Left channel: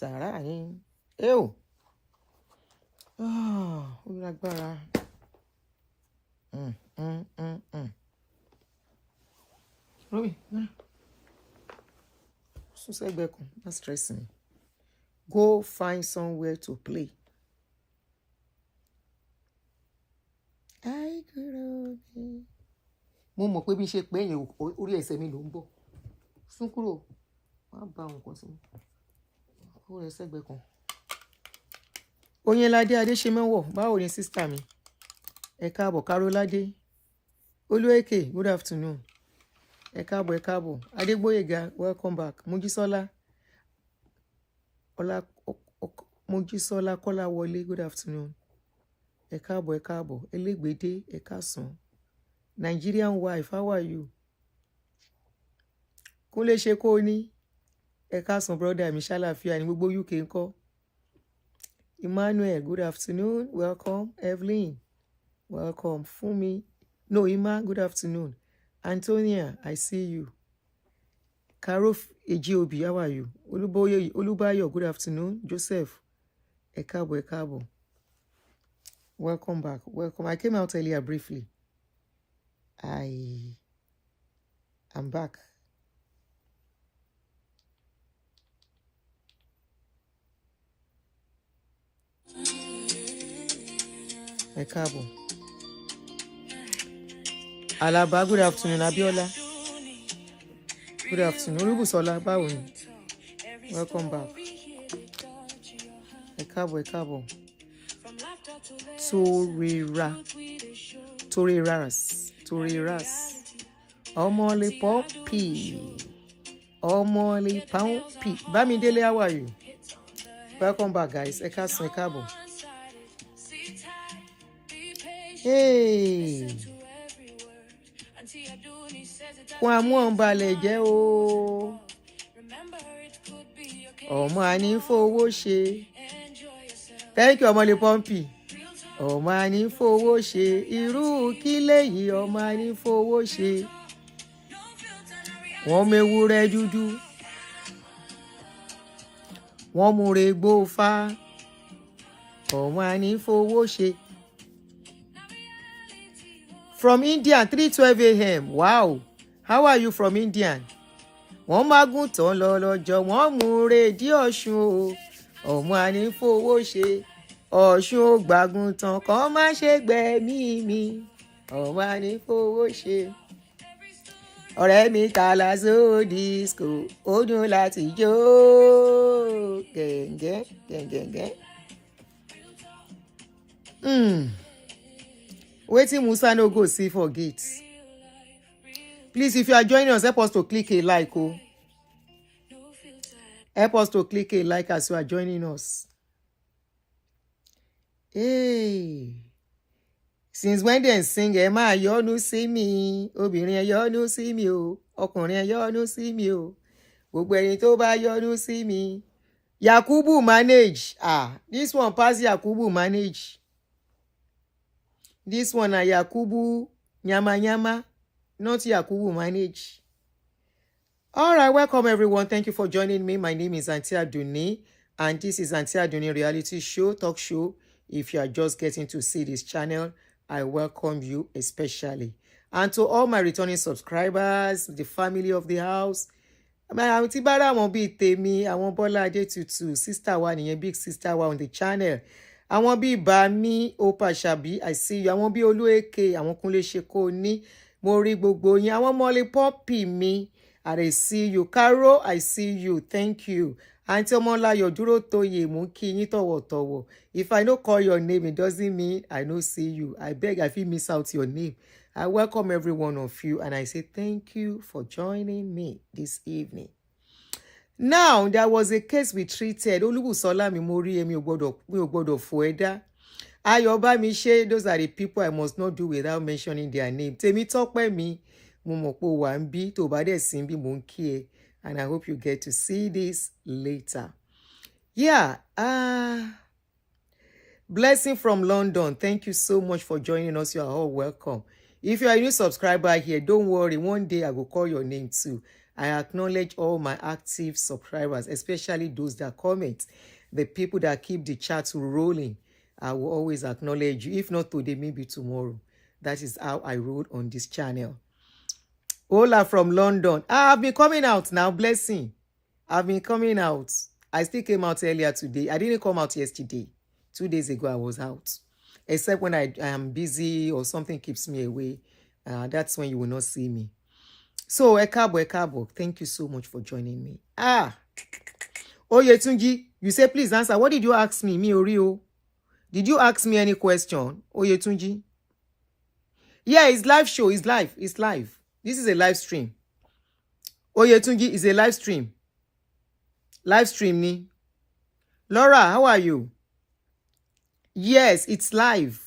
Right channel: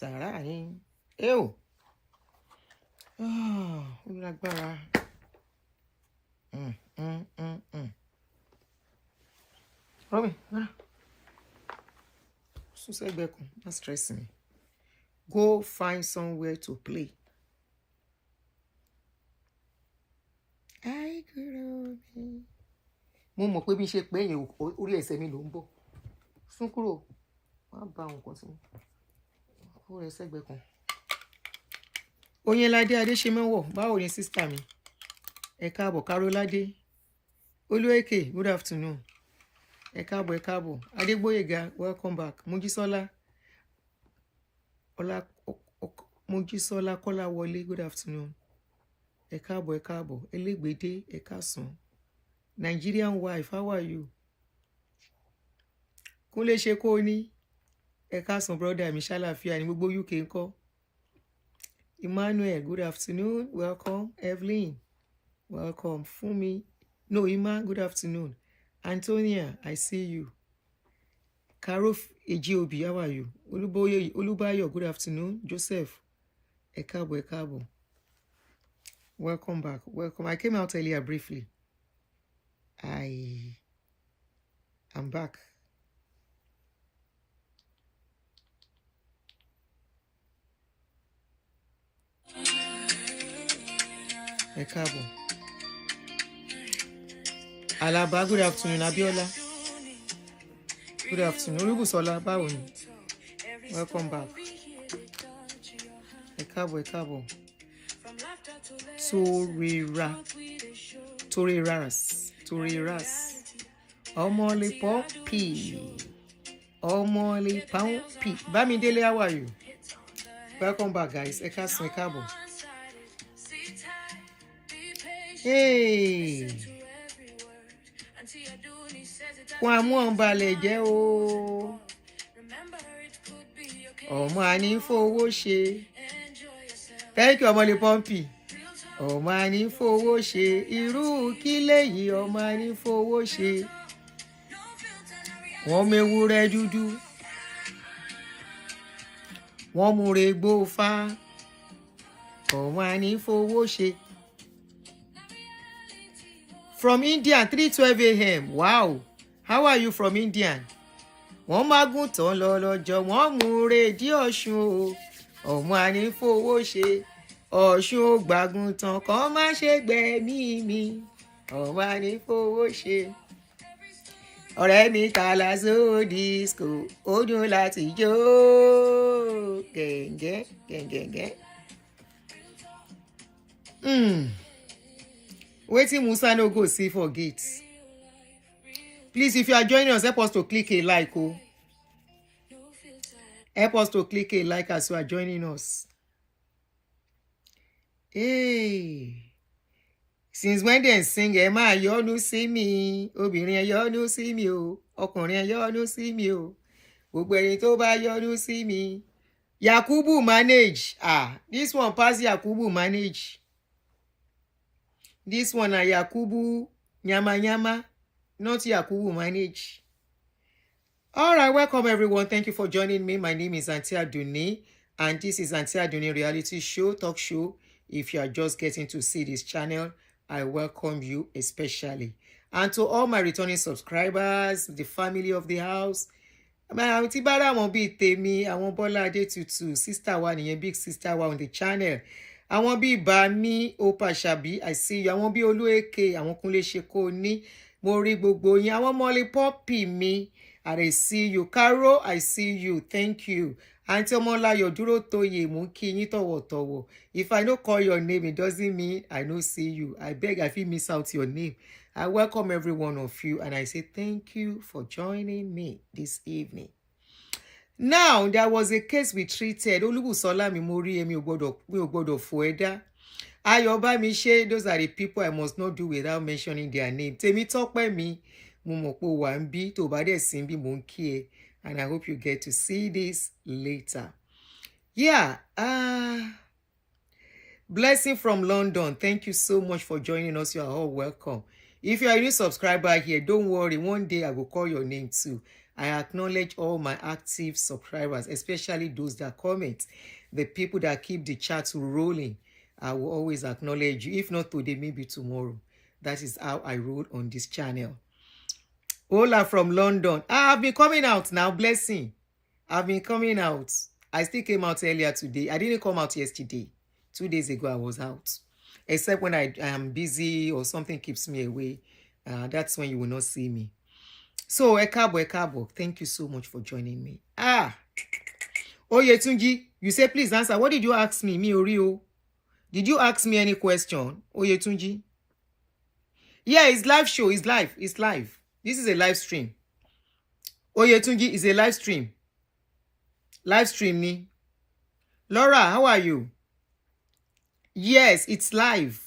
Sàrà ni. Ew. Ó lágbára. Mami, sún sẹ́gbẹ̀ẹ́ kan, má stress me. Go find somewhere to play. Ai kúrò mi. Mo mọ̀ pé bí ṣe pé yẹn orí ẹsẹ̀ mi ló ń bọ̀. Sún kúrò. Má bá nǹkan sí mi. Kó rẹ sẹ́gbẹ̀ẹ́ kan. Oyinládé Adéṣemẹ́wọ̀, báwo ni sister mi? Ẹ káàbọ̀ Káróládé. Olúèkè, good afternoon. Ẹ káàbọ̀, ẹ káàbọ̀. Adégbóyèga, welcome back. Mojísọ́lá. Mojísọ́lá Kọ́láwọlé, good afternoon. Ẹ káàbọ̀, ẹ káàbọ̀. Elégbèdé, ẹ káàsán. Nigerian wife, how are you? Kúnlé ṣe kó ní. Ẹ káàsán brother mi, ṣàlàáfíà ní gbogbo UK ńkọ́. Emmanuel, good afternoon. Welcome. Evelyn, welcome. Fumi, no, Ima, good afternoon. Antonia, I see you. Karo Ejiobi, how are you? Olubayo, good afternoon. Joseph, ẹ káàbọ̀, ẹ káàbọ̀. Welcome back. Welcome. I came out earlier briefly. I am back. Ẹ káàbọ̀. Alaba, good afternoon. Abiola, good afternoon. Olúbùsọ́lá, báwo ni? Welcome back. Ẹ káàbọ̀, ẹ káàbọ̀. Toreras. Ọmọlé Pọ́ǹpì. Ọmọlé Pọ́ǹpì. Bámidélé, how are you? Welcome back, guys. Ẹ káàsán, ẹ káàbọ̀. Hey. Kwam1 balẹ̀ jẹ́ o. Ọmọ àní fowó ṣe. Thank you, Ọmọlé Pọ́ǹpì. Ọmọ àní fowó ṣe. Irú kí léyìí ọmọ àní fowó ṣe. Wọ́n mewúrẹ́ dúdú. Wọ́n múre gbófá. Ọmọ àní fowó ṣe. From India, 3:12 a.m. Wow. How are you from India? Wọ́n mágùn tán lọ lọ́jọ́, wọ́n múre dí Ọ̀ṣun o. Ọmọ àní fowó ṣe. Ọ̀ṣun ò gbàgùn tán kàn má ṣe gbẹ̀mí mi. Ọmọ àní fowó ṣe. Ọ̀rẹ́ mi tààlà só disco, ó dùn láti jó. Gẹ̀ǹgẹ̀, gẹ̀ǹgẹ̀ǹgẹ̀. Wetin Musa no go see for gate. Please, if you are joining us, help us to click a like. Oh. Help us to click a like as you are joining us. Hey. Since when they sing, ẹ máa yọ́nú sí mi. Obìnrin ẹ yọ́nú sí mi o. Ọkùnrin ẹ yọ́nú sí mi o. Gbogbo ẹni tó bá yọ́nú sí mi. Yakubu manage. This one pass Yakubu manage. This one na Yakubu nyama nyama, not Yakubu manage. All right, welcome everyone. Thank you for joining me. My name is Aunty Aduni, and this is Aunty Aduni reality show, talk show. If you are just getting to see this channel, I welcome you especially. And to all my returning subscribers, the family of the house, my Aunty Bara won't be Temi, I won't Bola Adetutu, sister one, and big sister one on the channel. Àwọn bí Bami Opa Ṣàbí, I see you. Àwọn bí Olúèké, àwọn Kúnlé Ṣekó ní, mo rí gbogbo yín. Àwọn Ọmọlé Pọ́ǹpì mi, I see you. Caro, I see you. Thank you. Aunty Ọmọláyọ̀ Dúrótóyè, mo kí yín tọ̀wọ̀tọ̀wọ̀. If I don't call your name, it doesn't mean I don't see you. I beg, I feel miss out your name. I welcome every one of you, and I say thank you for joining me this evening. Now, there was a case we treated. Olúbùsọ́lá mi mo rí èmi ò gbọ́dọ̀ fò ẹ̀dá. Ayọ̀bámiṣé, those are the people I must not do without mentioning their name. Tèmítọ́pẹ́ mi, mo mọ̀ pé wà ń bí, tó bá dẹ̀ sí bí mo ń kí ẹ. And I hope you get to see this later. Yeah, blessing from London. Thank you so much for joining us. You are all welcome. If you are a new subscriber here, don't worry. One day I will call your name too. I acknowledge all my active subscribers, especially those that comment. The people that keep the chat rolling, I will always acknowledge you. If not today, maybe tomorrow. That is how I roll on this channel. Ola from London. I've been coming out now, blessing. I've been coming out. I still came out earlier today. I didn't come out yesterday. 2 days ago, I was out. Except when I am busy or something keeps me away. That's when you will not see me. So, Ekabo, thank you so much for joining me. Oyetunji, you say please answer. What did you ask me? Me Orio? Did you ask me any question? Oyetunji? Yeah, it's live show. It's live. It's live. This is a live stream. Oyetunji is a live stream. Live stream ni. Laura, how are you? Yes, it's live.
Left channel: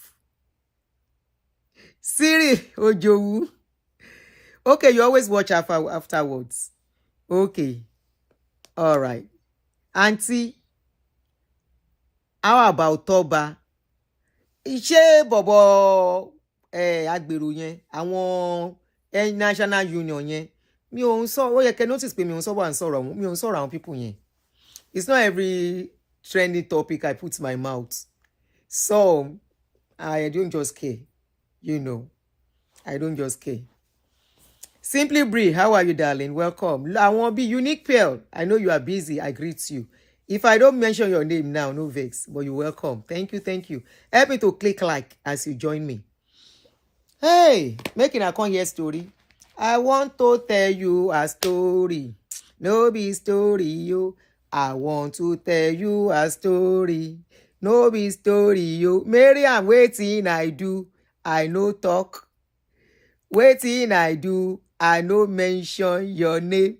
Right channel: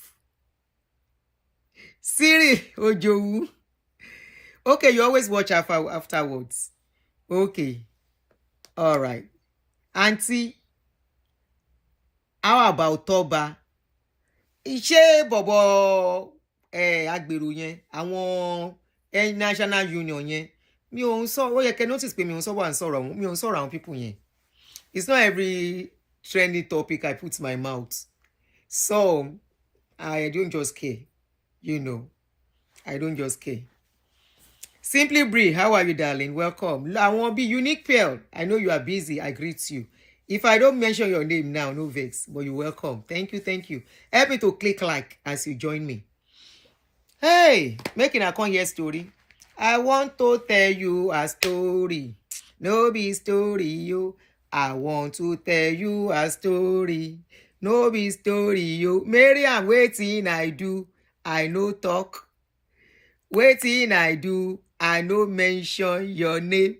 Siri Ojowu. Okay, you always watch afterwards. Okay. All right. Aunty, how about Toba? Ṣé bọ̀bọ̀ agbèrò yẹn, àwọn National Union yẹn, mi ò ń sọ, ó yẹ kẹ́ notice pé mi ò ń sọ̀rọ̀ àwọn people yẹn. It's not every trending topic I put my mouth. So, I don't just care. You know, I don't just care. Simply Bree, how are you, darling? Welcome. I want to be Unique Pearl. I know you are busy. I greet you. If I don't mention your name now, no vex, but you're welcome. Thank you, thank you. Help me to click like as you join me. Hey, making a come here story. I want to tell you a story. No be story, yo. I want to tell you a story. No be story, yo. Miriam, waiting I do. I no talk. Waiting I do. I no mention your name.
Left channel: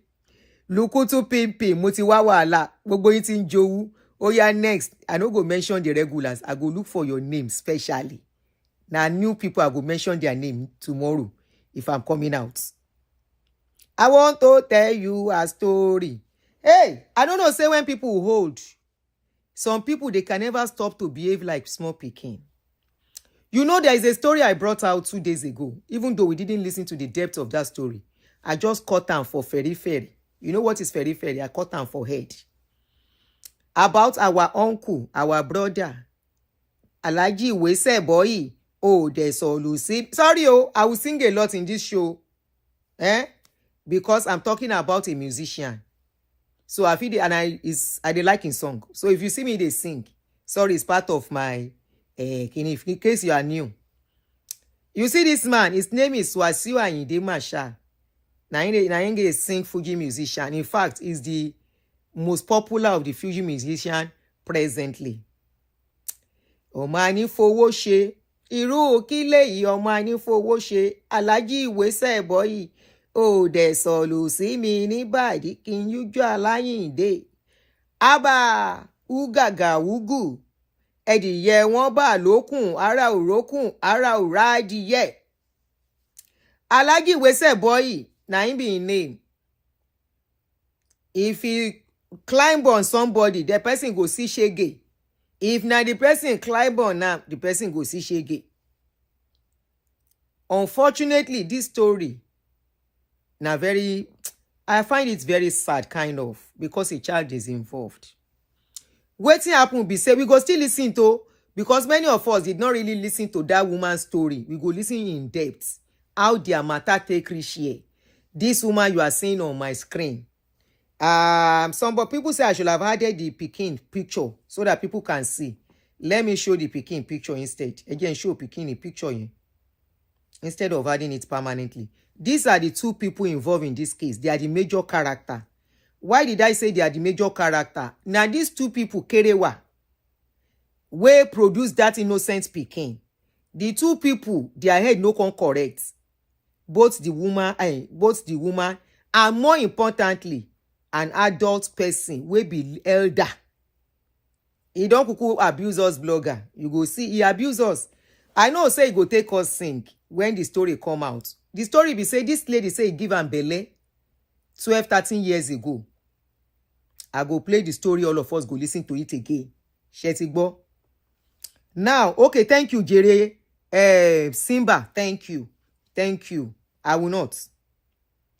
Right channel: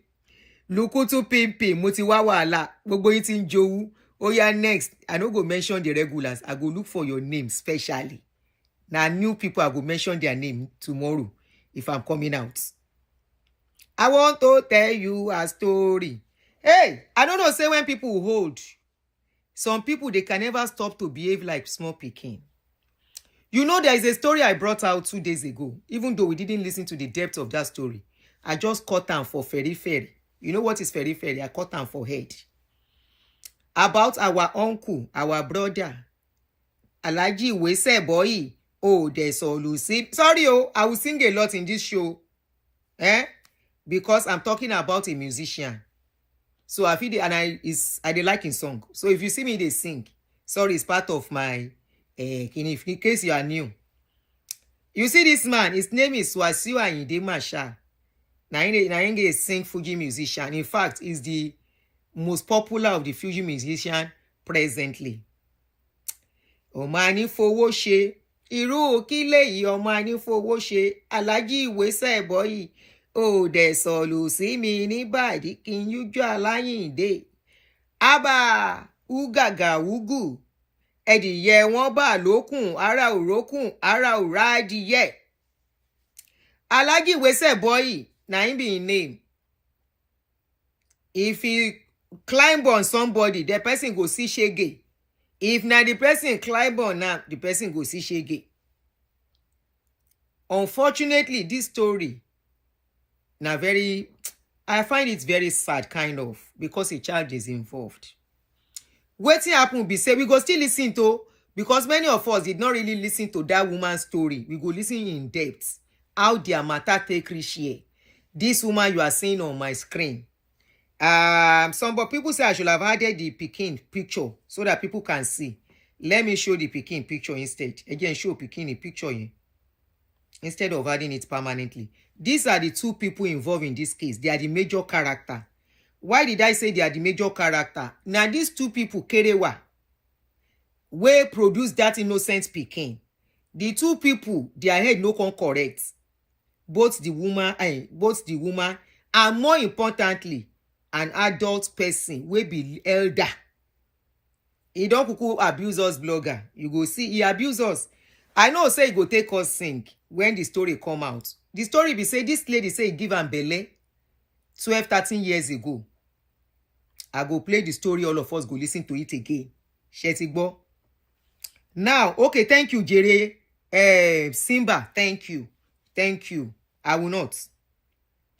Lukutu pimpin, mo ti wá wàhálà. Gbogbo yín ti ń jowú. Oh yeah, next. I no go mention the regulars. I go look for your name specially. Now new people, I go mention their name tomorrow if I'm coming out. I want to tell you a story. Hey, I don't know, say when people hold. Some people, they can never stop to behave like small pikin. You know, there is a story I brought out 2 days ago. Even though we didn't listen to the depth of that story. I just cut them for ferry. You know what is ferry? I cut them for head. About our uncle, our brother. Alhaji Wese boy. Oh, there's all Lucy. Sorry, I will sing a lot in this show. Because I'm talking about a musician. So I feel and I dey like his song. So if you see me, they sing. Sorry, it's part of my in case you are new. You see this man, his name is Wasiu Ayinde Marshal. Nainge sing Fuji musician. In fact, he's the most popular of the Fuji musician presently. Omani fowó ṣe. Irú kílé yìí Omani fowó ṣe. Alhaji Wese boy. Oh, there's all you see me anybody. Can you draw lying day? Aba ugaga ugu. Ẹdìyẹ wọn bá lókun, ara òrókùn, ara òrá adìyẹ. Alhaji Wese boy, na him be him name. If he climb on somebody, the person go see shege. If na the person climb on now, the person go see shege. Unfortunately, this story, I find it very sad, kind of, because a child is involved. Wetin happen be say we go still listen to, because many of us did not really listen to that woman's story. We go listen in depth how their matter take reach here. This woman you are seeing on my screen. Some people say I should have added the Pikin picture so that people can see. Let me show the Pikin picture instead. Again, show Pikin the picture here instead of adding it permanently. These are the two people involved in this case. They are the major character. Why did I say they are the major character? Now, these two people, Kerewa, wey produce that innocent Pikin. The two people, their head no con correct. Both the woman, and more importantly, an adult person wey be elder. He don't kuku abuse us blogger. You go see, he abuse us. I know say he go take us sing when the story come out. The story be say this lady say he give am belle 12-13 years ago. I go play the story, all of us go listen to it again. Shetigbo. Now, okay, thank you, Jere. Simba, thank you. Thank you. I will not.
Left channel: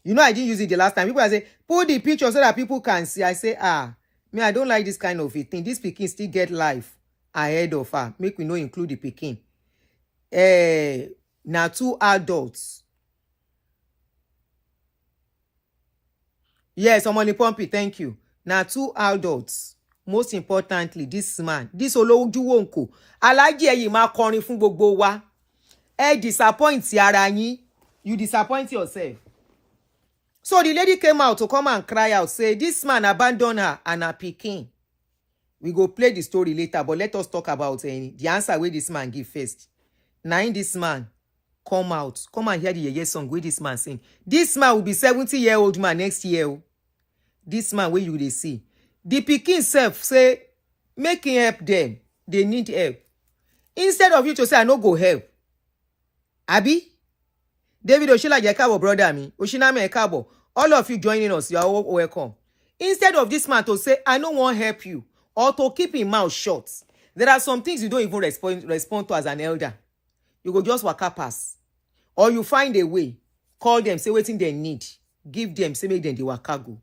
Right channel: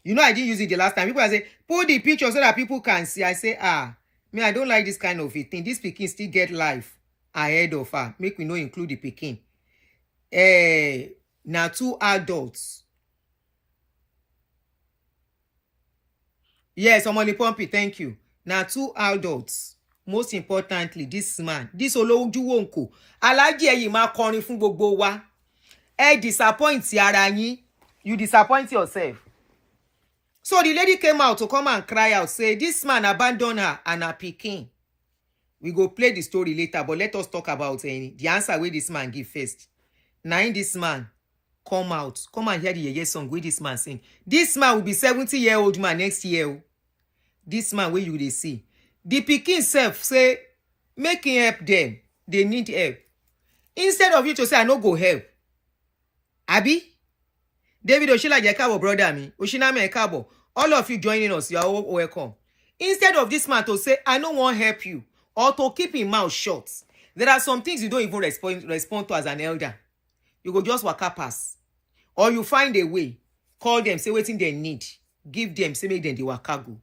You know, I didn't use it the last time. People are saying, put the picture so that people can see. I say, me, I don't like this kind of a thing. This pikin still get life ahead of her. Make we no include the pikin. Now 2 adults. Yes, Omoni Pumpy, thank you. Now 2 adults. Most importantly, this man, this Olojuwonko, Alhaji ẹ̀yin máa kọrin fún gbogbo wa. Disappoint ara yín. You disappoint yourself. So the lady came out to come and cry out, say, this man abandoned her and her pikin. We go play the story later, but let us talk about the answer where this man give first. Now in this man come out, come and hear the yeye song where this man sing. This man will be 70-year-old man next year. This man where you they see. The pikin self say, make him help them. They need help. Instead of you to say, I no go help. Abi? David Oshila Jekabo, brother me. Oshiname Ekabo. All of you joining us, you are all welcome. Instead of this man to say, I don't want to help you, or to keep his mouth shut, there are some things you don't even respond to as an elder. You go just waka pass. Or you find a way, call them, say wetin they need, give them, say make them the waka go.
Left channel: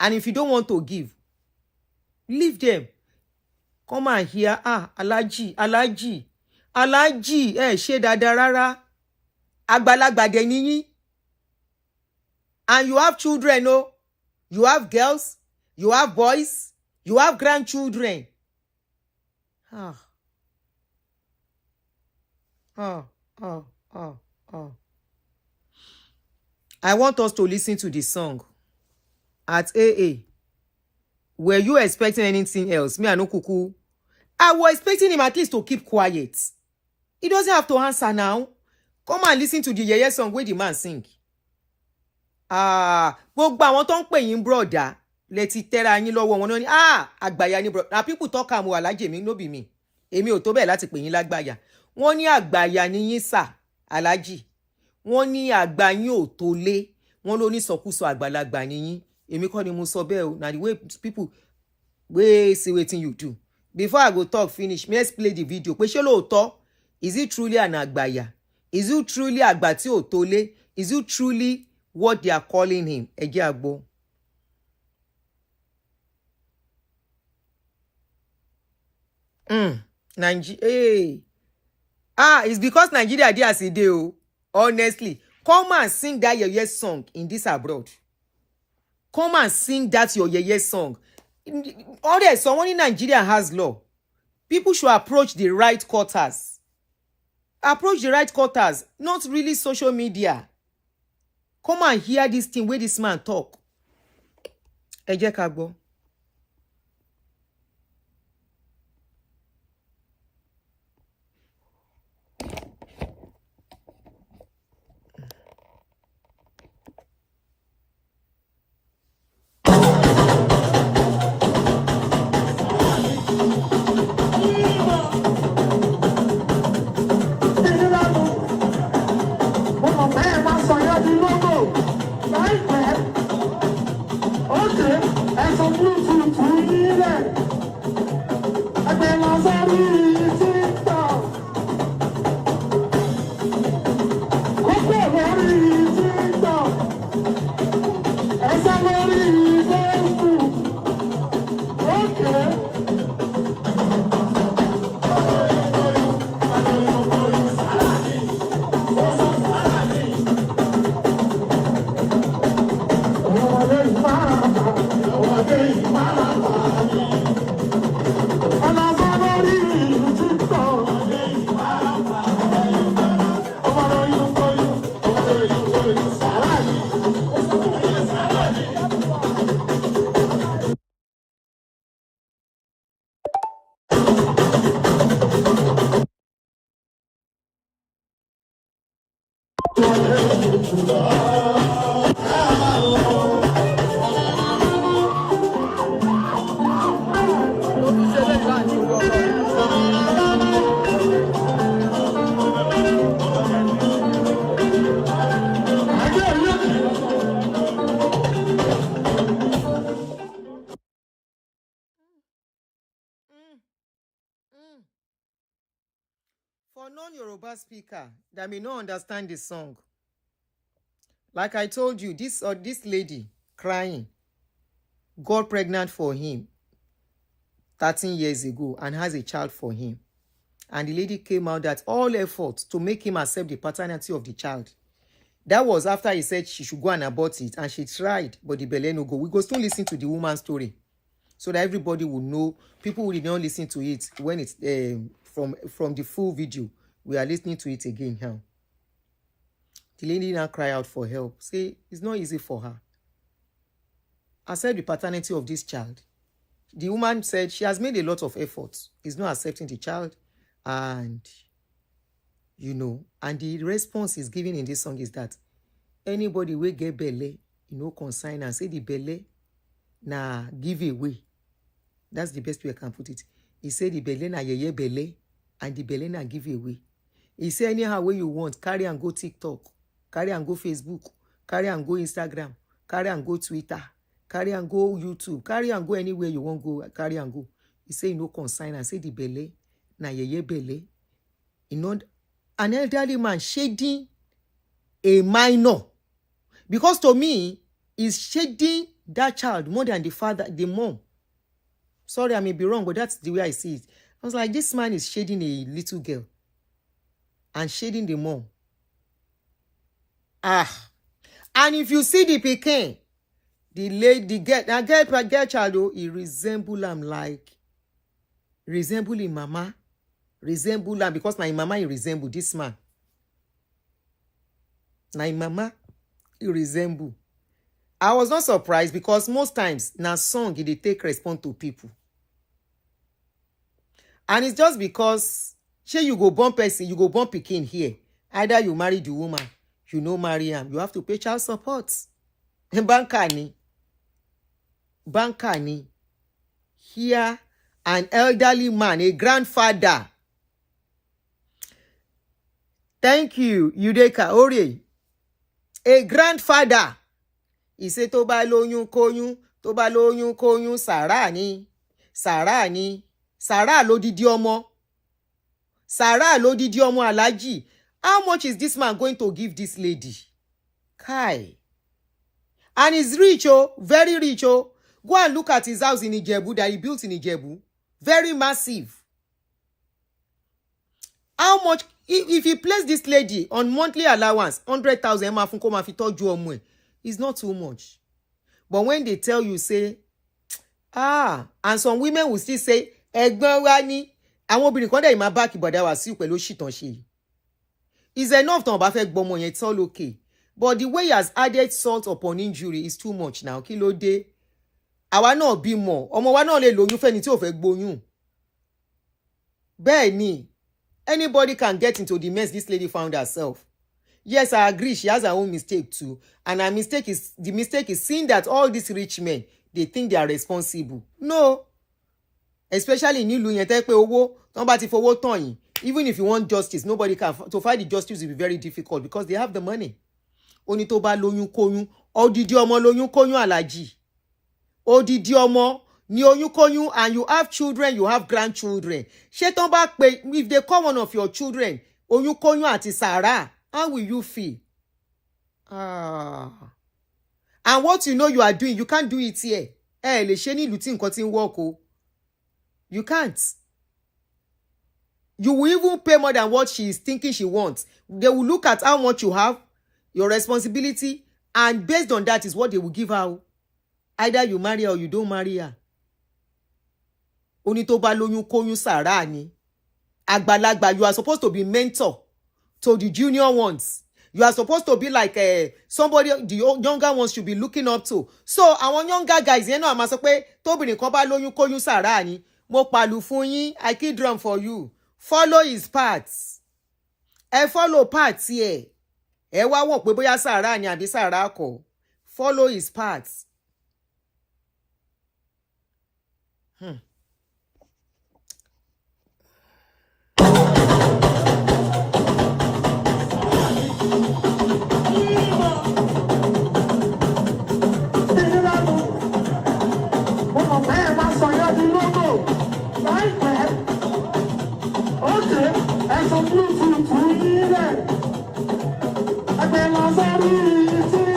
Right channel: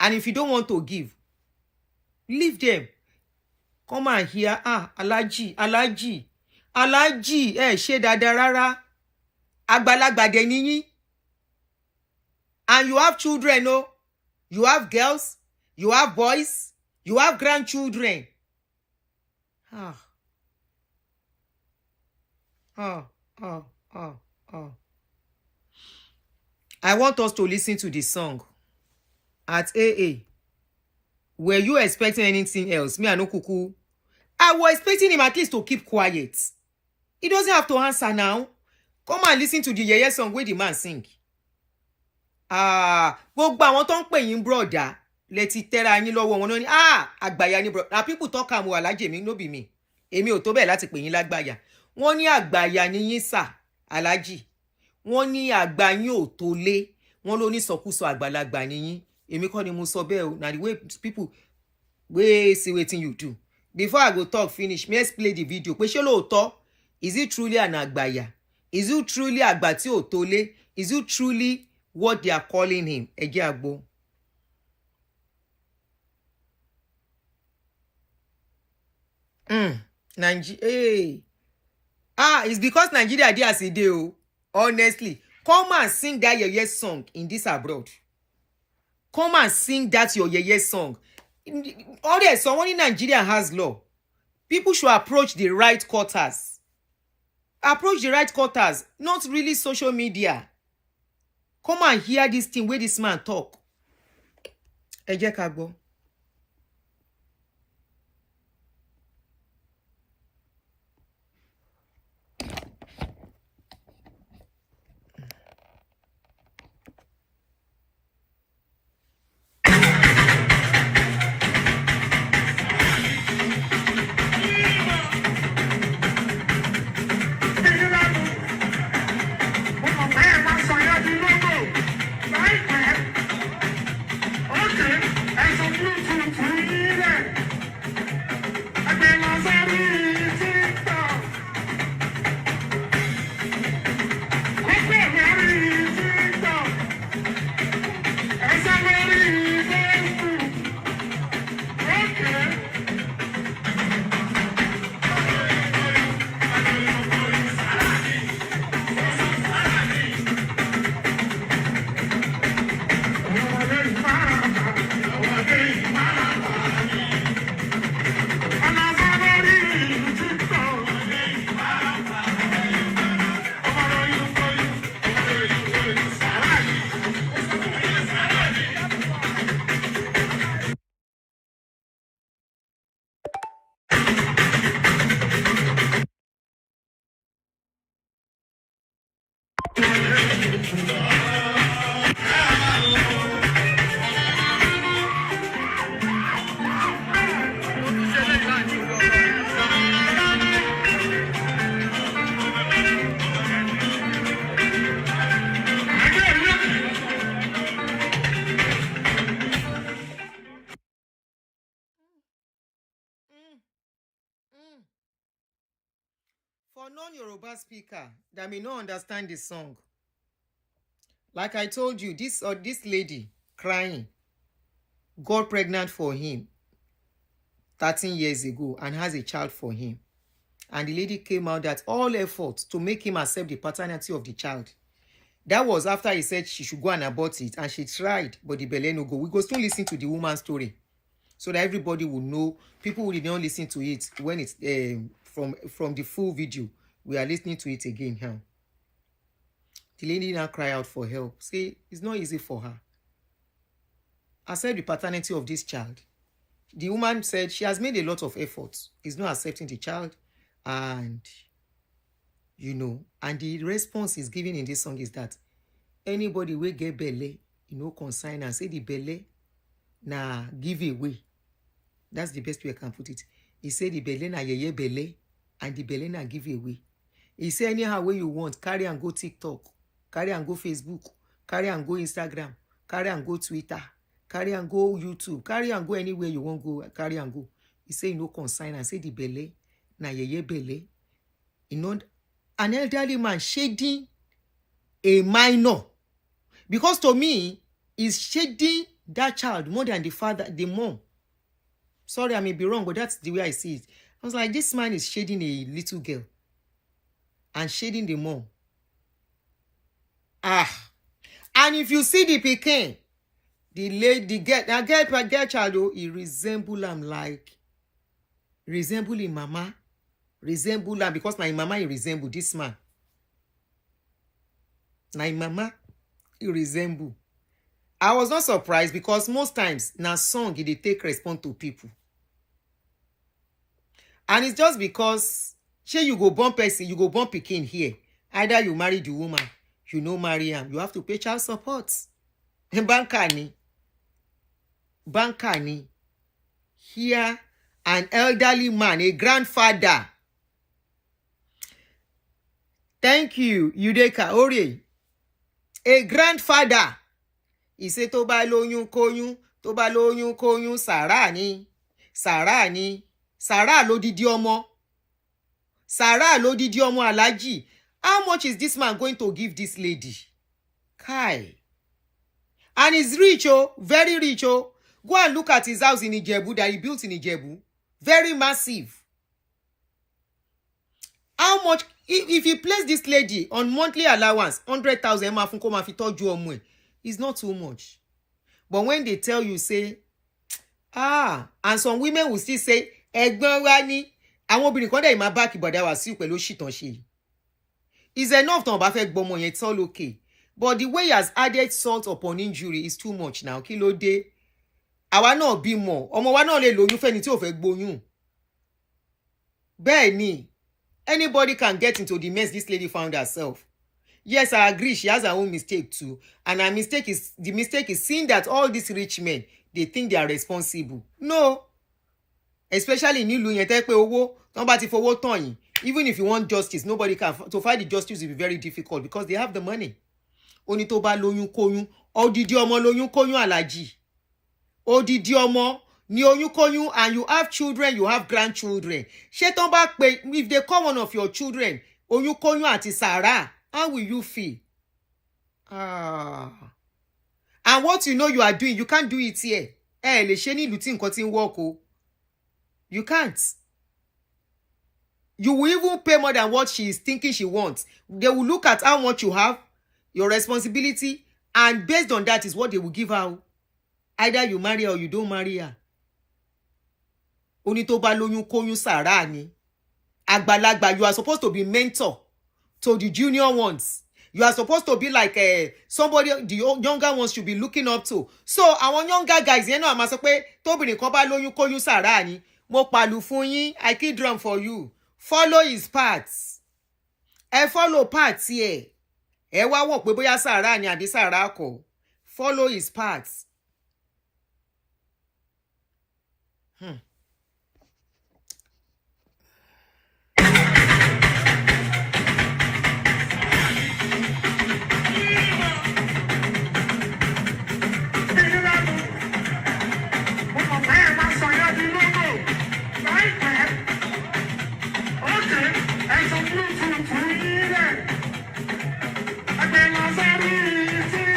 And if you don't want to give, leave them. Come and hear, Alhaji, ṣe dada rárá. Àgbàlagbà dẹ̀ ni yín. And you have children, no? You have girls, you have boys, you have grandchildren. I want us to listen to the song. At AA. Were you expecting anything else? Me, I no kuku. I was expecting him at least to keep quiet. He doesn't have to answer now. Come and listen to the yeye song where the man sing. Gbogbo àwọn tó ń pè yín brother, leti tẹ́ra yín lọ́wọ́ wọn ní àgbàyà ni brother. Now people talk am Alhaji mi no be me. Èmi ò tó bẹ́ẹ̀ láti pè yín lágbàyà. Wọ́n ní àgbàyà ni yín sà, Alhaji. Wọ́n ní àgbà yín ò tó lé. Wọ́n ló ní sọkúsọ àgbàlagbà ni yín. Èmi kọ́ ni mo sọ bẹ́ẹ̀ o. Na the way people wey see wetin you do. Before I go talk finish, let's play the video. Pé ṣé lóòótọ́, is it truly an àgbàyà? Is it truly àgbà tí ò tó lé? Is it truly what they are calling him? Ẹ jẹ́ a gbọ́. It's because Nigeria dey as e dey o. Honestly, come and sing that yeye song in this abroad. Come and sing that your yeye song. Someone in Nigeria has law. People should approach the right quarters. Approach the right quarters, not really social media. Come and hear this thing where this man talk. Ẹ jẹ́ ká gbọ́. For non-Yoruba speaker that may not understand the song, Like I told you, this lady crying got pregnant for him 13 years ago and has a child for him. And the lady came out that all efforts to make him accept the paternity of the child. That was after he said she should go and abort it, and she tried, but the belle no go. We go still listen to the woman's story so that everybody will know. People will not listen to it when it's from the full video. We are listening to it again now. The lady now cry out for help. Say it's not easy for her. Accept the paternity of this child. The woman said she has made a lot of efforts. Is not accepting the child. And, and the response is given in this song is that anybody will get belle, consign and say the belle, na give away. That's the best way I can put it. He said the belle na yeye belle, and the belle na give away. He said anyhow way you want, carry and go TikTok, carry and go Facebook, carry and go Instagram, carry and go Twitter, carry and go YouTube, carry and go anywhere you want go, carry and go. He said consign and say the belle, na yeye belle. An elderly man shading a minor. Because to me, he's shading that child more than the father, the mom. Sorry, I may be wrong, but that's the way I see it. I was like, this man is shading a little girl and shading the mom. And if you see the pikin, the girl child, he resemble him like, resemble him mama, resemble him because my mama he resemble this man. My mama he resemble. I was not surprised because most times na song they take response to people. And it's just because you go born person, you go born pikin here. Either you marry the woman, marry him. You have to pay child support. Bankani. Here, an elderly man, a grandfather. Thank you, Yudeka Ore. A grandfather. He said, tó bá lóyún kóyún, sàrà ni. Sàrà lódìdí ọmọ. Sàrà lódìdí ọmọ Alhaji. How much is this man going to give this lady? Kai. And he's rich, very rich, Go and look at his house in Ijebu that he built in Ijebu. Very massive. How much, if he place this lady on monthly allowance, 100,000, it's not too much. But when they tell you, say, and some women will still say, ẹ̀gbọ́n wa ni, àwọn obìnrin kan dẹ̀ máa back ìbọ̀dá wá sí pẹ̀lú ṣìtàn ṣe. It's enough tán bá fẹ́ gbọ́mọ yẹn, it's all okay. But the way he has added salt upon injury is too much now. Kí ló dé? Àwa náà bímọ, ọmọ wa náà lè lóyún fẹ́ni tí ò fẹ́ gbóyún. Bẹ́ẹ̀ ni, anybody can get into the mess this lady found herself. Yes, I agree. She has her own mistake too. And the mistake is seeing that all these rich men, they think they are responsible. No. Especially in ìlú yẹn tẹ́ pé owó, tán bá ti fowó tán yín. Even if you want justice, nobody can. To find the justice will be very difficult because they have the money. Oni tó bá lóyún kóyún, odidi ọmọ lóyún kóyún Alhaji. Odidi ọmọ ni oyún kóyún, and you have children, you have grandchildren. Ṣé tán bá pé, if they call one of your children, oyún kóyún àti sàrà, how will you feel? And what you are doing, you can't do it here. Lè ṣe ní ìlú tí nǹkan tí ń work o. You can't. You will even pay more than what she is thinking she wants. They will look at how much you have, your responsibility, and based on that is what they will give her. Either you marry her or you don't marry her. Oni tó bá lóyún kóyún sàrà ni. Àgbàlagbà, you are supposed to be mentor to the junior ones. You are supposed to be like somebody the younger ones should be looking up to. So àwọn younger guys, you know, àmà sọ pé tóbìnrin kan bá lóyún kóyún sàrà ni. Mo pàlù fún yín, I kill drum for you. Follow his parts. Follow parts here. Wá wò pé bóyá sàrà ni àbí sàrà kọ́. Follow his parts. Thank you.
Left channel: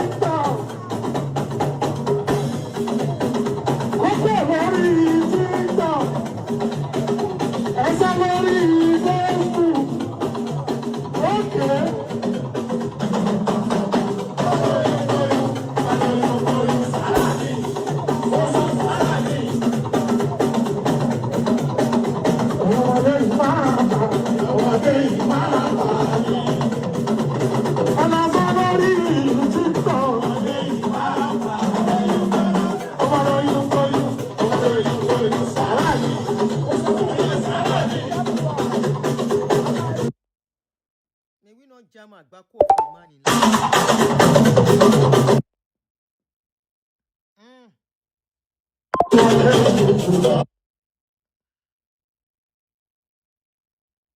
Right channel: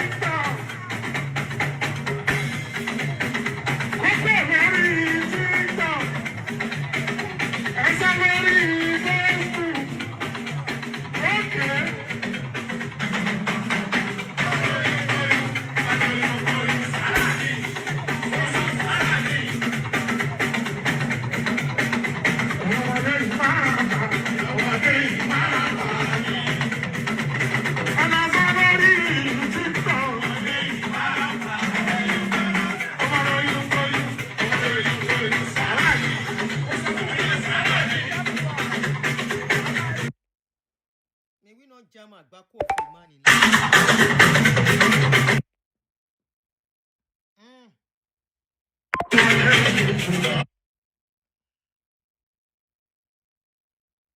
jam àgbákò of a man in life.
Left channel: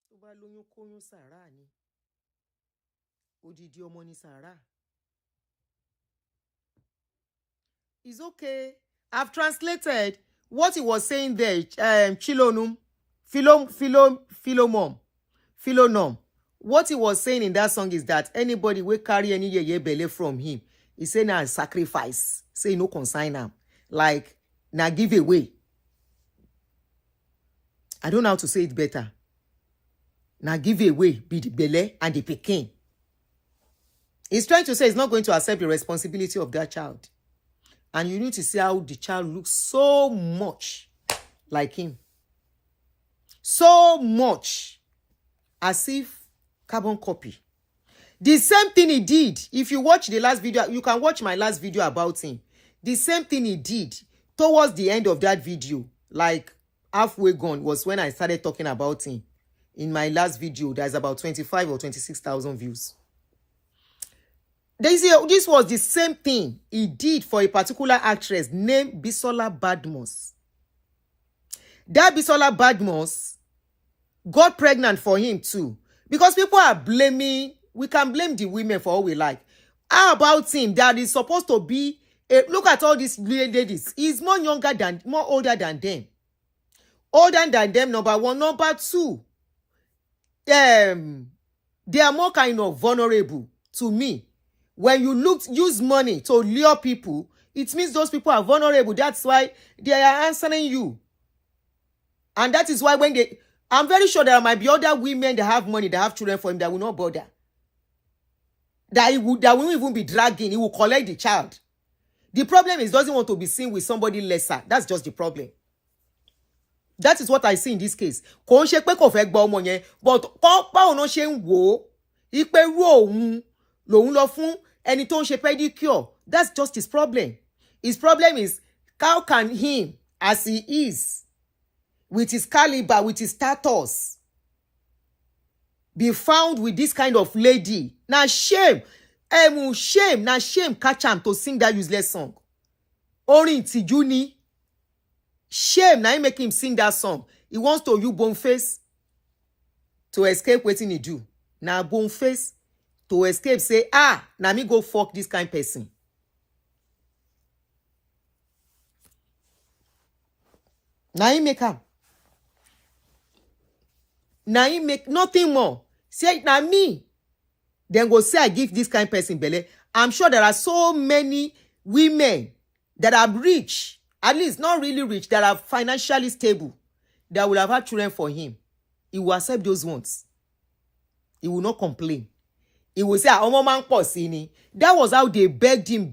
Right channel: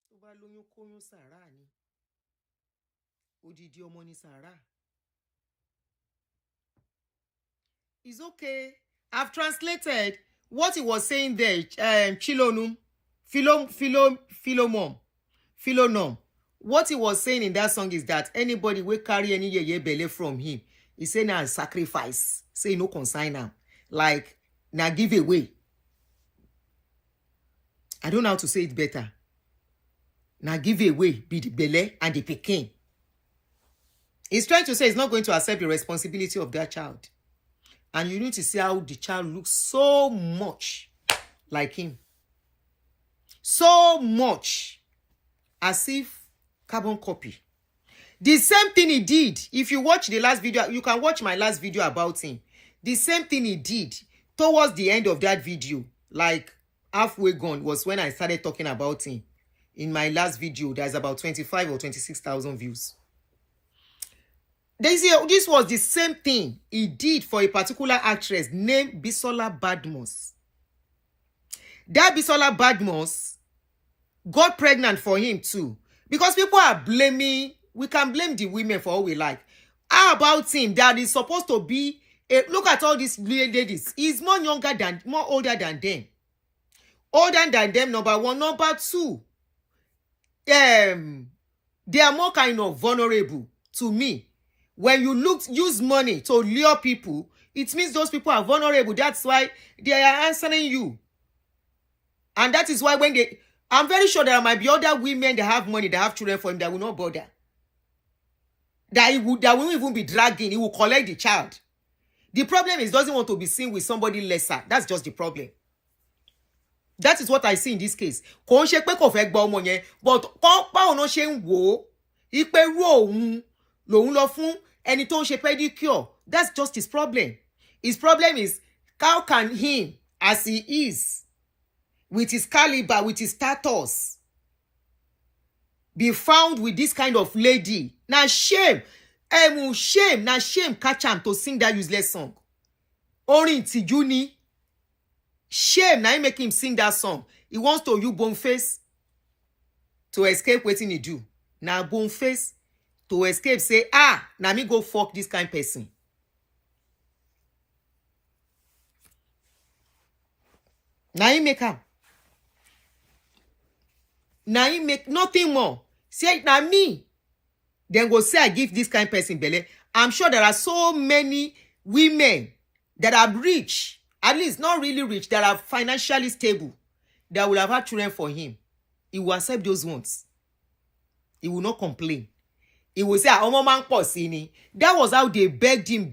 Tó bá lóyún kóyún sàárà ni. Odidi ọmọ ni sàárà. It's okay. I've translated what he was saying there. Philonum. What he was saying in that song is that anybody will carry any yeye belle from him, he say na sacrifice. Say no consign am. Like na give away. I don't know how to say it better. Na give away be the belle and the pikin. He's trying to say he's not going to accept the responsibility of that child. And you need to see how the child looks so much like him. So much as if carbon copy. The same thing he did. If you watch the last video, you can watch my last video about him. The same thing he did towards the end of that video, like halfway gone, was when I started talking about him. In my last video, there's about 25 or 26,000 views. This was the same thing he did for a particular actress named Bisola Badmus. That Bisola Badmus got pregnant for him too. Because people are blaming, we can blame the women for all we like. How about him that is supposed to be, look at all these ladies. He's more older than them. Older than them, number one. Number two, they are more kind of vulnerable to me. When you use money to lure people, it means those people are vulnerable. That's why they are answering you. And that is why when I'm very sure there might be other women that have money, that have children for him, that will not bother. That won't even be dragging. He will collect the child. The problem is he doesn't want to be seen with somebody lesser. That's just the problem. That is what I see in this case. Kò ń ṣe pé kò fẹ́ gba ọmọ yẹn, but báwo náà ṣe ń wò ó, ipe ru òun lòun lọ fún ẹni tó ń ṣe pedicure. That's just his problem. His problem is, how can him, as he is, with his caliber, with his status, be found with this kind of lady? Now shame. Now shame catch him to sing that useless song. Orin ìtìjú ni. Shame now make him sing that song. He wants to use Boneface to escape wetin he do. Now Boneface to escape say, now me go fuck this kind of person. Now he make am. Now he make nothing more. Say now me. Then go say I give this kind of person belle. I'm sure there are so many women that are rich, at least not really rich, that are financially stable, that will have had children for him. He will accept those ones. He will not complain. He will say, "Omo man pọ̀ ni." That was how they begged him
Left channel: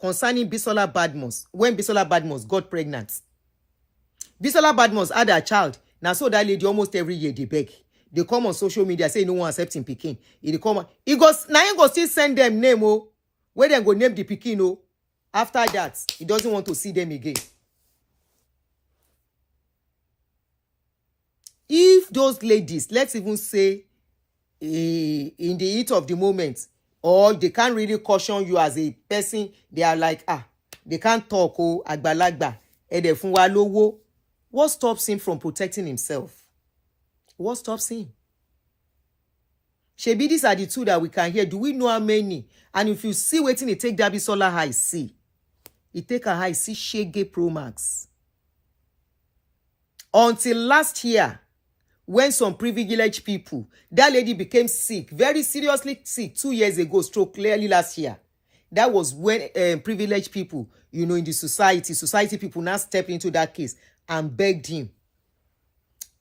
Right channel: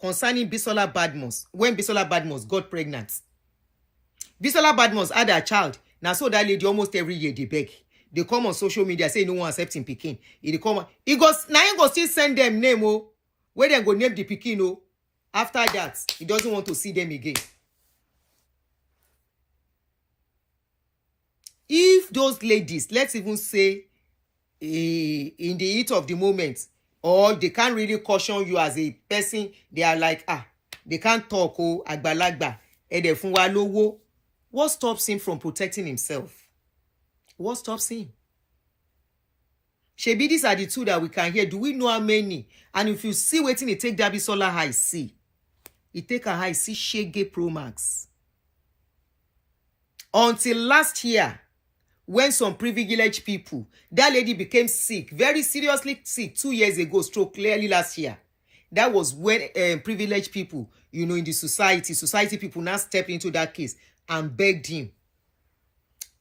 concerning Bisola Badmus. When Bisola Badmus got pregnant, Bisola Badmus had a child. Now so that lady almost every year they beg. They come on social media say no one accept him pikin. He come. He goes now. He go still send them name where they go name the pikin After that, he doesn't want to see them again. If those ladies, let's even say, in the heat of the moment, or they can't really caution you as a person, they are like, they can't talk, agbalagba, ede fun wa lowo. What stops him from protecting himself? What stops him? Shebi, these are the two that we can hear. Do we know how many? And if you see waiting, it take Dabi Sola high, see. It take a high, see Shege Pro Max. Until last year, when some privileged people, that lady became sick, very seriously sick 2 years ago, stroke clearly last year. That was when privileged people, in the society people now stepped into that case and begged him.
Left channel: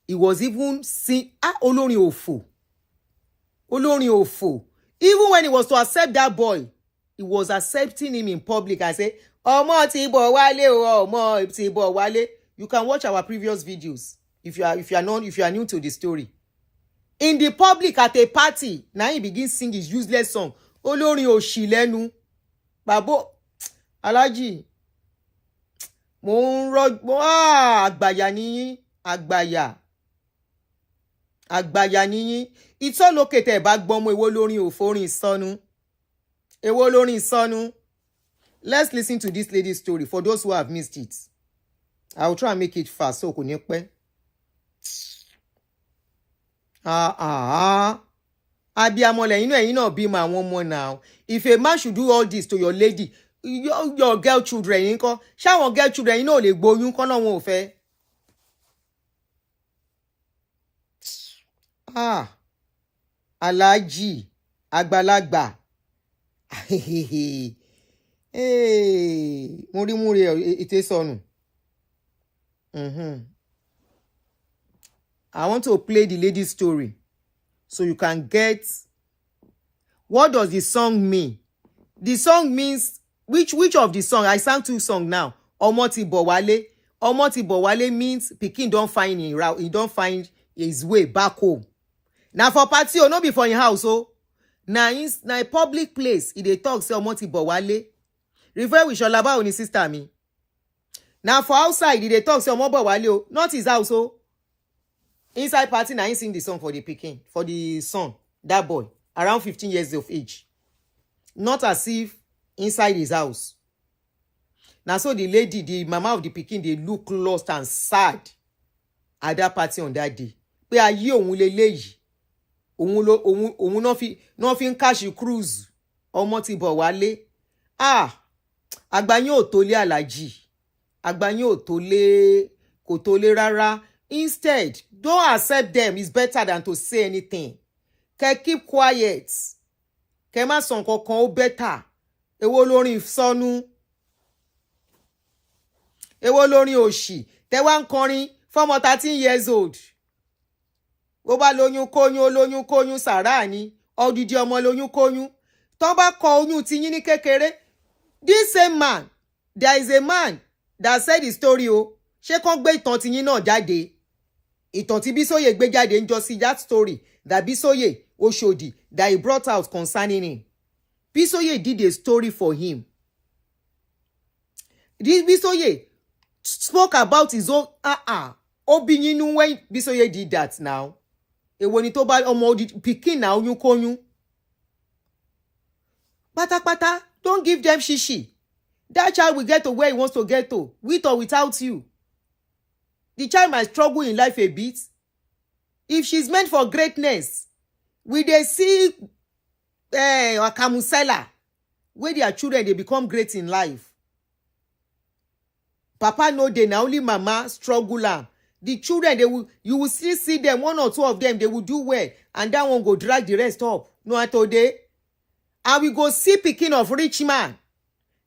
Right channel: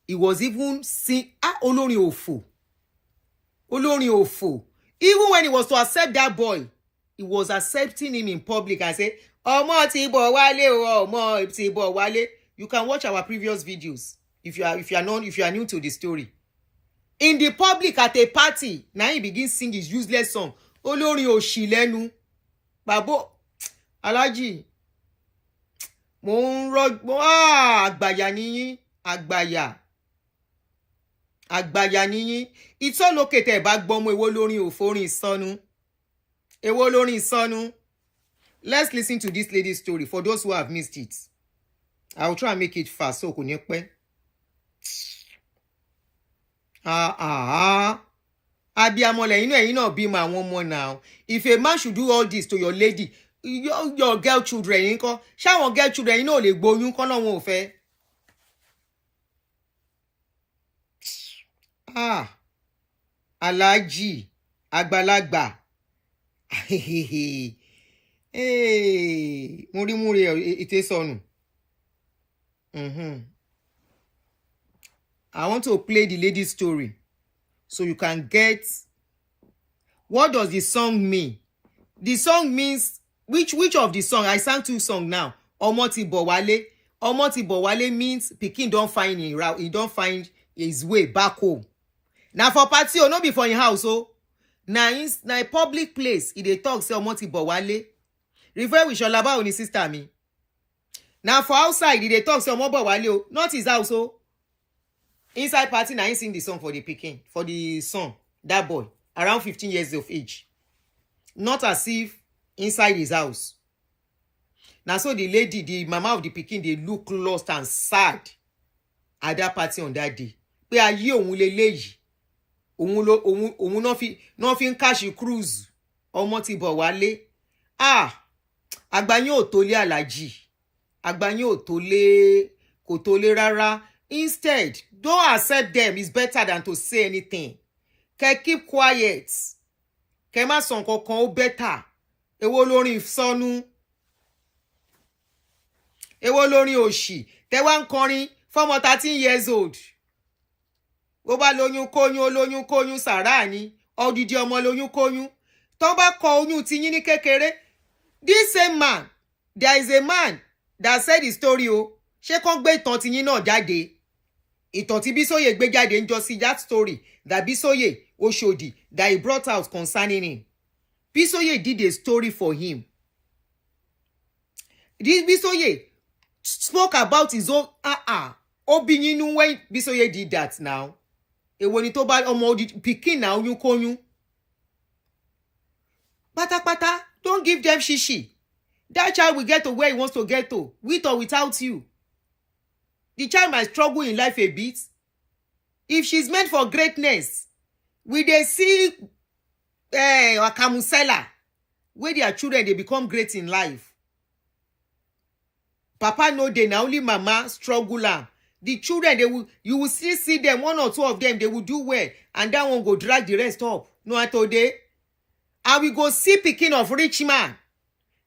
He was even saying, Olórin òfò. Even when he was to accept that boy, he was accepting him in public and say, Ọmọ ti bọ̀ wálé o, ọmọ ti bọ̀ wálé. You can watch our previous videos if you are new to the story. In the public at a party, now he begins sing his useless song. Olórin òṣì lẹ́nu. Babo, Alhaji. Mo ń àgbàyà nìyí, àgbàyà. àgbàyà níyín. Ìtọ́lókètè bá gbọ́mọ èwo lórin òforin ìsọnù. Èwo lórin ìsọnù. Let's listen to this lady's story for those who have missed it. I will try and make it fast so kò ní pẹ́. Abiyamọ lẹ́yìn náà ẹ̀yin náà bímọ àwọn ọmọ now. If a man should do all this to your lady, your girl children yín kọ́, ṣáwọn girl children yín náà lè gbóyún kọ́ náà wọn ò fẹ́. Aláàjì àgbàlagbà. Múrí ètè sọnù. I want to play the lady's story so you can get what does the song mean. The song means which of the song? I sang 2 songs now. Ọmọ ti bọ̀ wálé. Ọmọ ti bọ̀ wálé means pikin don find him route. He don find his way back home. Now for party no be for him house na a public place. He dey talk say ọmọ ti bọ̀ wálé. Refer with Sholaba oni sister mi. Now for outside he dey talk say ọmọ bọ̀ wálé not his house Inside party na him sing the song for the pikin, for the son, that boy, around 15 years of age. Not as if inside his house. Now so the lady, the mama of the pikin, they look lost and sad at that party on that day. Pé ayé òun leléyìí. Òun no fi ń cash cruise. Ọmọ ti bọ̀ wálé. Àgbà yín ò tó lé Àlàjì. Àgbà yín ò tó lé, kò tó lé rárá. Instead, don't accept them. It's better than to say anything. Keep quiet. Kẹ́ má sọ nǹkankan ó better. Èwo lórin ìsọnù. Èwo lórin òṣì. Tẹ́ wá ń kọrin fọ́mọ 13 years old. Ó bá lóyún kóyún sàrá ni. Odidi ọmọ lóyún kóyún. Tó bá kọ oyún ti yín ní kékeré. This same man, there is a man that said the story Ṣé kàn gbé ìtàn ti yín náà jáde? Ìtàn tí Bísóyè gbé jáde ń jọ sí that story that Bísóyè Oshodi that he brought out concerning him. Bísóyè did a story for him. This Bísóyè spoke about his own Obi nínú when Bísóyè did that now. Èwo ni tó bá ọmọ pikin na oyún kóyún. Pátápátá, don't give them shishi. That child will get to where he wants to get to, with or without you. The child might struggle in life a bit. If she's meant for greatness, will they see a camusela where their children they become great in life? Papa no dey na only mama struggle am. The children you will still see them, 1 or 2 of them they will do well, and that one go drag the rest up. No today. And we go see pikin of rich man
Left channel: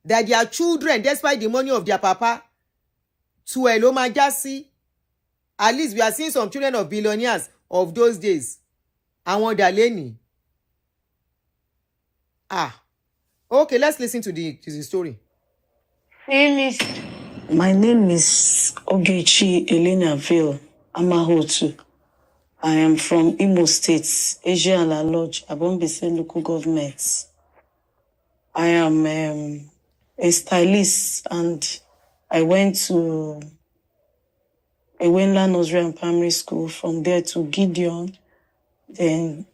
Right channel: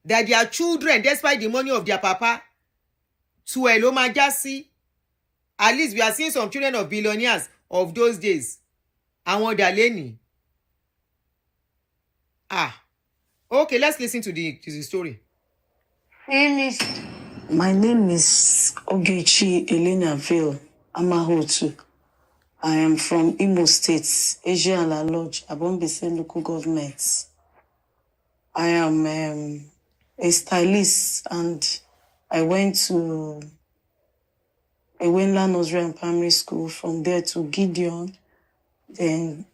that their children, despite the money of their papa, to eloma jasi. At least we are seeing some children of billionaires of those days. Àwọn Daleni. Okay, let's listen to the story. My name is Ogechi Elenaville Amahotu. I am from Imo State, Asia and Lodge, Abombese local government. I am a stylist and I went to Ewenla Nursery and Primary School, from there to Gideon, then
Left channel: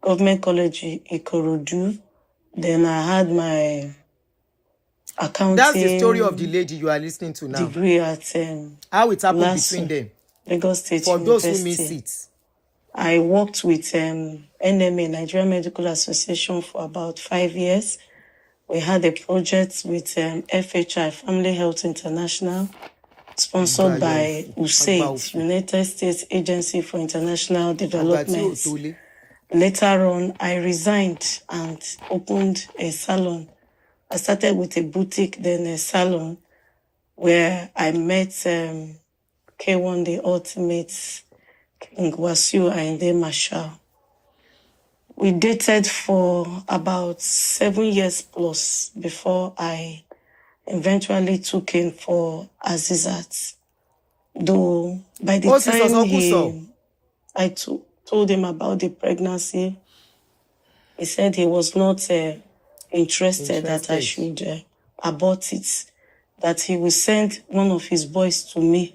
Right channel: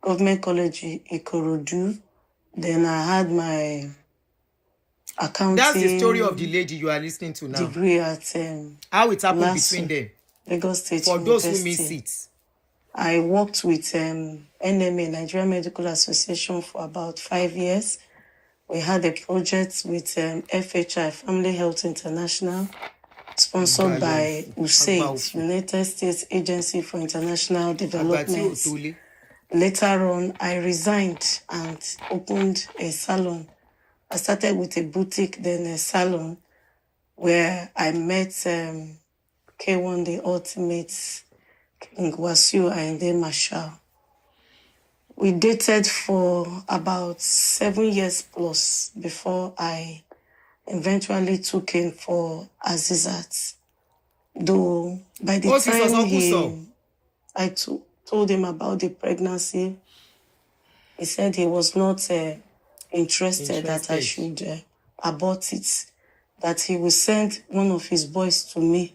Government College Ikorodu. Then I had my accounting. That's the story of the lady you are listening to now. Degree at how it happened between them. Lagos State For University. those who miss it. I worked with NMA, Nigerian Medical Association, for about 5 years. We had a project with FHI, Family Health International, sponsored by USAID, United States Agency for International Development. Later on, I resigned and opened a salon. I started with a boutique, then a salon, where I met Kwam1 the Ultimate, Ngwasiu and Marshall. We dated for about 7 years plus before I eventually took in for Azizat. Though by the time I told him about the pregnancy, he said he was not interested that I should abort it, that he will send one of his boys to me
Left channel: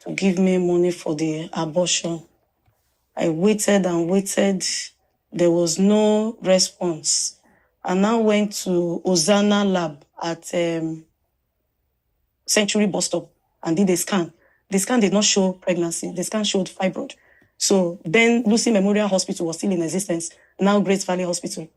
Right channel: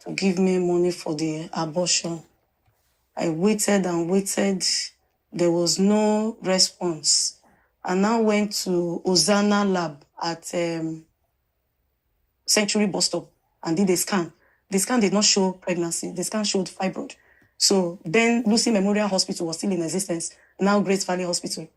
to give me money for the abortion. I waited and waited. There was no response. I now went to Ozana lab at Century bus stop and did a scan. The scan did not show pregnancy. The scan showed fibroid. So then Lucy Memorial Hospital was still in existence, now Great Valley Hospital.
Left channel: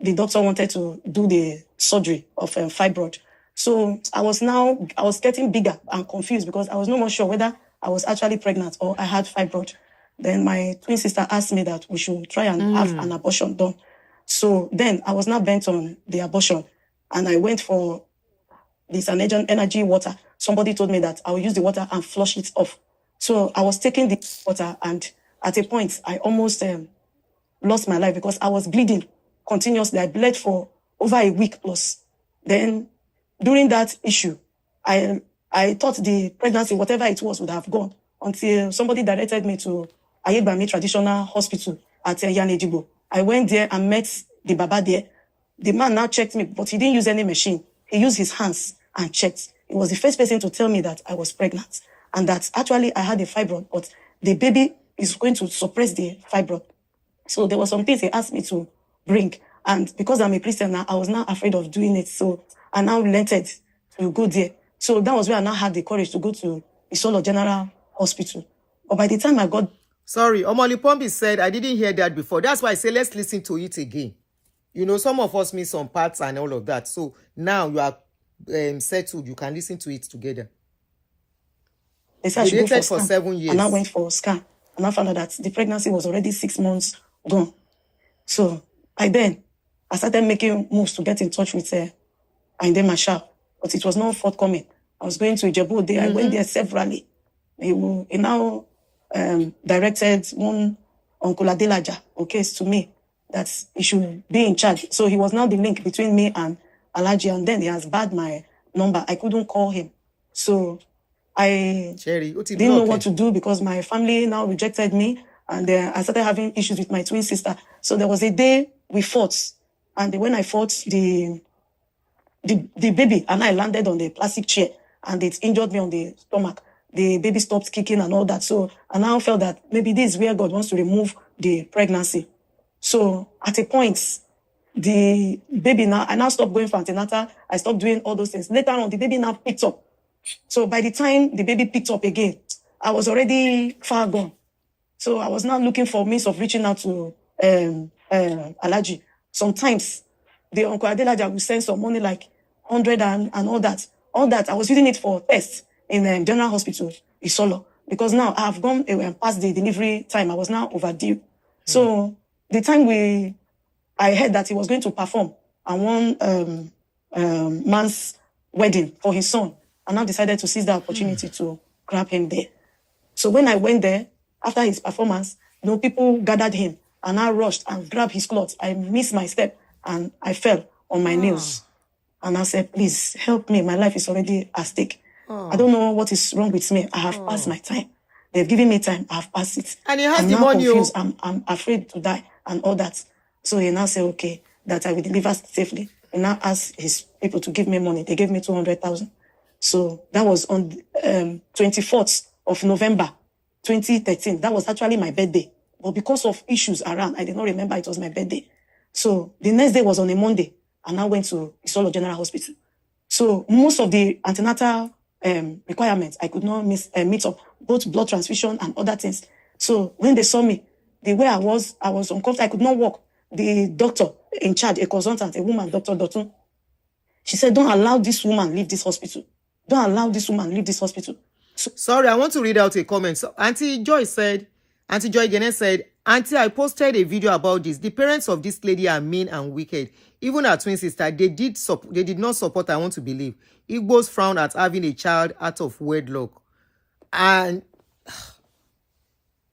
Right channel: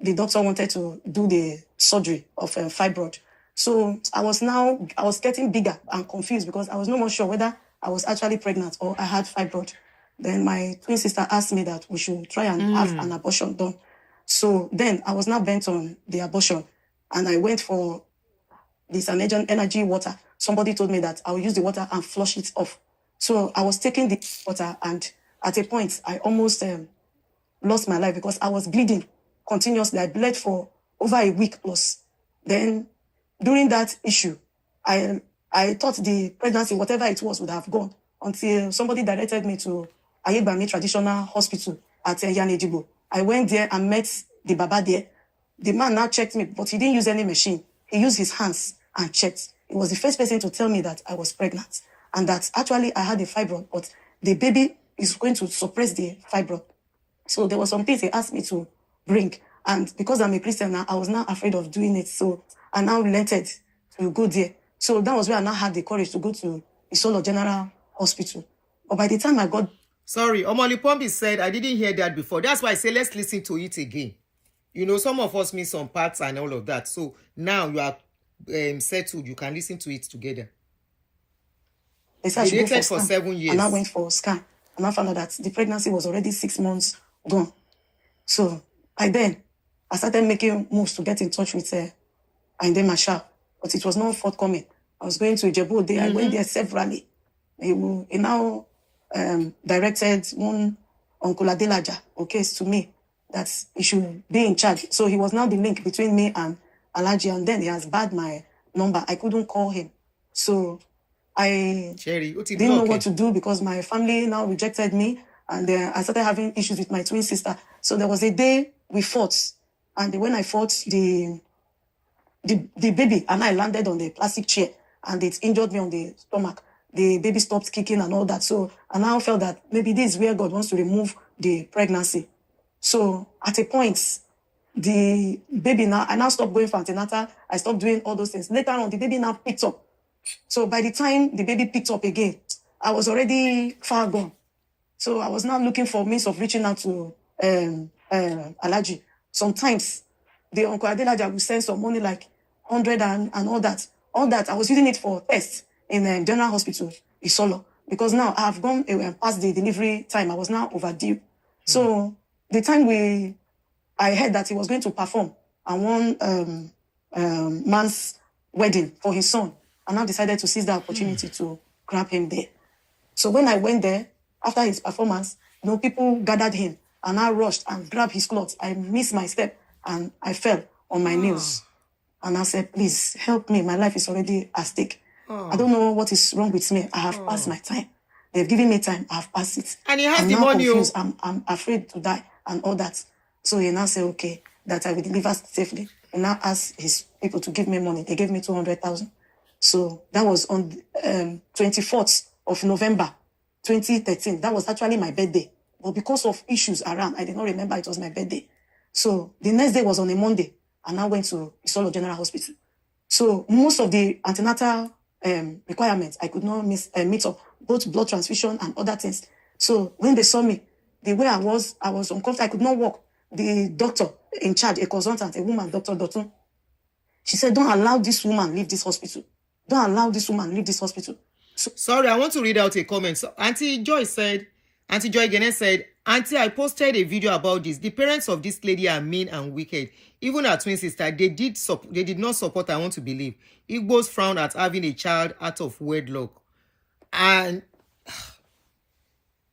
The doctor wanted to do the surgery of fibroid. So I was getting bigger and confused because I was no more sure whether I was actually pregnant or I had fibroid. Then my twin sister asked me that we should try and have an abortion done. So then I was now bent on the abortion, and I went for this energy water. Somebody told me that I will use the water and flush it off. So I was taking the water, and at a point, I almost lost my life because I was bleeding continuously. I bled for over a week plus. Then during that issue, I thought the pregnancy, whatever it was, would have gone until somebody directed me to Ayebami Traditional Hospital at Yanejibo. I went there and met the Baba there. The man now checked me, but he didn't use any machine. He used his hands and checked. He was the first person to tell me that I was pregnant and that actually I had a fibroid, but the baby is going to suppress the fibroid. So there were some things he asked me to bring. And because I'm a Christian now, I was now afraid of doing it. So I now relented to go there. So that was where I now had the courage to go to Isolo General Hospital. But by the time I got... Sorry, Omoli Pombi said, I didn't hear that before. That's why I say, let's listen to it again. You know, some of us miss some parts and all of that. So now you are settled. You can listen to it together. They dated for 7 years. And I went for a scan. And I found out that the pregnancy was already 6 months gone. So I started making moves to get in touch with Ainde Marshall. But it was not forthcoming. I was going to Ijebu there. I went there severally. He now directed one Uncle Adelaja case to me that he should be in charge. So he was now the link between me and Alaji, and then he has barred my number. I couldn't call him. So I didn't know what to do because my family now rejected me, and I started having issues with my twin sister. So there was a day we fought, and when I fought, the baby and I landed on the plastic chair, and it injured me on the stomach. The baby stopped kicking and all that. So I now felt that maybe this is where God wants to remove the pregnancy. So at a point, the baby I now stopped going for antenatal. I stopped doing all those things. Later on, the baby now picked up. So by the time the baby picked up again, I was already far gone. So I was now looking for means of reaching out to Alaji. Sometimes the Uncle Adelaja will send some money like 100 and all that. All that, I was using it for tests in General Hospital, Isolo. Because now I have gone past the delivery time. I was now overdue. So the time I heard that he was going to perform at one man's wedding for his son, I now decided to seize the opportunity to grab him there. So when I went there, after his performance, people gathered him and I rushed and grabbed his clothes. I missed my step and I fell on my nails. And I said, please help me. My life is already at stake. I don't know what is wrong with me. I have passed my time. They've given me time. I have passed it. And he has the money. I'm afraid to die and all that. So he now said, okay, that I will deliver safely. He now asked his people to give me money. They gave me 200,000. So that was on 24th of November, 2013. That was actually my birthday. But because of issues around, I did not remember it was my birthday. So the next day was on a Monday. And I went to Isolo General Hospital. So most of the antenatal requirements, I could not meet up, both blood transfusion and other things. So when they saw me, the way I was uncomfortable. I could not walk. The doctor in charge, a consultant, a woman, Dr. Dotun, she said, don't allow this woman leave this hospital. Don't allow this woman leave this hospital. So, sorry, I want to read out a comment. So Aunty Joy Gene said, Aunty, I posted a video about this. The parents of this lady are mean and wicked. Even her twin sister, they did not support, I want to believe. Igbos frown at having a child out of wedlock. And,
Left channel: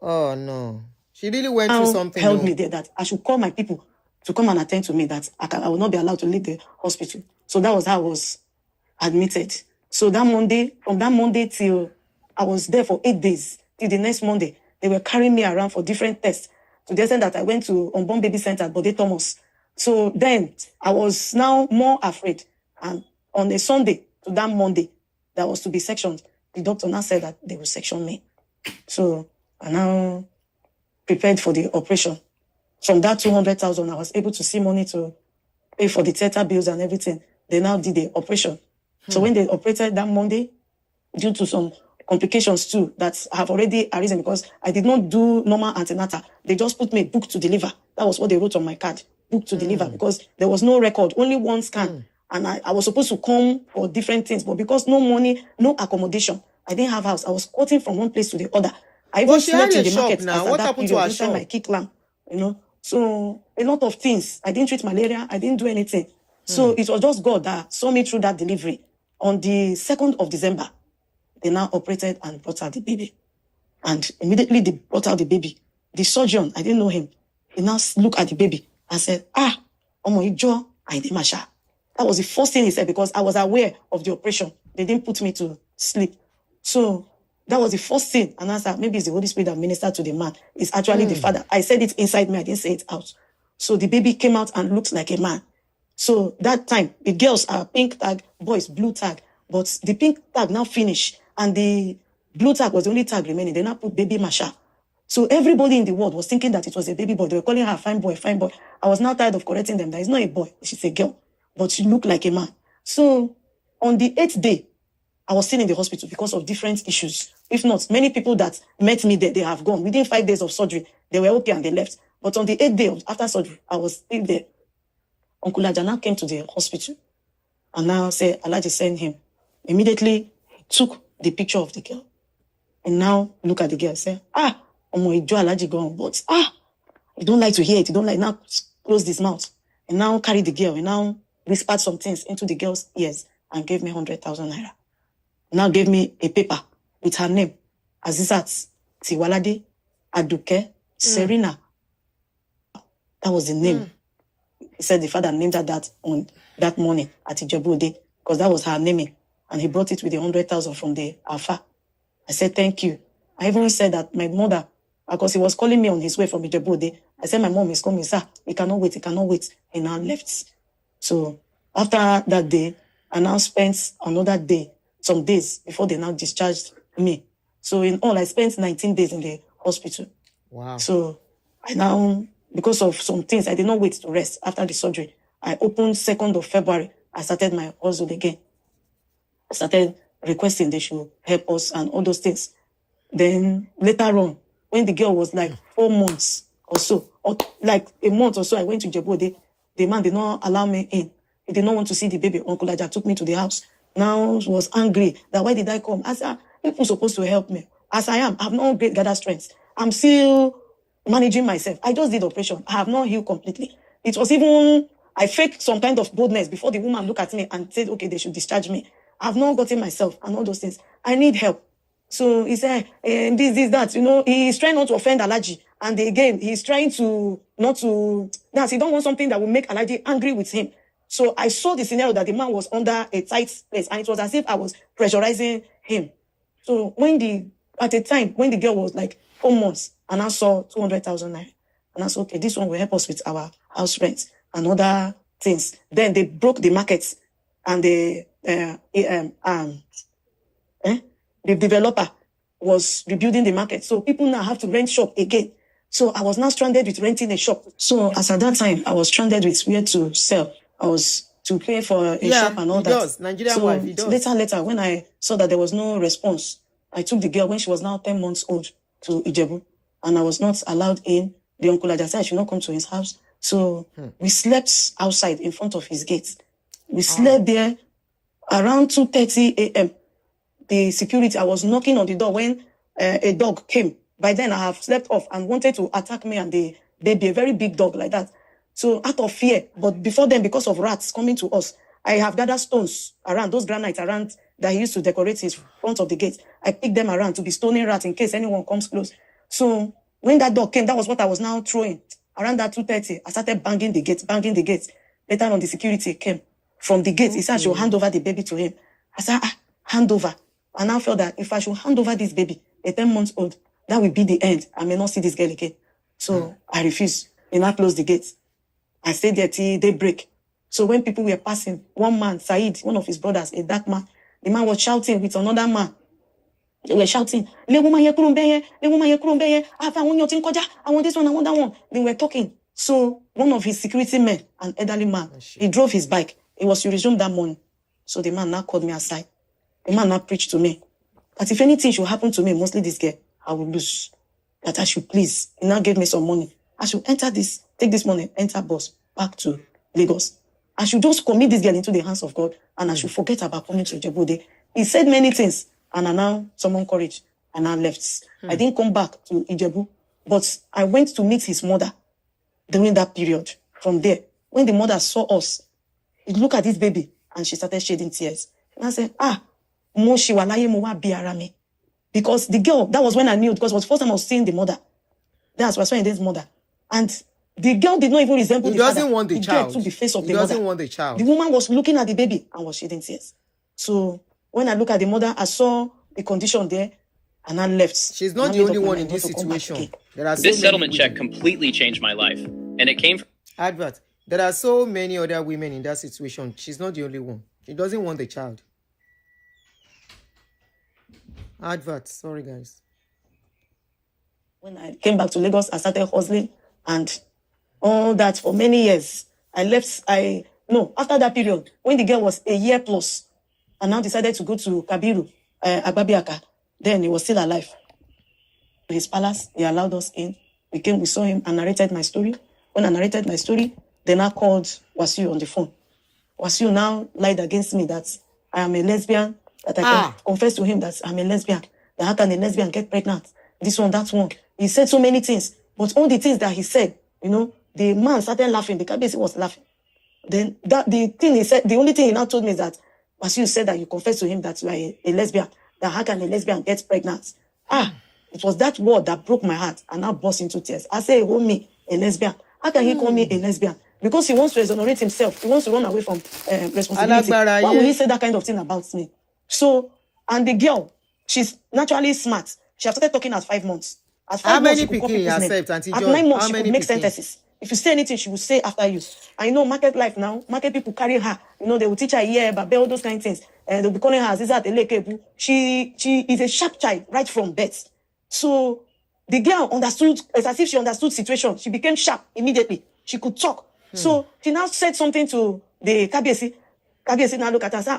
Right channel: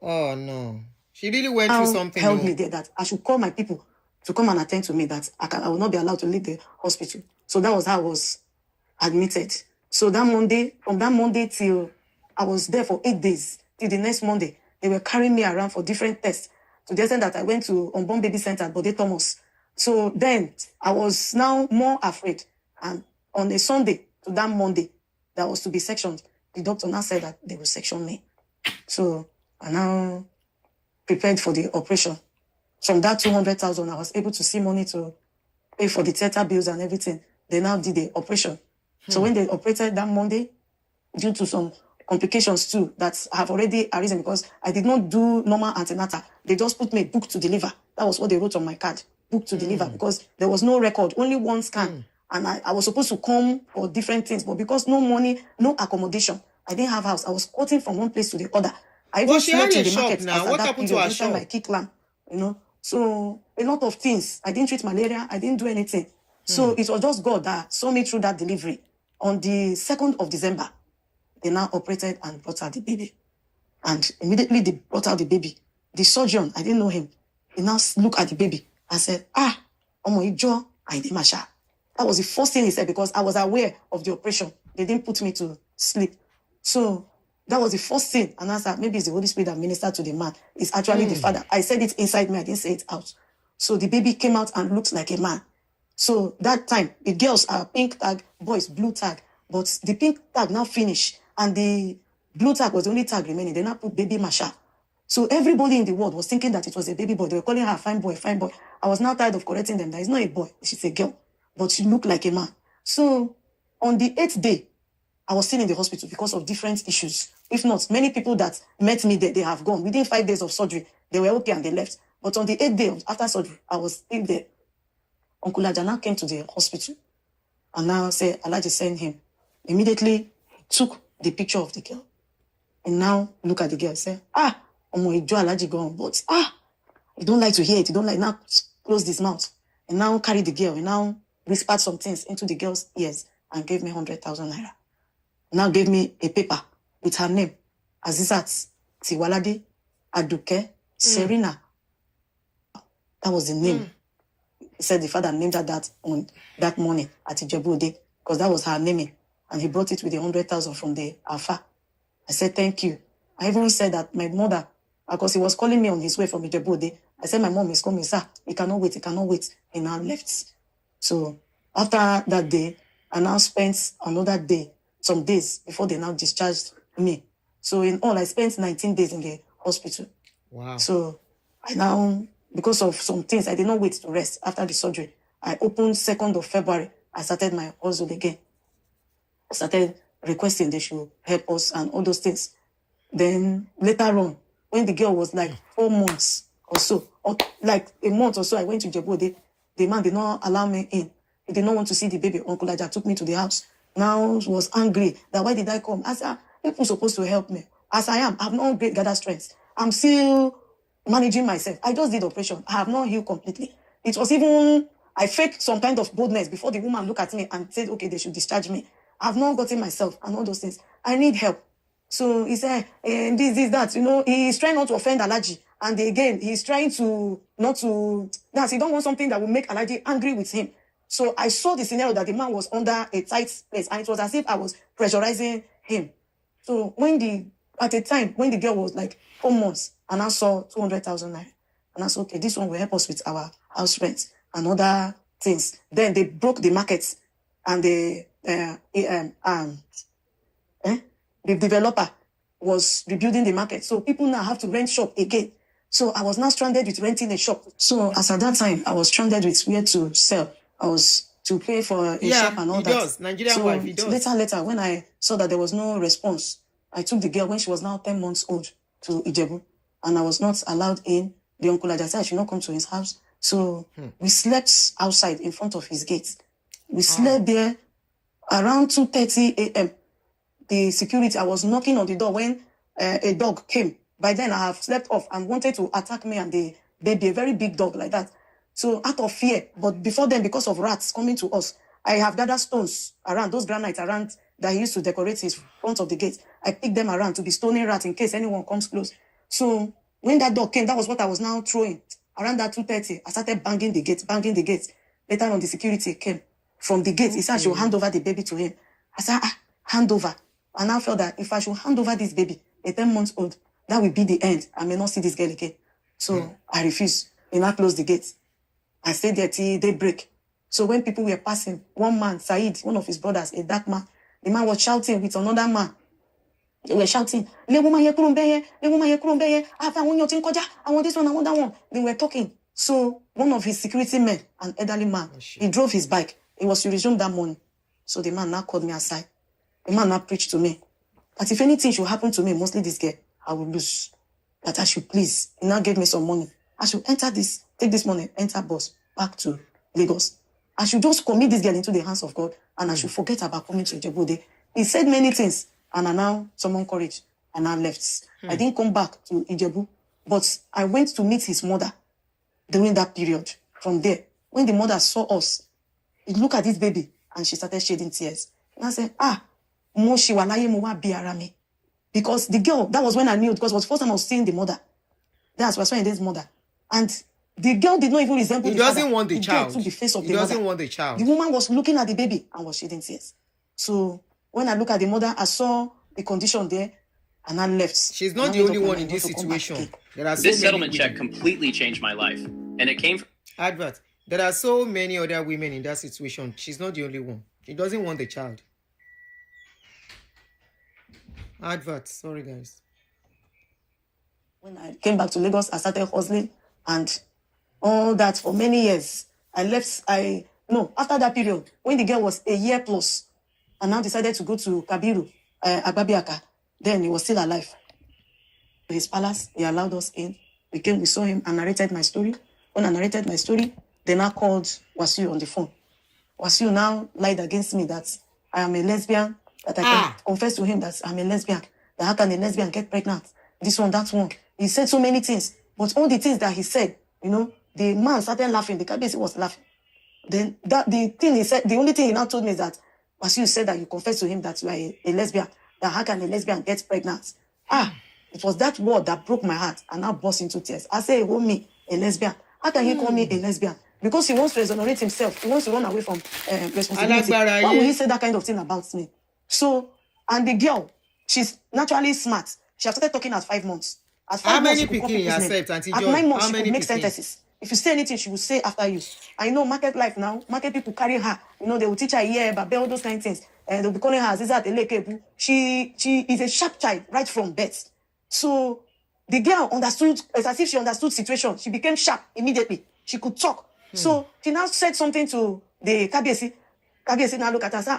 oh no. She really went through something. Held me there that I should call my people to come and attend to me, that I will not be allowed to leave the hospital. So that was how I was admitted. So that Monday, from that Monday till I was there for 8 days, till the next Monday, they were carrying me around for different tests, to the extent that I went to Unborn Baby Center at Bode Thomas. So then I was now more afraid. And on a Sunday to that Monday, that was to be sectioned, the doctor now said that they will section me. So I now prepared for the operation. From that 200,000, I was able to see money to pay for the theater bills and everything. They now did the operation. So when they operated that Monday, due to some complications too that have already arisen, because I did not do normal antenatal. They just put me book to deliver. That was what they wrote on my card, book to deliver, because there was no record, only one scan. And I was supposed to come for different things, but because no money, no accommodation, I didn't have house. I was quoting from one place to the other. I even she had slept in a the shop market now. as at What that happened to period, her inside shop? my kit lamb, So a lot of things. I didn't treat malaria. I didn't do anything. So it was just God that saw me through that delivery. On the 2nd of December, they now operated and brought out the baby. And immediately they brought out the baby. The surgeon, I didn't know him. He now looked at the baby and said, Omo Ijo, I did Masha. That was the first thing he said, because I was aware of the operation. They didn't put me to sleep. So that was the first thing. And I said, maybe it's the Holy Spirit that ministered to the man. It's actually the father. I said it inside me. I didn't say it out. So the baby came out and looked like a man. So that time, the girls are pink tag, boys blue tag. But the pink tag now finished. And the blue tag was the only tag remaining. They now put baby Masha. So everybody in the world was thinking that it was a baby boy. They were calling her fine boy, fine boy. I was now tired of correcting them. That it's not a boy. She's a girl. But she looked like a man. So on the 8th day, I was still in the hospital because of different issues. If not, many people that met me there, they have gone. Within 5 days of surgery, they were okay and they left. But on the 8th day after surgery, I was still there. Uncle Ajana came to the hospital and now said, Alaji send him. Immediately, he took the picture of the girl. And now look at the girl, say, Omo Ijo Alaji gone, but you don't like to hear it. You don't like, now close this mouth. And now carry the girl. And now whispered some things into the girl's ears and gave me 100,000 naira. Now gave me a paper with her name, Azizat Tiwalade Aduke Serena. That was the name. He said the father named her that on that morning at Ijebu Ode, because that was her naming. And he brought it with the 100,000 from the Alpha. I said, thank you. I even said that my mother, because he was calling me on his way from Ijebu Ode, I said, my mom is coming, sir. He cannot wait. He now left. So after that day, I now spent another day, some days before they now discharged me. So in all, I spent 19 days in the hospital. Wow. So I now, because of some things, I did not wait to rest after the surgery. I opened 2nd of February. I started my hustle again. I started requesting they should help us and all those things. Then later on, when the girl was like 4 months or so, or like a month or so, I went to Jebode. The man did not allow me in. He did not want to see the baby. Uncle Aja took me to the house. Now he was angry that why did I come? I said, people supposed to help me. As I am, I have not great gathered strength. I'm still managing myself. I just did operation. I have not healed completely. It was even, I faked some kind of boldness before the woman looked at me and said, okay, they should discharge me. I have not gotten myself and all those things. I need help. So he said, this, that, he's trying not to offend Alaji. And again, he's trying to, not to, that he don't want something that will make Alaji angry with him. So I saw the scenario that the man was under a tight place and it was as if I was pressurizing him. So at the time, when the girl was like 4 months and I saw 200,000 naira, and I said, okay, this one will help us with our house rent and other things. Then they broke the market and the developer was rebuilding the market. So people now have to rent shop again. So I was now stranded with renting a shop. So as at that time, I was stranded with where to sell. I was to pay for a shop and all he that. does. Nigerian wife, he does. Later, when I saw that there was no response, I took the girl when she was now 10 months old to Ijebu, and I was not allowed in. The uncle had said I should not come to his house. So we slept outside in front of his gate. We slept there around 2:30 a.m. The security, I was knocking on the door when a dog came. By then, I have slept off and wanted to attack me and the baby, a very big dog like that. So out of fear, but before then, because of rats coming to us, I have gathered stones around, those granites around that he used to decorate his front of the gate. I picked them around to be stoning rats in case anyone comes close. So when that dog came, that was what I was now throwing. Around that 2:30, I started banging the gate. Later on, the security came from the gate. He said I should hand over the baby to him. I said, hand over. And I felt that if I should hand over this baby, a 10 months old, that will be the end. I may not see this girl again. So I refused. He now closed the gate. I stayed there till daybreak. So when people were passing, one man, Said, one of his brothers, a dark man, the man was shouting with another man. They were shouting, "Le woman here, Kurumbeye, le woman here, Kurumbeye, I want your thing, Koja, I want this one, I want that one." They were talking. So one of his security men, an elderly man, he drove his bike. It was to resume that morning. So the man now called me aside. The man now preached to me that if anything should happen to me, mostly this girl, I will lose. That I should please. He now gave me some money. I should take this money, enter bus back to Lagos. I should just commit this girl into the hands of God, and I should forget about coming to Ijebu. He said many things, and I now summoned courage, and I left. I didn't come back to Ijebu, but I went to meet his mother during that period. From there, when the mother saw us, he looked at this baby, and she started shedding tears. And I said, mo shiwalaye mo wa bi ara mi. Because the girl, that was when I knew, because it was the first time I was seeing the mother. That's when I did his mother. And the girl did not even resemble He the doesn't father. want the child. Took the face of He the doesn't mother. want the child. The woman was looking at the baby and was shedding tears. So when I look at the mother, I saw the condition there, and I left. She's not the only one in this situation. There are so This many settlement check completely changed my life, and it came from advert. There are so many other women in that situation. She's not the only one. She doesn't want the child. Advert. Sorry, guys. When I came back to Lagos, I started hustling and all that for many years. I left. After that period, when the girl was a year plus, I now decided to go to Kabiru, Agbabiaka. Then he was still alive. In his palace, he allowed us in. We saw him, and narrated my story. When I narrated my story, they now called Wasiu on the phone. Wasiu now lied against me that I am a lesbian, that I confessed to him that I'm a lesbian, that how can a lesbian get pregnant? This one, that one. He said so many things, but all the things that he said, the man started laughing. The Kabiyesi was laughing. Then the thing he said, the only thing he now told me is that Wasiu said that you confessed to him that you are a lesbian, that how can a lesbian get pregnant? It was that word that broke my heart, and I burst into tears. I say, "Oh, me, a lesbian. How can he call me a lesbian?" Because he wants to exonerate himself. He wants to run away from responsibility. Why would he say that kind of thing about me? So, and the girl, she's naturally smart. She has started talking at 5 months. How many people you accept, Aunty Joy? At 9 months, How she many could make people? sentences. If you say anything, she will say after you. I know market life now. Market people carry her. They will teach her but all those kind of things. And they'll be calling her Aziza Telekebu. She is a sharp child right from birth. So the girl understood, it's as if she understood situation. She became sharp immediately. She could talk. So she now said something to the Kabiyesi. Kabiyesi now look at her and say,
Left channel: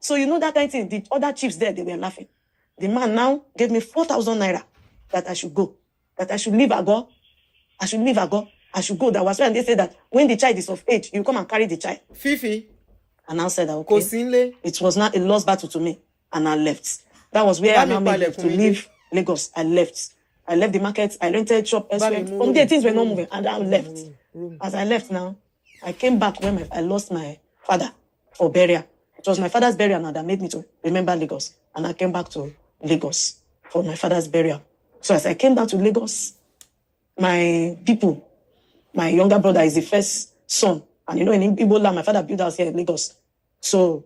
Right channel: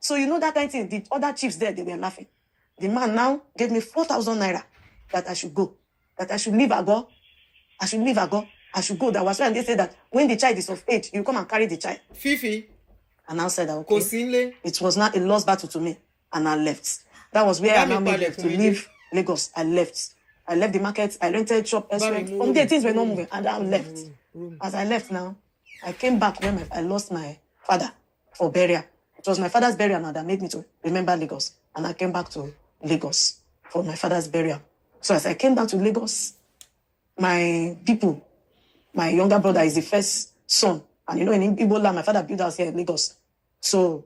so that kind of thing. The other chiefs there, they were laughing. The man now gave me 4,000 naira that I should go. That I should leave Ago. I should go. That was when they said that when the child is of age, you come and carry the child. Fifi. And I said that, okay. It was not a lost battle to me. And I left. That was where I made to leave Lagos. I left the market. I rented shop elsewhere. From there, things were not moving. And I left. As I left now, I came back when I lost my father for burial. It was my father's burial now that made me to remember Lagos. And I came back to Lagos for my father's burial. So as I came back to Lagos, my people, my younger brother is the first son. And in Igbo land, my father built house here in Lagos. So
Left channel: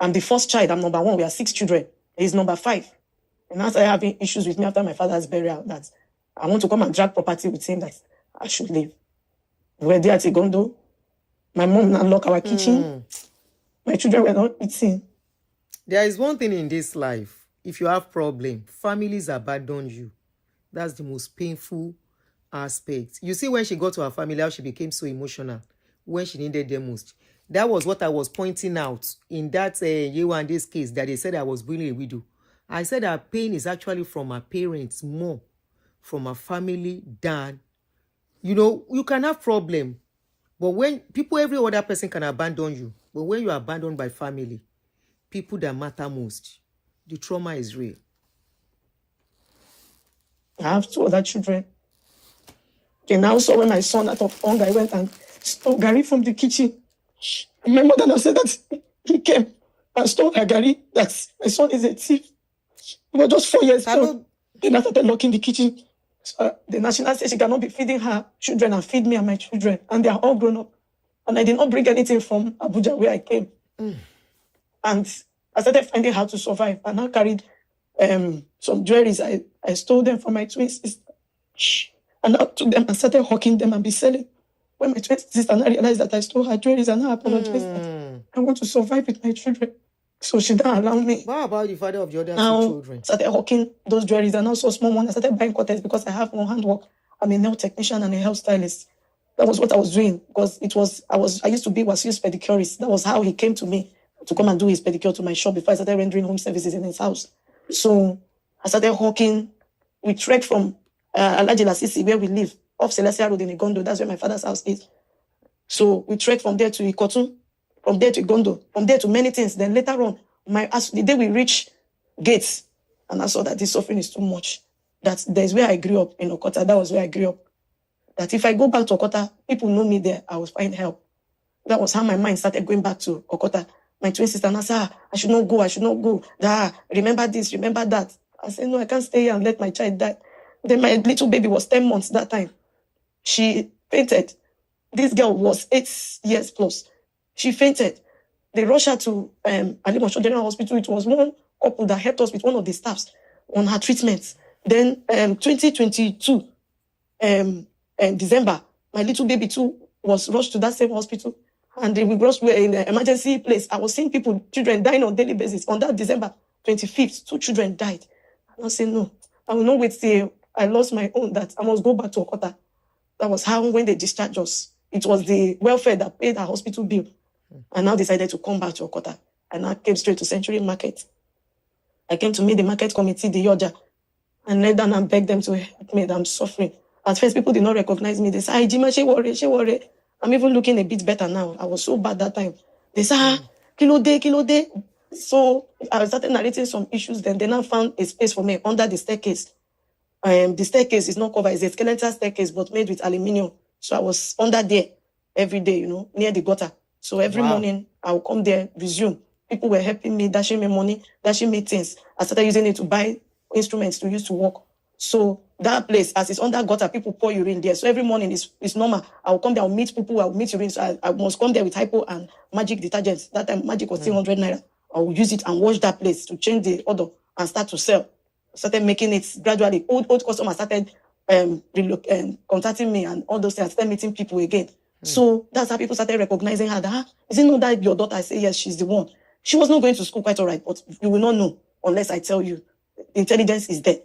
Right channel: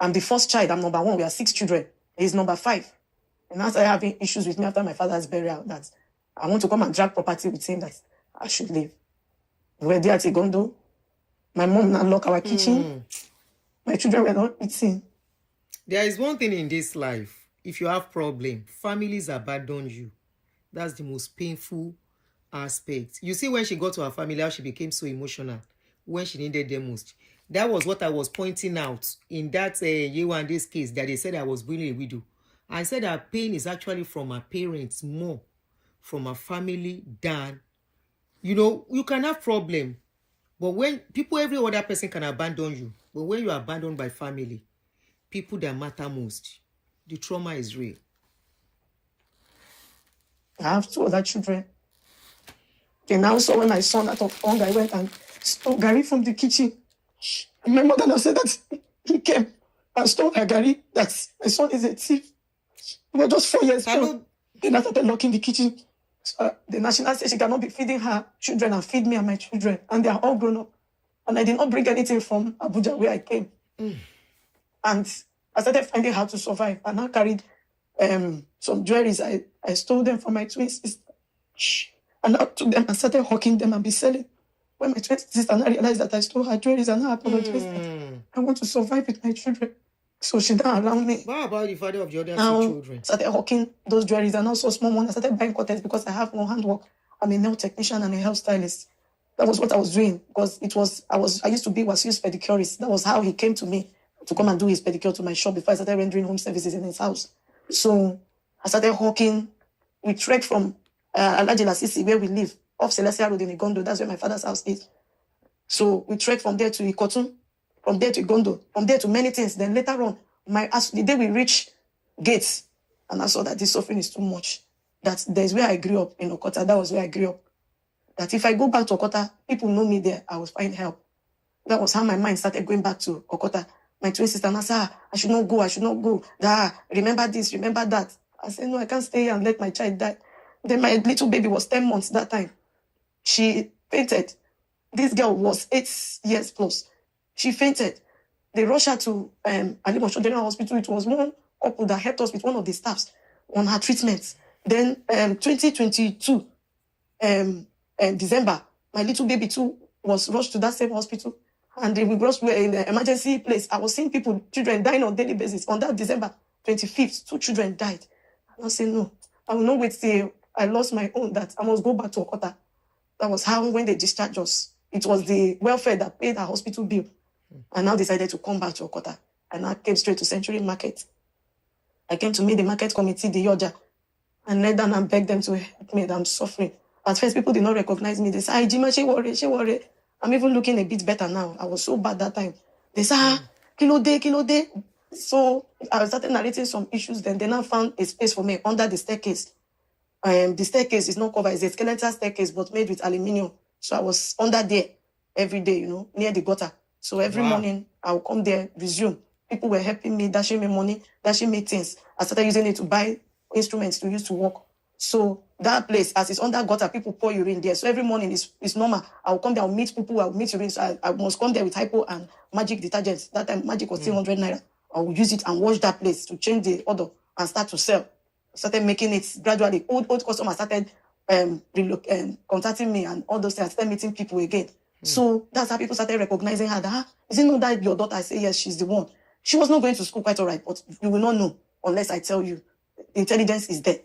I'm the first child. I'm number 1. We are 6 children. He's number 5. And I started having issues with me after my father's burial that I want to come and drag property with him that I should leave. We were there at Igondo. My mom now locked our kitchen. My children were not eating. There is one thing in this life. If you have problem, families abandon you. That's the most painful aspect. You see when she got to her family, how she became so emotional when she needed them most. That was what I was pointing out in that Yewande's case that they said I was bullying a widow. I said her pain is actually from her parents more, from her family than, you can have problem. But when people, every other person can abandon you. But when you are abandoned by family, people that matter most, the trauma is real. I have 2 other children. Okay, now so when my son out of hunger, I went and stole Gary from the kitchen. My mother now said that he came and stole her Gary, that my son is a thief. He was just 4 years old. Then I started locking the kitchen. So, the national said she cannot be feeding her children and feed me and my children. And they are all grown up. And I did not bring anything from Abuja where I came. And I started finding how to survive. I now carried some jewelries. I stole them from my twin sister. And I took them and started hawking them and be selling. When my twin sister now realized that I stole her jewelries and now apologized that I want to survive with my children. So she didn't allow me. What about the father of the other Now, two children? started hawking those jewelries and also small ones. I started buying cutters because I have no handwork. I'm a nail technician and a hair stylist. That was what I was doing because I used to be Wasiu's pedicurist. That was how he came to me to come and do his pedicure to my shop before I started rendering home services in his house. So I started hawking. We trekked from Alaji Lasisi, where we live, off Celestia Road in Igondo. That's where my father's house is. So we trekked from there to Ikotun, from there to Igondo, from there to many things. Then later on, the day we reached Gates, and I saw that this suffering is too much. That there's where I grew up in Okota. That was where I grew up. That if I go back to Okota, people know me there. I will find help. That was how my mind started going back to Okota. My twin sister, and I said, I should not go. Remember this, remember that. I said, no, I can't stay here and let my child die. Then my little baby was 10 months that time. She fainted. This girl was 8 years plus. She fainted. They rushed her to Alimosho General Hospital. It was one couple that helped us with one of the staffs on her treatment. Then 2022, December, my little baby too was rushed to that same hospital. And we rushed in the emergency place. I was seeing children dying on a daily basis. On that December 25th, 2 children died. I was saying, no, I will not wait till I lost my own, that I must go back to Okota. That was how, when they discharged us, it was the welfare that paid our hospital bill. I now decided to come back to Okota. And I came straight to Century Market. I came to meet the market committee, the Yoja, and lay down and begged them to help me, that I'm suffering. At first, people did not recognize me. They said, "Ay, Jima, she worry. I'm even looking a bit better now. I was so bad that time." They said, kilo day. So I started narrating some issues. Then they now found a space for me under the staircase. The staircase is not covered. It's a skeletal staircase, but made with aluminium. So I was under there every day, near the gutter. So every morning, I would come there, resume. People were helping me, dashing me money, dashing me things. I started using it to buy instruments to use to work. So that place, as it's under gutter, people pour urine there. So every morning it's normal. I'll come there, I'll meet people, I'll meet urine. So I must come there with hypo and magic detergents. That time magic was 300 naira. I'll use it and wash that place to change the order and start to sell. I started making it gradually. Old customers started contacting me and all those things. I started meeting people again. So that's how people started recognizing her. That, is it not that your daughter? I say, yes, she's the one. She was not going to school, quite all right, but you will not know unless I tell you. Intelligence is there.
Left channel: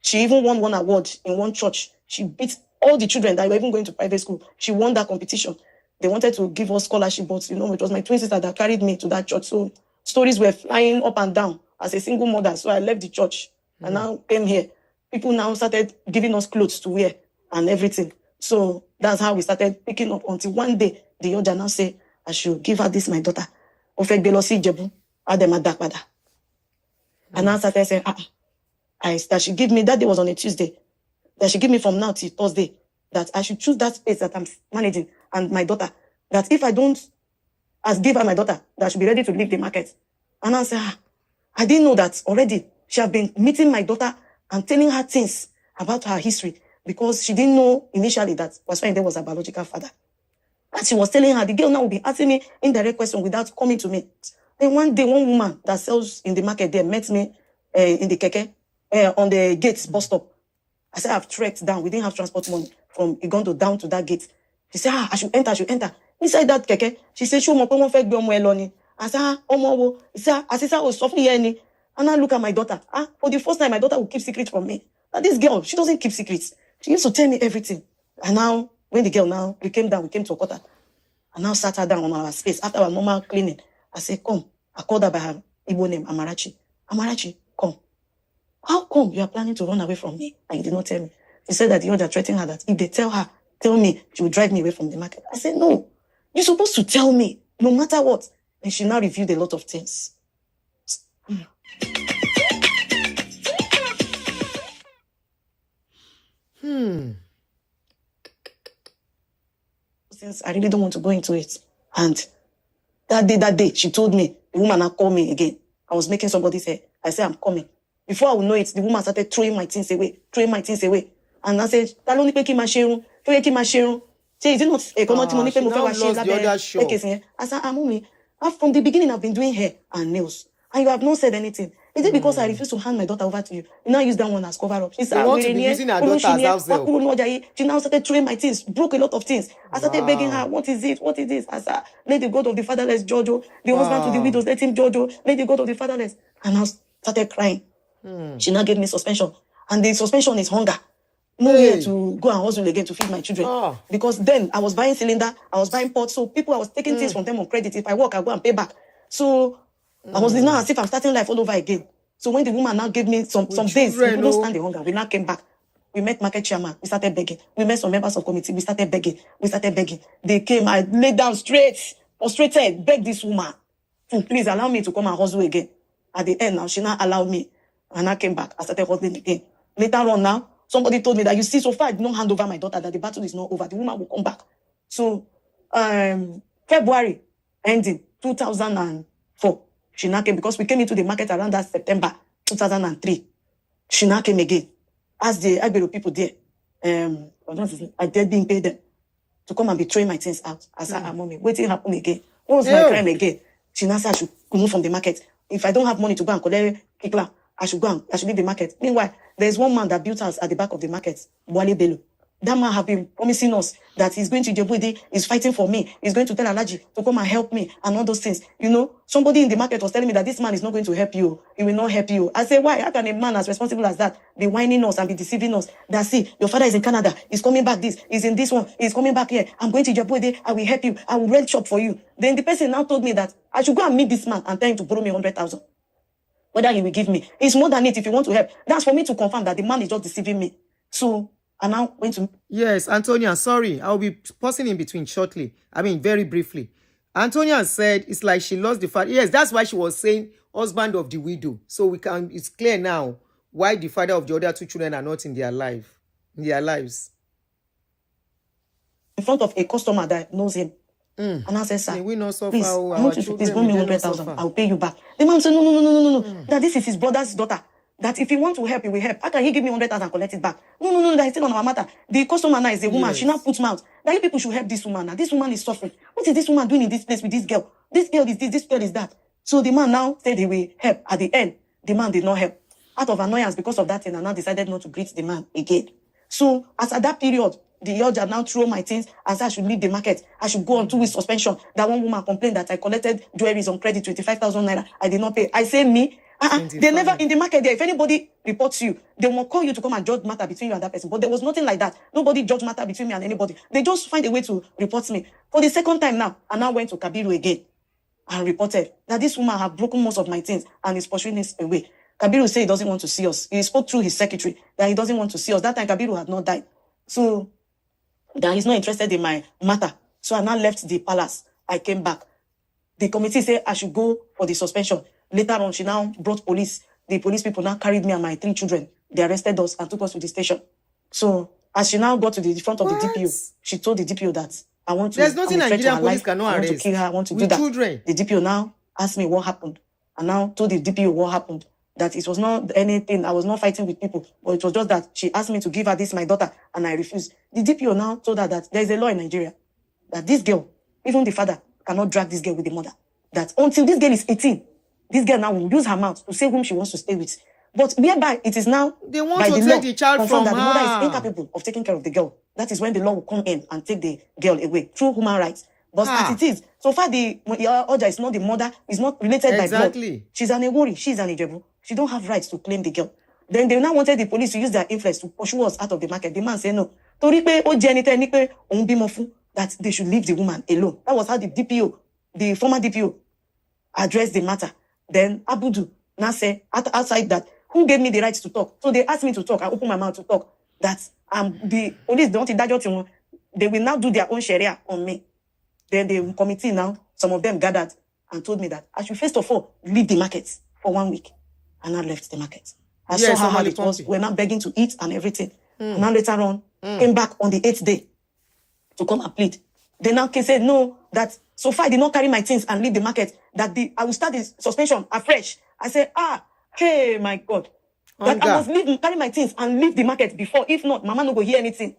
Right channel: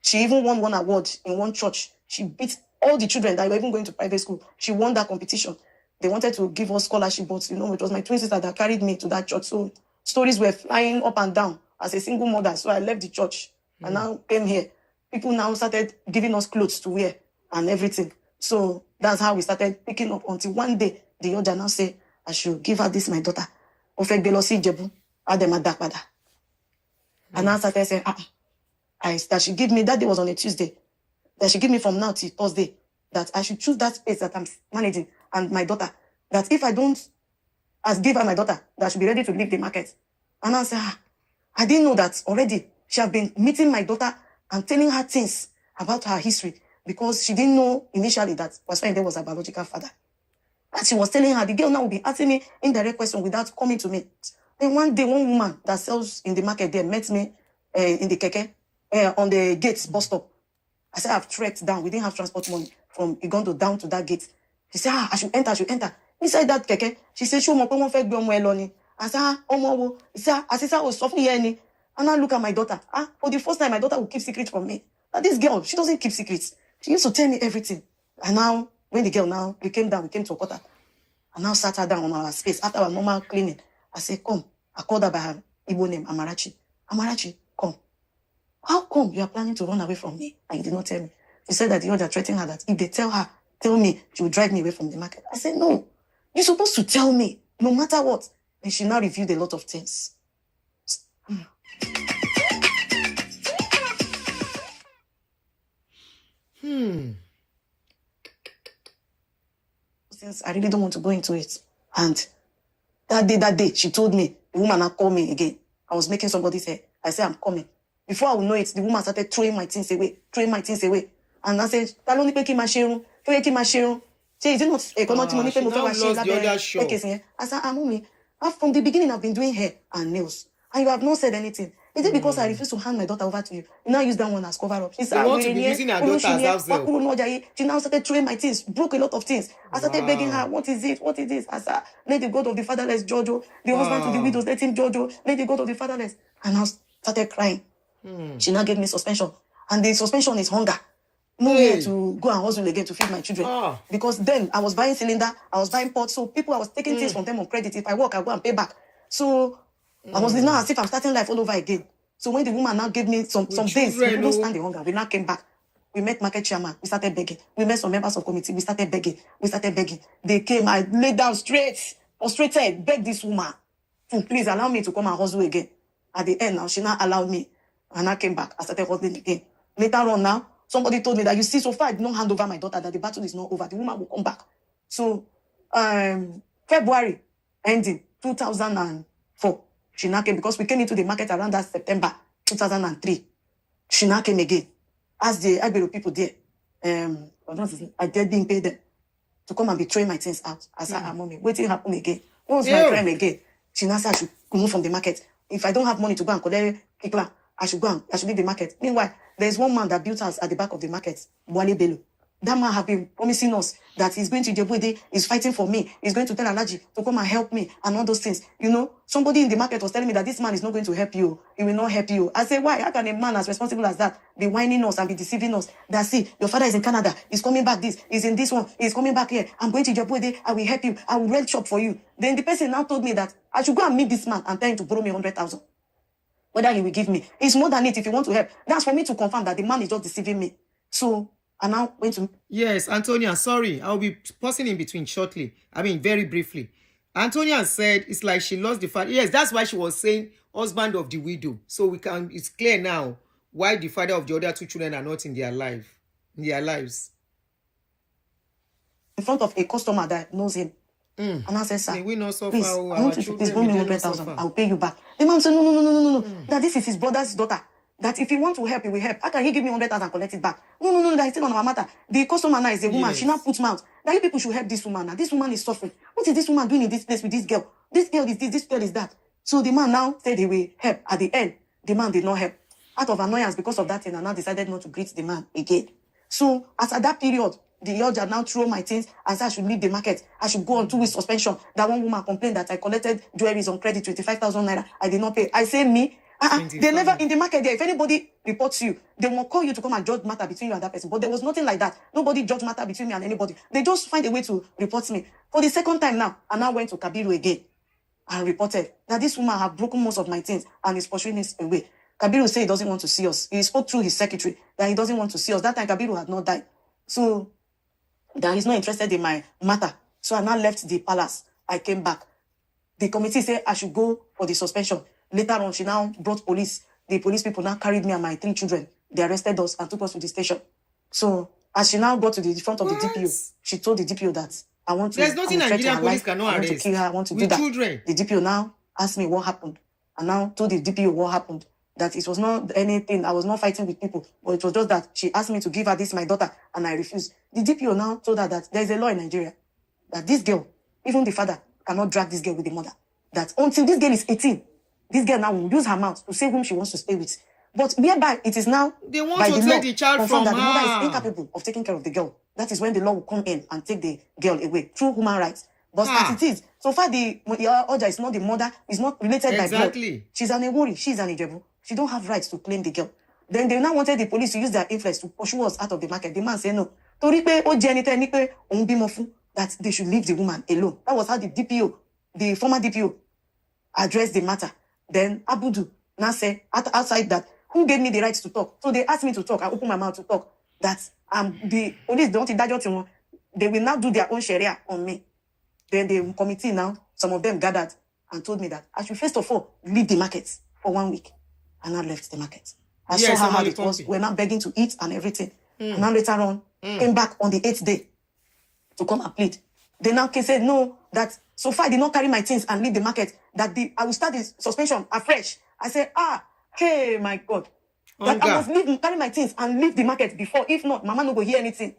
She even won one award in one church. She beat all the children that were even going to private school. She won that competition. They wanted to give us scholarship, but it was my twin sister that carried me to that church. So stories were flying up and down as a single mother. So I left the church and now came here. People now started giving us clothes to wear and everything. So that's how we started picking up until one day the Oja now say, I should give her this, my daughter. And now started saying, that she give me, that day was on a Tuesday, that she give me from now till Thursday, that I should choose that space that I'm managing and my daughter, that if I don't give her my daughter, that I should be ready to leave the market. And I said, I didn't know that already. She had been meeting my daughter and telling her things about her history because she didn't know initially that Wasfayinde was her biological father. And she was telling her, the girl now will be asking me indirect questions without coming to me. Then one day, one woman that sells in the market there met me in the keke, on the gates bus stop. I said, I've trekked down. We didn't have transport money from Igondo down to that gate. She said, I should enter. Inside that keke, she said, show me I said, He said, I was suffering here. And I look at my daughter. For the first time, my daughter will keep secrets from me. Now, this girl, she doesn't keep secrets. She used to tell me everything. And now, when the girl now, we came to Okota. And now sat her down on our space after our normal cleaning. I said, come. I called her by her Igbo name, Amarachi. Amarachi, come. How come you are planning to run away from me? And you did not tell me. She said that the other threatened her that if they tell me, she will drive me away from the market. I said, no. You're supposed to tell me, no matter what. And she now revealed a lot of things. Since I really don't want to go into it. And that day, she told me, the woman now called me again. I was making somebody's hair. I said, I'm coming. Before I would know it, the woman started throwing my things away. And I said, Taloni peki mashiru. Say, is it not a common money? She now lost the other show. I said, Mommy, from the beginning I've been doing hair and nails. And you have not said anything. Is it because I refuse to hand my daughter over to you? You now use that one as cover up. They want to be using her daughter as house help. She now started throwing my things, broke a lot of things. I started begging her, Wow. what is it? What is this? I said, let the God of the fatherless judge. The husband to the widows, let him judge. Let the God of the fatherless. And I started crying. She now gave me suspension. And the suspension is hunger. Nowhere to go and hustle again to feed my children. Because then I was buying cylinder, I was buying pots, so people, I was taking things from them on credit. If I work, I go and pay back. So I was now as if I'm starting life all over again. So when the woman now gave me some things, we couldn't stand the hunger. We now came back. We met market chairman. We started begging. We met some members of committee. We started begging. They came. I laid down straight, frustrated, begged this woman to please allow me to come and hustle again. At the end now, she now allowed me. And I came back. I started hustling again. Later on now, somebody told me that, you see, so far I did not hand over my daughter, that the battle is not over. The woman will come back. So, February ending 2004, she now came, because we came into the market around that September 2003. She now came again. As the Agbero people there, I didn't pay them to come and be throwing my things out. I said, mommy, waiting happen again. Once my crime again, she now said I should move from the market. If I don't have money to go and collect Kikla, I should leave the market. Meanwhile, there's one man that built house at the back of the market, Wale Bello. That man have been promising us that he's going to Djibouti, he's fighting for me, he's going to tell Alaji to come and help me, and all those things. You know, somebody in the market was telling me that this man is not going to help you. He will not help you. I say, why? How can a man as responsible as that be whining us and be deceiving us? That, see, your father is in Canada, he's coming back this, he's in this one, he's coming back here. I'm going to Djibouti, I will help you, I will rent shop for you. Then the person now told me that I should go and meet this man and tell him to borrow me 100,000. Whether he will give me. It's more than it if you want to help. That's for me to confirm that the man is just deceiving me. So, I now went to... Yes, Antonia, sorry. I'll be pausing in between shortly. I mean, very briefly. Antonia said it's like she lost the father. Yes, that's why she was saying husband of the widow. So it's clear now why the father of the other two children are not in their lives. In front of a customer that knows him. And I said, sir, we not suffer, please, our children, we not suffer. I'll pay you back. The man said, no. That this is his brother's daughter. That if he want to help, he will help. How can he give me 100,000 and collect it back? No, that is still on our matter. The customer now is a woman. Yes. She now puts mouth. That you people should help this woman. Now this woman is suffering. What is this woman doing in this place with this girl? This girl is this girl is that. So the man now said he will help. At the end, the man did not help. Out of annoyance because of that thing, I now decided not to greet the man again. So as at that period, the judge had now thrown my things and said I should leave the market. I should go on 2 weeks suspension. That one woman complained that I collected jewelries on credit, 25,000 naira. I did not pay. I say me. They never in the market there. If anybody reports you, they will call you to come and judge matter between you and that person. But there was nothing like that. Nobody judged matter between me and anybody. They just find a way to report me. For the second time now, I now went to Kabiru again and reported that this woman had broken most of my things and is pursuing us away. Kabiru said he doesn't want to see us. He spoke through his secretary that he doesn't want to see us. That time Kabiru had not died. So that he's not interested in my matter. So I now left the palace. I came back. The committee said I should go for the suspension. Later on, she now brought police. The police people now carried me and my 3 children. They arrested us and took us to the station. So as she now got to the front of the DPO, she told the DPO that I want to... There's nothing Nigerian police cannot arrest. I want to kill her. I want to with do that. Children. The DPO now asked me what happened. And now told the DPO what happened. That it was not anything. I was not fighting with people. But it was just that she asked me to give her this, my daughter, and I refused. The DPO now told her that there is a law in Nigeria. That this girl, even the father, cannot drag this girl with the mother. That until this girl is 18, this girl now will use her mouth to say whom she wants to stay with. But whereby it is now... They want to take the child from her. The mother is incapable of taking care of the girl. That is when the law will come in and take the girl away through human rights. But as it is, so far the order is not the mother, is not related by blood. She's an Ewori, she's an Ijebu. She don't have rights to claim the girl. Then they now wanted the police to use their influence to pursue us out of the market. The man said no. That they should leave the woman alone. That was how the DPO, the former DPO, addressed the matter. Then Abudu now said outside that, who gave me the right to talk? So they asked me to talk. I opened my mouth to talk. That the police don't they will now do their own sharia on me. Then the committee now, some of them gathered and told me that I should first of all leave the market for 1 week. And I left the market. I saw how it was. We're now begging to eat and everything. And now later on, came back on the 8th day to come and plead. They now said no, that so far I did not carry my things and leave the market, that I will start the suspension afresh. I said, hey, my God. That I must carry my things and leave the market before. If not, Mama no go hear anything.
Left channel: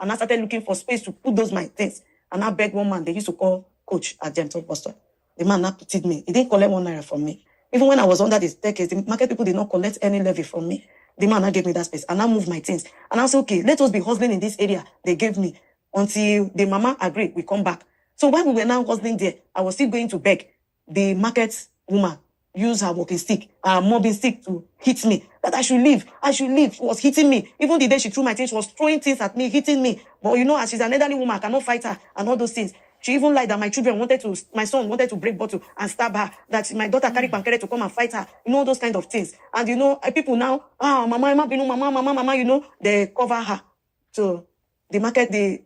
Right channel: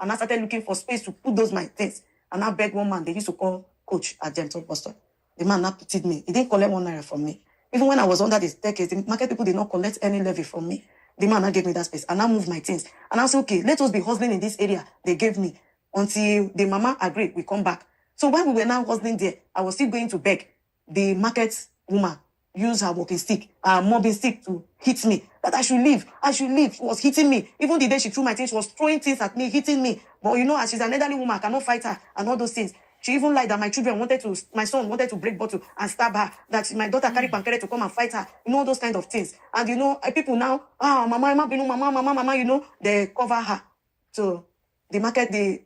And I started looking for space to put those my things. And I begged one man, they used to call Coach at Gentle Boston. The man now pitied me. He didn't collect 1 naira from me. Even when I was under the staircase, the market people did not collect any levy from me. The man now gave me that space, and I moved my things. And I said, okay, let us be hustling in this area they gave me until the mama agreed we come back. So when we were now hustling there, I was still going to beg. The market woman used her walking stick, mobbing stick to hit me, that I should leave. She was hitting me. Even the day she threw my things, she was throwing things at me, hitting me. But you know, as she's an elderly woman, I cannot fight her and all those things. She even lied that my son wanted to break bottle and stab her, that my daughter carried pancreas to come and fight her, you know, those kind of things. And you know, people now, mama, you know, they cover her. So the market, the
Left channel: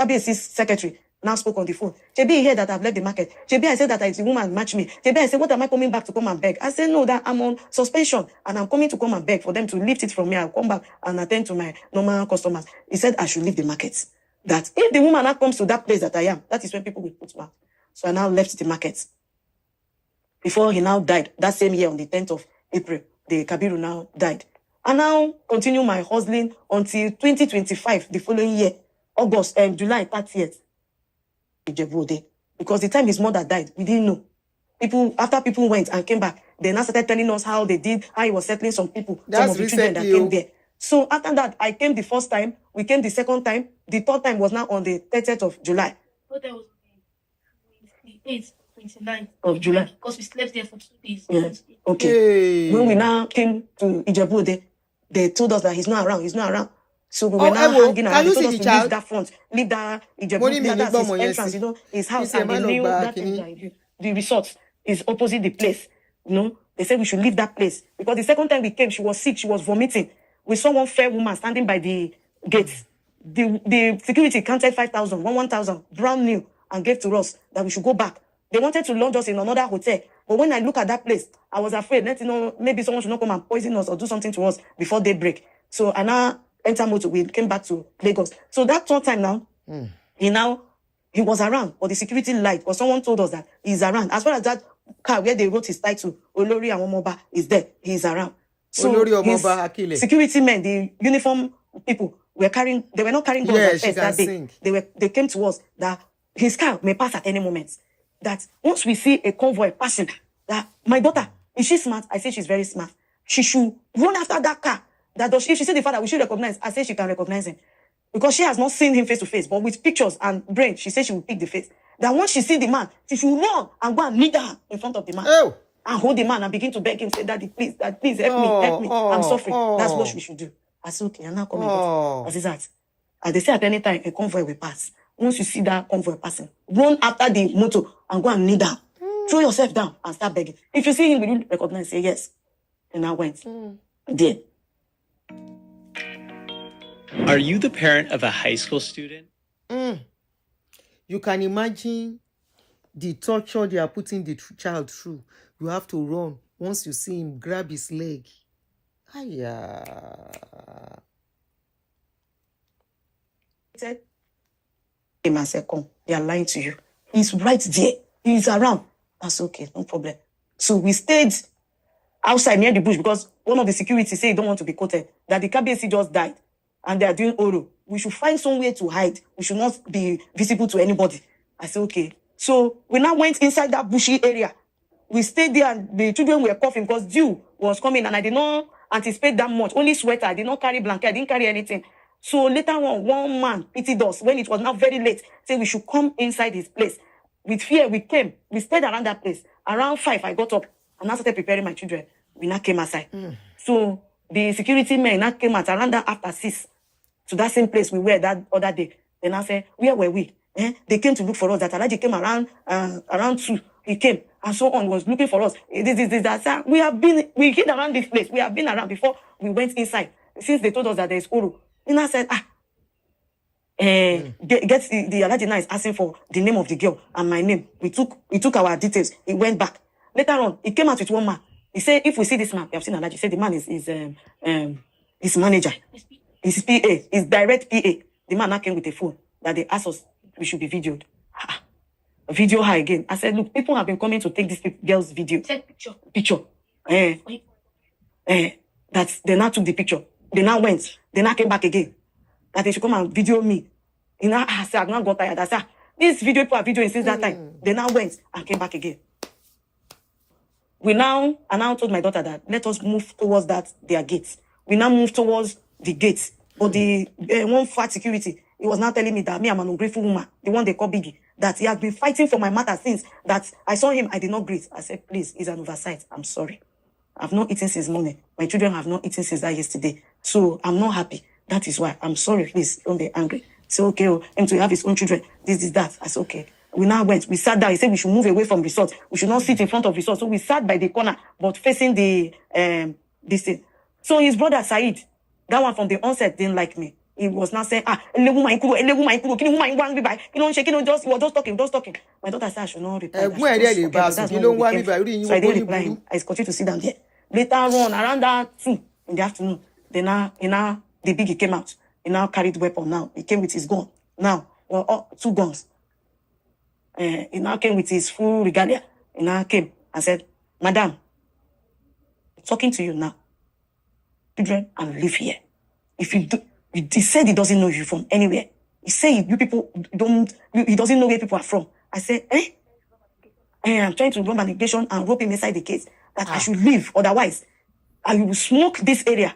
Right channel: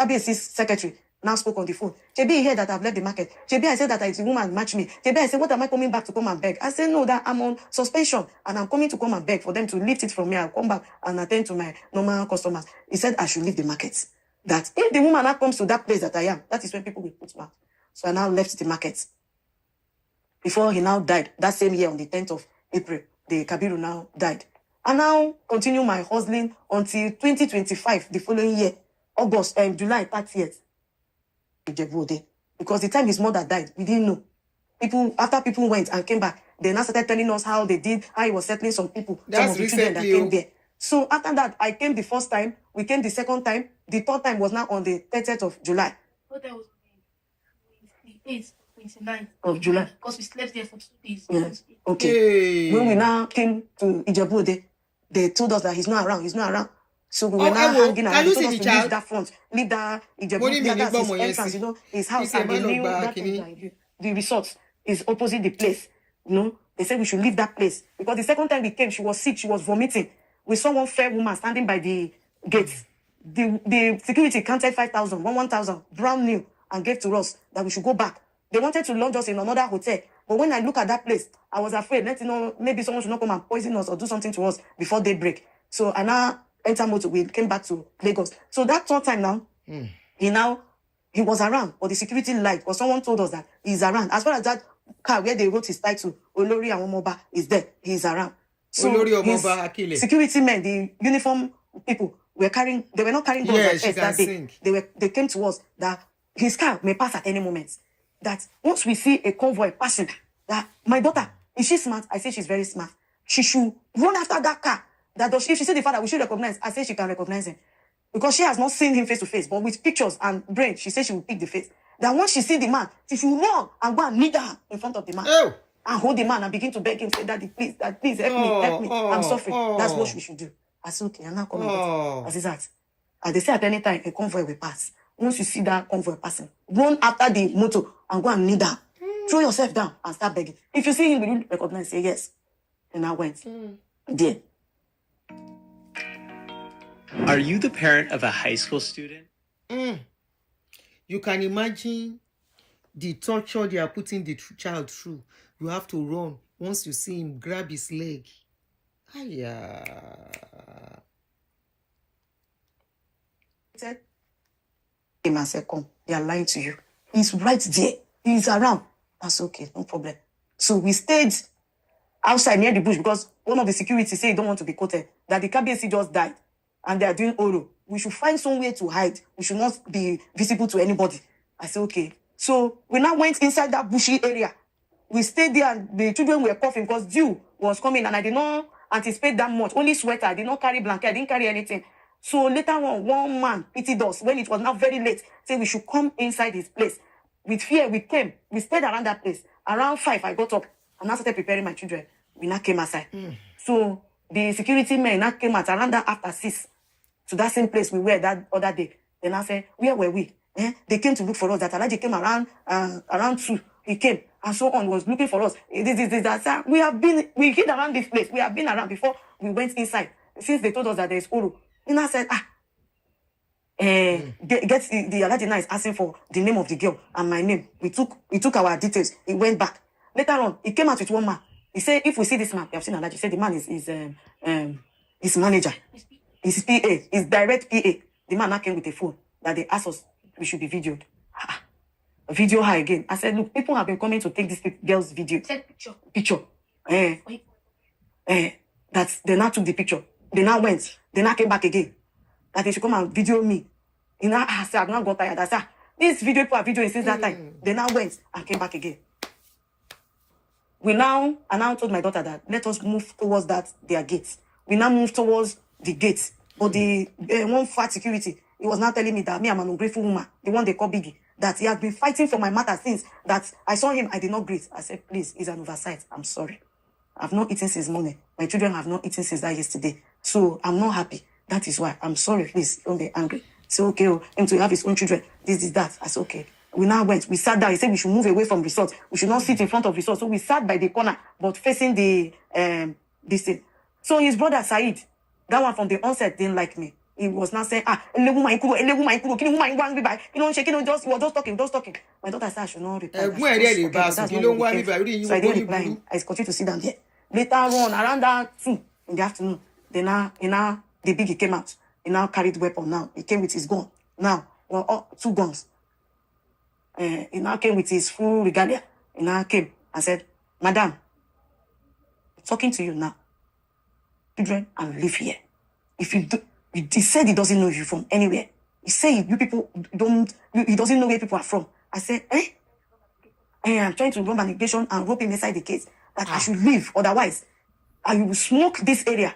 KBC's secretary now spoke on the phone. JB heard that I've left the market. JB, I said that it's a woman match me. JB, I said, what am I coming back to come and beg? I said, no, that I'm on suspension and I'm coming to come and beg for them to lift it from me. I'll come back and attend to my normal customers. He said I should leave the market. That if the woman now comes to that place that I am, that is when people will put mouth. So I now left the market. Before he now died, that same year on the 10th of April, the Kabiru now died. I now continue my hustling until 2025, the following year, August and July 30th. Because the time his mother died, we didn't know. After people went and came back, they now started telling us how they did, how he was settling some people. That's some of the recently. that came there. So after that, I came the first time, we came the second time, the third time was now on the 30th of July. What that was the 29th of July. Because we slept there for 2 days. Yeah. Okay. Hey. When we now came to Ijebu, they told us that he's not around. So we were now hanging around. Can you see They the told us to child? leave that front, leave that Ijebu. Money me That's nígbà his ọmọ yẹn entrance, sí. you know, his house He's a and man the of new back, the resort is opposite the place. You know, they said we should leave that place because the second time we came, she was sick, she was vomiting. We saw one fair woman standing by the gates. The security counted 5,000, 1,000, brand new, and gave to us that we should go back. They wanted to lodge us in another hotel. But when I look at that place, I was afraid, maybe someone should not come and poison us or do something to us before daybreak. So I now enter motor, we came back to Lagos. So that third time now, he was around, but the security lied, or someone told us that he's around. As far as that car where they wrote his title, Olori Awomoba, is there, he's around. So Olori Omoba Akile. Security men, the uniform people, they were not carrying guns. Yeah, she can sing. They came to us that his car may pass at any moment. That once we see a convoy passing, that my daughter, is she smart? I say she's very smart. She should run after that car. That if she see the father, we should recognize. I say she can recognize him. Because she has not seen him face to face, but with pictures and brain, she says she will pick the face. That once she see the man, she should run and go and kneel down in front of the man. Oh. And hold the man and begin to beg him, say, Daddy, please help me, I'm suffering. That's what she should do. I said, okay, I'm not coming. As is that. And they say at any time a convoy will pass. Once you see that convoy passing, run after the motor and go and kneel down. Throw yourself down and start begging. If you see him, will you recognize? Say yes. And I went. There. Are you the parent of a high school student? You can imagine the torture they are putting the child through. You have to run. Once you see him, grab his leg. Aya. I said, come, they are lying to you. He's right there. He's around. That's okay, no problem. So we stayed outside near the bush because one of the security said he don't want to be quoted. That the KBC just died and they are doing oral. We should find somewhere to hide. We should not be visible to anybody. I said, okay. So we now went inside that bushy area. We stayed there and the children were coughing because dew was coming and I did not anticipate that much. Only sweater. I did not carry blanket. I didn't carry anything. So later on, one man pitied us when it was not very late. Said we should come inside his place. With fear, we came. We stayed around that place. Around 5, I got up and I started preparing my children. We now came outside. So the security men now came out around that after 6 to that same place we were that other day. Then I said, where were we? They came to look for us. That Alaji came around 2. He came and so on, was looking for us. That. We hid around this place. We have been around before we went inside. Since they told us that there is Uru. And I said, the Alaji now is asking for the name of the girl and my name. We took our details. He went back. Later on, he came out with one man. He said, if we see this man, we have seen Alaji. He said the man is his manager. His PA, his direct PA. The man now came with a phone that they asked us we should be videoed. Video her again. I said, look, people have been coming to take this girl's video. Picture. That they now took the picture. They now went. They now came back again. That they should come and video me. And I said, I've not got tired. I said, this video people are videoing since that time. They now went and came back again. I now told my daughter that let us move towards their gate. We now move towards the gate. But the one fat security, he was now telling me that me, I'm an ungrateful woman, the one they call Biggie, that he has been fighting for my matter since that I saw him, I did not greet. I said, please, it's an oversight. I'm sorry. I've not eaten since morning. My children have not eaten since that yesterday. So I'm not happy. That is why. I'm sorry, please, don't be angry. Say, okay, him to have his own children. This is that. I said, okay. We now went. We sat down. He said we should move away from resort. We should not sit in front of resort. So we sat by the corner, but facing the this thing. So his brother Said, that one from the onset didn't like me. He was now saying, shaking, he was just talking. My daughter said I should not reply. Ẹ̀gbọ́n ẹ̀rí ẹ̀ lè bá a sùn kí ló ń wá mi báyìí orí yín So I gbogbo didn't yín reply burú. him. I continued to sit down there. Later on, around that 2 in the afternoon, the biggie came out. He now carried weapon now. He came with his gun. Now, 2 guns. He now came with his full regalia. He now came and said, Madam, I'm talking to you now. Children, and live here. If you do, he said he doesn't know you from anywhere. He said you people don't, he doesn't know where people are from. I said, I'm trying to run manipulation and rope him inside the case that I should leave. Otherwise, I will smoke this area.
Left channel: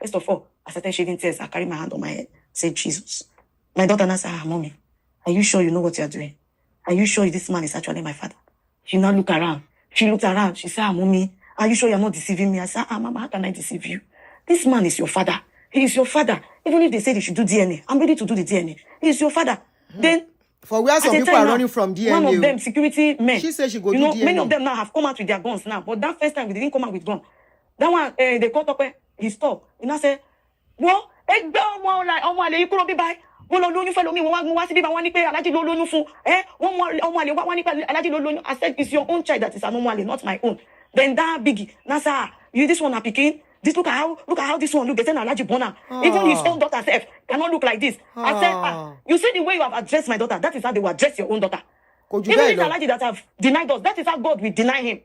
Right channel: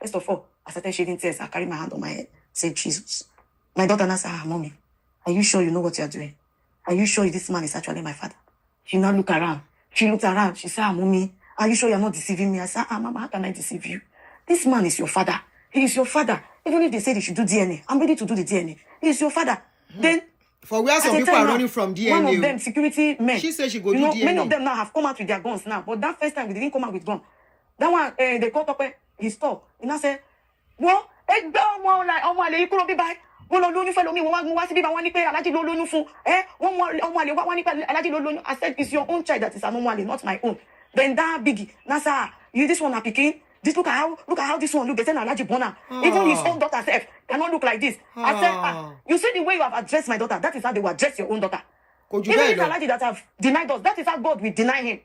First of all, I started shedding tears. I carried my hand on my head. I said, Jesus. My daughter now said, Mommy, are you sure you know what you're doing? Are you sure this man is actually my father? She now looked around. She looked around. She said, Mommy, are you sure you're not deceiving me? I said, Mama, how can I deceive you? This man is your father. He is your father. Even if they say they should do DNA, I'm ready to do the DNA. He is your father. Then, For where some people are running from one of DNA. them, security men. She said she go do DNA. Many of them now have come out with their guns now. But that first time, they didn't come out with gun. That one, they called up, he stopped. He now said, well, I said, it's your own child that is an not my own. Then that biggie, Nasa, you this one are picking. Look at how this one look. They say Alaji Bona. Even his own daughter self cannot look like this. I said, you see the way you have addressed my daughter. That is how they will address your own daughter. Even this Alaji that have denied us, that is how God will deny him.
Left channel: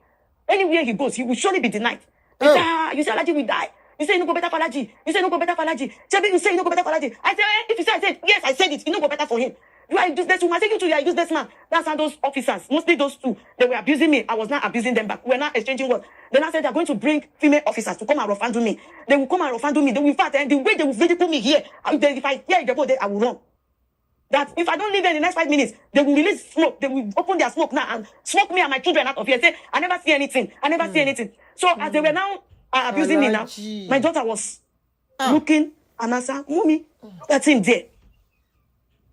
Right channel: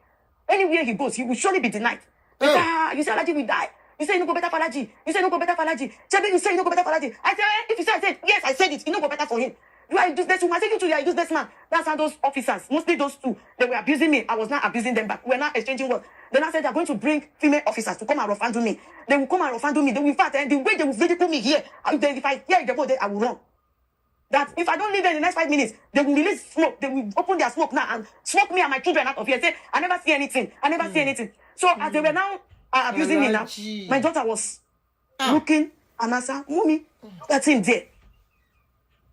Anywhere he goes, he will surely be denied. You say Alaji will die. You say you no go better for Alaji. You say you no go better for Alaji. Chebi, you say you no go better for Alaji. I said, if you say I said, yes, I said it. You no go better for him. You are useless woman. I say you two, you are useless man. That's how those officers, mostly those 2, they were abusing me. I was not abusing them back. We were not exchanging words. Then I said they're going to bring female officers to come and rough handle me. They will come and rough handle me. They will fight, and the way they will really put me here, if I hear the body, I will run. That if I don't leave them in the next 5 minutes, they will release smoke. They will open their smoke now and smoke me and my children out of here. Say, I never see anything. I never see anything. So as they were now abusing me now, my daughter was looking and I said, Mommy, that's him there.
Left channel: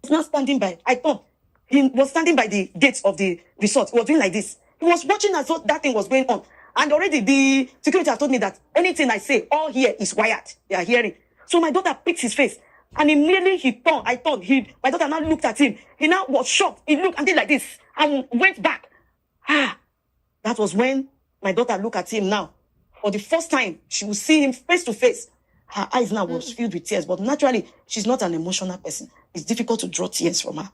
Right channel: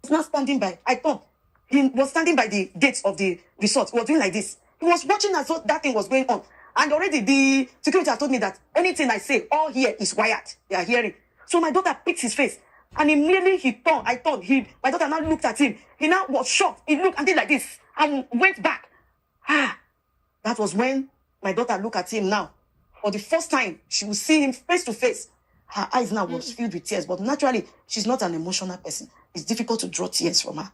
He's not standing by. I thought he was standing by the gates of the resort. He was doing like this. He was watching as though that thing was going on. And already the security has told me that anything I say, all here is wired. They are hearing. So my daughter picked his face. And immediately he turned. My daughter now looked at him. He now was shocked. He looked and did like this and went back. That was when my daughter looked at him now. For the first time, she would see him face to face. Her eyes now was filled with tears. But naturally, she's not an emotional person. It's difficult to draw tears from her.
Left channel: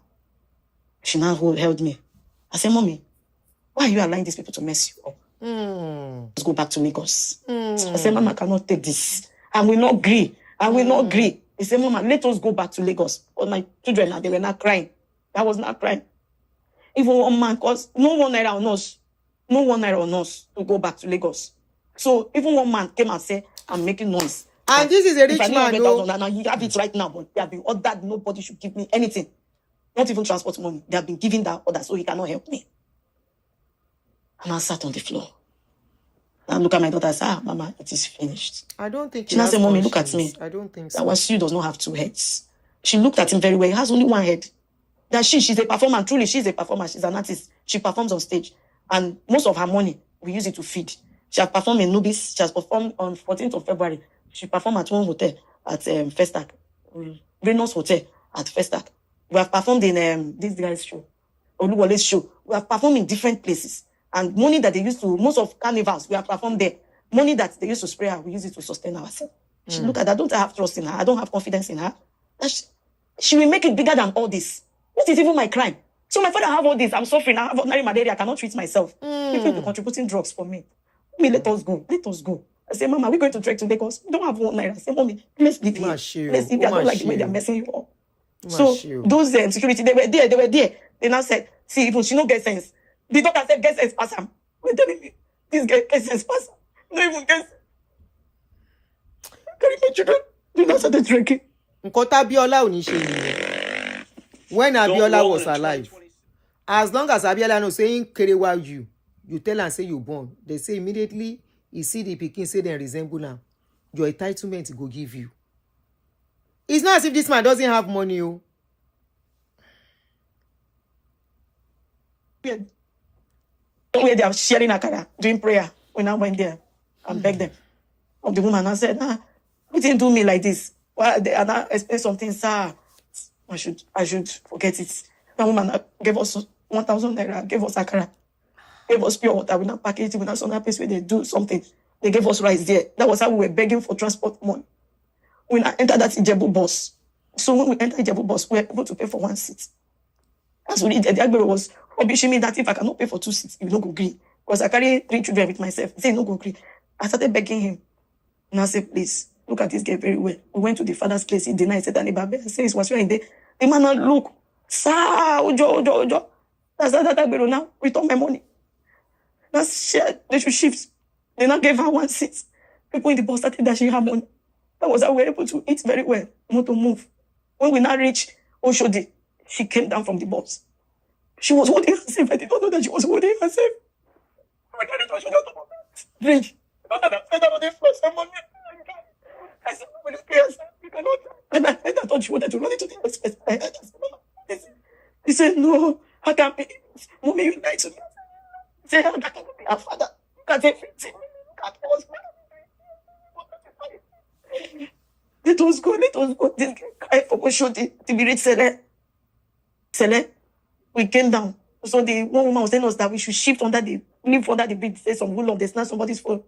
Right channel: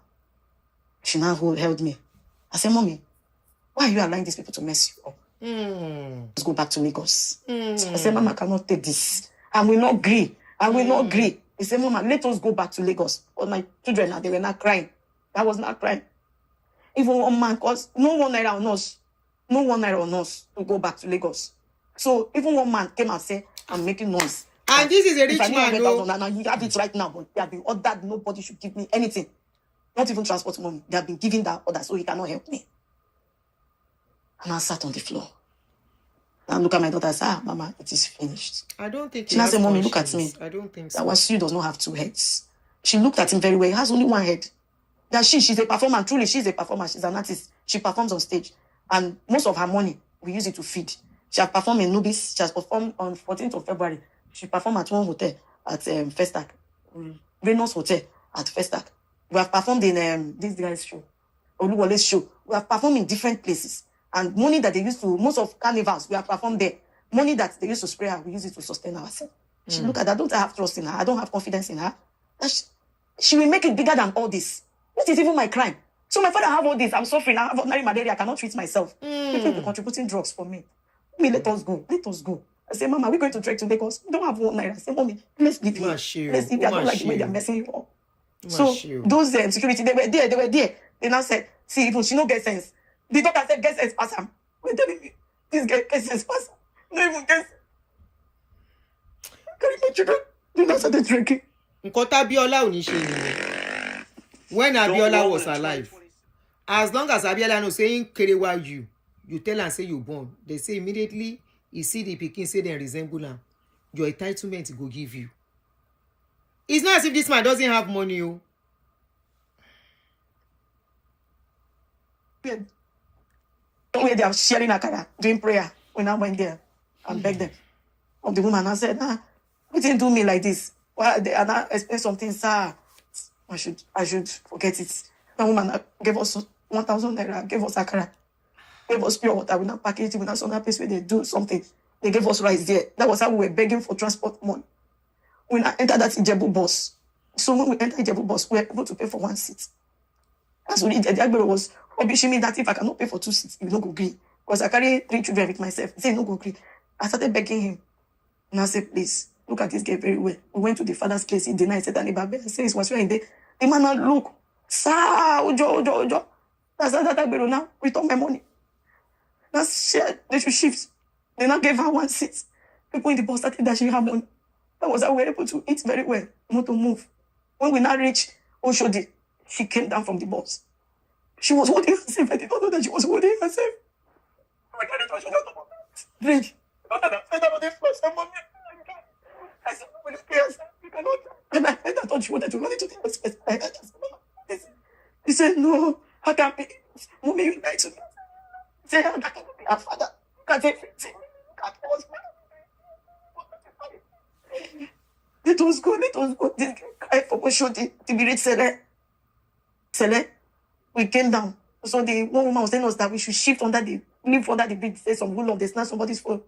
She now held me. I said, Mommy, why are you allowing these people to mess you up? Let's go back to Lagos. I said, Mama, I cannot take this. I will not agree. He said, Mama, let us go back to Lagos. All my children, they were not crying. I was not crying. Even one man, because no one naira on us to go back to Lagos. So even one man came and said, I'm making noise. And this is a rich man, no? You have it right now, but they have been ordered, nobody should give me anything. Not even transport money. They have been giving that order, so he cannot help me. And I sat on the floor. And look at my daughter and say, Mama, it is finished. I don't think she now said, Mommy, look at me. I don't think so. That was she does not have 2 heads. She looked at him very well. He has only 1 head. That she's a performer. Truly, she's a performer. She's an artist. She performs on stage. And most of her money, we use it to feed. She has performed in Nubis. She has performed on 14th of February. She performed at one hotel at Festac. Reynolds Hotel at Festac. We have performed in this guy's show, Oluwole's show. We have performed in different places. And money that they used to, most of carnivals, we have performed there. Money that they used to spray her, we use it to sustain ourselves. She look at that. I don't have trust in her. I don't have confidence in her. She will make it bigger than all this. What is even my crime? So my father have all this. I'm suffering. I have ordinary malaria. I cannot treat myself. People are contributing drugs for me. Let us go. Let us go. I say, Mama, we're going to trek to Lagos. We don't have 1 naira. I say, Mommy, let's leave here. Let's leave. They don't like the way they're messing you up. So those security, they were there. They now said, see, even she no get sense. The doctor said, get sense, pass him. We're telling me. This guy cases fast. No even guess. Carry my children. You know, started drinking. Nǹkan t'Abiola ò ní ṣe nìyẹn. When Abiola was alive, as long as Abiola no saying kerewa you tell am say you born, they say immediately you see the pikin say they resemble am, your entitlement go give you. It's not as if this man doesn't have money. Oh. Yeah. When they are sharing akara, doing prayer, when I went there and begged them. Of the woman, I said, you didn't do me like this. Why they and I expect something, sir? I should forget it. That woman gave us 1,000 naira, gave us akara, gave us pure water. We not package it, we not some place where they do something. They gave us rice there. That was how we were begging for transport money. We now entered that Ijebu bus. So when we entered Ijebu bus, we were able to pay for 1 seat. That's what the Agbe was rubbishing me that if I cannot pay for 2 seats, he will not go agree. Because I carry 3 children with myself. He said, no go agree. I started begging him. And I said, please, look at this guy very well. We went to the father's place. He denied. He said, I said, it was right there. The man now look, sir, Ojo. That's that Agbe now. Return my money. That's shared. They should shift. They now gave her 1 seat. People in the bus started that she had on. That was how we were able to eat very well, not to move. When we now reached Oshodi, she came down from the bus. She was holding herself. I did not know that she was holding herself. Drink. And I thought she wanted to run into the hospital. He said, no, I can't be. Mommy, you like to. He said, how that can be our father? Can't everything. Let us go. This guy for Oshodi, the village Sele. We came down. So the one woman was telling us that we should live under the bridge. Say some good love, they snatch somebody's phone.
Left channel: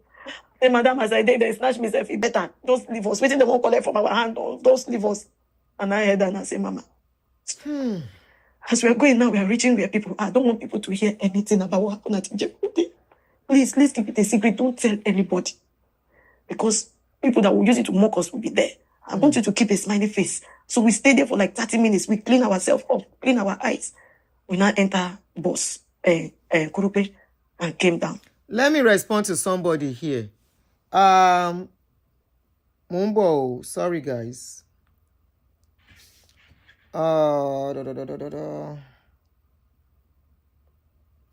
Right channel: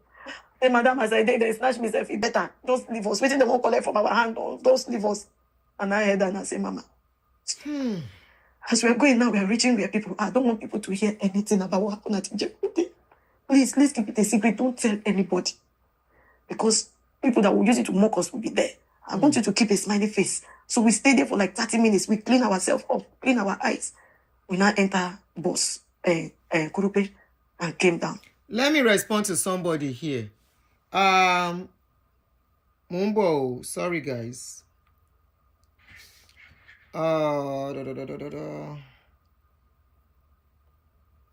Then madam, as I did, they snatch myself. It better. Don't leave us. Waiting, they won't collect from our hand. Don't leave us. And I heard that and I say, Mama. As we are going now, we are reaching where people are. I don't want people to hear anything about what happened at Ijebu. Please keep it a secret. Don't tell anybody. Because people that will use it to mock us will be there. I want you to keep a smiley face. So we stay there for like 30 minutes. We clean ourselves up, clean our eyes. We now enter bus, Kurupe, and came down. Let me respond to somebody here. Mumbo, sorry guys.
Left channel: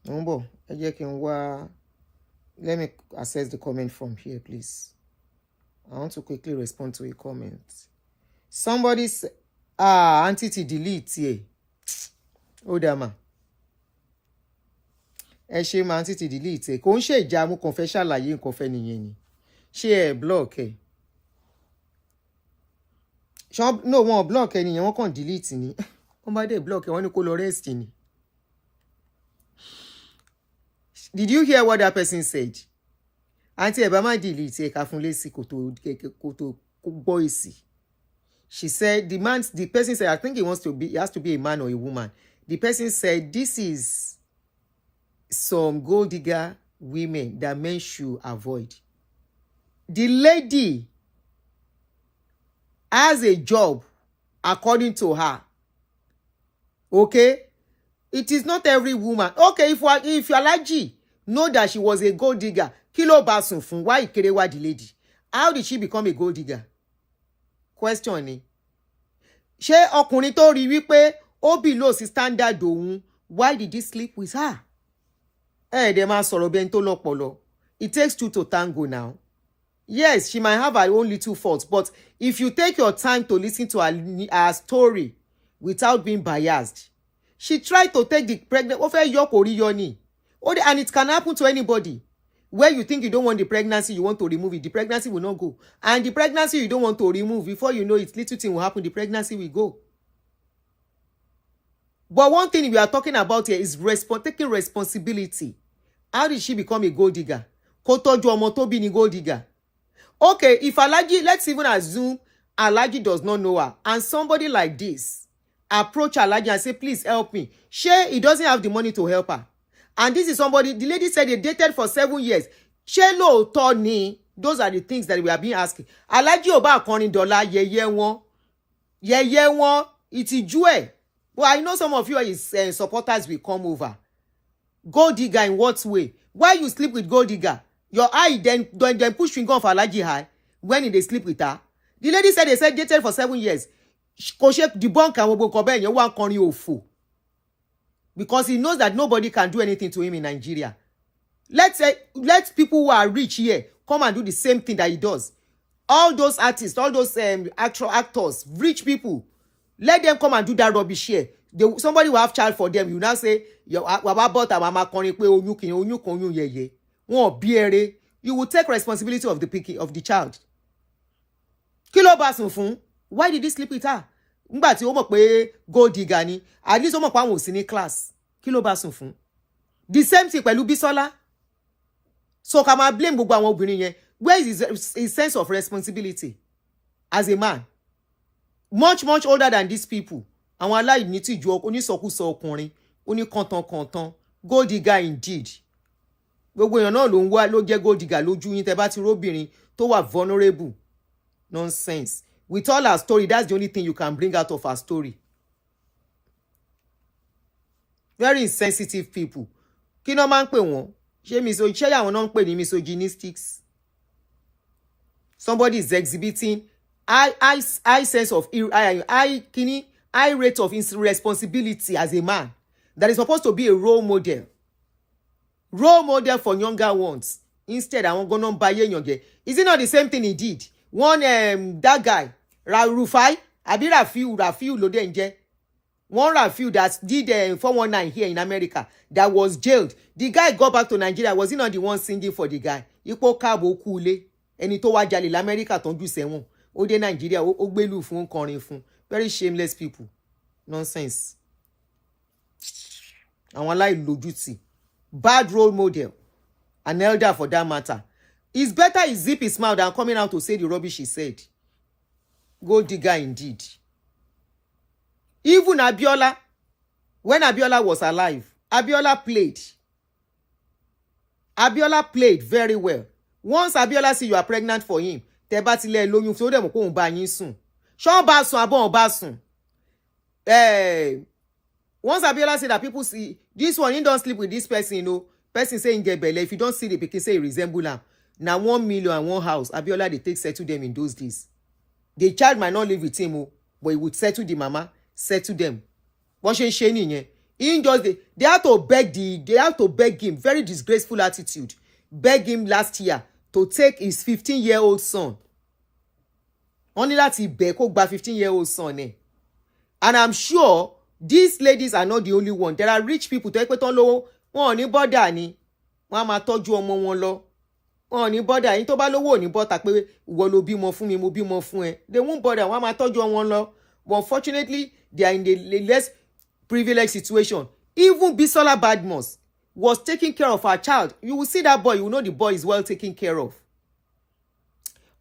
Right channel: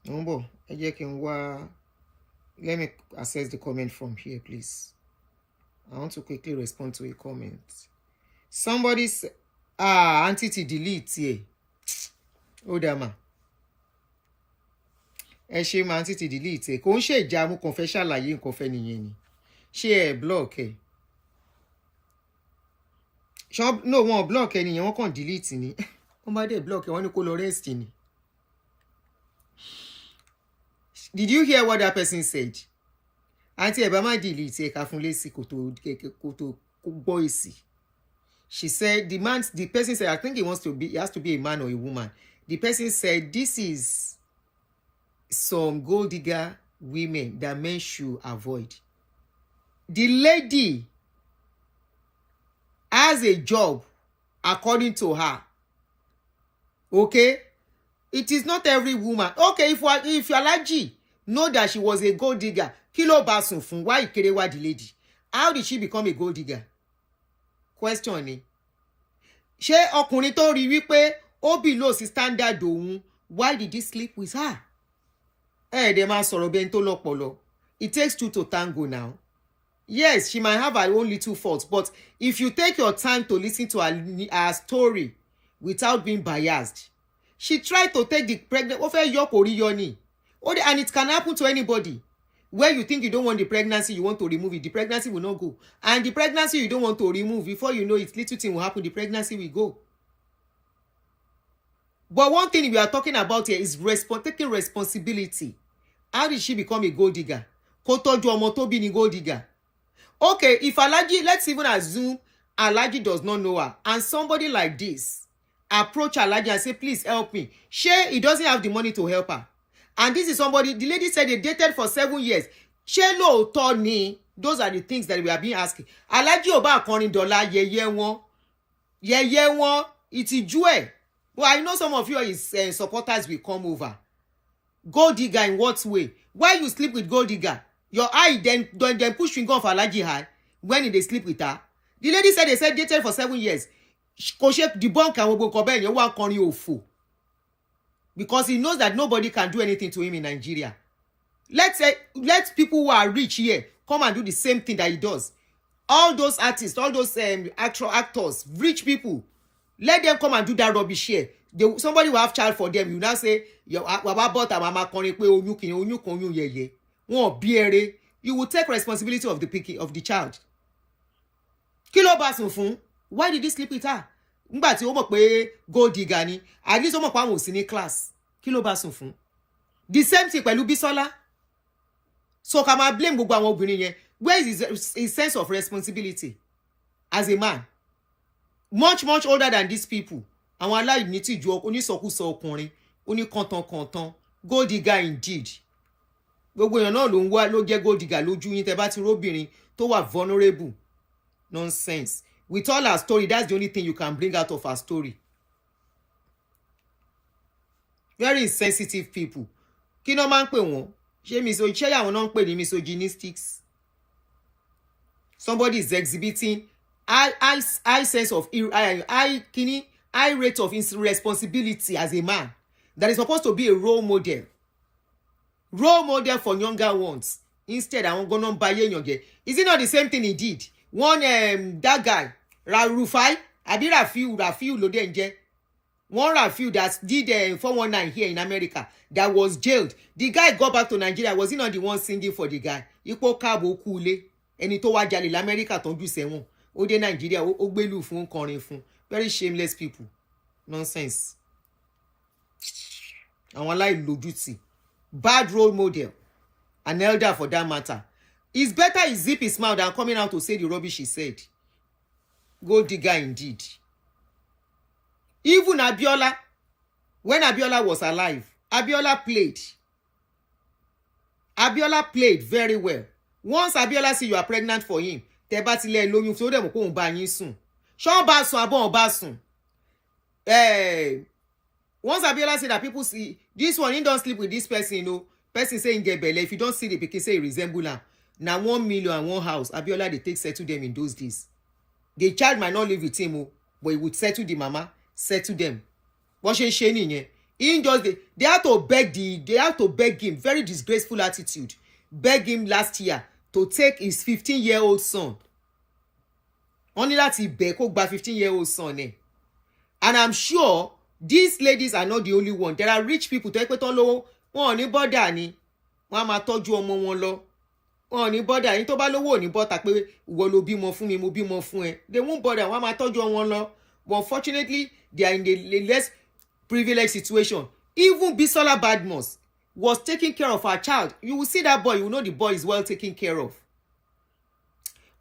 Mumbo, let me access the comment from here, please. I want to quickly respond to a comment. Somebody said, Aunty delete here. Odama. Ẹ ṣe máa Aunty delete. Kò ń ṣe ìjà mú kàn fẹ́ ṣàlàyé nǹkan fẹ́ nìyẹn ni. Ṣé ẹ block ẹ? No, wọ́n block ẹ nìyẹn, wọ́n kàn delete ni. Wọ́n bá dé block ẹ, wọ́n ní kó lọ rest ni. Did you hear what that person said? Aunty ẹ bá má delete ẹ ká fún lésì kó tó gbọ́ èsì. She said, the person said, I think he has to be a man or a woman. The person said, this is some gold digger women that men should avoid. The lady has a job according to her. Okay? It is not every woman. Okay, if you allergy, know that she was a gold digger. Kilo basun fun, why Ikerewa the lady? How did she become a gold digger? Question ni. Ṣé ọkùnrin tó rí wípé ó below sí standard òun, why did he sleep with her? Dẹ̀ máa sọ̀rọ̀ bẹ́ẹ̀ tó lọ́pọlọ. It takes two to tango now. Yes, she might have her own little faults, but if you take your time to listen to her story without being biased, she tried to take the pregnant. Ó fẹ́ yọ kò rí yọ ni. And it can happen to anybody. Where you think you don't want the pregnancy, you want to remove it, the pregnancy will not go. And the pregnancy you don't want to remove, before you know it, little thing will happen, the pregnancy will go. But one thing we are talking about here is taking responsibility. How did she become a gold digger? Kó tọ́jú ọmọ tó bí ni gold digger. Okay, if Alaji, let's even assume Alaji does not know her, and somebody like this approach Alaji and say, please help me. He doesn't have the money to help her. And this is somebody, the lady said they dated for 7 years. Ṣé lóòótọ́ ni? Those are the things that we are being asking. Alaji ò bá akọrin dọ́là yẹ̀yẹ́ wọn, ìtìjú ẹ̀. Well, I know some of you supporters will come over. Gold digger in what way? Why you sleep with gold digger? Your eye then push finger off Alaji high when they sleep with her. The lady said they dated for 7 years. Koshe debunk and wobo kobe you want corny ofo. Because he knows that nobody can do anything to him in Nigeria. Let people who are rich here come and do the same thing that he does. All those artists, all those actors, rich people, let them come and do that rubbish here. Somebody will have child for them. You now say, you will take responsibility of the child. Kilo basun fun. Why did he sleep with her? Ngba tí ó mọ̀ pé gold digger ni. At least ó mọ̀ pé àwọn ò sí ní class. Kilo basun fun. The same thing pẹ̀lú Bisola. So ká máa blame gbogbo àwọn obìnrin yẹn. Where is his sense of responsibility as a man? Much older than these people. Àwọn aláìní tìjú onísọkúsọ ọkùnrin, oníkàntankàntan, gold digger indeed. Gbogbo èèyàn náà ló ń wá ló jẹ́ gold digger lójú yín tẹ́ bá ti róbìnrin tó wà vulnerable. Nonsense. With all our story, that's the only thing you can bring out of our story. Very insensitive people. Kí ló máa ń pè wọ́n? Ṣé àwọn náà ń pè ní misogynistics? Somebody is exhibiting high sense of high rate of irresponsibility as a man that is supposed to be a role model for younger ones. Instead, àwọn gonna buy yenge. Is it not the same thing he did? One that guy Rufai abi Rafiu ló dé nje. One Rafiu that did 419 here in America that was jailed. The guy got back to Nigeria. Was he not the one singing for the guy? Ipo kabo kule. Ẹni tó wá jalè l'America tó ń jù sẹ́wọ̀n. Ó dé Nigeria ó gbélú fún kọrin fún. Very shameless people. Nonsense. Àwọn aláìlójútì. Bad role model. An elder for that matter. It's better he zip his mouth than coming out to say the rubbish he said. Gold digger indeed. Even Abiola, when Abiola was alive, Abiola played. Abiola played very well. Once Abiola see you are pregnant for him, tẹ́ bá ti lè lóyún so dem ko ba yin sùn. Ṣó bá sùn abon bá sùn. Once Abiola say that people see this one, he don't sleep with this person, you know. Person saying get belle. If you don't see the pikin say he resemble am. Now 1 million and one house. Abiola they take settle them in those days. The child might not live with him, but he would settle the mama, settle them. What she nìyẹn. In just they have to beg him, very disgraceful attitude. Beg him last year to take his 15-year-old son. Only that he beg kó gba 15-year-old son. And I'm sure these ladies are not the only one. There are rich people to ekpeton lówó, wọn ò ní bother ni. Wọ́n á máa tọ́jú ọmọ wọn lọ. Wọn ò ní bother. Yín tó bá lówó ò ní bother pé ìwọ ló bímọ fún mi, mo bímọ fún ẹ. They won't bother. Wọ́n á máa tọ́jú wọn lọ. But unfortunately, they are in the less privileged situation. Even Bisola Badmus was taking care of her child. You will see that boy, you will know the boy is well taken care of.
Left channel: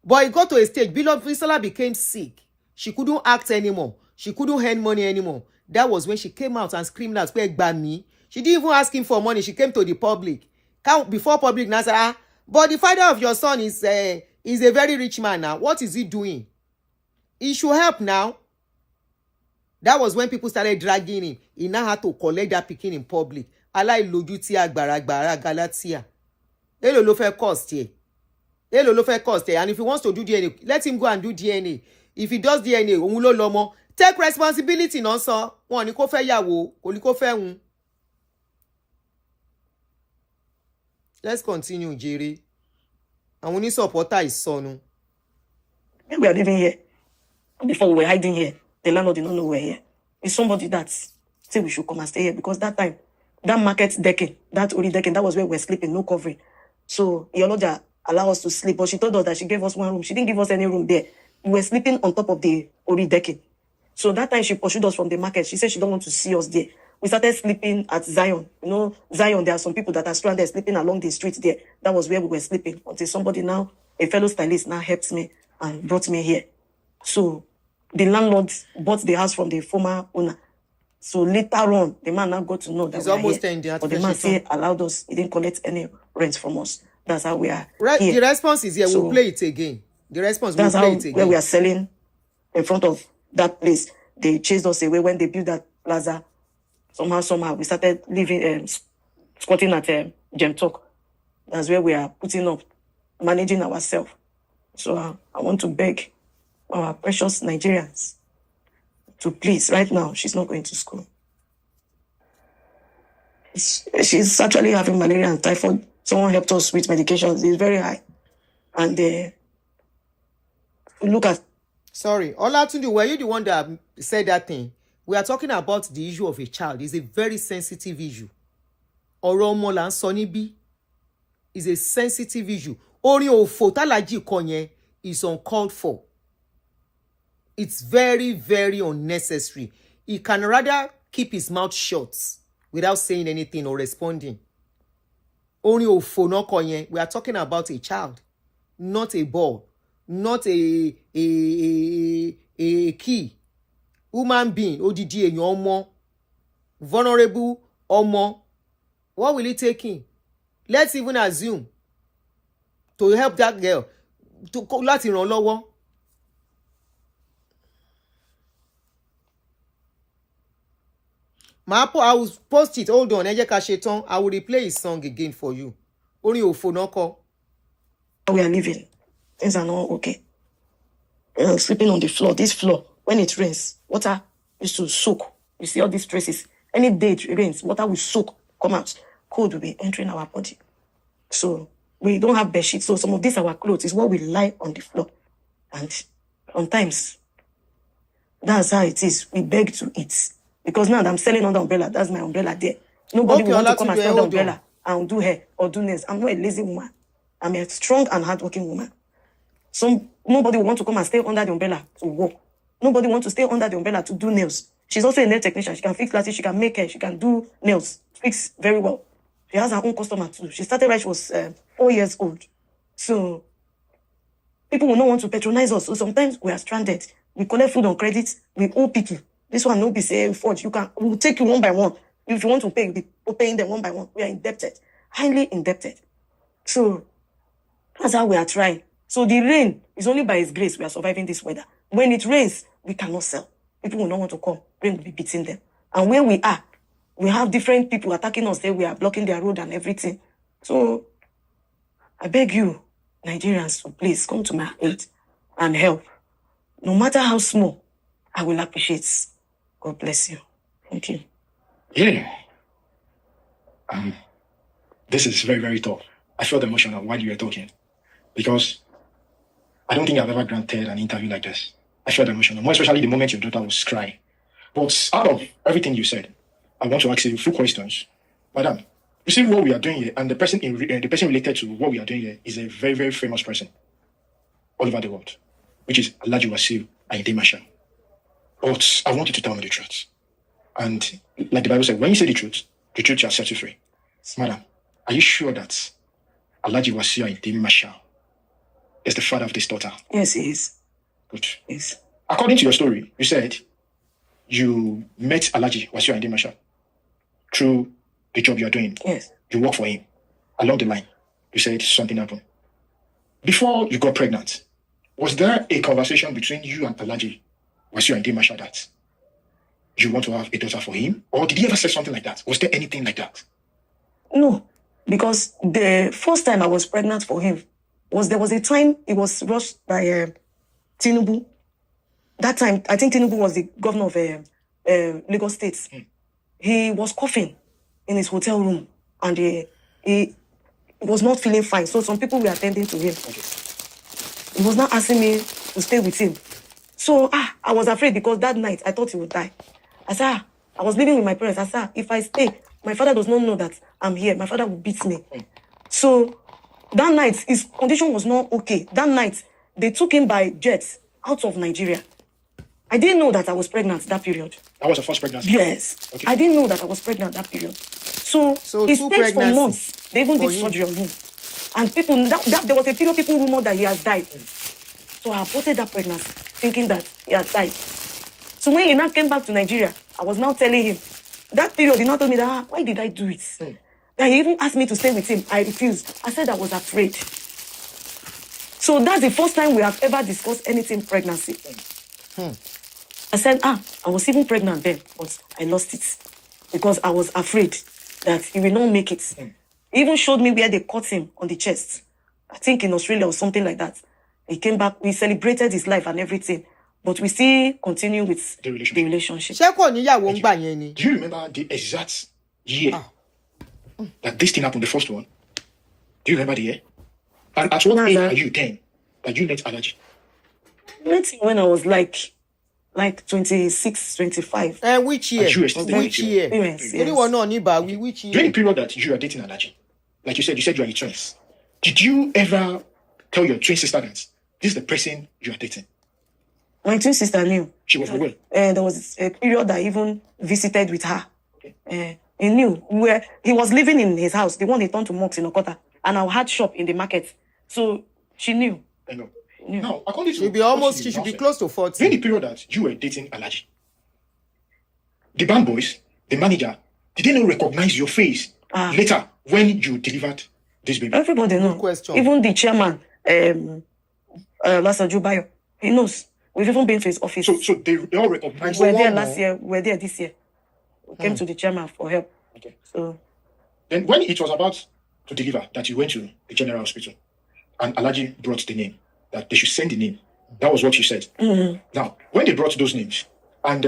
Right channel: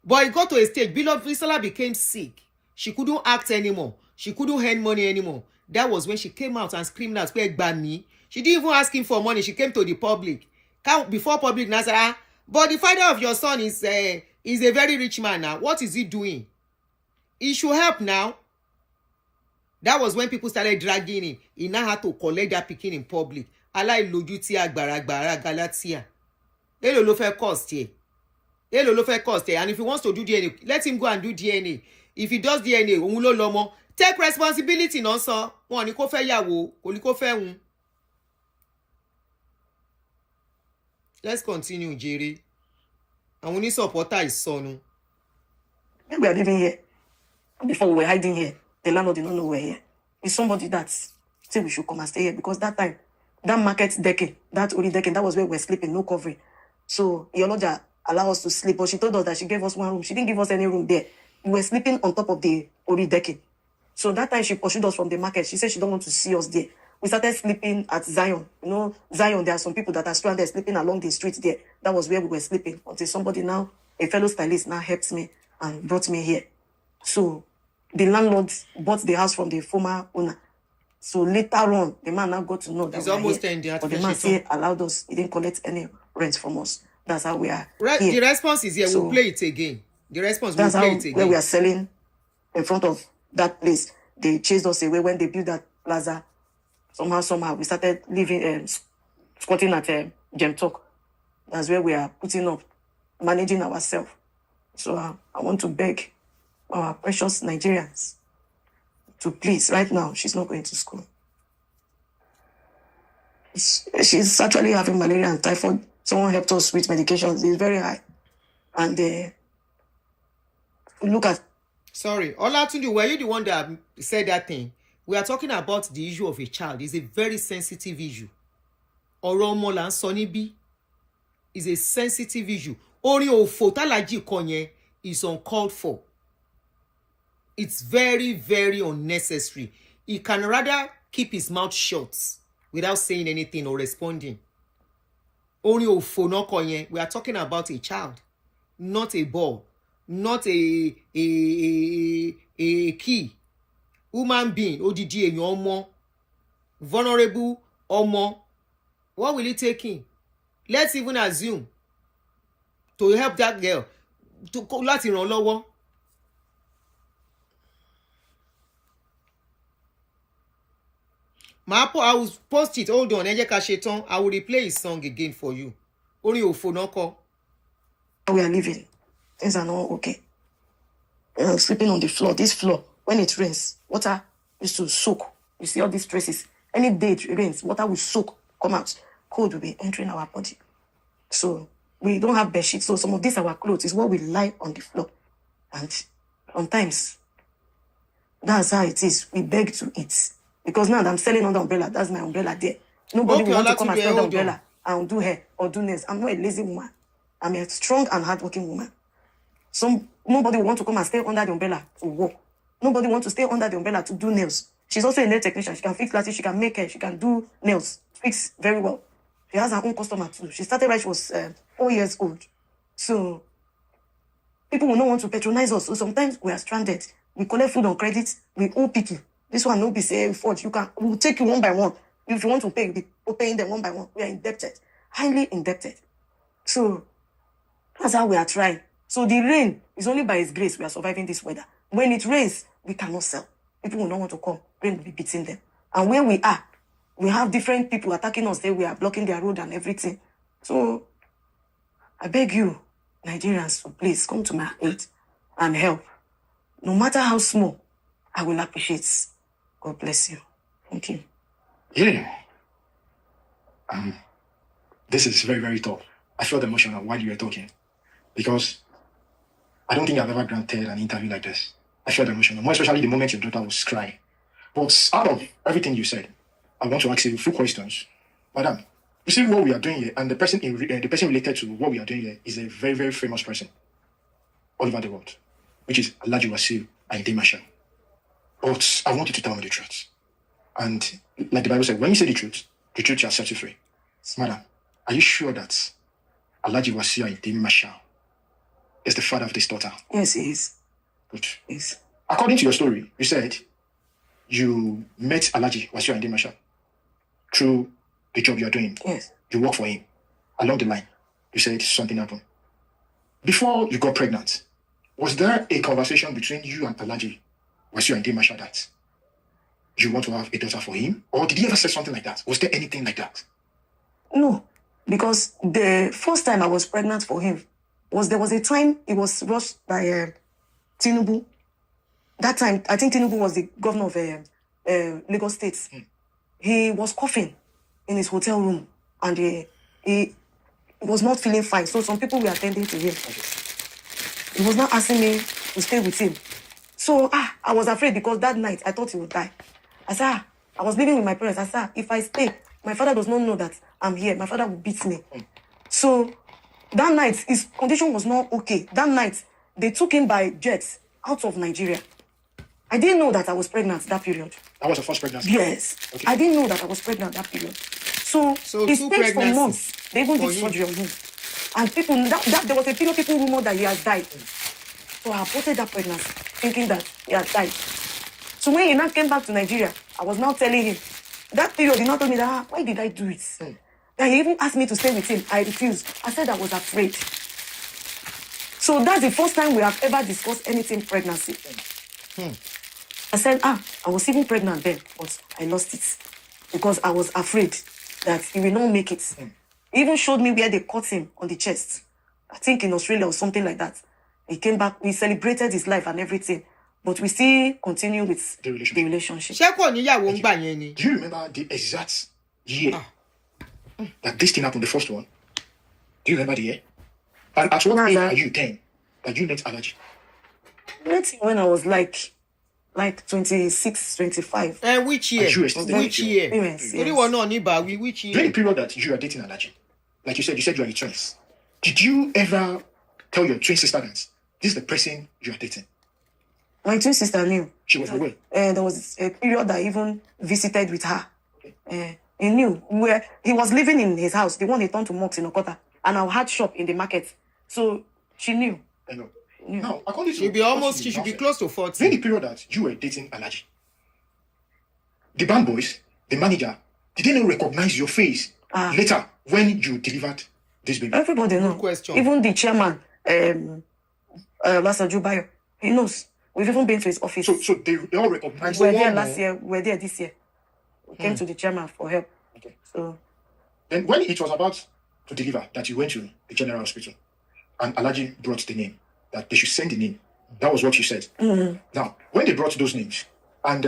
But it got to a stage, Bisola became sick. She couldn't act anymore. She couldn't earn money anymore. That was when she came out and screamed out, me. She didn't even ask him for money. She came to the public. Before public, now said, but the father of your son is a very rich man now. What is he doing? He should help now. That was when people started dragging him. He now had to collect that pikin in public. Aláìlójú tí agbára Galatia. Èló ló fẹ́ cost here. Èló ló fẹ́ cost here. And if he wants to do DNA, let him go and do DNA. If he does DNA, òun ló lọ́mọ. Take responsibility náà sọ. Wọ́n ní kó fẹ́ yàwó, kò ní kó fẹ́ hun. Let's continue, Jerry. Àwọn ní supporter is sọnù. When we are living here, before we were hiding here, the landlord did not know we were here. It's somebody that said we should come and stay here because that time, that market decking, that only decking, that was where we were sleeping, no covering. So Yoloja allowed us to sleep, but she told us that she gave us one room. She didn't give us any room there. We were sleeping on top of the only decking. So that time she pursued us from the market. She said she don't want to see us there. We started sleeping at Zion. You know, Zion, there are some people that are stranded sleeping along the street there. That was where we were sleeping until somebody now, a fellow stylist now helped me and brought me here. So the landlord bought the house from the former owner. So later on, the man now got to know that it's almost here. in the But the man said allowed us. He didn't collect any rent from us. That's how we are here. The response is here. So we'll play it again. The response, we'll that's play how it again. where we are selling in front of that place. They chased us away when they built that plaza. Somehow we started living, squatting at Gem Talk. That's where we are putting up, managing ourselves. So I want to beg our precious Nigerians to please, right now, she's not going to school. She's actually having malaria and typhoid. Someone helped us with medications. It's very high. And look at... Sorry, Olatunde, were you the one that said that thing? We are talking about the issue of a child. It's a very sensitive issue. Ọ̀rọ̀ ọmọ là ń sọ níbí is a sensitive issue. Orin òfò tálájì kọ yẹn is uncalled for. It's very, very unnecessary. He can rather keep his mouth shut without saying anything or responding. Orin òfò náà kọ yẹn. We are talking about a child, not a ball, not a key. Human being, odidi èèyàn ọmọ, vulnerable ọmọ. What will it take him? Let's even assume to help that girl, to láti ràn lọ́wọ́. I will post it. Hold on, ẹ jẹ́ ká ṣe tán. I will replay his song again for you. Orin òfò náà kọ. We are living. Things are not okay. Sleeping on the floor. This floor, when it rains, water used to soak. You see all these traces. Any day it rains, water will soak, come out. Cold will be entering our body. So we don't have bed sheets. So some of these our clothes is what we lie on the floor. And sometimes that's how it is. We beg to eat. Because now I'm selling under umbrella. That's my umbrella there. Nobody will want to come and sell the umbrella and do hair or do nails. I'm not a lazy woman. I'm a strong and hardworking woman. Nobody will want to come and stay under the umbrella to work. Nobody wants to stay under the umbrella to do nails. She's also a nail technician. She can fix glasses, she can make hair, she can do nails. Fix very well. She has her own customer too. She started when she was 4 years old. So people will not want to patronize us. So sometimes we are stranded. We collect food on credit. We owe people. This one will be say forge. We'll take you one by one. If you want to pay, we're paying them one by one. We are indebted, highly indebted. So that's how we are trying. So the rain is only by His grace we are surviving this weather. When it rains, we cannot sell. People will not want to come. Rain will be beating them. And where we are, we have different people attacking us there. We are blocking their road and everything. So I beg you, Nigerians, to please come to my aid and help. No matter how small, I will appreciate. God bless you. Thank you. Yeah. This is very, very tough. I felt emotional while you were talking because I don't think I've ever granted an interview like this. I felt emotional, more especially the moment your daughter was crying. But out of everything you said, I want to ask you a few questions. Madam, you see what we are doing here, and the person related to what we are doing here is a very, very famous person all over the world, which is Alhaji Wasiu Ayinde Marshal. But I want you to tell me the truth. And like the Bible said, when you say the truth shall set you free. Madam, are you sure that Alhaji Wasiu Ayinde Marshal is the father of this daughter? Yes, he is. Good. Yes. According to your story, you said you met Alhaji Wasiu Ayinde Marshal through the job you are doing. Yes. You work for him. Along the line, you said something happened. Before you got pregnant, was there a conversation between you and Alhaji Wasiu Ayinde Marshal that you want to have a daughter for him? Or did he ever say something like that? Was there anything like that? No, because the first time I was pregnant for him there was a time he was rushed by Tinubu. That time, I think Tinubu was the governor of Lagos State. He was coughing in his hotel room and he was not feeling fine. So some people were attending to him. He was not asking me to stay with him. So I was afraid because that night I thought he would die. I said, I was living with my parents. I said, if I stay, my father does not know that I'm here. My father will beat me. So that night, his condition was not okay. That night, they took him by jets out of Nigeria. I didn't know that I was pregnant that period. That was your first pregnancy? Yes. Okay. I didn't know that I was pregnant that period. So two pregnancies for months. They even did surgery on him. And people, there was a period people rumored that he has died. So I aborted that pregnancy, thinking that he had died. So when he now came back to Nigeria, I was now telling him, that period, he now told me that, why did I do it? And he even asked me to stay with him. I refused. I said I was afraid. So that's the first time we have ever discussed anything pregnancy. I said, I was even pregnant then, but I lost it because I was afraid that he will not make it. He even showed me where they cut him on the chest. I think in Australia or something like that. He came back, we celebrated his life and everything. But we still continue with the relationship. Ṣé kò níyàwó ń gbà yẹn ni? Do you remember the exact year that this thing happened, the first one? Do you remember the year? And at what age are you then that you met Alaji? I met him when I was like 26, 25. Which year? Which year? Yes. Anyone know about which year? During the period that you are dating Alaji, like you said you are the twins. Did you ever tell your twin sister that this is the person you are dating? My twin sister knew. She was aware. There was a period I even visited with her. He knew where he was living in his house, the one they turned to mocks in Okota, and I had shop in the market. So she knew. I know. Now, according to She should be close to 40. During the period that you were dating Alaji, the band boys, the manager, did they not recognize your face later when you delivered this baby? Everybody knows. Good question. Even the chairman, Lasa Jubayo, he knows. We've even been to his office. So they all recognize. We were there last year. We were there this year. We came to the chairman for help. Okay. So then when it was about to deliver, that you went to the general hospital, and Alaji brought the name, that they should send the name. That was what you said. Now, when they brought those names, and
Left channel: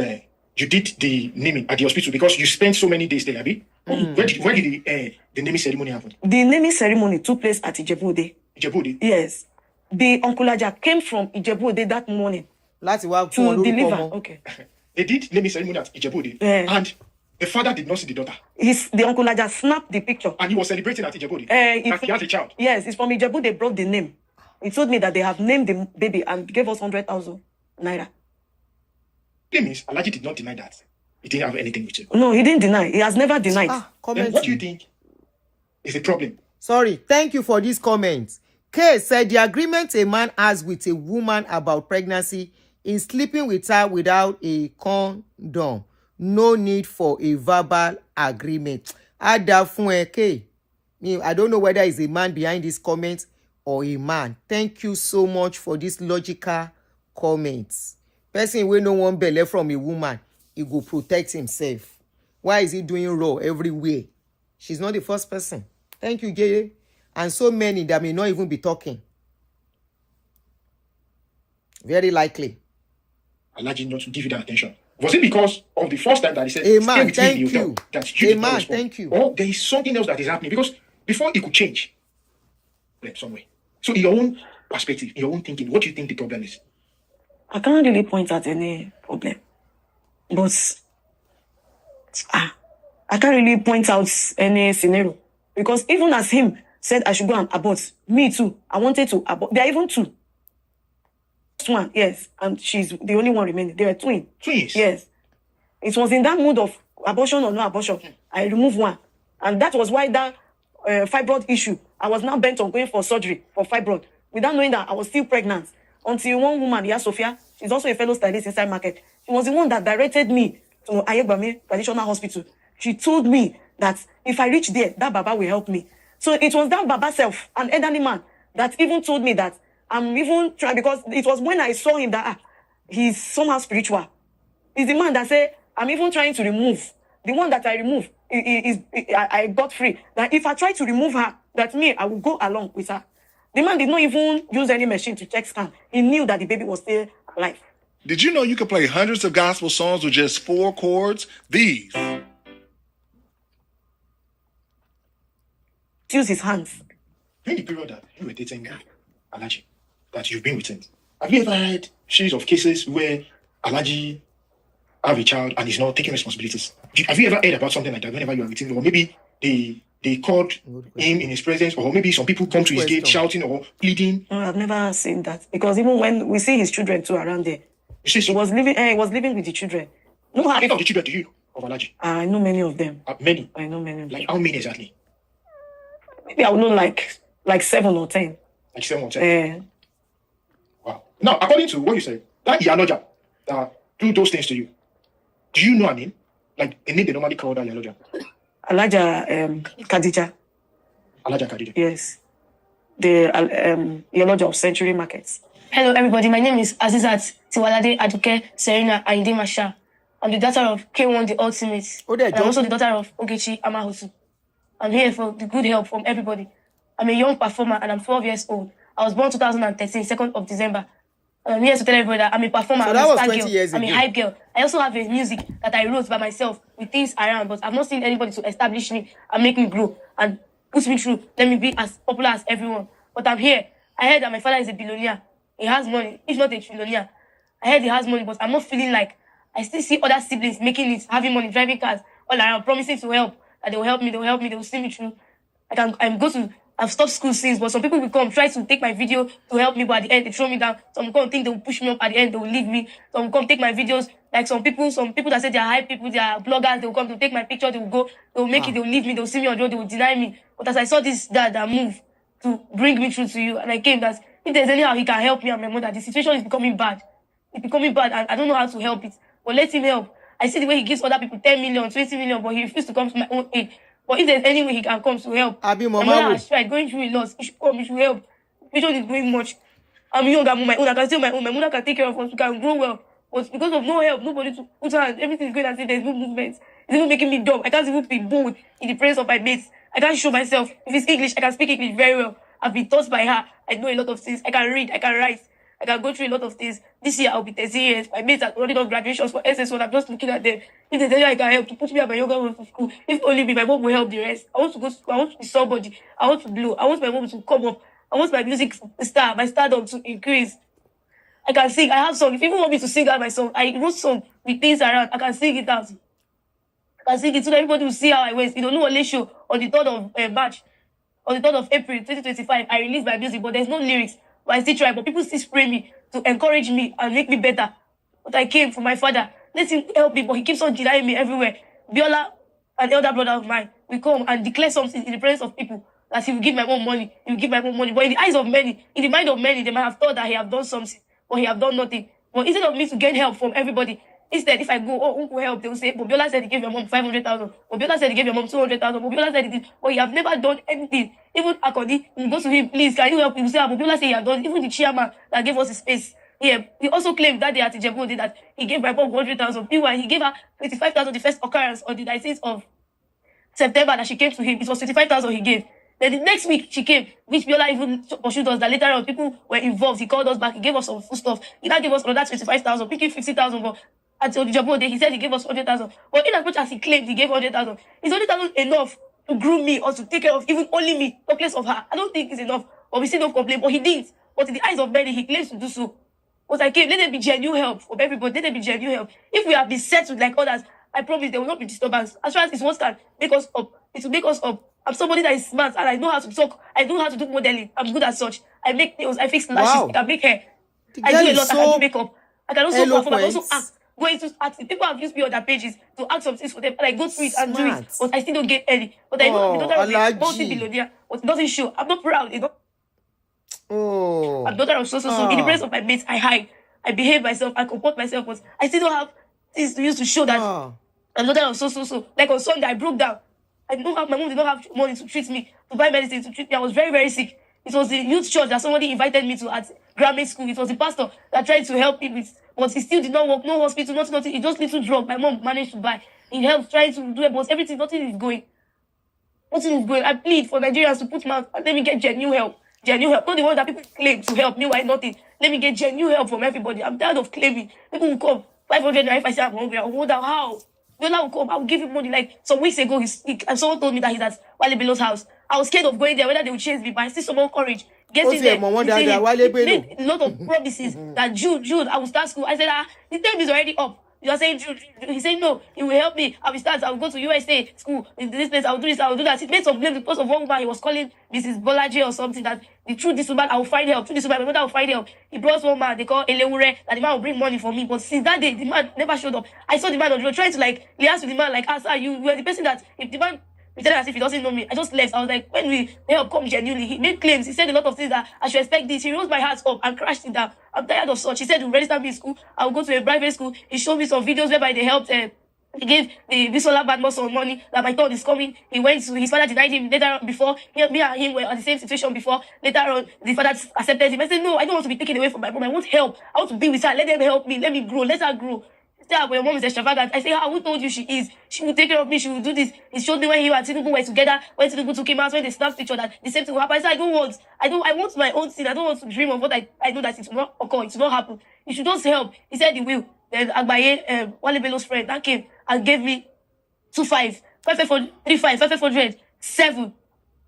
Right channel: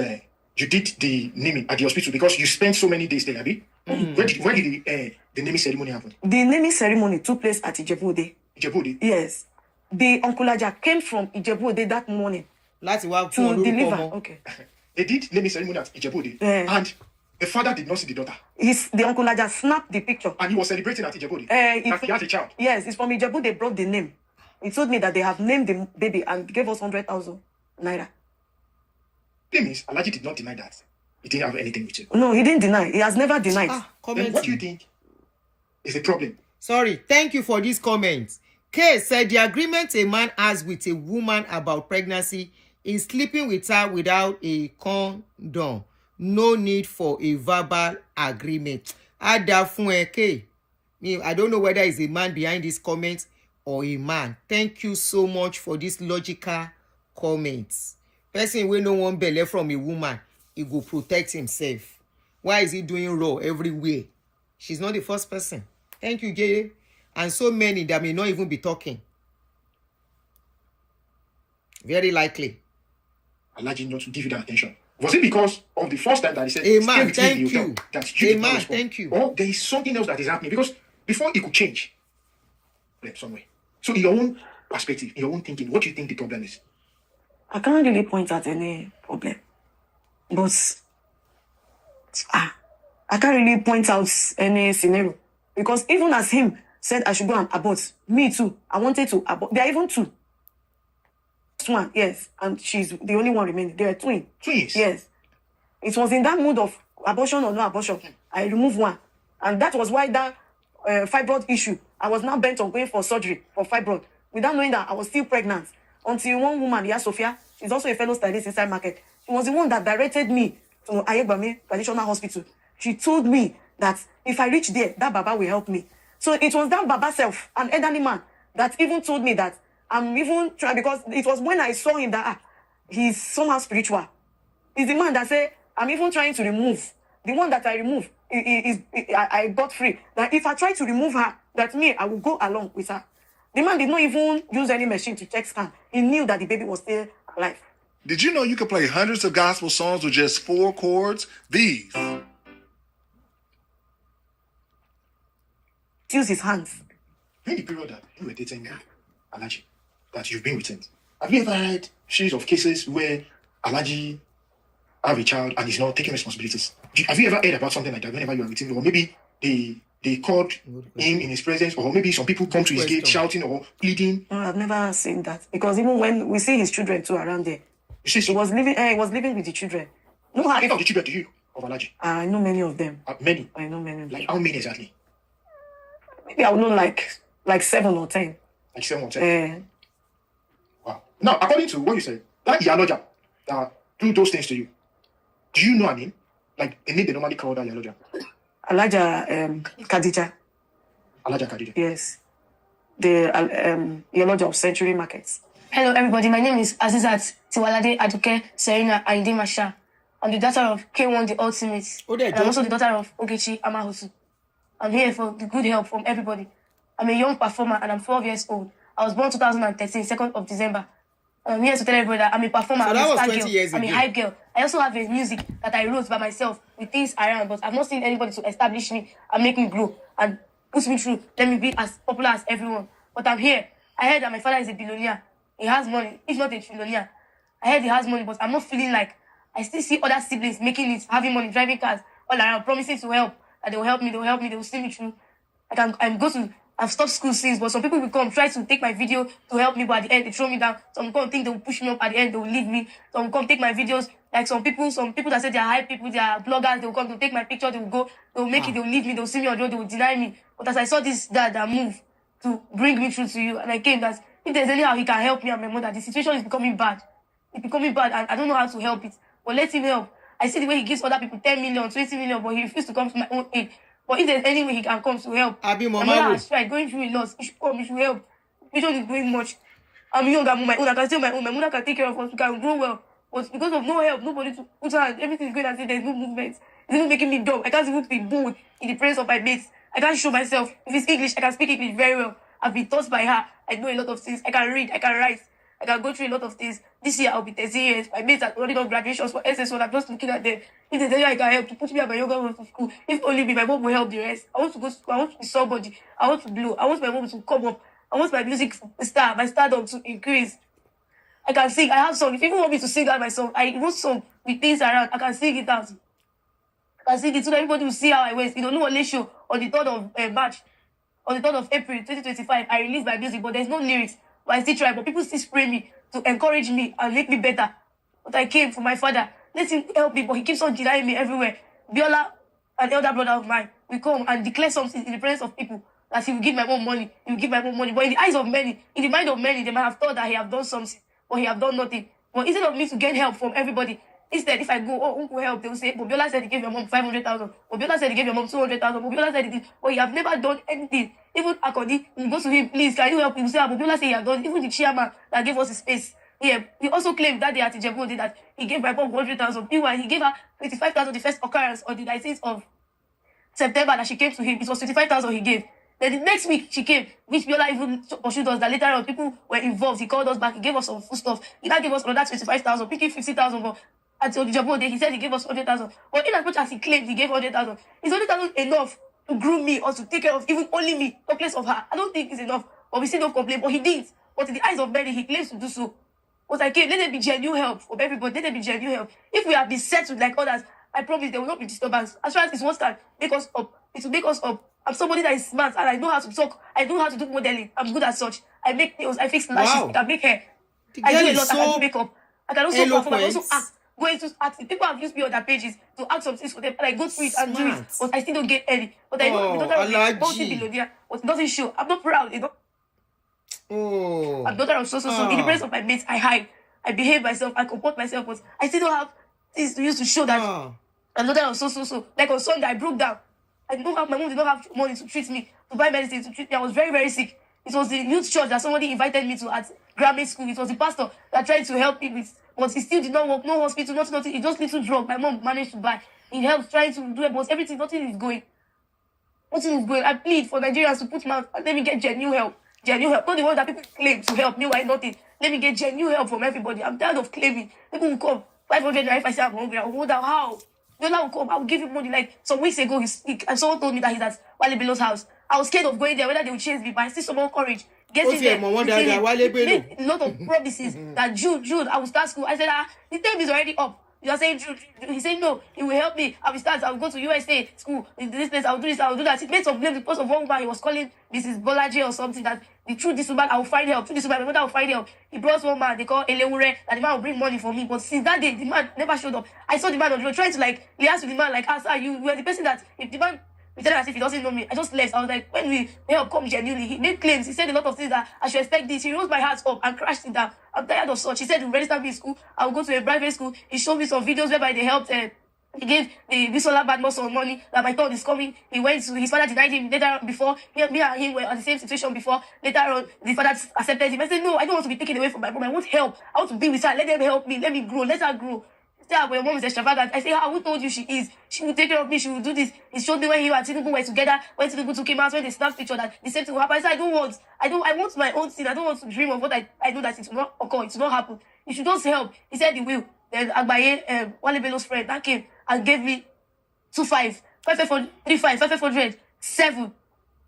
you did the naming at the hospital, because you spent so many days there, Abi, where did the naming ceremony happen? the naming ceremony took place at Ijebu-Ode. Ijebu-Ode? Yes. The Uncle Aja came from Ijebu-Ode that morning Láti wá fún to wọn lórúkọ deliver. ọmọ. Okay. They did naming ceremony at Ijebu-Ode, and the father did not see the daughter, The Uncle Aja snapped the picture. and he was celebrating at Ijebu-Ode. That he has a child. Yes, it's from Ijebu. They brought the name. He told me that they have named the baby and gave us 100,000 naira. That means Alaji did not deny that he didn't have anything with you. No, he didn't deny. He has never denied. Then Comment. what do you think is the problem? Sorry, thank you for this comment. K said the agreement a man has with a woman about pregnancy is sleeping with her without a condom. No need for a verbal agreement. Ada fún ẹ, K. I don't know whether it's a man behind this comment or a man. Thank you so much for this logical comments. Person wey no wan belle from a woman, he go protect himself. Why is he doing raw everywhere? She's not the first person. Thank you, Jay. And so many that may not even be talking. Very likely. Alaji not to give you that attention. Was it because of the first time that he said, A man, "Stay with me, thank you. that A did not man, respond"? thank you. Or there is something else that is happening, because before it could change somewhere. So in your own perspective, in your own thinking, what do you think the problem is? I can't really point at any problem. But I can't really point out any scenario. Because even as him said I should go and abort, me too, I wanted to abort. There are even two. One, yes, and she's the only one remaining. They are twins. Twins? Yes. It was in that mood of abortion or no abortion. I removed one. And that was why that fibroid issue, I was now bent on going for surgery for fibroid, without knowing that I was still pregnant. Until one woman, Sophia, she's also a fellow stylist inside market. She was the one that directed me to Ayegbami Traditional Hospital. She told me that if I reach there, that Baba will help me. So it was that Baba self, an elderly man, that even told me that I'm even trying, because it was when I saw him that he's somehow spiritual. He's the man that said, I'm even trying to remove. The one that I remove, I got free. That if I try to remove her, that me, I will go along with her. The man did not even use any machine to check scan. He knew that the baby was still alive. Did you know you could play hundreds of gospel songs with just 4 chords? These. Use his hands. During the period that you were dating Alaji, that you've been with him, have you ever had series of cases where Alaji have a child and is not taking responsibilities? Have you ever heard about something like that whenever you are with him? Or maybe they called him in his presence, or maybe some people come to his gate shouting or pleading? No, I've never seen that. Because even when we see his children too around there, You see, he was living with the children. No, how many of the children do you of Alaji? I know many of them. Many. I know many of them. Like how many exactly? Maybe I would know like 7 or 10. Like 7 or 10. Wow. Now, according to what you said, that Yaloja that do those things to you, do you know a name? Like a name they normally call that Yaloja? Alaja Khadija. Alaja Khadija. Yes. The Yaloja of Century Markets. Hello, everybody. My name is Azizat Tiwalade Aduke Serena Aide Masha. I'm the daughter of Kwam1 the Ultimate. Oh, there, and I'm also the daughter of Ogechi Amahosu. I'm here for the good help from everybody. I'm a young performer and I'm 12 years old. I was born 2013, 2nd of December. And I'm here to tell everybody that I'm a performer. So I'm that a was star 20 girl. years I'm ago. a hype girl. I also have a music that I wrote by myself with things around, but I've not seen anybody to establish me and make me grow and push me through. Let me be as popular as everyone. But I'm here. I heard that my father is a billionaire. He has money, if not a trillionaire. I heard he has money, but I'm not feeling like I still see other siblings making it, having money, driving cars, all around, promising to help. That they will help me, they will see me through. I've stopped school since, but some people will come, try to take my video to help me, but at the end, they throw me down. Some will come think they will push me up, at the end, they will leave me. Some will come take my videos, like some people that say they are hype people, they are bloggers, they will come to take my picture, they will go, they will make it, they will leave me, they will see me on the road, they will deny me. But as I saw this dad that move to bring me through to you, and I came that if there's any how he can help me and my mother, the situation is becoming bad. It's becoming bad, and I don't know how to help it. But let him help. I see the way he gives other people 10 million, 20 million, but he refuses to come to my own aid. But if there's any way he can come to help, Abi my Mama mother wo. has tried, going through a loss. He should come, he should help. Vision is doing much. I'm young, I'm on my own, I can stay on my own. My mother can take care of us, we can grow well. But because of no help, nobody to put hand, everything is going as if there's no movement. It's even making me dumb. I can't even be bold in the presence of my mates. I can't show myself. If it's English, I can speak English very well. I've been taught by her. I know a lot of things. I can read, I can write. I can go through a lot of things. This year I'll be 13 years. My mates are already done graduations for SS1. I'm just looking at them. If there's any I can help to put me and my younger one to school, if only me, my mom will help the rest. I want to go to school. I want to be somebody. I want to blow. I want my mom to come up. I want my music star, my stardom to increase. I can sing. I have songs. If you even want me to sing out my song, I wrote song with things around. I can sing it out. I can sing it so that everybody will see how I was. You don't know what show on the 3rd of March, on the 3rd of April 2025, I released my music, but there's no lyrics. But I still try. But people still spray me to encourage me and make me better. But I came for my father. Let him help me, but he keeps on denying me everywhere. Biola, an elder brother of mine, will come and declare something in the presence of people that he will give my mom money. He will give my mom money. But in the eyes of many, in the mind of many, they might have thought that he have done something, but he have done nothing. But instead of me to get help from everybody, instead, if I go, oh, uncle help, they will say, Bobiola said he gave your mom 500,000. Bobiola said he gave your mom 200,000. Bobiola said he did, but he have never done anything. Even Akodi, he goes to him, please, can you help him? Say, Bobiola said he have done. Even the chairman that gave us his space. Yeah, he also claimed that day at Ijebu that he gave my mom 100,000. Meanwhile, he gave her 25,000 the first occurrence on the 19th of September that she came to him. It was 25,000 he gave. Then the next week she came, which Biola even pursued us. That later on people were involved. He called us back. He gave us some food stuff. He now gave us another 25,000, picking 50,000. But at Ojabo Day, he said he gave us 100,000. But in as much as he claimed he gave 100,000, is 100,000 enough to groom me or to take care of even only me, in place of her? I don't think it's enough. But we still don't complain. But he didn't. But in the eyes of many, he claims to do so. But I came, let there be genuine help from everybody. Let there be genuine help. If we have been settled like others, I promise there will not be disturbance. As far as it's what can make us up, it will make us up. I'm somebody that is smart and I know how to talk. I know how to do modeling. I'm good at such. I make nails. I fix lashes. Wow. I can make hair. The I girl do a is lot. I so can do makeup. I can also perform. I can eloquent. also act. Go into acting. People have used me on their pages to act some things for them, and I go through it and do Smart. it. But I still don't get any. But I know Oh, the daughter of a Alaji. multi-billionaire, but it doesn't show. I'm not proud, you know. Oh. I'm daughter of so. In the presence of my mates, I hide. I behave myself. I comport myself, but I still don't have things to use to show that Ah. I'm daughter of so. Like on Sunday, I broke down. I don't have, my mom did not have money to treat me, to buy medicine to treat me. I was very, very sick. It was the youth church that somebody invited me to at grammar school. It was the pastor that tried to help me with, but he still did not work. No hospital, nothing. It just little drug. My mom managed to buy. He helped trying to do it, but everything, nothing is going. Nothing is going. I plead for Nigerians to put mouth and let me get genuine help. Genuine help. Not the one that people claim to help me, why nothing. Let me get genuine help from everybody. I'm tired of claiming. People will come 500 naira if I say I'm hungry. I'll hold out. How? Yola will come. I'll give him money. Like some weeks ago, and someone told me that he's at Wale Belo's house. I was scared of going there, whether they would chase me, but I still summon courage. Ó ti ẹ̀ mọ̀ wọ́n dáadáa, Wale Bello. A lot of promises that Jude, I will start school. I said, the time is already up. You are saying Jude. He said, no, he will help me. I will start. I will go to USA school in this place. I will do this. I will do that. He made some blame because of one woman he was calling Mrs. Bolaji or something. That through this woman, I will find help. Through this woman, my mother will find help. He brought one man they call Elewure, that the man will bring money for me. But since that day, the man never showed up. I saw the man on the road trying to he asked the man sir, you are the person that if the man pretended as if he doesn't know me. I just left. I was like, when we help come genuinely, he made claims. He said a lot of things that I should expect this. He rose my heart up and crashed it down. I'm tired of such. He said, to register me in school, I will go to a private school. He showed me some videos whereby they helped. He gave the Bisola Badmus some money that my thought is coming. He went to his father denied him later on before. Me and him were on the same situation before. Later on, the father accepted him. I said, no, I don't want to be taken away from my mom. I want help. I want to be with her. Let them help me. Let me grow. Let her grow. Say, but your mom is extravagant. I say, who told you she is? She will take care of me. She will do this. It showed me when you and Tinubu were together, when Tinubu took him out, when they snapped each other. The same thing will happen. I said, I want my own thing. I don't want to dream of what I know that it will not occur. It will not happen. You should just help. He said he will. Then Agbaye, Wale Bello's friend, that came and gave me 2.5, 3.5, 500, 7.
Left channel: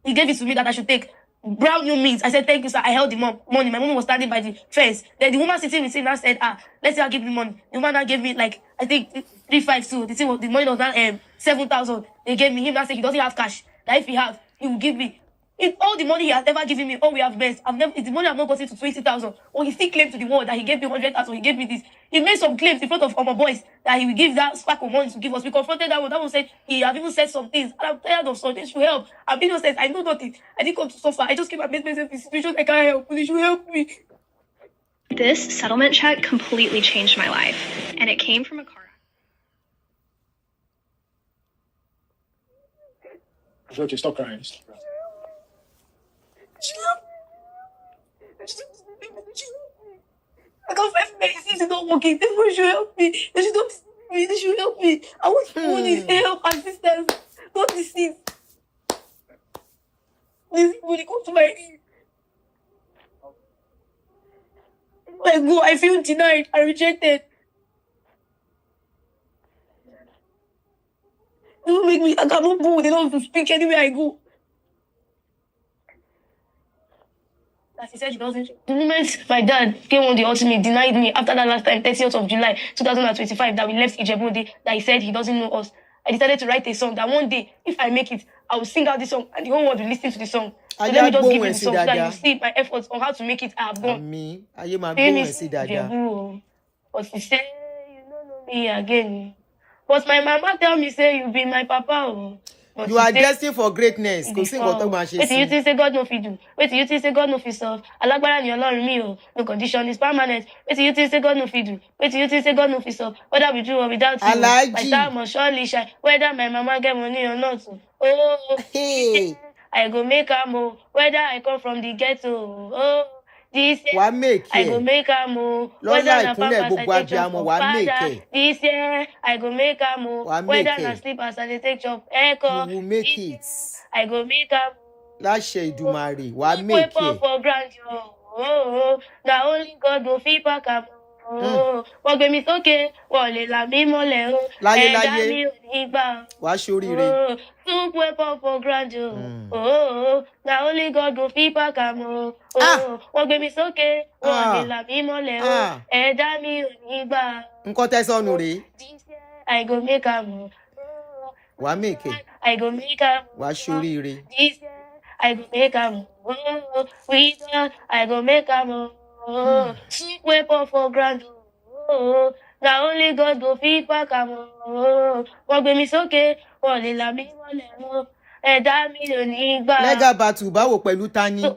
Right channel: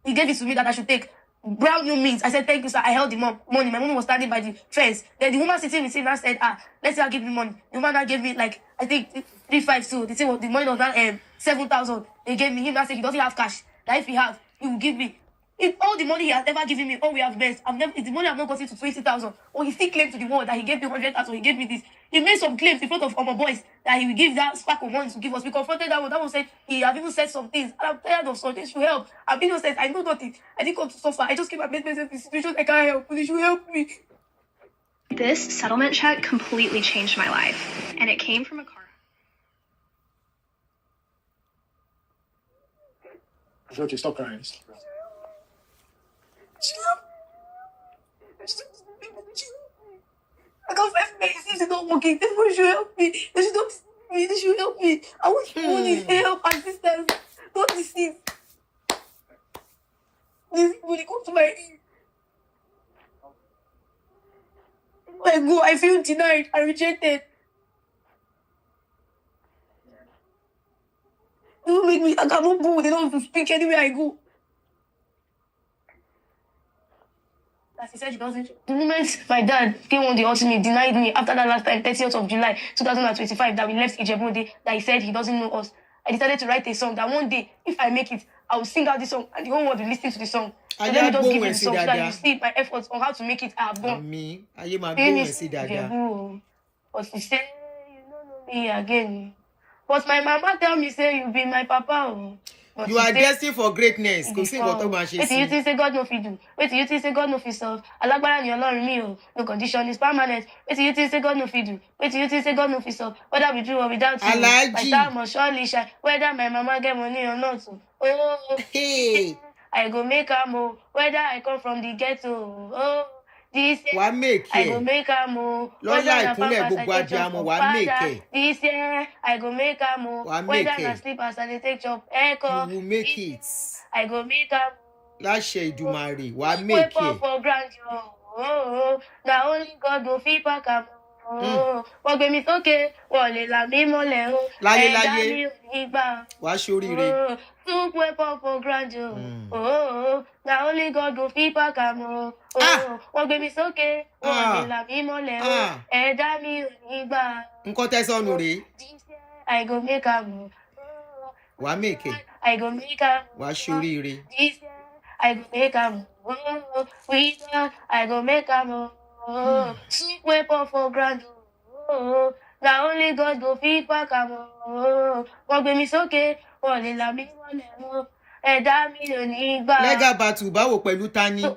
He gave it to me that I should take. Brown new meat. I said, thank you, sir. I held the money. My mom was standing by the fence. Then the woman sitting with me now said, let's say I'll give me money. The woman now gave me, like, I think 3.5 too. The money was now 7,000. They gave me. Him now said he doesn't have cash. That if he have, he will give me. In all the money he has ever given me, all we have best. It's the money I've not gotten to 20,000. Or he still claimed to the world that he gave me 100,000. He gave me this. He made some claims in front of our boys that he will give that spark of money to give us. We confronted that one. That one said he have even said some things. And I'm tired of something. Should help. And Bino says, I know nothing. I didn't come to suffer. I just came and made myself in situations I can't help. Please, you help me. This settlement check completely changed my life, and it came from a car. Okay, stop crying. I got 5 minutes. This is not working. They should help me. They should help me. They should help me. I want money, help, assistance. Not deceit. This money come to my aid. When I go, I feel denied and rejected. They don't make me, I cannot go. They don't have to speak anywhere I go. As he said, she doesn't. The moment my dad came on the ultimate, denied me after that last time, 30th of July 2025, that we left Ijebu, that he said he doesn't know us. I decided to write a song that one day, if I make it, I will sing out this song and the whole world will listen to the song. So let me just give you the song so that you see my efforts on how to make it. I have done. Àmín. Ayé máa gbóhùn ẹ̀ sí dáadáa. But he said, you don't know me again. But my mama tell me, say, you be my papa. But You are destined for greatness. Kò sí nǹkan tó máa ṣe wait till you sí. think say God no fit do. Wait till you think say God no fit solve. Alágbára ni Ọlọ́run mi o. No condition is permanent. Wait till you think say God no fit do. Wait till you think say God no fit solve. Whether we do or without you. Alhaji. My star must surely shine. Whether my mama get money or not. Oh, Hey, I go make am o. Whether I come from the ghetto. Oh, this year wàá make I go ẹ̀. make am o. Lọ́lá ìkúnlẹ̀ gbogbo abiyamọ wàá make ẹ̀. This year I go make am o. Wàá Whether make na ẹ̀. sleep as I dey take chop You echo. will make it. I go make am. Láṣẹ Ìdùmarè, wàá make ẹ̀. For grant oh, na only God go fit pack am. Wọ́n gbé mi sókè, wọ́n lè là mí mọ́lẹ̀ o. Láyé, Ẹ̀dá láyé. mi ò ní gbà. Wàá ṣoríire. Took weapon for grant na only God go fit pack am o. Wọ́n gbé mi sókè, wọ́n lè là mí mọ́lẹ̀ o. Ẹ̀dá mi ò ní gbà. Nǹkan tẹ́ sọnù rèé. I go make am. Wàá make ẹ̀. I go make am. Wàá ṣoríire. This year, I go make am. We I go make am. Cheap weapon for grand. Na only God go fit pack am. Wọ́n gbé mi sókè, wọ́n lè là mí mọ́lẹ̀ o. Ẹ̀dá mi ò ní gbà. Legal battle báwo pẹ̀lú tani?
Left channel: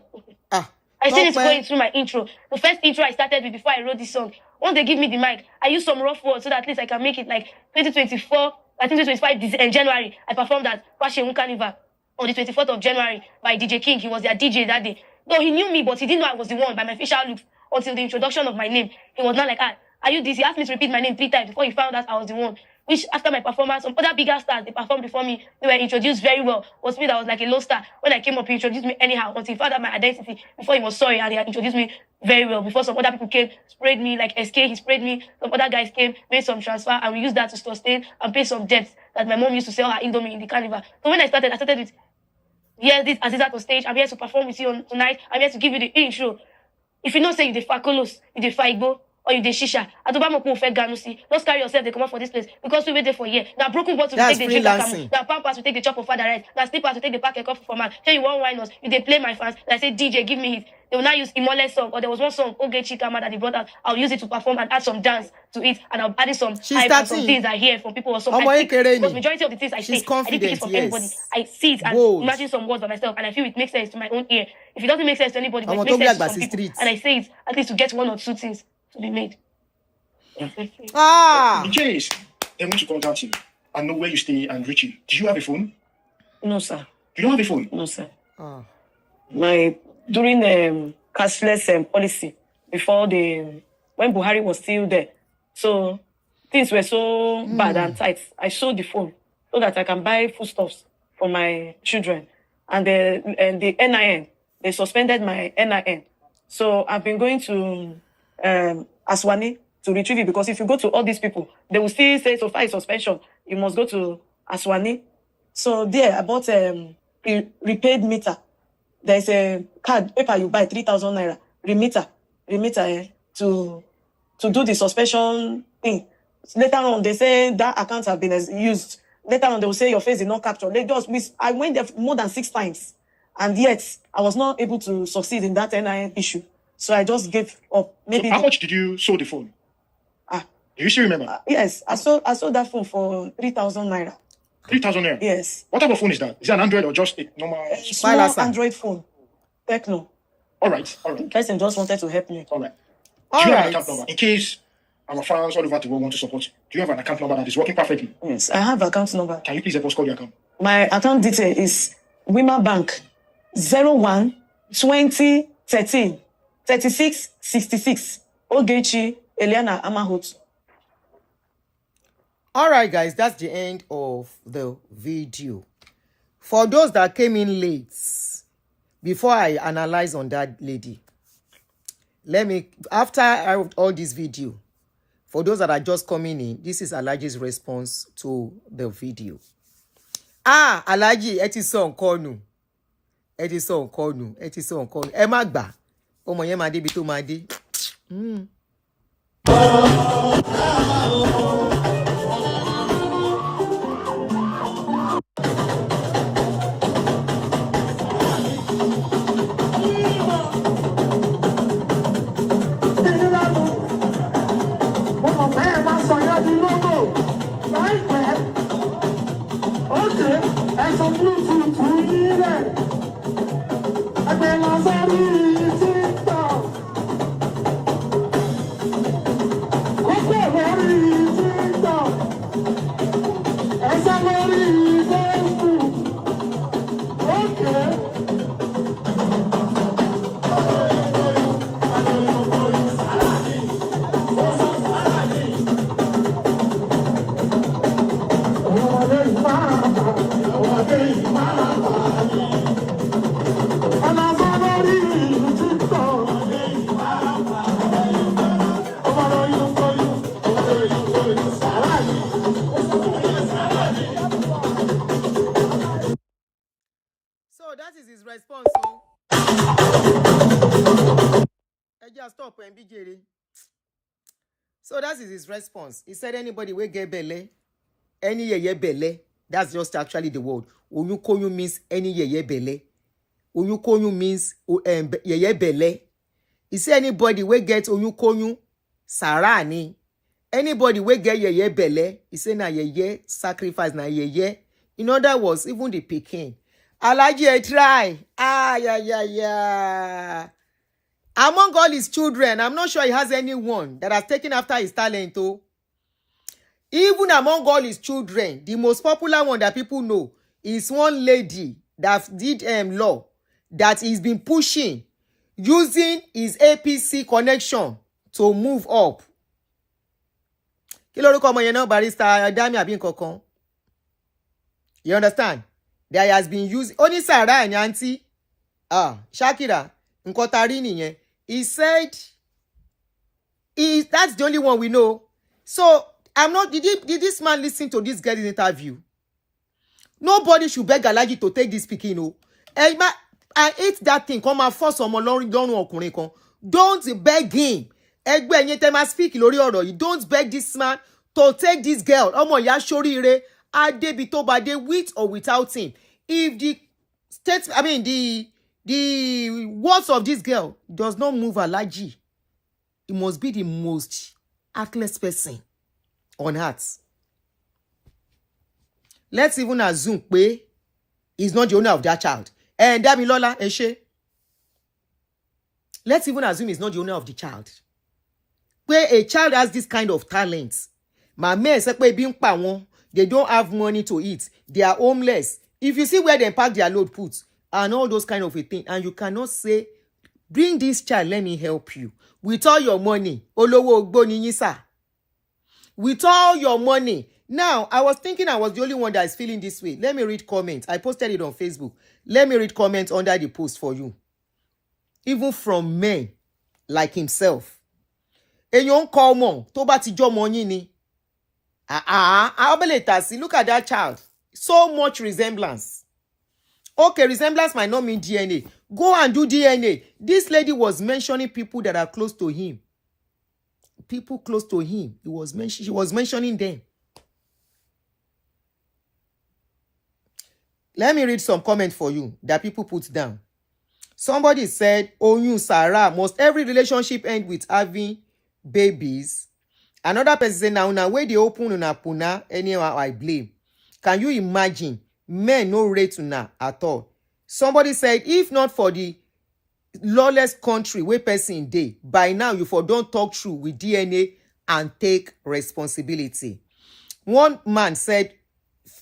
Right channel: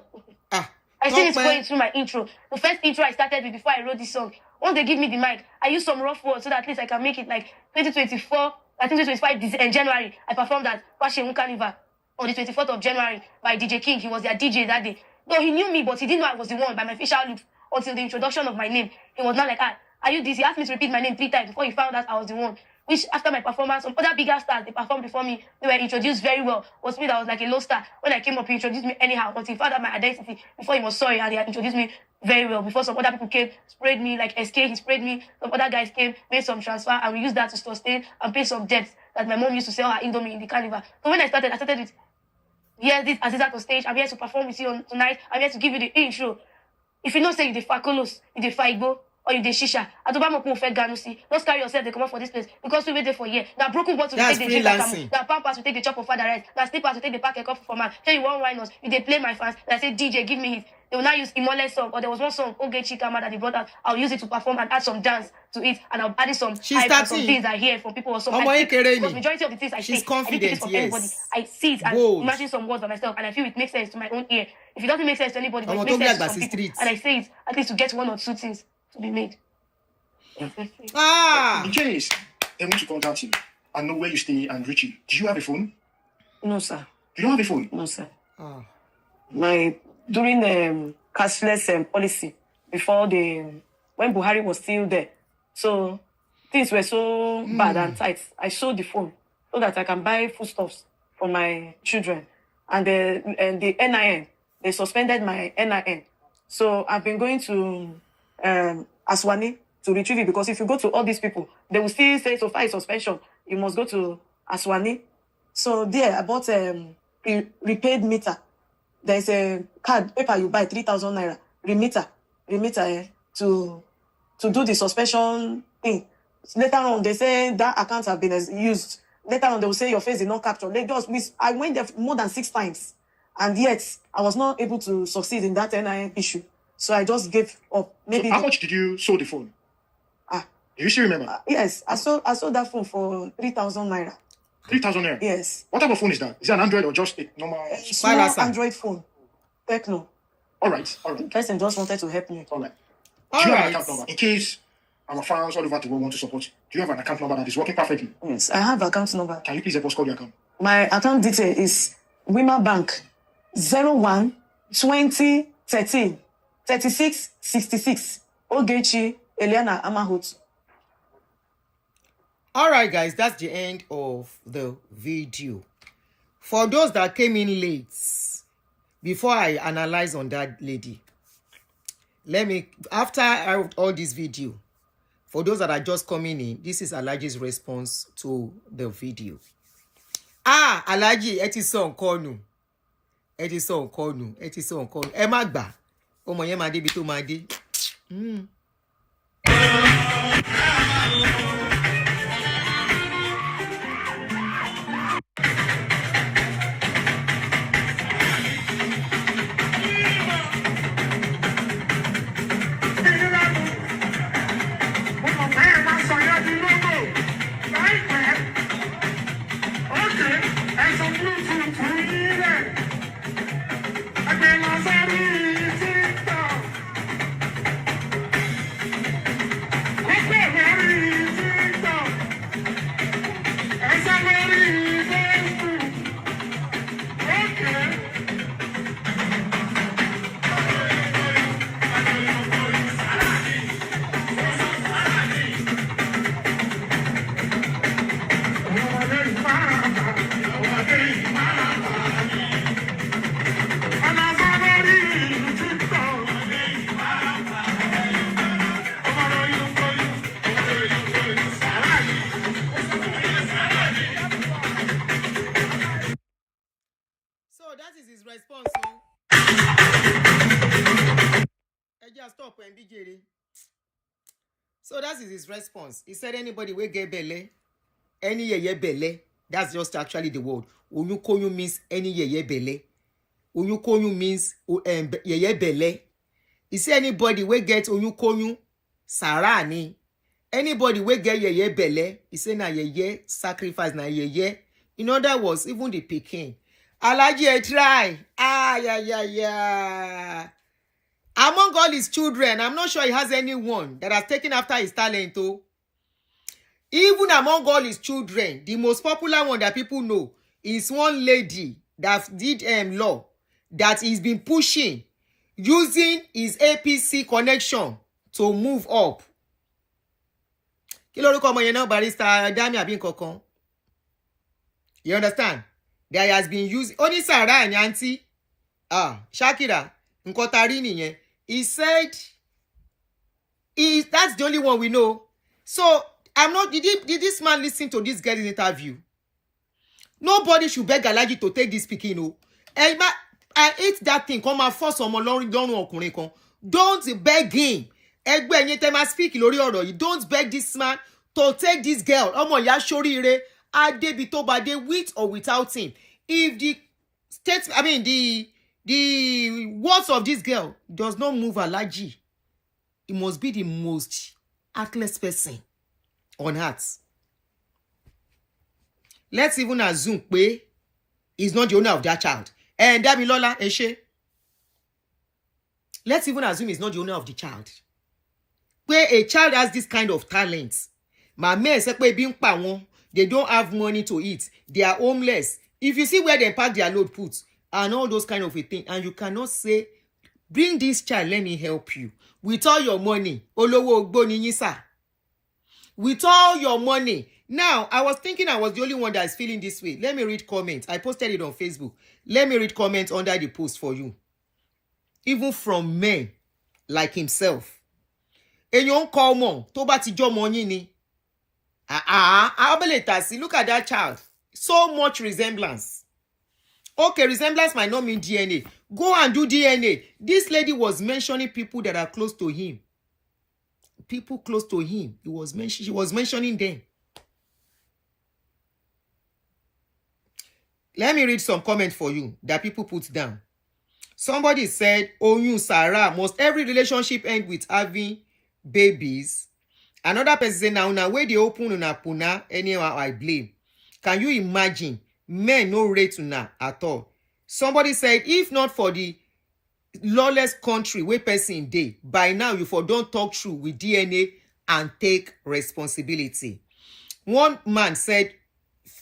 I still need to go into my intro. The first intro I started with before I wrote this song. Once they give me the mic, I use some rough words so that at least I can make it like 2024. I think 2025 in January. I performed at Kwam1 Carnival on the 24th of January by DJ King. He was their DJ that day. No, he knew me, but he didn't know I was the one by my facial look until the introduction of my name. He was not like, are you this? He asked me to repeat my name 3 times before he found out I was the one. Which after my performance, some other bigger stars, they performed before me. They were introduced very well. It was me that was like a low star. When I came up, he introduced me anyhow until he found out my identity. Before he was sorry and he had introduced me very well. Before some other people came, sprayed me like SK, he sprayed me. Some other guys came, made some transfer, and we used that to sustain and pay some debts that my mom used to sell her Indomie in the carnival. So when I started with, yes, this Aziza on stage. I'm here to perform with you tonight. I'm here to give you the intro. If you know say you the Fakolos, you the Faibo, or you the Shisha, I don't know who Ganusi. Don't carry yourself, they come out for this place because we wait there for a year. Now broken bottles That's will take freelancing. the Pampas will take the chop of father rice. Now slippers will take the pack of coffee for man. Tell you one wine us. You they play my fans. And I say DJ, give me it. They will now use Imole song, or there was one song, Oge Chikama, that they brought out. I'll use it to perform and add some dance to it, and I'll add some She's hype and some starting. things I hear from people or something. Ọmọ Majority of the things I She's say, confident, I didn't pick it from yes. anybody. I see it and Bold. imagine some words by myself, and I feel it makes sense to my own ear. If it doesn't make sense to anybody, Ọmọ it tó makes bí sense to àgbà some sí people, street. and I say it at least to get 1 or 2 things to be made. In case they want to contact you and know where you stay and reach you, do you have a phone? No, sir. You don't have a phone? No, sir. During cashless policy before when Buhari was still there. So things were so bad and tight. I sold the phone so that I can buy foodstuffs for my children. And the NIN, they suspended my NIN. So I've been going to Aswani to retrieve it, because if you go to all these people, they will still say, so far is suspension, you must go to Aswani. So there, I bought a repaid meter. There's a card, paper you buy, 3,000 naira, remitter to do the suspension thing. Later on, they say that account have been used. Later on, they will say your face is not captured. They just miss. I went there more than 6 times, and yet I was not able to succeed in that NIN issue. So I just gave up. Maybe So how much did you sold the phone? Do you still remember? Yes, I sold that phone for 3,000 naira. 3,000 naira? Yes. What type of phone is that? Is it an Android or just a normal? Small Android phone. Techno. All right. The person just wanted to help me. All right. All Do you have right. an account number? In case our fans all over the world want to support you, do you have an account number that is working perfectly? Yes, I have account number. Can you please help us call the account? My account detail is Women Bank 01 20 13 36 66 Ogechi Eliana Amahut. All right, guys, that's the end of the video. For those that came in late, before I analyze on that lady, after I wrote all this video, for those that are just coming in, this is Alaji's response to the video. Alaji, ẹ ti sọ nǹkan nù. Ẹ ti sọ nǹkan nù. Ẹ ti sọ nǹkan nù. Ẹ má gbà. Ọmọ yẹn máa débi tó máa dé. So that is his response. Stop and be Jerry. So that is his response. He said anybody will get belle, any ye belle. That's just actually the word. Oyukoyu means any ye belle. Oyukoyu means ye belle. He said anybody will get oyukoyu sarani. Anybody will get ye belle. He said na ye sacrifice na ye. In other words, even the Peking. Alaji try. Yeah. Among all his children, I'm not sure he has anyone that has taken after his talent. Oh. Even among all his children, the most popular one that people know is one lady that did law that he's been pushing, using his APC connection to move up. Kí lorúkọ ọmọ yẹn náà, Barrister Aduni àbí nǹkankan. You understand? There has been used. Only Sarah and Aunty. Shakira. Nǹkan tá rí nìyẹn. He said, that's the only one we know. So, did this man listen to this girl's interview? Nobody should beg Alaji to take this pikin, oh. I hate that thing. Come and force someone lọ́rùn ọkùnrin kan. Don't beg him. Ẹgbẹ́ ẹ̀yin tẹ́ máa speak lórí ọ̀rọ̀ yìí. Don't beg this man to take this girl. Ọmọ ìyá ṣoríire. Adébi tó bá dé with or without him. If the words of this girl does not move Alaji, it must be the most heartless person on earth. Let's even assume pé he's not the owner of that child. And Damilola Eshe. Let's even assume he's not the owner of the child. Where a child has this kind of talent. Mama say pé bí ń pa wọ́n, they don't have money to eat. They are homeless. If you see where they pack their load put and all those kind of a thing, and you cannot say, bring this child, let me help you. With all your money, Olowo Ogbo ni yín sà. with all your money. Now, I was thinking I was the only one that is feeling this way. Let me read comments. I posted it on Facebook. Let me read comments under the post for you. Even from men like himself. Èyàn kọ ọmọ tó bá ti jọmọ yín ni. Look at that child. So much resemblance. Okay, resemblance might not mean DNA. Go and do DNA. This lady was mentioning people that are close to him. People close to him. She was mentioning them. Let me read some comments for you that people put down. Somebody said, Oyun Sarah, must every relationship end with having babies? Another person said, now where they open una puna, anyhow I blame. Can you imagine? Men no rate una at all. Somebody said, if not for the lawless country where person dey, by now you for don't talk true with DNA and take responsibility. One man said,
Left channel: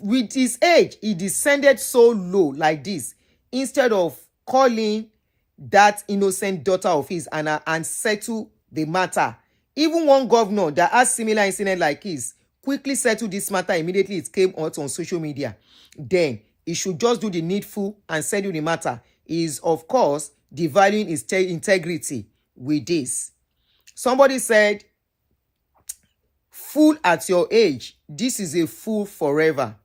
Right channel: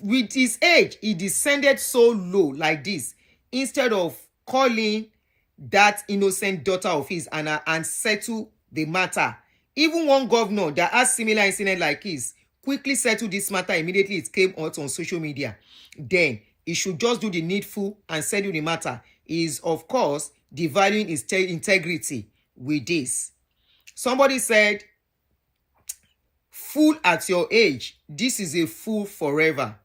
with his age, he descended so low like this, instead of calling that innocent daughter of his and settle the matter. Even one governor that has similar incident like his quickly settled this matter immediately it came out on social media. Then he should just do the needful and settle the matter. He is, of course, devaluing his integrity with this. Somebody said, fool at your age, this is a fool forever.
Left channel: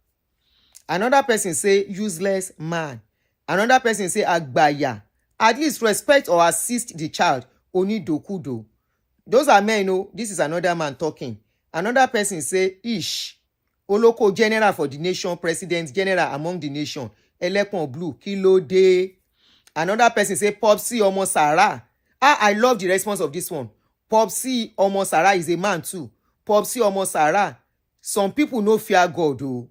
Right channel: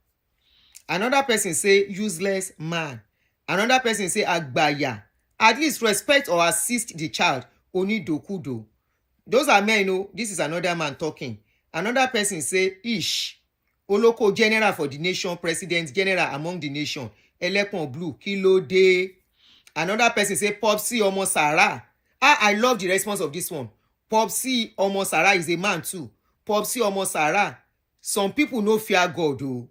Another person say, useless man. Another person say, agbaya. At least respect or assist the child. Oni dokudo. Those are men, no. This is another man talking. Another person say, ish. Oloko general for the nation, president general among the nation. Elekon blue, kilo de. Another person say, Popsi Omo Sarah. I love the response of this one. Popsi Omo Sarah is a man too. Popsi Omo Sarah. Some people no fear God, though.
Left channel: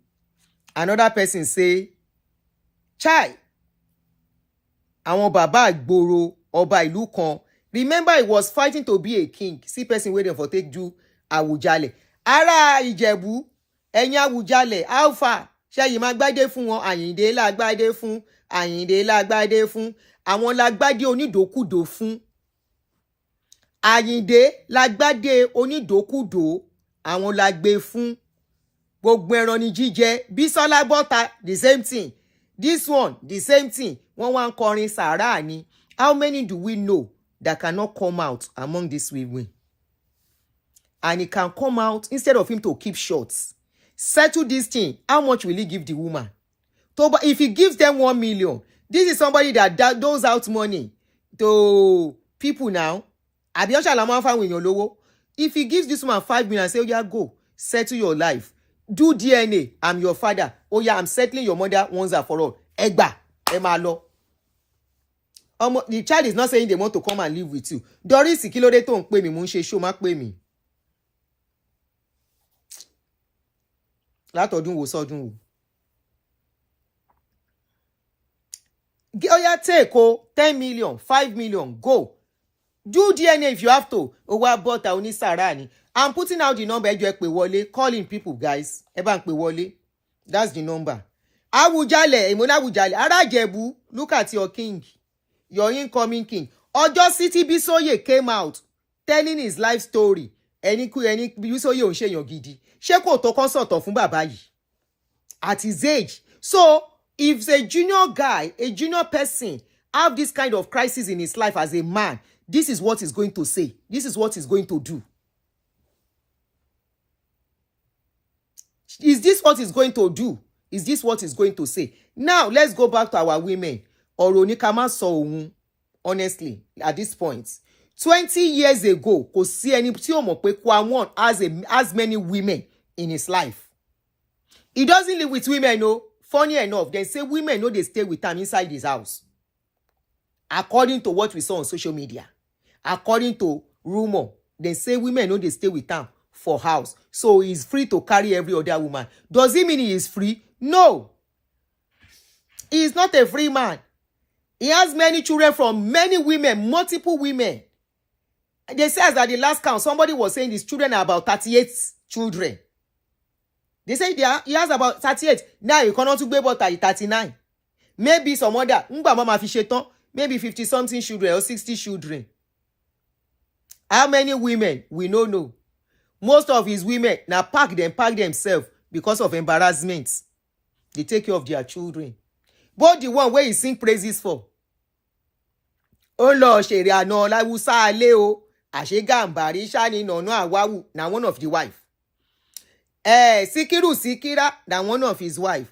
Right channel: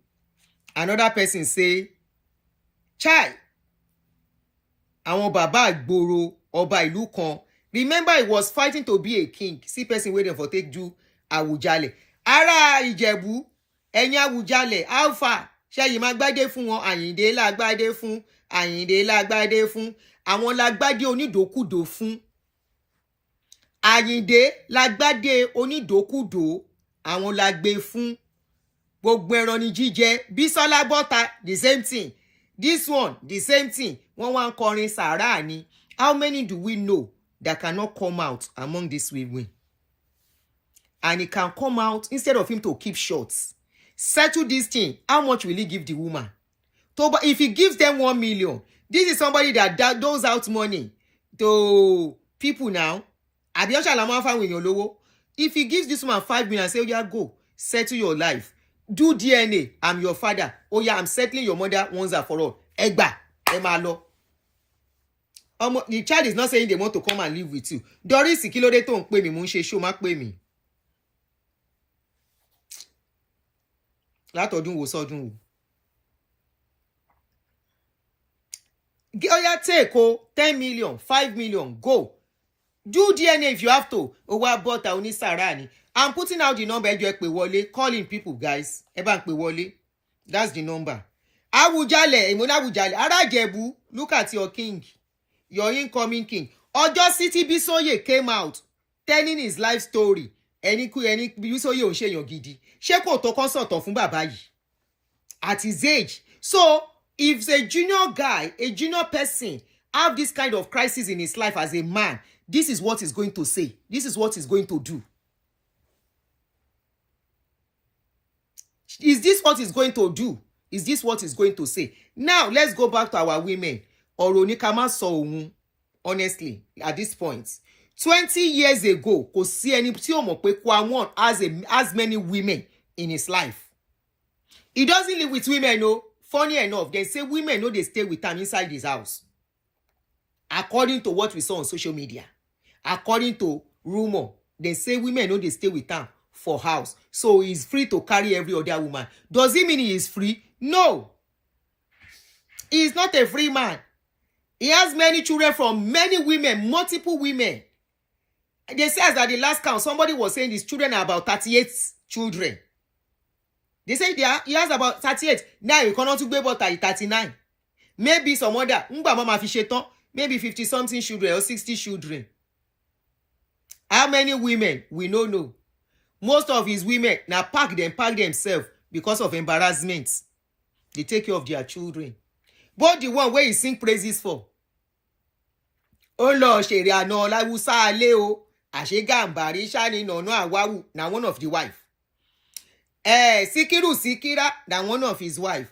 Another person say, Chai. Àwọn bàbá àgbòrò ọba ìlú kan. Remember, he was fighting to be a king. See person waiting for take do Awujale. Ara Ìjẹ̀bú, ẹ̀yin Awujale, Alpha. Ṣé yìí máa gbádé fún wọn? Àyìndé la gbádé fún. Àyìndé la gbádé fún. Àwọn la gbádé onídòkúdò fún. Àyìndé la gbádé onídòkúdò. Àwọn la gbé fún. Gbogbo ẹran ni jíjẹ. Bísọ́lá bọ́ta, the same thing. This one, the same thing. Wọ́n wá ń kọrin sàárà ni. How many do we know that cannot come out among these women? And he can come out instead of him to keep short. Settle this thing. How much will he give the woman? If he gives them 1 million, this is somebody that doles out money to people now. If he gives this woman 5 million and say, oh yeah, go, settle your life. Do DNA. I'm your father. Oh yeah, I'm settling your mother once and for all. Egba, emalo. The child is not saying they want to come and live with you. Doris, kilode tó ń pè mí, mo ń ṣe show, má pè mí. Látọdún wo sọ́dún wo. Oya take 10 million, 5 million, go. Do DNA if you have to. Owa bota oni sarani. I'm putting out the number. Ejo pe wọlé. Calling people, guys. Ẹ bá ń pè wọlé. That's the number. Awujale, Imona Awujale. Ara Ìjẹ̀bú, look at your king. Your incoming king. Ojo City Bisoye came out telling his life story. Ẹni Bisoye ò ń ṣèyàn gidi. Ṣé kò tó consult fún bàbá yìí? At his age. So, if a junior guy, a junior person, have this kind of crisis in his life as a man, this is what he's going to say. This is what he's going to do. Is this what he's going to do? Is this what he's going to say? Now, let's go back to our women. Ọ̀rọ̀ ni ká má sọ òun, honestly, at this point. 20 years ago, kò sí ẹni tí ó mọ̀ pé Kwam1 has many women in his life. He doesn't live with women, no. Funny enough, they say women know they stay with him inside his house. According to what we saw on social media. According to rumor, they say women know they stay with him for house. So he's free to carry every other woman. Does it mean he is free? No. He is not a free man. He has many children from many women, multiple women. They say that the last count, somebody was saying his children are about 38 children. They say he has about 38. Now you cannot go about 39. Maybe some other, maybe 50-something children or 60 children. How many women? We don't know. Most of his women now pack themselves because of embarrassment. They take care of their children. But the one where he sing praises for. Oh Lord, ṣèrè àná láwùsá alẹ́ o. Àṣegàmbàrí ṣáni nànà àwáwù na one of the wife. Síkírà na one of his wife.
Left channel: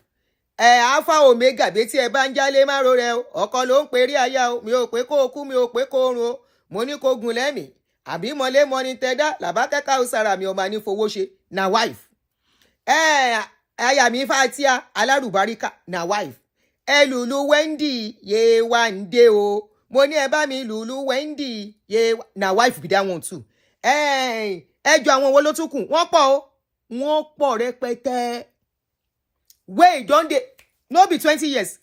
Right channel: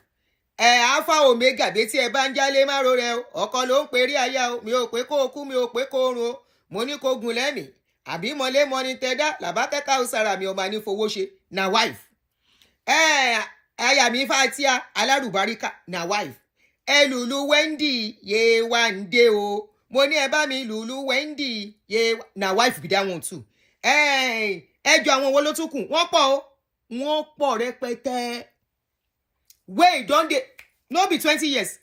Alpha Omega betí ẹ bá ń jálé má ro rẹ o. Ọkọ ló ń perí aya o. Mi ò pé kó kú, mi ò pé kó run o. Mo ní kó gun lẹ́mìí. Àbí mọ́lé mọ́ni tẹ́dá làbákẹ́kà òsàrà mi ọmọ ní fowó ṣe na wife. Aya mi Fatia alárùbáríkà na wife. Lulu Wendy ye one day o. Mo ní ẹ bá mi Lulu Wendy ye na wife be that one too. Ẹjọ́ àwọn wo ló tún kù? Wọ́n pọ̀ o. Wọ́n pọ̀ rẹpẹtẹ. Wait, don't they? No be 20 years.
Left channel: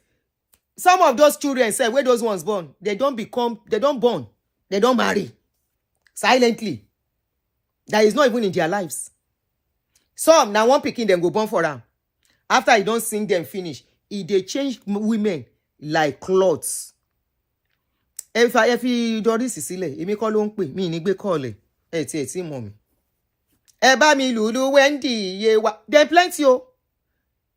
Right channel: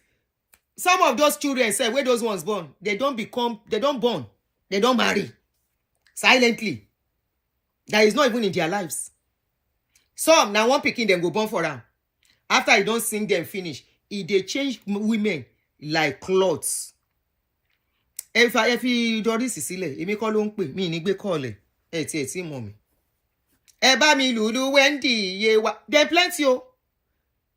Some of those children say where those ones born, they don't born, they don't marry. Silently. That is not even in their lives. Some now one picking them go born for them. After you don't sing them finish, they change women like clothes. If you do this sílẹ̀, èmi kọ́ ló ń pè, mi ní gbé call ẹ̀. Tí mọ̀ mi. Ẹ bá mi Lulu Wendy ye wa. Then plenty o.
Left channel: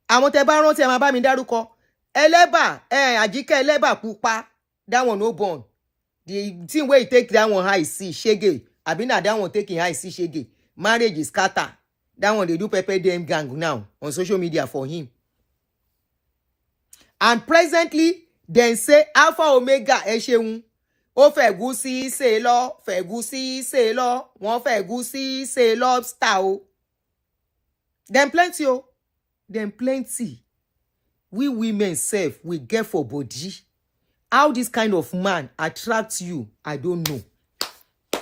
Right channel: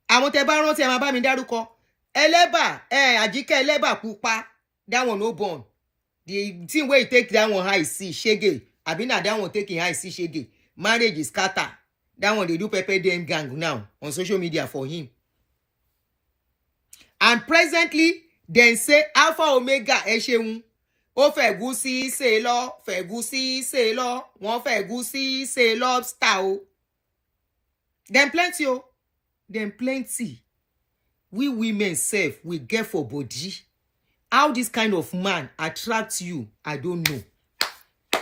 Àwọn tẹ́ bá rántí ẹ máa bá mi dárúkọ. Ẹlẹ́bà, Àjíkẹ́ Ẹlẹ́bà pupa. That one no born. The thing where you take that one high see shege. Abina that one taking high see shege. Marriage is scatter. That one they do pepper dem gang now on social media for him. And presently, they say Alpha Omega Esheun. Ó fẹ̀gúsí ṣe lọ, fẹ̀gúsí ṣe lọ, wọ́n fẹ̀gúsí ṣe lobster o. Them plenty o. Them plenty. We women self, we get for body. How this kind of man attracts you, I don't know.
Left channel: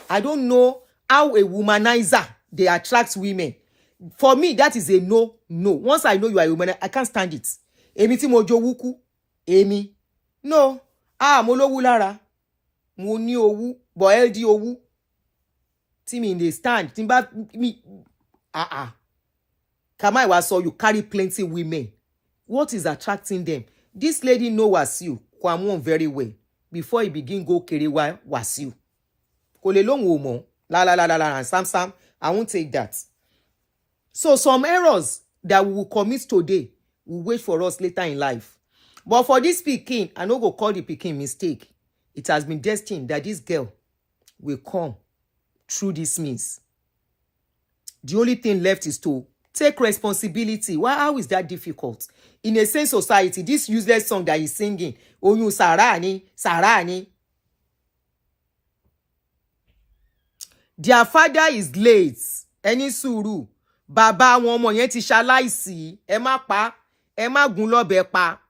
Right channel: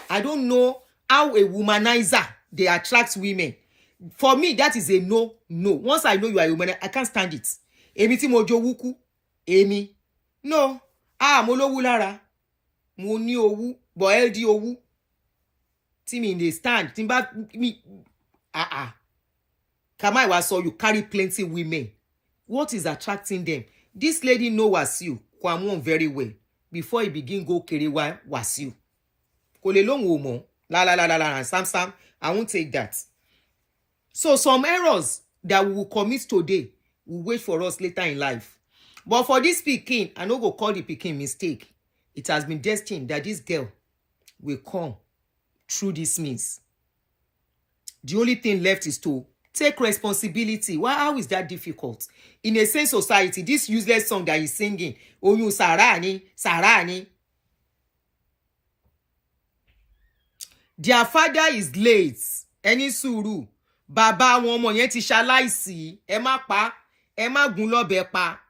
I don't know how a womanizer, they attract women. For me, that is a no. Once I know you are a woman, I can't stand it. Èmi tí mo jowú èmi. No. Mo lówú lára. Mo ní owú, but LD owú. Tí mi dey stand, tí bá mi Kamai was saw you carry plenty women. What is attracting them? This lady know Wasiu, Kwam1 very well. Before he begin go kerewa Wasiu. Kò lè lóhùn o mọ̀. La, Sam, I won't take that. So some errors that we will commit today will wait for us later in life. But for this pikin, I no go call the pikin mistake. It has been destined that this girl will come through this means. The only thing left is to take responsibility. How is that difficult? In a sane society, this useless song that he's singing, Oyun Sarani. Their father is late. Ẹni sùúrù. Bàbá wọn ọmọ yẹn ti ṣaláìsí. Ẹ má pa, ẹ má gún lọ́bẹ pa.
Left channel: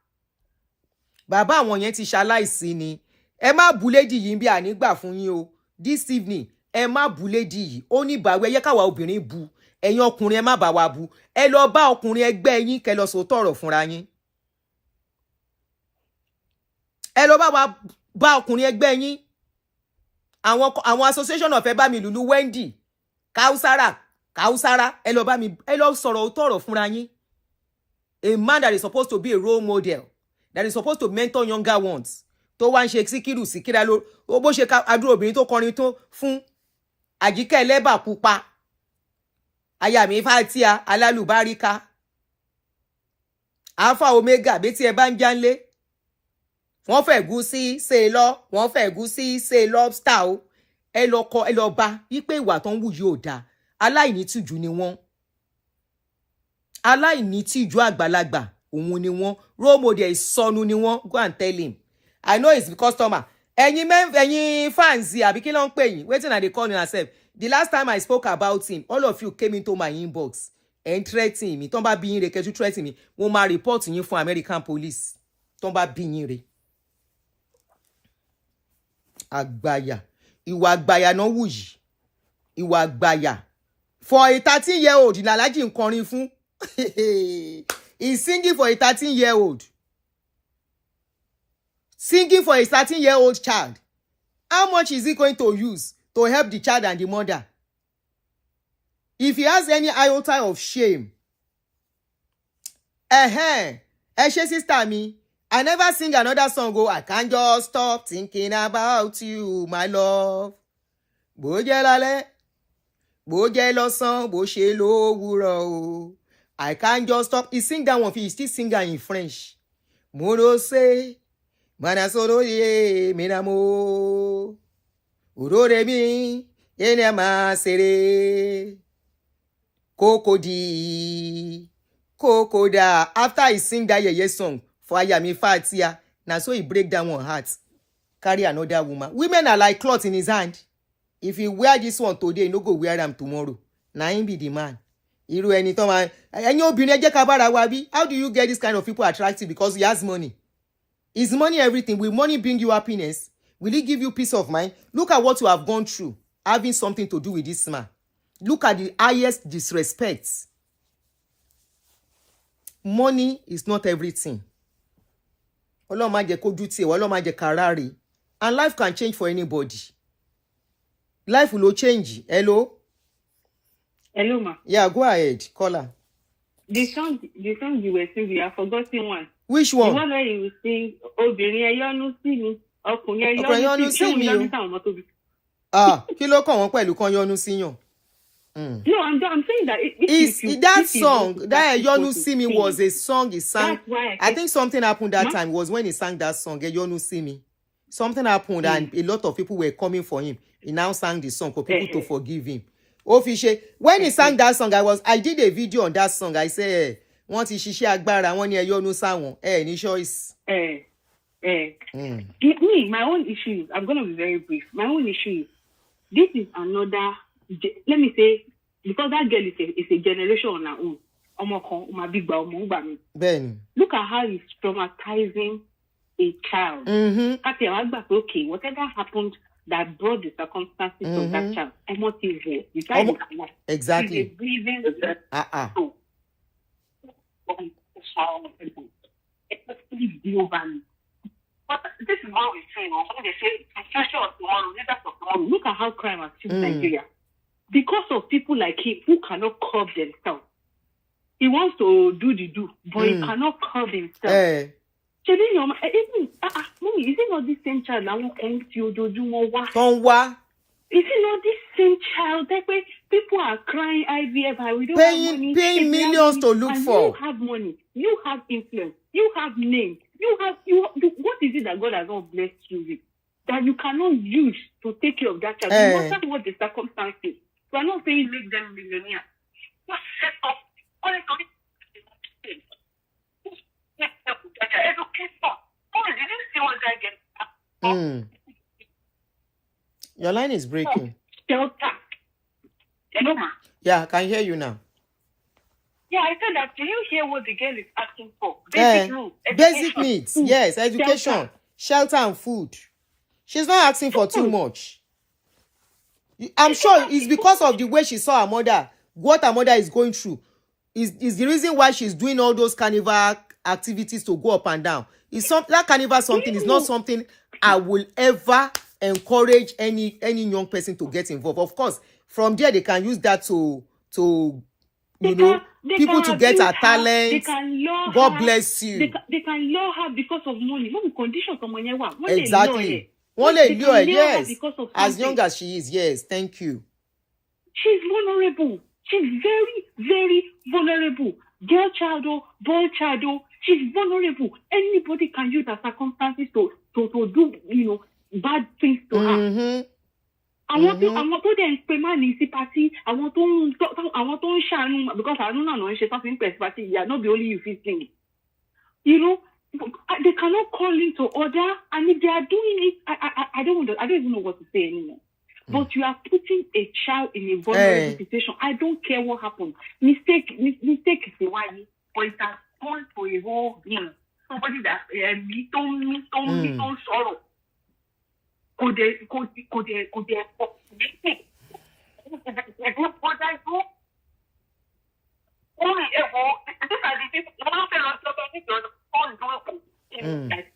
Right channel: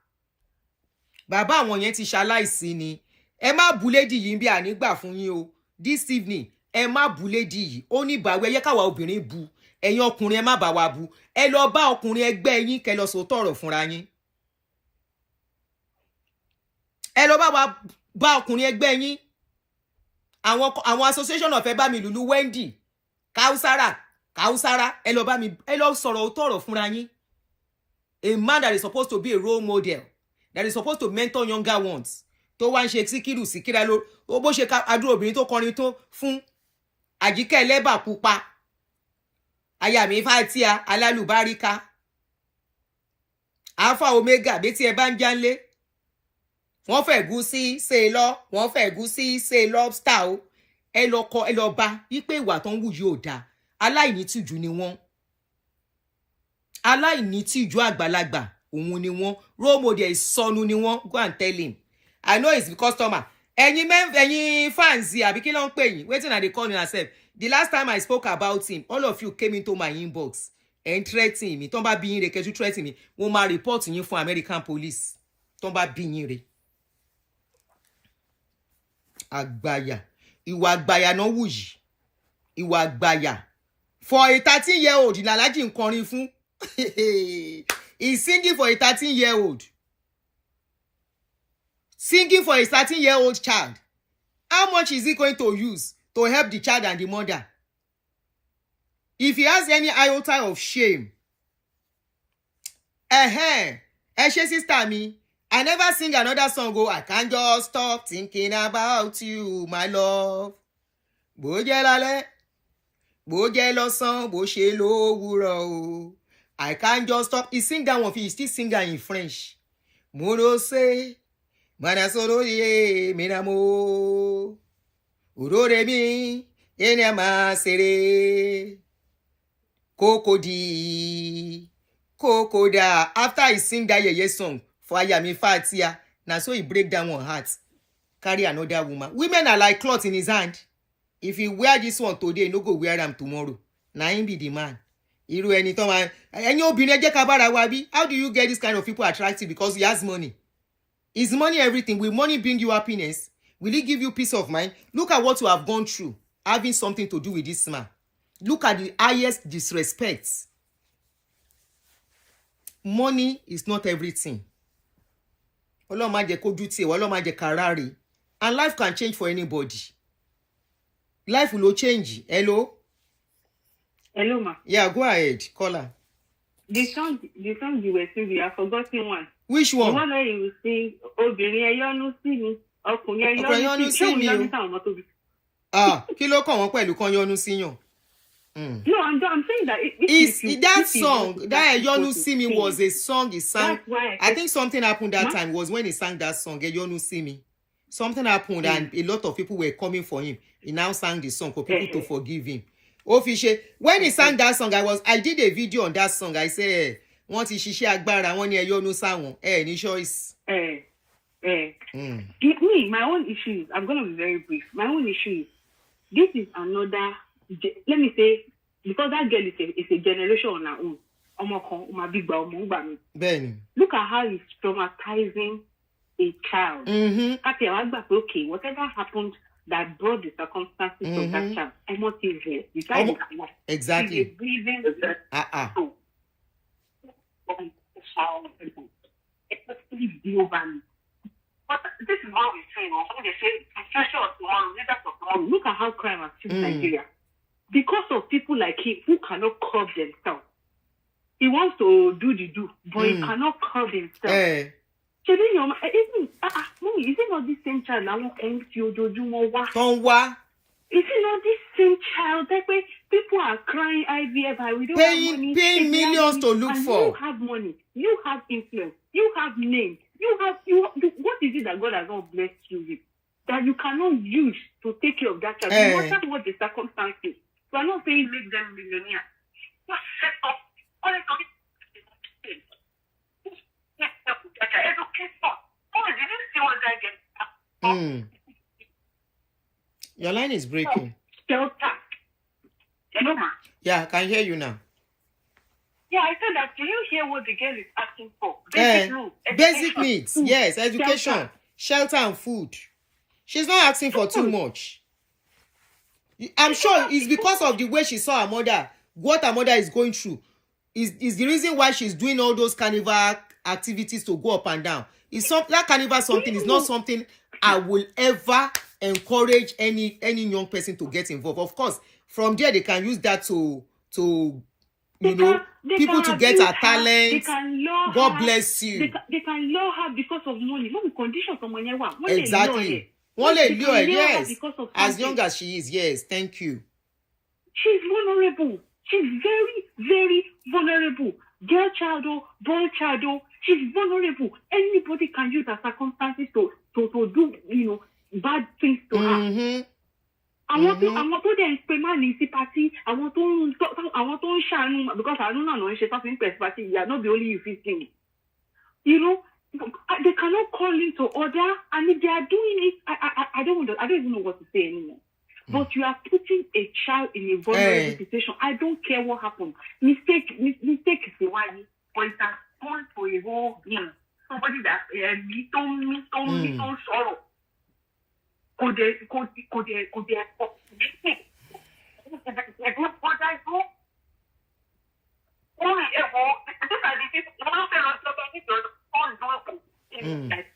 Bàbá wọn yẹn ti ṣaláìsí ni. Ẹ má bú lady yìí bí ànígbà fún yín o. This evening, ẹ má bú lady yìí. Ó ní bàwí, ẹ yẹ káwa obìnrin bú. Ẹ̀yin ọkùnrin ẹ má bá wa bú. Ẹ lọ bá ọkùnrin ẹgbẹ́ yín kẹ́ lọ sọ tọ̀rọ̀ fúnra yín. Ẹ lọ bá ọkùnrin ẹgbẹ́ yín. Àwọn association of ẹ bá mi Lulu Wendy, Kausara, ẹ lọ sọ̀rọ̀ tọ̀rọ̀ fúnra yín. A man that is supposed to be a role model, that is supposed to mentor younger ones. Tó wá ń ṣe síkírà ló bó ṣe adúrò obìnrin tó kọrin tó fún Àjíkẹ́ Ẹlẹ́bà pupa. Aya mi Fatia alálùbáríkà. Alpha Omega betí ẹ bá ń jánlé. Wọ́n fẹ̀gúsí ṣe lọ, wọ́n fẹ̀gúsí ṣe lobster o. Ẹ lọ bá wípé ìwà tó ń wù yóò dáa. Aláìnítìjú ni wọ́n. Aláìnítìjú àgbàlagbà òun ni wọ́n. Role model ìsọnù ni wọ́n. Go and tell him. I know it's the customer. Ẹ̀yin fans àbí kí ló ń pè yín? Wetin I dey call yourself. The last time I spoke about him, all of you came into my inbox and threatening me. Tọ́n bá bí yín re kẹ́tù threatening me. Mo máa report yín fún American police. Tọ́n bá bí yín re. Àgbàyà. Ìwà àgbàyà náà wù yìí. Ìwà àgbàyà. For a 13-year-old, Ìlàlájì ń kọrin fún. He's singing for a 13-year-old. Singing for a 13-year-old child. How much is he going to use to help the child and the mother? If he has any iota of shame. Ẹ ṣé sister mi. I never sing another song. I can't just stop thinking about you, my love. Bó jẹ́ lálẹ́. Bó jẹ́ lọ́sàn, bó ṣe lówùúrọ̀ o. I can't just stop. He sing that one, he still sing that in French. Mo no say, mana soro ye, minamo. Urore mi, ene ma sere. Kokodi, kokoda. After he sing that yeye song for Ayami Fatia, now so he break down one heart. Carry another woman. Women are like cloth in his hand. If he wear this one today, no go wear them tomorrow. Now him be the man. Irú ẹni tó máa ẹ̀yin obìnrin ẹ jẹ́ ká bára wa bí. How do you get this kind of people attractive? Because he has money. Is money everything? Will money bring you happiness? Will it give you peace of mind? Look at what you have gone through, having something to do with this man. Look at the highest disrespect. Money is not everything. Ọlọ́run má jẹ́ kójú tì wá, Ọlọ́run má jẹ́ ká ráre. And life can change for anybody. Life will change. Hello? Hello, ma. Yeah, go ahead. Caller. The song you were singing, I forgotten one. Which The one? one where you sing, obìnrin ẹ yọ́nú sí mi, ọkùnrin ẹ Ọkùnrin yọ́nú sí mi o. Kí ló kàn wọ́n pẹ̀lú kan yọ́nú síyàn? No, I'm saying that That song, that Yonu See Me was a song he sang. I think something happened that time was when he sang that song, Yonu See Me. Something happened and a lot of people were coming for him. He now sang the song for people to forgive him. Official, when he sang that song, I did a video on that song. I said, "Want to ṣiṣẹ́ agbára, wọ́n ní Yonu sáwọn, ní choice." Me, my own issue, I'm going to be very brief. My own issue is, this is another, let me say, because that girl is a generation on her own. Look at how he's traumatizing a child. Okay, whatever happened that brought the circumstances of that child, I'm not here. Exactly. But this is what we're saying. They say, look at how crime has killed Nigeria. Because of people like him who cannot curb themselves. He wants to do the do, but he cannot curb himself. Is it not this same child? Is it not this same child that way people are crying IVF? We don't have money. Paying millions to look for. You have money. You have influence. You have name. What is it that God has not blessed you with that you cannot use to take care of that child? No matter what the circumstances. So I'm not saying make them millionaires. Just set up. Your line is breaking. Hello, ma. Yeah, I can hear you now. Yeah, I said that. Do you hear what the girl is asking for? Basic needs. Yes, education, shelter and food. She's not asking for too much. I'm sure it's because of the way she saw her mother, what her mother is going through. Is the reason why she's doing all those carnival activities to go up and down. That carnival something is not something I will ever encourage any young person to get involved. Of course, from there they can use that to people to get a talent. God bless you. They can lure her because of money. Exactly. Yes. As young as she is, yes. Thank you. She's vulnerable. She's very, very vulnerable. Girl child, boy child, she's vulnerable. Anybody can use her circumstances to do, bad things to her. Àwọn tó dẹ̀ ń pe máa ní sí pàtí, àwọn tó ń ṣàánú, because I don't know ṣe something press party, yeah, not the only you feel thing. They cannot call in to order, and if they are doing it, I don't even know what to say anymore. But you are putting a child in a vulnerable situation. I don't care what happened. Mistake is a one, but it has gone to a whole somebody that don't sorrow. Could they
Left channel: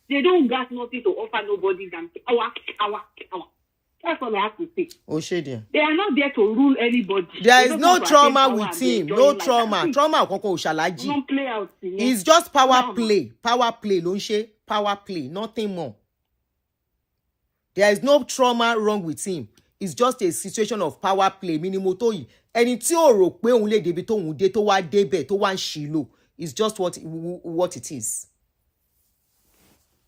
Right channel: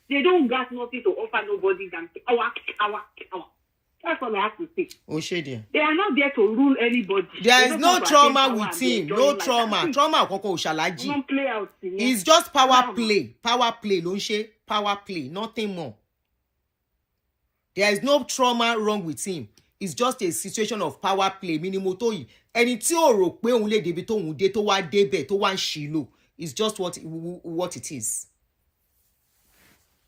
they don't got nothing to offer nobody than our. That's all I have to say. They are not there to rule anybody. There is no trauma with him. No trauma. Trauma koko shalaji. It's just power play. Power play, don't she? Power play, nothing more. There is no trauma wrong with him. it's just a situation of power play minimo tó yìí ẹni tí ò rò pé òun lè débi tóun dé tó wá débẹ̀ tó wá ń ṣìlò it's just what it is.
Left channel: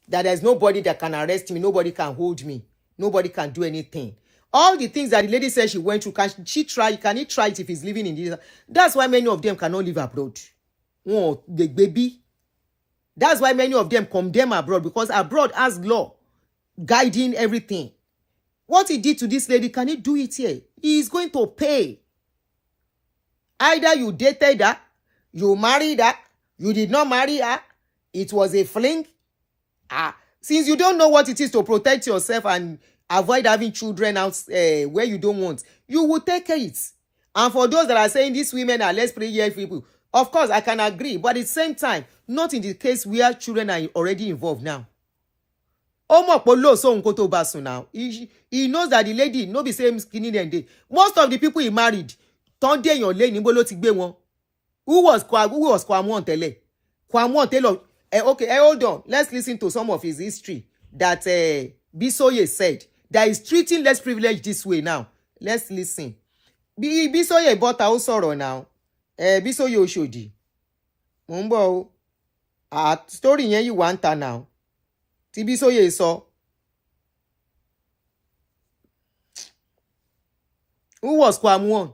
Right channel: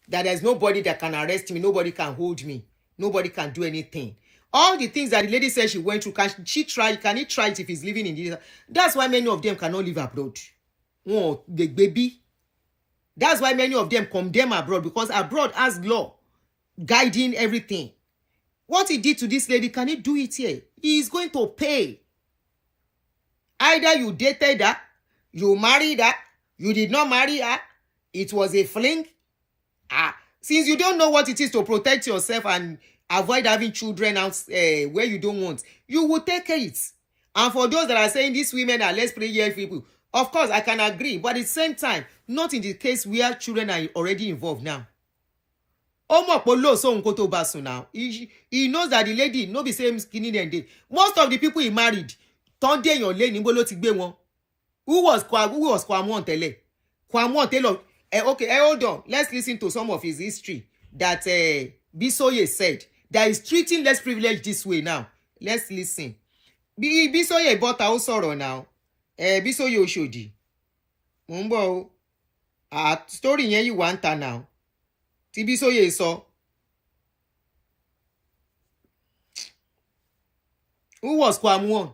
That there's nobody that can arrest me, nobody can hold me, nobody can do anything. All the things that the lady said she went through, can he try it if he's living in this? That's why many of them cannot live abroad. Oh, the baby. That's why many of them condemn abroad, because abroad has law guiding everything. What he did to this lady, can he do it here? He is going to pay. Either you dated her, you married her, you did not marry her, it was a fling. Since you don't know what it is to protect yourself and avoid having children out where you don't want, you will take it. And for those that are saying these women are less prayer people, of course, I can agree. But at the same time, not in the case where children are already involved now. Now. He knows that the lady, no be same skinny than they. Most of the people he married, who was Kwam1 tele? Kwam1 tele. Okay, hold on. Let's listen to some of his history that Bisoye said that is treating less privileged this way now. Let's listen. Bisoye bought our sorrow now. Bisoye Oshodi. Mumbo. Story yen you want her now. Ti Bisoye so. Who was Kwam1?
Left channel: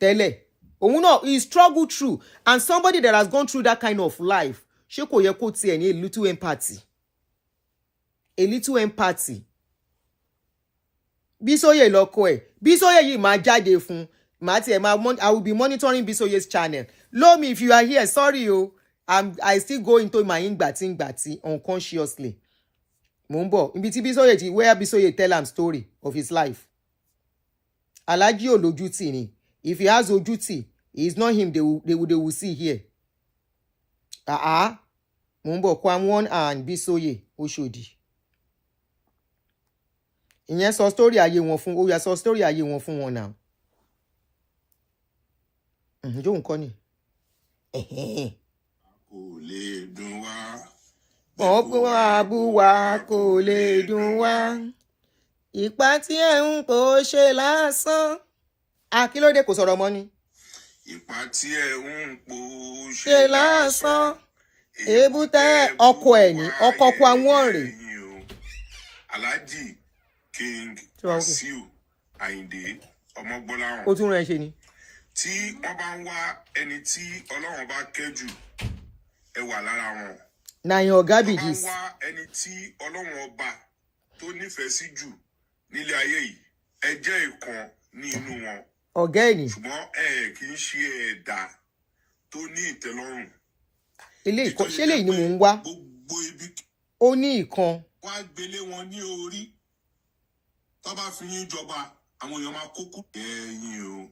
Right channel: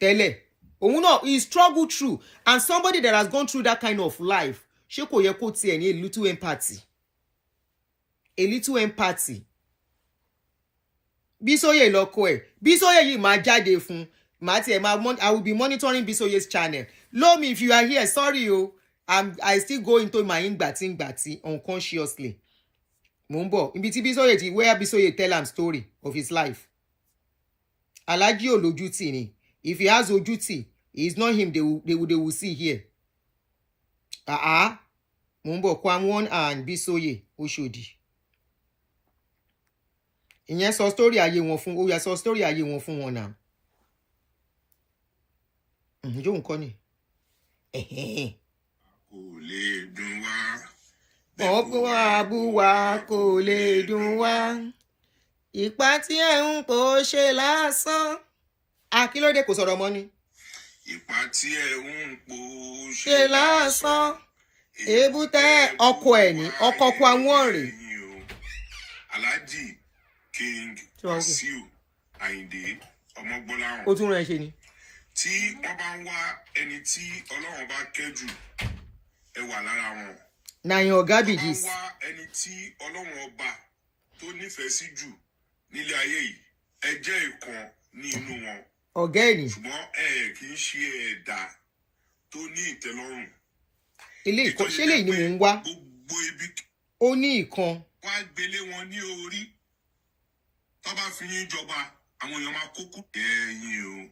Tele. No, he struggled through. And somebody that has gone through that kind of life, ṣé kò yẹ kó tiẹ̀ ní a little empathy. A little empathy. Bisoye lọ́kọ ẹ̀. Bisoye yìí máa jáde fún. I will be monitoring Bisoye's channel. Lomi, if you are here, sorry o. I still go into my ngbati unconsciously. Mumbo, ibi tí Bisoye ti where Bisoye tell am story of his life. Alhaji Olojuti ni. If he has Ojuti, it is not him they will see here. Mumbo Kwam1 and Bisoye Oshodi. Ìyẹn sọ story ayé wọn fún, ó yá sọ story ayé wọn fún wọn now. Jo nǹkan ni. Kò lè dùn wá. Ọ̀pọ̀ àbúwá kò lè dùn wá. Ìpà tí ẹ̀ ń pò ṣe lásán. Kí ló dé kò sọ̀rọ̀ mọ́ ni? Ìpà tí ẹ̀ ń pò ṣe lásán. Èbúté ọkọ ẹ̀ ní ọkọ Kwam1 rẹ̀. Alhaji King Wasiu Ayinde Ọmọgbọ́láhàn. Ó tún rẹ̀ ṣe ni. Tí wọ́n bá ń wá ẹni tí Ọlọ́run bá kẹ́jù, ẹ wà lára wọn. Na your garbages. Wọ́n bá ń wá ẹni tí Ọlọ́run ọba tó nífẹ̀ẹ́ sí jù nílé ayé yìí, ẹ jẹ́ ìkan ní inú wọn. Ọ̀gá ẹ̀ ni. Ṣùgbọ́n kì í ṣe ẹ̀dá tó ní ìtẹ́lọ́rùn. Ṣé lèyí ni mò ń wá? Ó ní ìkan. Wá gbélé wọn ní orí. Tó bá fi yín jọba, àwọn èèyàn máa kókó. Ẹ̀yin o.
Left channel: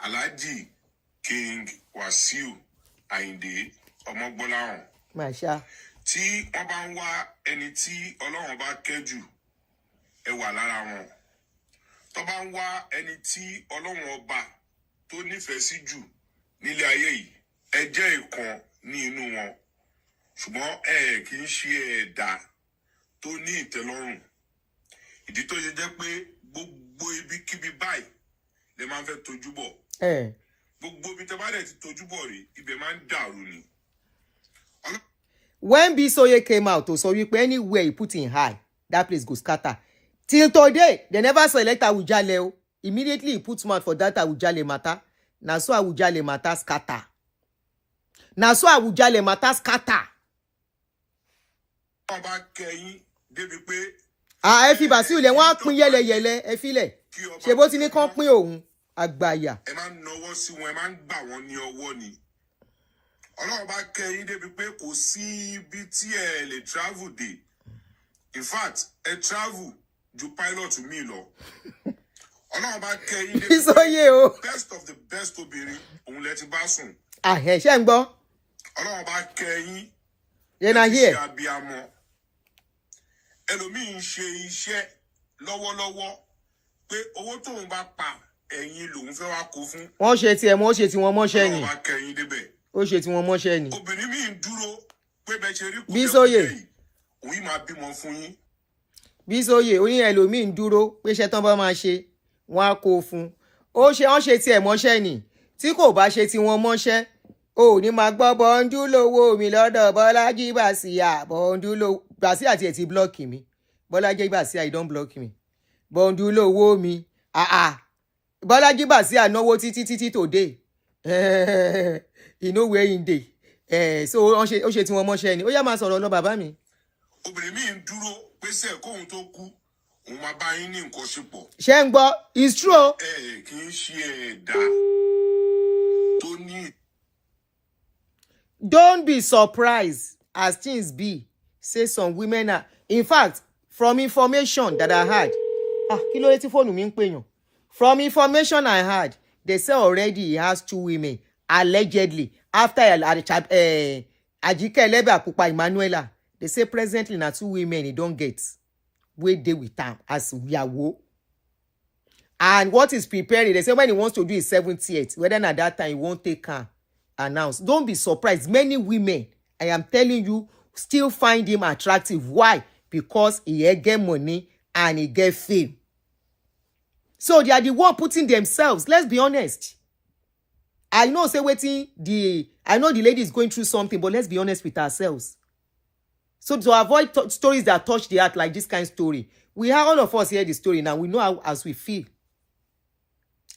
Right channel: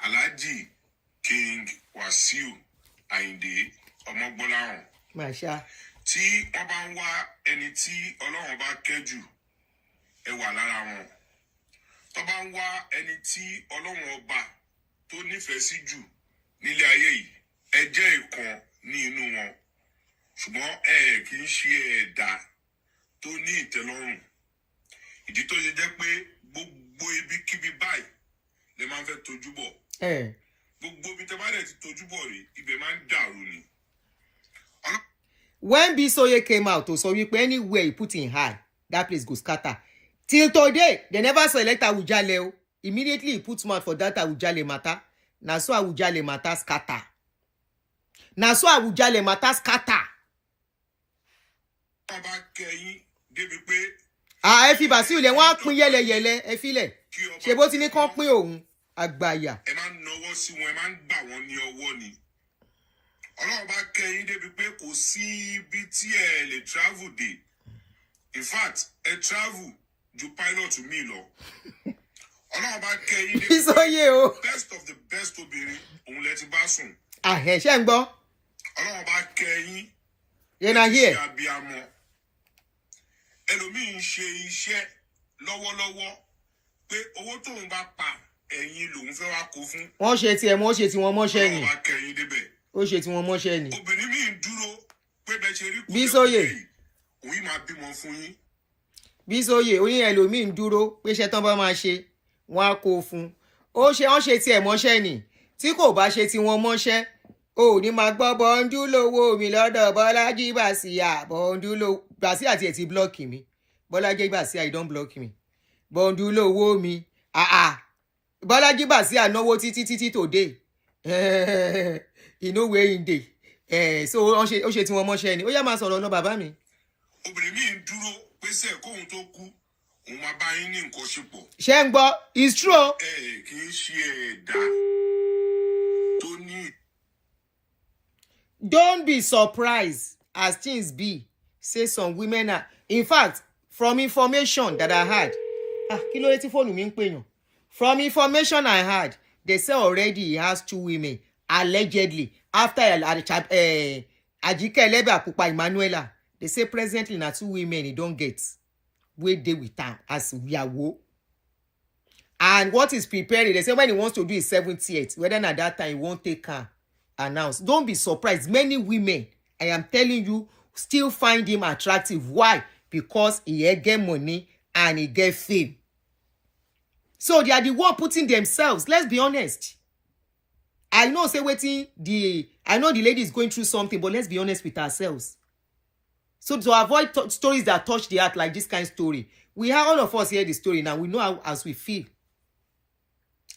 Alhaji King Wasiu Ayinde Ọmọgbọ́láhàn. Màṣá. Tí wọ́n bá ń wá ẹni tí Ọlọ́run bá kẹ́jù, ẹ wà lára wọn. Tó bá ń wá ẹni tí Ọlọ́run ọba tó nífẹ̀ẹ́ sí jù nílé ayé yìí, ẹ jẹ́ ìkan ní inú wọn. Ṣùgbọ́n kì í ṣe ẹ̀dá tó ní ìtẹ́lọ́rùn. Ìdí tó ṣe jẹ́ pé gbogbo ibikíbi báyìí lè máa ń fẹ́ tojú bọ̀. Gbogbo ibi tẹ́ bá dẹ̀ ti tojú bọ̀ rí, ibẹ̀ máa ń dàrú ni. When Bisoye came out to sọ wípé anywhere he put in eye, that place go scatter. Till today, they never select Awujale o. Immediately he put mouth for that Awujale matter. Na so Awujale matter scatter. Na so Awujale matter scatter. Ọba kẹyìn débi pé. Ẹ fi Bàsíù lẹ̀, wọ́n á pín yẹ́lẹyẹ̀lẹ, ẹ filẹ̀. Ṣé bó ti ní kán pín òun? Àgbàyà. Ẹ máa ń nawọ́ sí wọn, ẹ máa ń gbà wọ́n ní ọwọ́ ni. Ọlọ́run bá kẹyìn débi pé kò sí ibi tí ẹ lè travel dé. In fact, ẹ travel ju pilot mi lọ. Ọlọ́run bá kẹyìn débi pé best of the best obìnrin òun lẹ ti bá sùn. Ṣé ń gbọ́? Ọlọ́run bá kẹyìn. Yẹn náà yẹ. Ẹlòmíì ń ṣe iṣẹ́ lọ́wọ́lọ́wọ́ pé owó tóun bá pa ẹ̀yin lòun fẹ́ wá kó fún. Wọ́n ṣe tiẹ̀ mọ́, ó ṣe tiwọn mọ́ṣẹ́ ni. Ọlọ́run bá kẹyìn débẹ̀. Ó ṣe tiwọn mọ́ṣẹ́ ni. Obìnrin mi ń dúró pé bẹ́ẹ̀ ṣe rí Bisoye. òun yìí máa bímọ fún yín. Bísóyè oní ẹlòmíì ń dúró pé iṣẹ́ tán bá máa ṣe wọ́n á kó fún. Ó ṣe wọ́n ṣe tiẹ̀ mọ́ṣẹ́ ni. Tí kò bá ṣe tí wọ́n mọ́ṣẹ́, o ò ní máa gbọ́ bọ́ńdú lówó mi lọ́dọ̀ Bọ́lájí Bàsíà. Bọ́ńdú lówó Bàsíà tiẹ̀ ti blọ́ọ̀kì mi. Bọ́lájí Bàsíà you don block me. Bọ́ńdú lówó mi. Bọ́lájí Bàsíà náwó títí today. Inú wẹ̀ yín dé. So ó ṣe tí wọ́n mọ́ṣẹ́ ni. Ó yá máa sọ̀rọ̀ lọ bàbá mi. Obìnrin mi ń dúró pé sẹ́ẹ̀ kóhun tó kú òun máa bá yín ní nǹkan ṣe pọ̀. Ṣé ń gbọ́? It's true. Kì í ṣe ẹ̀dá tó ní. Don't be surprised as things be. Say some women are. In fact, from information that I had. Kí ló dé tí fóònù mi ń pè yàn? From information I had, they say already he has 2 women, allegedly. After Ajike Elebe Pupa Emanuela, they say presently na 2 women he don't get. Wey dey with am as Yawo. And what is preparing, they say when he wants to do his 70th, whether at that time he won't take her announce. Don't be surprised. Many women, I am telling you, still find him attractive. Why? Because he get money and he get fame. So they are the one putting themselves. Let's be honest. I know say I know the lady is going through something, but let's be honest with ourselves. So to avoid stories that touch the heart like this kind of story, we have all of us hear the story now. We know how as we feel.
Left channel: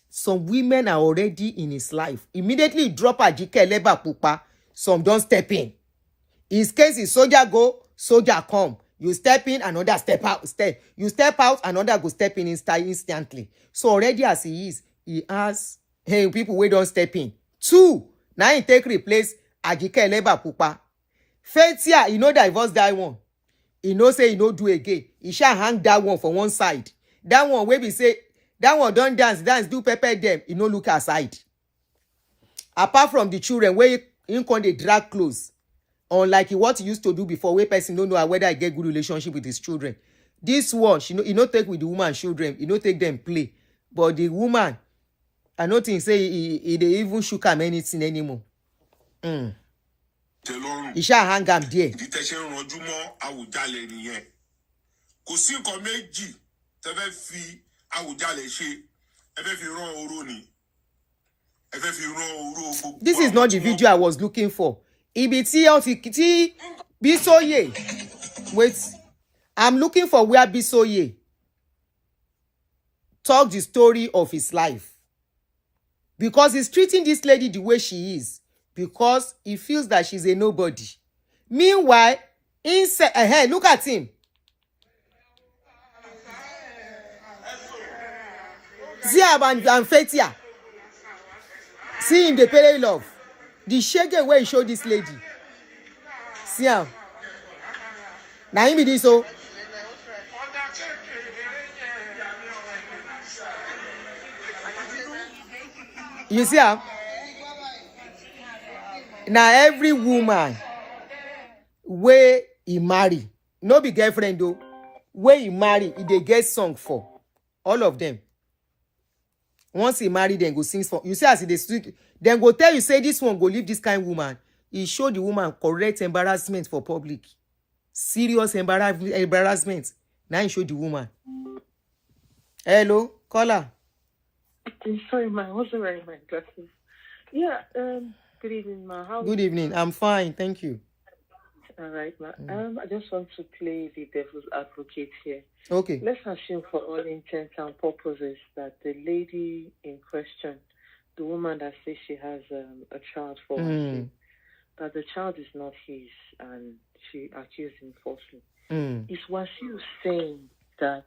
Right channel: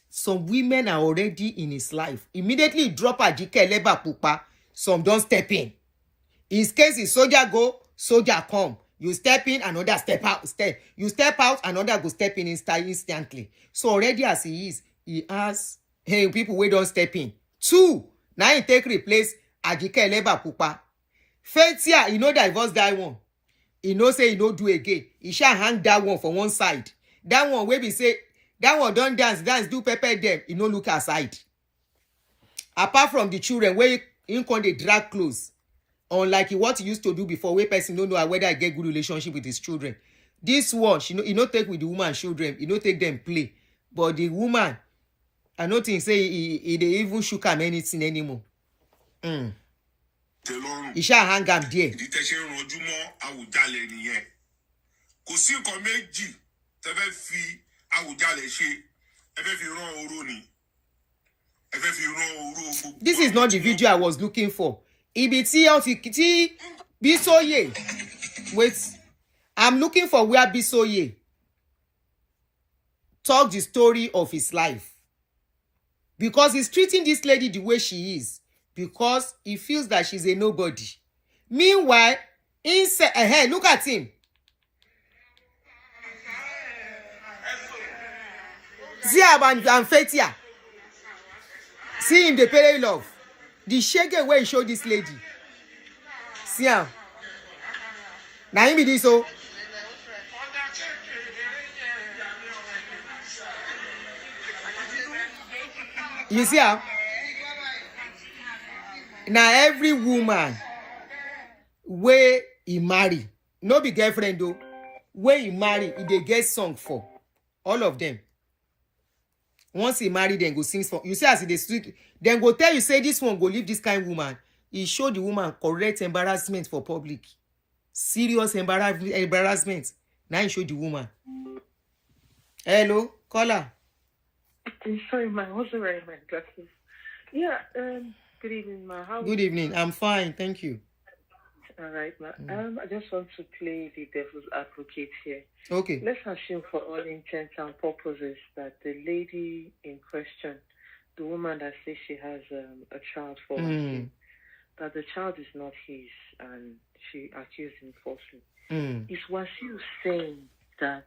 Some women are already in his life. Immediately drop Ajike Elebe Pupa. Some don't step in. His case is soldier go, soldier come. You step in, another step out. You step out, another go step in instantly. So already as he is, he has people who don't step in. 2, now he take replace Ajike Elebe Pupa. Faithia, he no divorce that one. He no say he no do again. He shall hang that one for one side. That one where we say, that one don't dance, do pepper them. He no look aside. Apart from the children, where he can they drag clothes. Unlike what he used to do before, where person don't know whether I get good relationship with his children. This one, he no take with the woman children. He no take them play. But the woman, I no think say he they even shook him anything anymore. He shall hang him there. Kò sí nǹkan méjì tẹ́ fẹ́ fi Àwùjalẹ̀ ṣe. Ẹ fẹ́ fi rán oró ni. Ẹ fẹ́ fi rán oró gbogbo. This is not the video I was looking for. Ibi tí Bísóyè. Wait. I'm looking for where Bísóyè talk the story of his life. Because he's treating this lady the way she is. Because he feels that she's a nobody. Meanwhile, inside, look at him. See him and Faithia. See him, the pay love. The shege where he showed this lady. See him. Now him be this so. You see him? Now every woman where he marry, no be girlfriend though, where he marry, he dey get song for. All of them. Once he marry, then go sing for. You see as he dey street, then go tell you say this one go leave this kind of woman. He show the woman correct embarrassment for public. Serious embarrassment. Now he show the woman. Hello, caller. I'm sorry, ma. I wasn't wearing my glasses. Yeah, good evening, ma. Good evening. I'm fine, thank you. All right, ma. I just want to play the devil's advocate here. Okay. Let's assume for all intents and purposes that the lady in question, the woman that says she has a child for him, that the child is not his and she accused him falsely. Is Wasiu saying that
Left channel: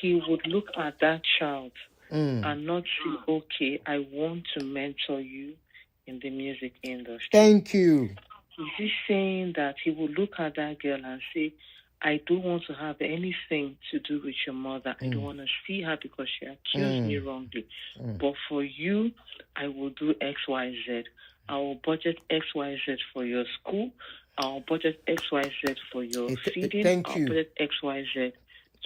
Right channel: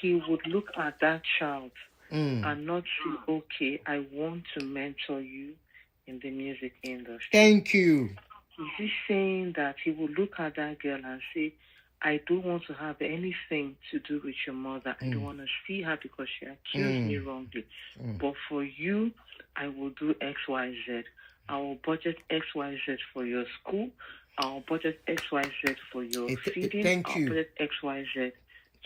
he would look at that child and not say, okay, I want to mentor you in the music industry? Thank you. Is he saying that he will look at that girl and say, I don't want to have anything to do with your mother. I don't want to see her because she accused me wrongly. But for you, I will do X, Y, Z. I will budget X, Y, Z for your school. I will budget X, Y, Z for your feeding. Thank you. I'll budget X, Y, Z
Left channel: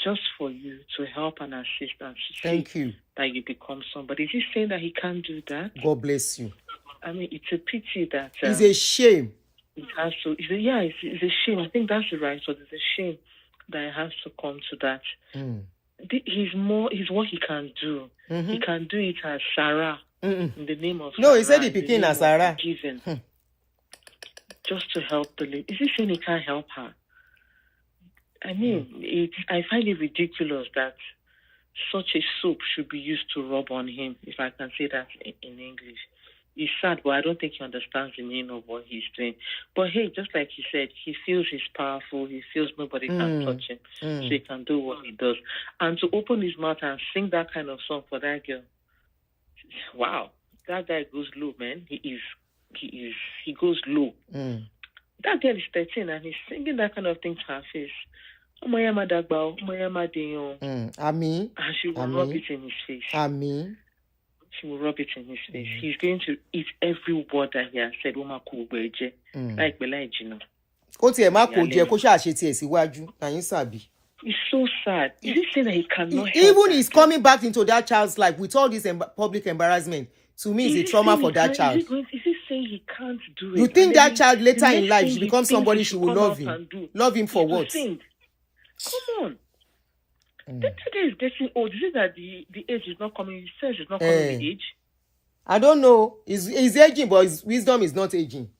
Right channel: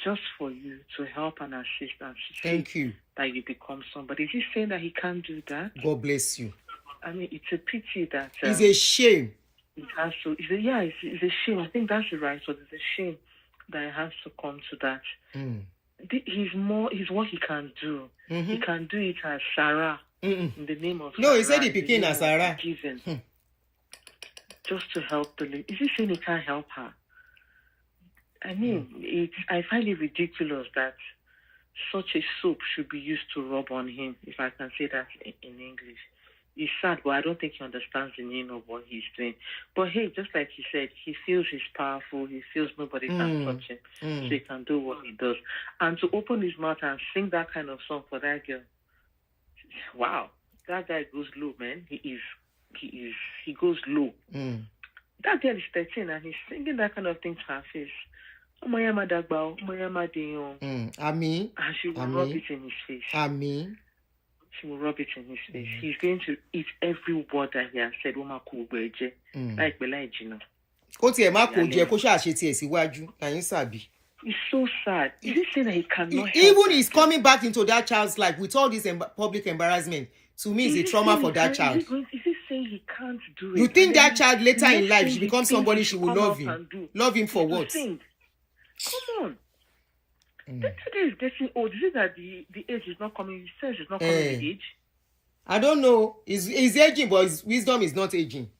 just for you to help and assist and thank you that you become somebody. Is he saying that he can't do that? God bless you. I mean, it's a pity that... it's a shame. It has to... It's a shame. I think that's the right word. It's a shame that it has to come to that. Mm. He's what he can do. Mm-hmm. He can do it as Sarah in the name of No, he said Sarah, he became as Sarah. Just to help the lady. Is he saying he can't help her? I mean, I find it ridiculous that such a soap should be used to rub on him, if I can say that in English. It's sad, but I don't think he understands the meaning of what he's doing. But hey, just like he said, he feels he's powerful. He feels nobody can touch him. So he can do what he does. And to open his mouth and sing that kind of song for that girl, wow, that guy goes low, man. He goes low. That girl is 13 and he's singing that kind of thing to her face. Amen. And she will rub it in his face. Amen. She will rub it in his face. He's going to eat every word that he has said. Kó tiẹ̀ má kó jẹ kó ṣáà ṣe tiẹ̀ síwájú. Àyín sàbí. It's so sad. Is he saying that he cannot even he's coming back into that child's life with all this public embarrassment? To me, it's a trauma for that child. Is he saying he can't do it? You think that child later in life she becomes somebody she will love him? Love him for what? Come on. That today is getting old. Is it that the age is not coming? He says it's not coming with age. I don't know. He's aging, but his wisdom is not aging.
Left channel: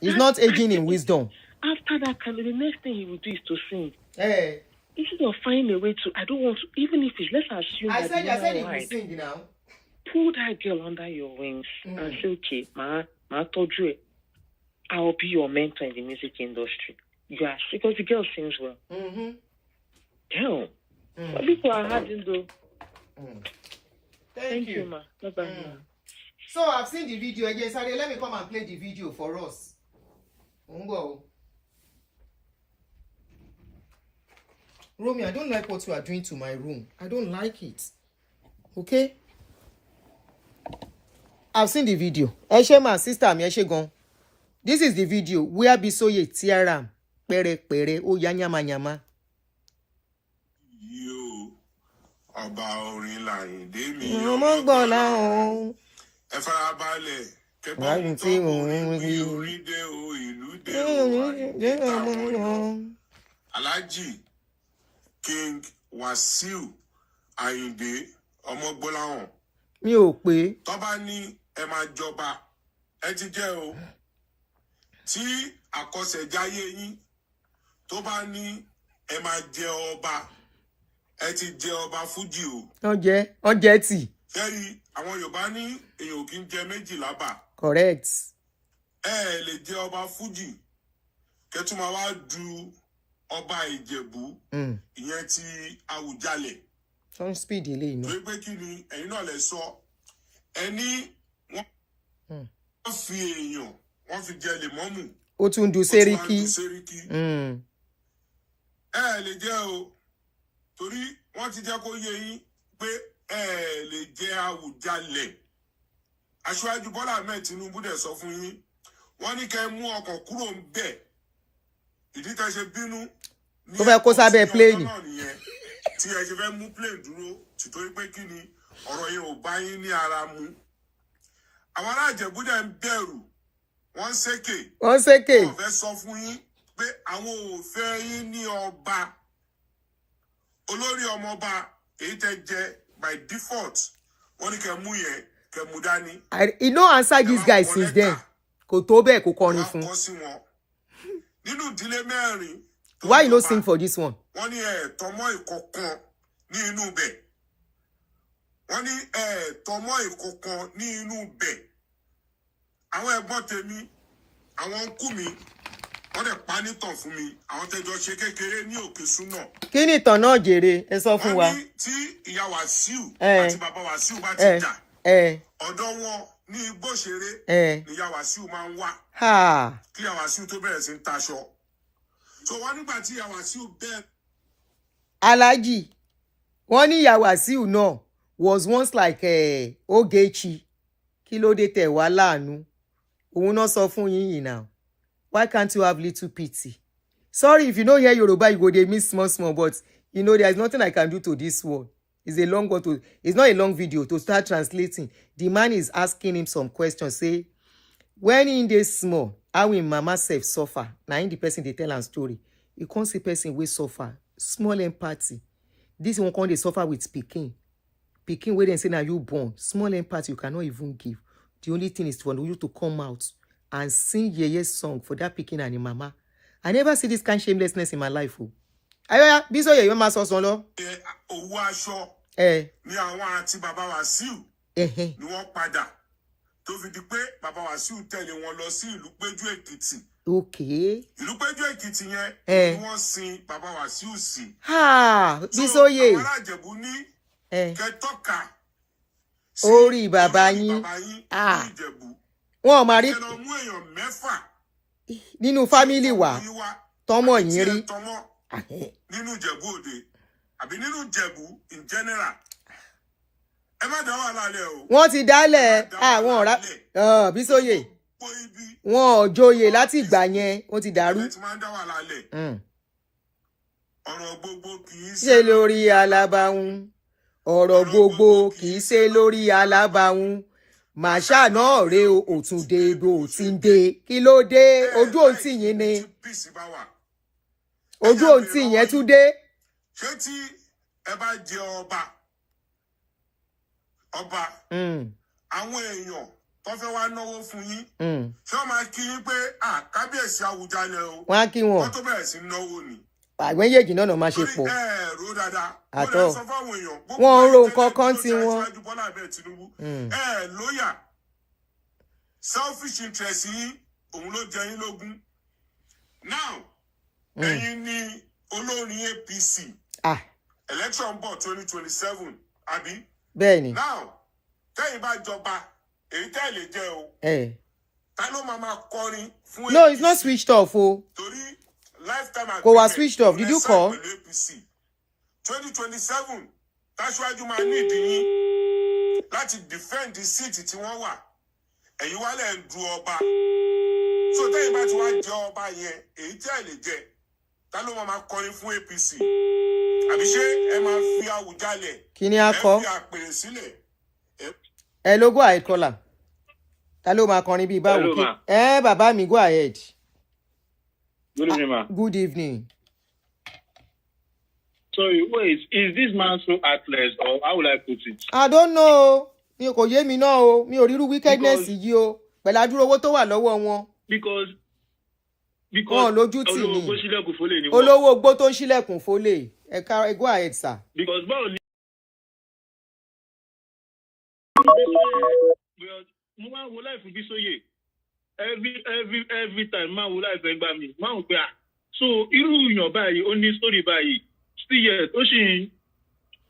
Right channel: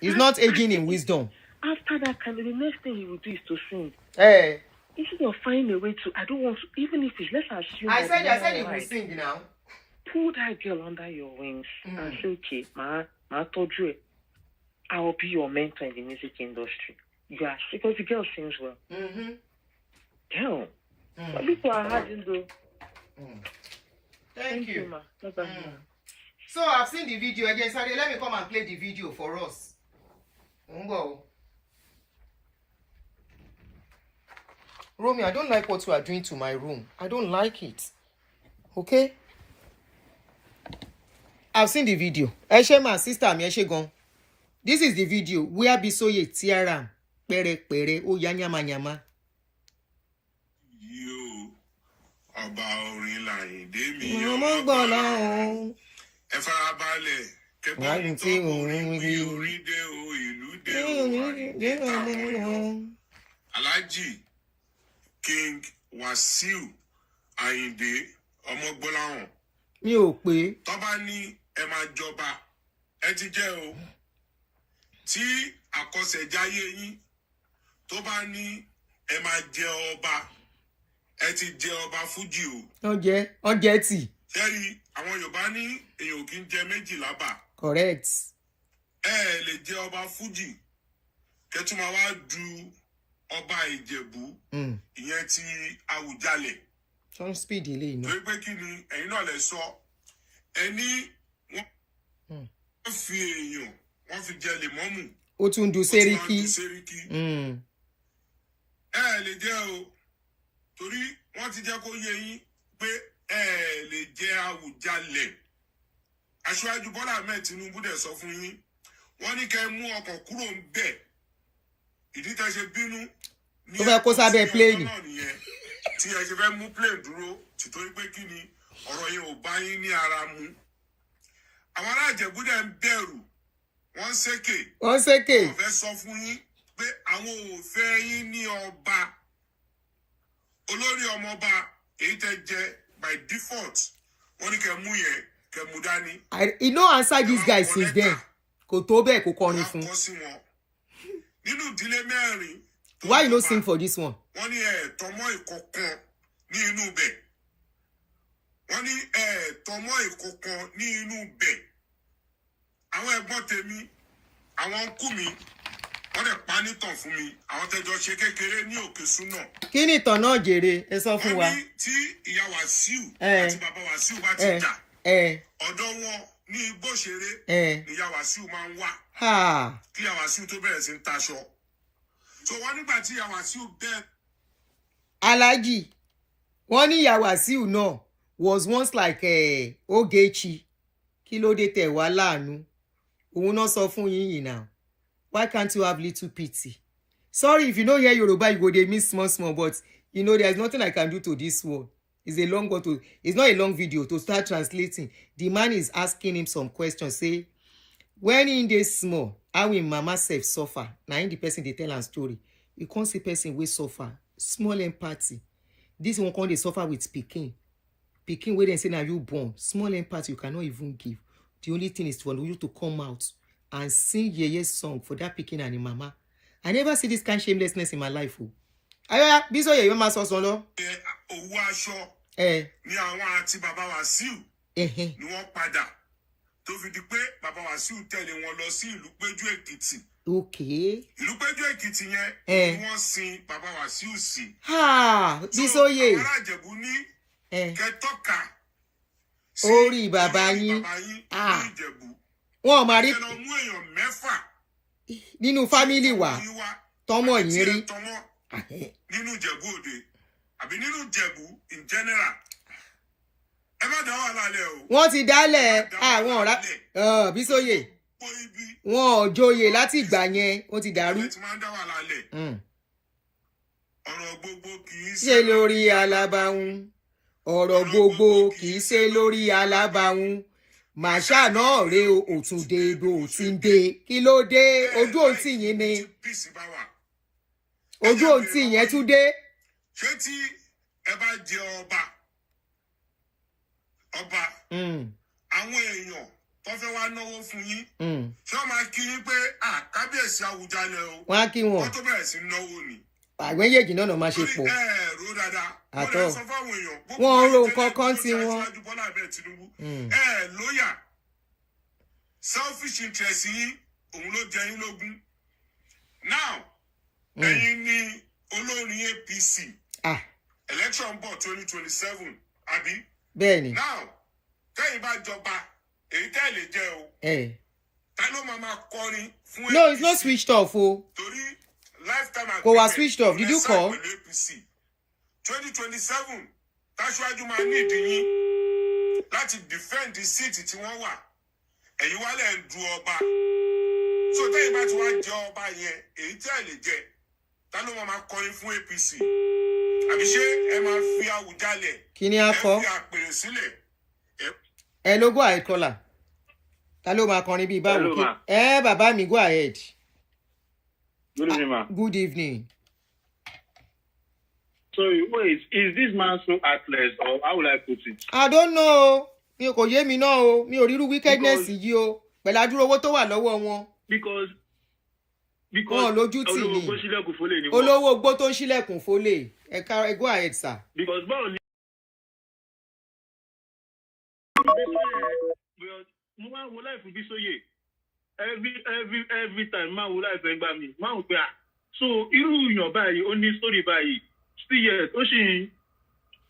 He's not aging in wisdom. After that, the next thing he will do is to sing. Hey. Instead of finding a way to, I don't want to, even if it's, let's assume. I said he will sing now. Pull that girl under your wings and say, okay, Ma told you, I will be your mentor in the music industry. Yes, because the girl sings well. Hell, what people are having though. Thank you. Ma. So I've seen the video again. Sorry, let me come and play the video for us. Romy, I don't like what you are doing to my room. I don't like it. Okay? I've seen the video. My sister, this is the video where Bisoye Tiara pere o ya nyama nyama. Yo, ọba orin Láyìndé mi ọmọ gbọ́lá o. Ẹ farabalẹ̀ kẹ́gbọ́n tó orin wí orin dé o ìlú dé o Àyìndé táwọn yọ. Alhaji King Wasiu Àyìndé ọmọ gbọ́láhàn. Mi ò pé. Tó bá ní ẹ máa jọba ẹ ti jẹ́ o. Tí àkọsẹ̀jáyé yín tó bá ní ẹ máa jẹ ọba ẹ ti jẹ ọba fújì o. Ọjẹ́ tì. Ṣẹ́rí àwọn Yorùbá ní èèyàn kì í jẹ méjì lábà. Correct. Ẹ lè jẹ ọba fújì kẹ́tù máa wá du ọba Ìjẹ̀bú ìyẹn ti Àwùjalẹ̀. Some speed ilé iná. Torí pé kí ni ẹ̀yin náà lè sọ ẹni wọ́n fi èèyàn wọ́n fi jẹ lèmọ́mù. Ó tún du Sẹ́ríkì. Ẹ lè jẹ́ o torí wọ́n ti jẹ́ kó yé yín pé ẹ lè jẹ Àwùjalẹ̀. Aṣíwájú Bọ́lá Ahmed Tinubu dẹ̀ sọ fún yín wọ́n ní kẹ́ mú ọkọ̀ kúrò ń bẹ̀ ìdí tẹ́ ṣe bínú ní kó sábẹ́ pléènì tí ẹ ṣe fẹ́ mú plane dúró títorí pé kí ni ọ̀rọ̀ yẹn ò bá yín ní ara mu. Àwọn ará Ìjẹ̀bú dẹ̀ ń bẹ̀rù wọ́n ṣèké. Wọ́n fẹ́ sọ fún yín pé àwọn ò fẹ́ yín ní ọba. Olórí ọmọọba èyí tẹ́ jẹ by default wọ́n ní kẹ́ mú yẹn kẹ́ mú dání. He no answer this guy since then. Kò tó bẹ́ẹ̀ kò kọrin fún. Nínú ìdílé mẹ́rin. Why you no sing for this one? Wọ́n ní tọmọ ìkọ̀kan ní inú bẹ̀. Wọ́n ní tọmọ ìkọ̀kan ní inú bẹ̀. Àwọn ẹ̀gbọ́n tèmi, àwọn ńkù mi, wọ́n dẹ̀ pa nítàn fún mi. Àwọn tẹ́jọ ṣe kékeré ní Òkè Súnà. Kí ni ìtàn náà jèrè? Ẹ sọ fún wa. Wọ́n ní tí ìyá Wàsíù àti bàbá Wàsíù bá ti jà. Ọ̀dọ̀ wọn ní Igbóṣeré ni ìyá Wàsíù máa ń wá. Kí ìyá Wàsíù tó bẹ̀rẹ̀ sí ń taṣọ. So wọ́n nígbà tí ìyá Wàsíù bẹ́ẹ̀. Alhaji, wọ́n ní ìyá Wàsíù náà was once like Ogechi. Kí ló dé tẹ̀ wá láàánú? Òun náà sọ fún yín yìí now. Why can't you have little pity? Sorry if you don't hear Yoruba, you go dey miss small, but you know there is nothing I can do to this one. It's a long one it's not a long video to start translating. The man is asking him some questions. Say, when in dey small, how will mama self suffer? Now in the person they tell am story. You can't see person wey suffer. Small empathy. This one can't dey suffer with pikin. Pikin wey dem say na you born. Small empathy you cannot even give. The only thing is for you to come out and sing yeye song for that pikin and the mama. I never see this kind of shamelessness in my life. Oh. Ayoya, biso yeye ma so son lo. Owó aṣọ. Ni àwọn àti bàbá Wasiu. Ni wọ́n padà. Tó fi di pé bàbá Wasiu tẹ̀lé wọn lọ sí ìlú Péjú Èkìtì. Okay. Ìlú Péjú Èkìtì yẹn ni wọ́n sin bàbá Wasiu sí. Ha, biso ye. Àwọn ará Ìjẹ̀bú ní kẹtọ́ka. Orí bàbá yín. Ah. Wọ́n máa rí nínú fámílì wa tọ́mọ yín rí. Nínú Ìjẹ̀bú Òde àbí nínú Ìjẹ̀bú in general. Ẹ má dá wà lálẹ́ o. Wọ́n ti dálẹ̀ àwọn ọ̀rá Bísóyè. Wọ́n ò joyè láti ìgbà yẹn, ó ti dàrú. Ọ̀rọ̀ gbogbo kì í ṣe lórí alábàáhùn. Ọ̀rọ̀ gbogbo kì í ṣe lórí alábàáhùn. Màṣá náà rè òtúndé bó ti ń dé. Kí ló dé? Ojú òǹtì yín ni. Ojú òǹtì yẹn tún dé. Ṣé tí ẹ bá jẹ ọba àwọn èèyàn tó fẹ́ wá náwó fún yín ṣé wọ́n máa kí yín pé kábíyèsí Àwùjalẹ̀ o wọ́n á kí wọn wọ́n tó bẹ̀rẹ̀ sí náwó ni. Àwọn méjèèjì náà máa ṣe pọ̀. Àtọ̀ wọ́n ń ro nǹkan kan tí wọ́n. Lóyà selfish interest yín òun ló jẹ yín lógún. Now ẹ̀yin ni olórin APC election bọ̀ 2027 àbí. Bẹ́ẹ̀ni. Now tẹ́yìn bá jọba èyí tẹ́ lè jẹ́ o. Ta ló máa kọrin fún APC? No, it's not switched off o. Torí lifetime agreement. Kò wá switched off. Did you call? 2027 Táṣíwájú máa ní ìdíyín láti defend the seat tí wọ́n wà. Ẹ̀yin wá lẹ̀ ń du ọba. So tẹ́yìn bá ti wá jẹ ọba yẹn èyí tẹ́ lè jẹ. Ta ló máa kọrin fún APC? Àbí ṣé ẹ máa fi Àwùjalẹ̀? Kí ni a kọ? Ẹ fi àpèrè sílẹ̀. Ẹ ló go ahead caller. Ta ló máa kọrin bíi báwo kí? Bàbá mi go ahead. Good evening, ma. Good evening. Sorry, wait, is this man so heartless or how will I put it? I don't know. Mi kò yé mi náà o. Mi ò ríru wickedness yìí o. Pẹ̀lú àdúrà owó tó wà lọ́wọ́ wọn. Because wọn lójú tì ní. Olówó ogbó tó ń ṣílẹ̀kùn fólè. Ẹ go ahead, sir. Because báwo ni. Mo máa wo life Bísóyè. Every time máa wo life ẹgbàá mi. Máa ń pè á. So irú èèyàn báyìí ó ní story báyìí. Still yet ó sì ń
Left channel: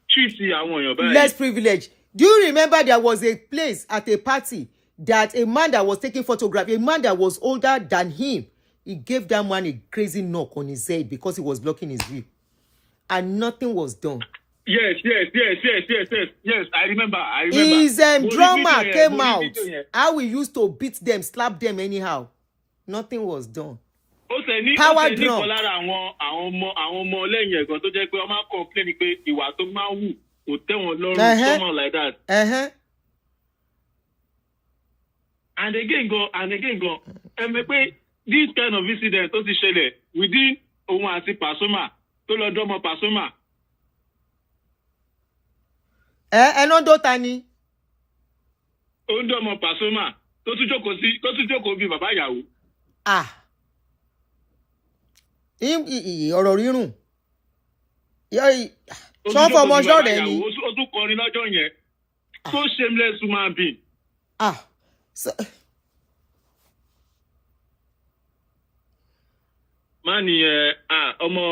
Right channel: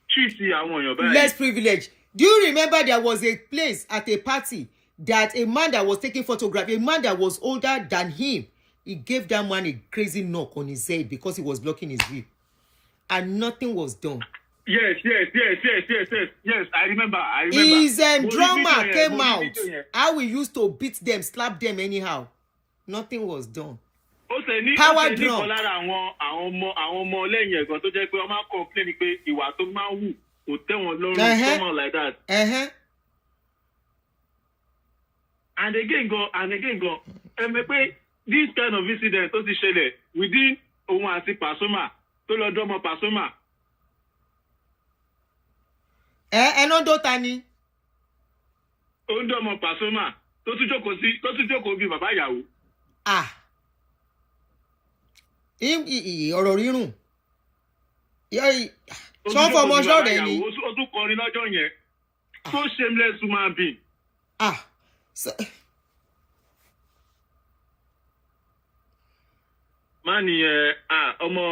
treat àwọn èèyàn báyìí. Less privilege. Do you remember there was a place at a party that a man that was taking photograph, a man that was older than him, he gave that man a crazy knock on his head because he was blocking his view. And nothing was done. Yes. I remember. His drummer came out. How we used to beat them, slap them anyhow. Nothing was done. Power drum. Àwọn ọmọ lẹ́yìn ẹ̀gbọ́n tó jẹ́ pé wọ́n máa complain pé ìwà tó máa wù kò tẹ́ wọn lọ́rùn, someone like that. And again go, ẹ mọ̀ pé this kind of incident tó ti ṣẹlẹ̀ within òun àti Pasuma tó lọ dọ́mọ Pasuma. Ẹná dọ́ta ni. Ó ń dọ́mọ Pasuma tó tún jókòó bí bàbá ìyàwó. Ọ̀rọ̀ rírùn. Ṣọ́ fọmọ ṣọ́ọ̀rẹ́ ni. Ó tún kọrin lọ́jọ́ yẹn. So shameless human being. Mani ọmọ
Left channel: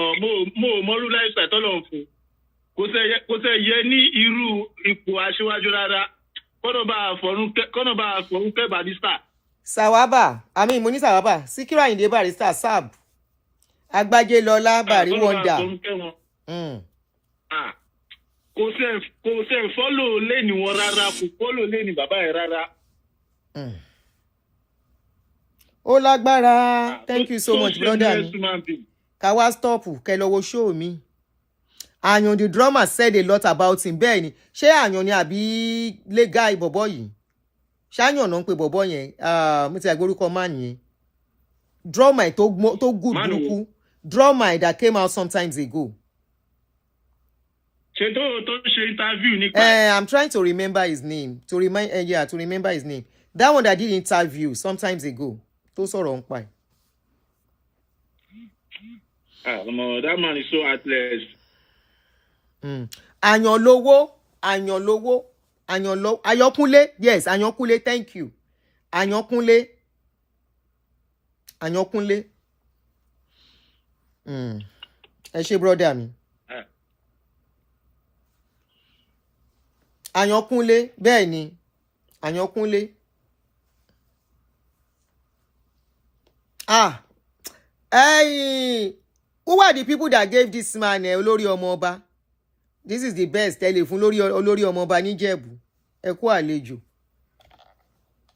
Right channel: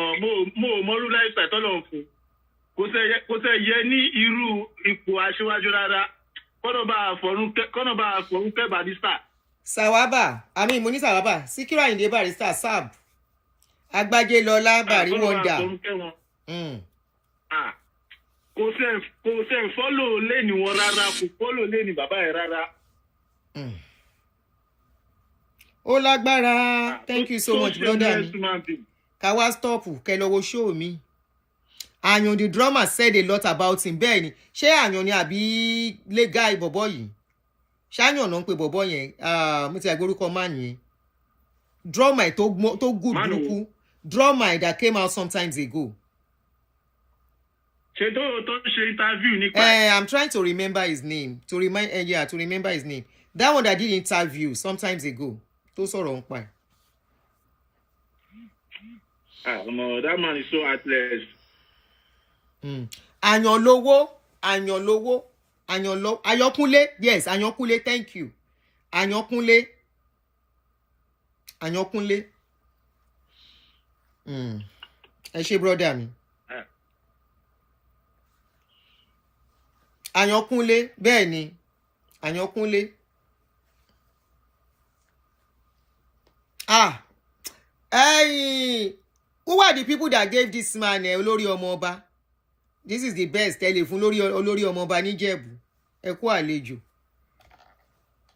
mo mọ́rú láìsà tọ́lọ̀ fún. Kò tẹ́ yẹ ní irú ipò aṣíwájú rárá. Kọ́nà bá àfọ̀rún kẹ́ Barrister. Sawaba, mo ní Sawaba, Síkírù Àyìndé Barrister, Sab. Agbájé Lọlá Bàrí Wọ́ndà. Kò sẹ́ fọ́lò lẹ́ni wọn rárá, kò fọ́lò lẹ́ni bàbá ẹ̀ rárá. Ó lágbára. Thank you so much, brother mi. Ká wá stop kẹ́ lọ wo show mi. Àyàn the drummer said a lot about him. Bẹ́ẹ̀ ni, ṣé Àyàn ni àbí lẹ́gà ìbọ̀bọ̀ yìí? Ṣáyàn náà ń pe bọ̀bọ̀ yẹn. Mo ti àgbórúkọ máa yẹn. Drummer tó good burúkú. drummer that came out sometimes ago. I'm trying to remember his name. To remember his name. That one that did interview sometimes ago. Those are on fire. That man is so heartless. Anyolowo. Ayokunle. Yes, Ayokunle. Thank you. Ayokunle. Ẹ ṣé brother mi. Ayokunle. Bẹ́ẹ̀ ni. Ayokunle. Hey, who are the people that gave this man olórí ọmọ ọba? This is the best telephone olórí ọmọ ọba ní Ìjẹ̀bú. Ẹ kú àlejò.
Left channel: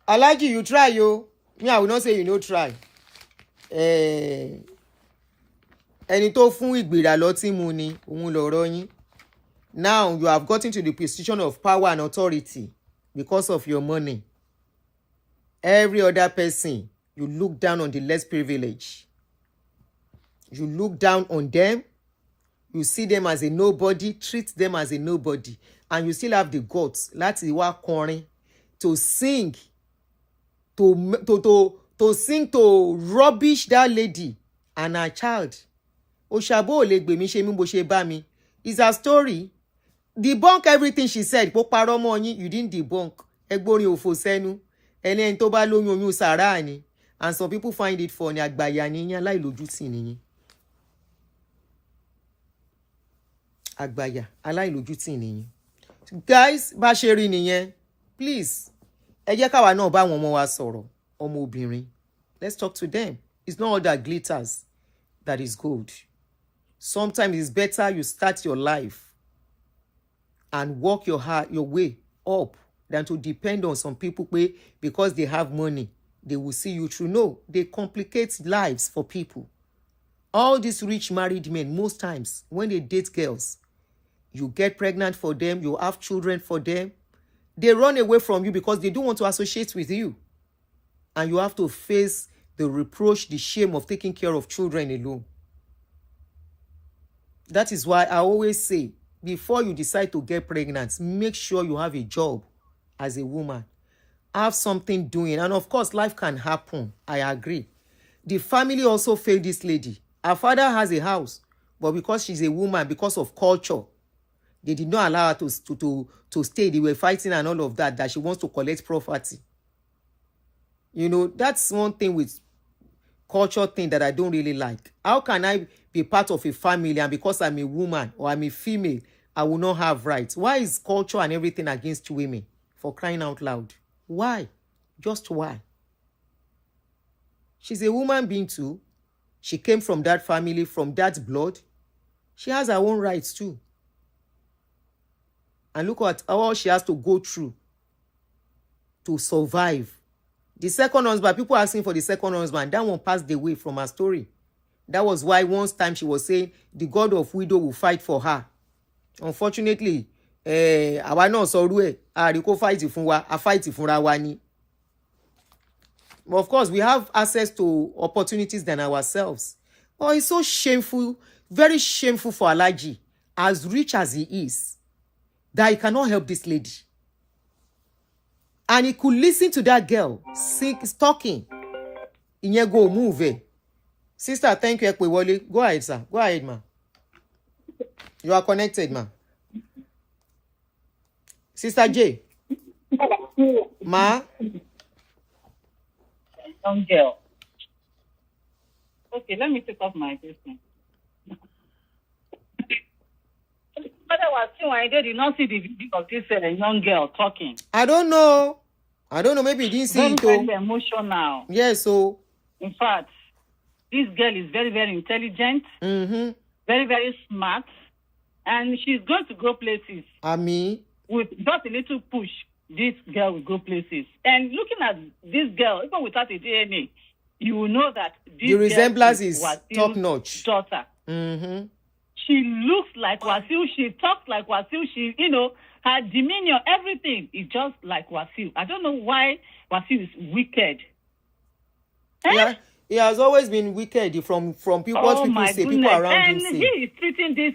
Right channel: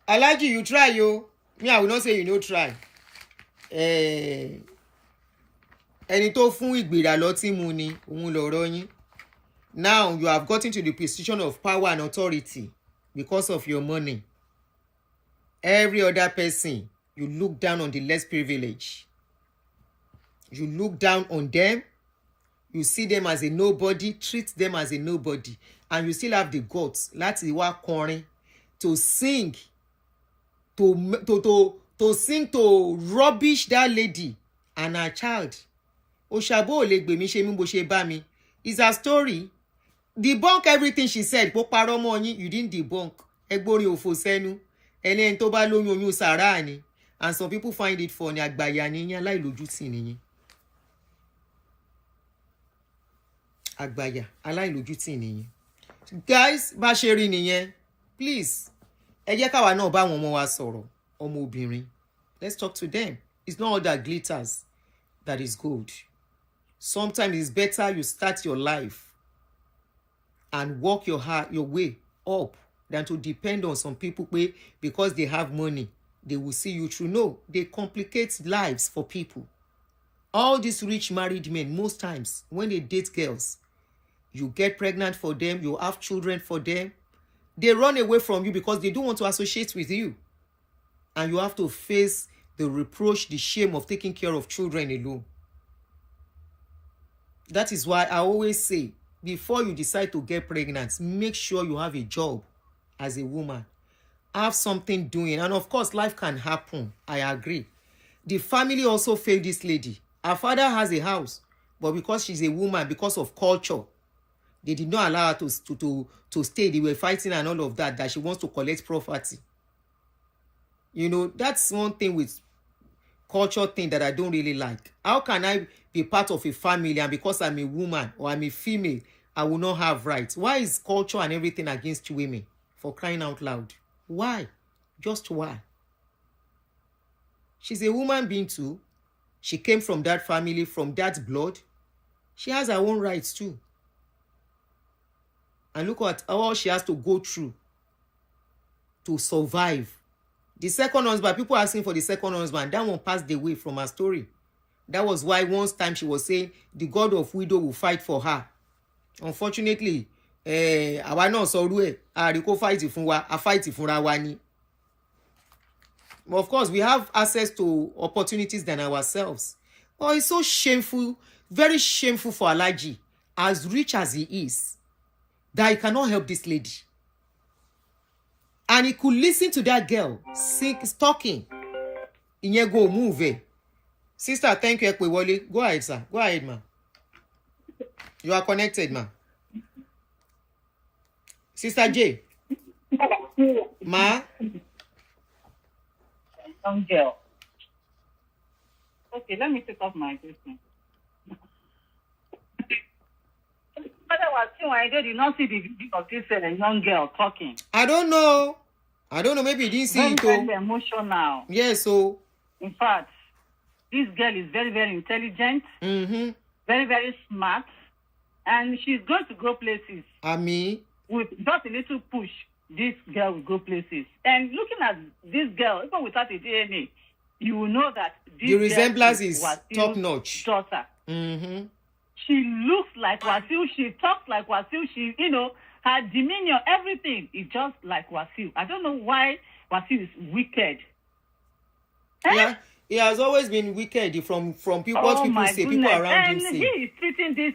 Alhaji, you try yo. Me, I will not say you no try. Ẹni tó fún ìgbéra lọ́tí mu ni òun lọ̀rọ̀ yín. Now you have gotten to the position of power and authority because of your money. Every other person, you look down on the less privileged. You look down on them. You see them as a nobody, treat them as a nobody, and you still have the guts láti wá kọrin, to sing, to sing to rubbish that lady and her child. Òṣàbò ò lè gbè mí ṣe mí bó ṣe bá mi. It's her story. Debunk everything she said. Pó parọ́ mọ́ yín, you didn't debunk. Ẹgbórin òfò sẹ́nu. Ẹni tó bá lóyún oyún sàrá ni. And some people find it funny. Àgbàyà ni yín, aláìlójútì ni yín. Àgbàyà, aláìlójútì ni yín. Guys, bá ṣe rí nìyẹn. Please, ẹ jẹ́ káwa náà bá àwọn ọmọ wa sọ̀rọ̀. Ọmọ obìnrin. Let's talk to them. It's not all that glitters that is gold. Sometimes it's better you start your life and walk your way up than to depend on some people because they have money, they will see you through. No, they complicate lives for people. All these rich married men, most times, when they date girls, you get pregnant for them, you have children for them, they run away from you because they don't want to associate with you. And you have to face the reproach, the shame of taking care of children alone. That is why I always say, before you decide to get pregnant, make sure you have a job as a woman. Have something doing. And of course, life can happen. I agree. The family also failed this lady. Her father has a house, but because she's a woman, because of culture, they did not allow her to stay. They were fighting and all of that she wants to collect property. You know, that's one thing with culture thing that I don't really like. How can I be part of a family and because I'm a woman or I'm a female, I will not have rights? Why is culture and everything against women? For crying out loud. Why? Just why? She's a woman being too. She came from that family, from that blood. She has her own rights too. And look at all she has to go through to survive. The second husband, people asking for the second husband, that one passed away from her story. That was why once time she was saying the God of widow will fight for her. Unfortunately, àwa náà sọrú ẹ̀, àríkó fight fún wa, a fight fúnra wa ni. But of course, we have access to opportunities than ourselves. But it's so shameful, very shameful for Alhaji, as rich as he is, that he cannot help this lady. And he could listen to that girl talking. Ìyẹn go move. Sister, thank you, Ekwewole. Go ahead, sir. Go ahead, ma. You are connected, ma. Sister J. Ma. Young girl. Okay, let me take off my question. I did not see the video of this young girl talking. I don't know. Maybe you didn't see it. Very emotional. Yes, so. In fact, this girl is very, very intelligent. Mm-hmm. Very, very smart. And she's going to go places. With just a little push, this girl will go places. And looking at this girl, even without a DNA, you will know that this the resemblance is top notch. Daughter. Mm-hmm. She looks like Wasil. She talks like Wasil. She, her demeanor, everything is just like Wasil. I don't know why Wasil is wicked. Yeah, He has always been wicked from people, what people say, people around him say. He is treating this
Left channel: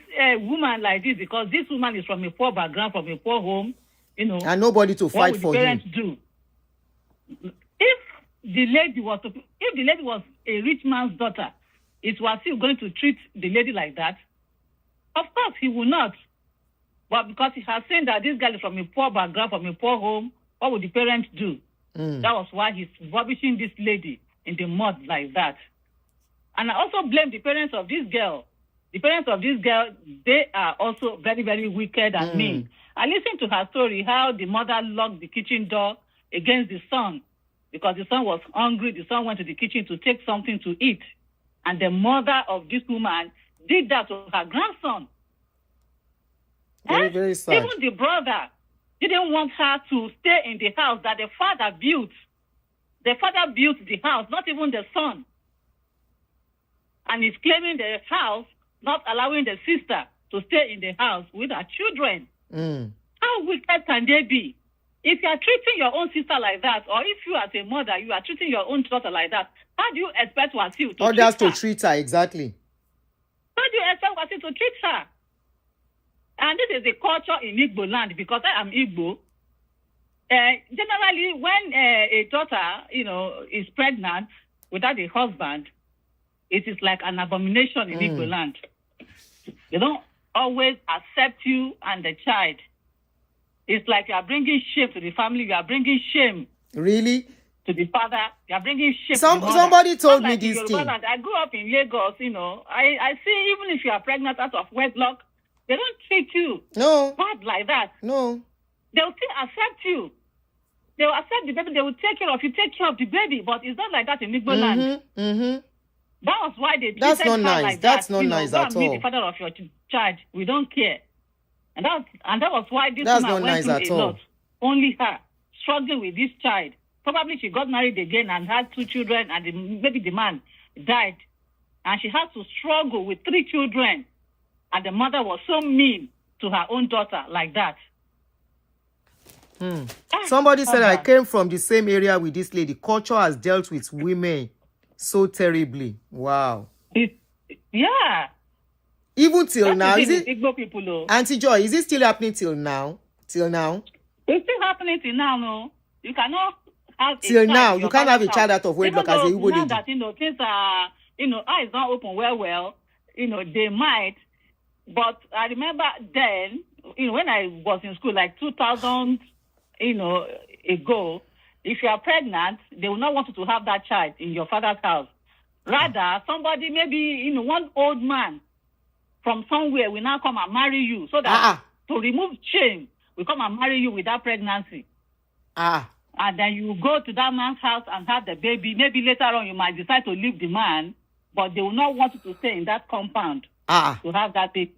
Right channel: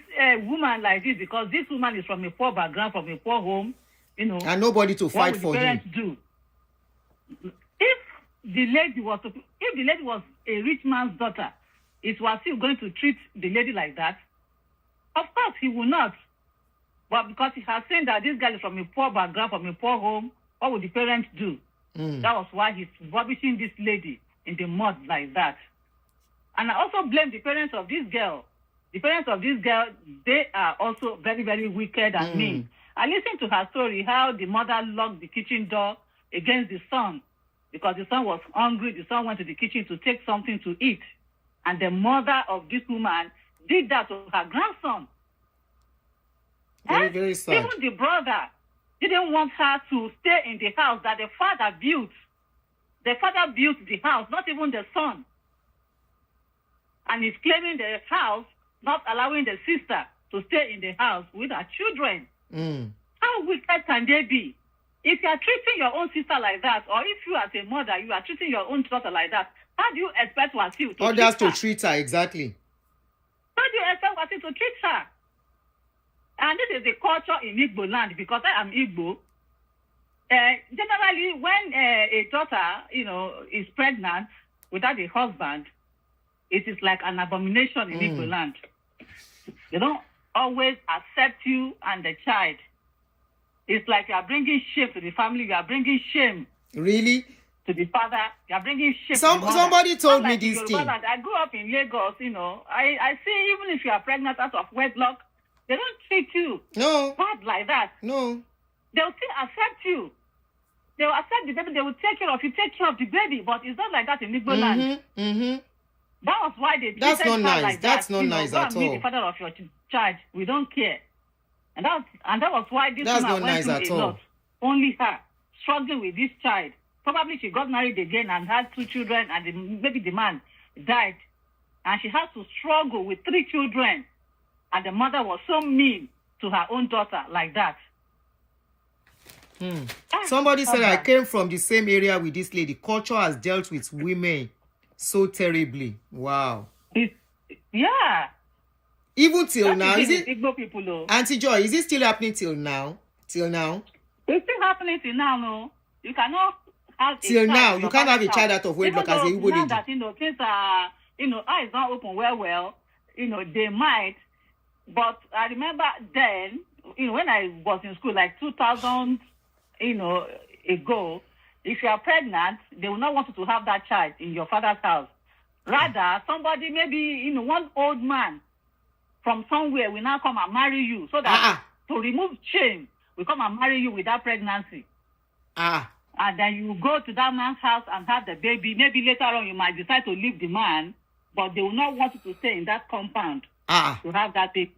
woman like this because this woman is from a poor background, from a poor home, and nobody to fight for him. Do? If the lady was a rich man's daughter, it was still going to treat the lady like that? Of course, he will not. But because he has seen that this girl is from a poor background, from a poor home, what would the parents do? That was why he's rubbishing this lady in the mud like that. And I also blame the parents of this girl. The parents of this girl, they are also very, very wicked and mean. I listened to her story, how the mother locked the kitchen door against the son because the son was hungry. The son went to the kitchen to take something to eat. And the mother of this woman did that to her grandson. Very, very sad. Even the brother didn't want her to stay in the house that the father built. The father built the house, not even the son. And he's claiming the house, not allowing the sister to stay in the house with her children. How wicked can they be? If you are treating your own sister like that, or if you as a mother, you are treating your own daughter like that, how do you expect Wasiu to others to treat her? Exactly. How do you expect Wasiu to treat her? And this is the culture in Igbo land, because I am Igbo. Generally, when a daughter, is pregnant without a husband, it is like an abomination in Igbo land. They don't always accept you and the child. It's like you are bringing shame to the family. You are bringing shame. Really? To the father. You are bringing shame. Somebody told me this thing. I grew up in Lagos. I see even if you are pregnant out of wedlock, they don't treat you bad like that. No. They'll still accept you. They will accept the baby. They will take care of you, take care of the baby. But it's not like that in Igbo land. That was why they. That's not nice. Like that's not nice at all. The father of your child, we don't care, and that was why this. That's not nice at all. Only her struggling with this child. Probably she got married again and had 2 children, and maybe the man died, and she had to struggle with 3 children. And the mother was so mean to her own daughter like that. Somebody said I came from the same area with this lady. Culture has dealt with women so terribly. Wow. Yeah. Even till now, is it? Igbo people, Auntie Joy, is it still happening till now? Till now? It's still happening till now, no. You cannot have till now. You can't have a child out of wedlock as a Igbo lady. That, things are, eyes don't open well, they might. But I remember then, when I was in school, like 2000, ago, if you are pregnant, they will not want you to have that child in your father's house. Rather, somebody, maybe, one old man from somewhere will now come and marry you. So that to remove shame, will come and marry you with that pregnancy. And then you go to that man's house and have the baby. Maybe later on you might decide to leave the man, but they will not want you to stay in that compound to have that baby.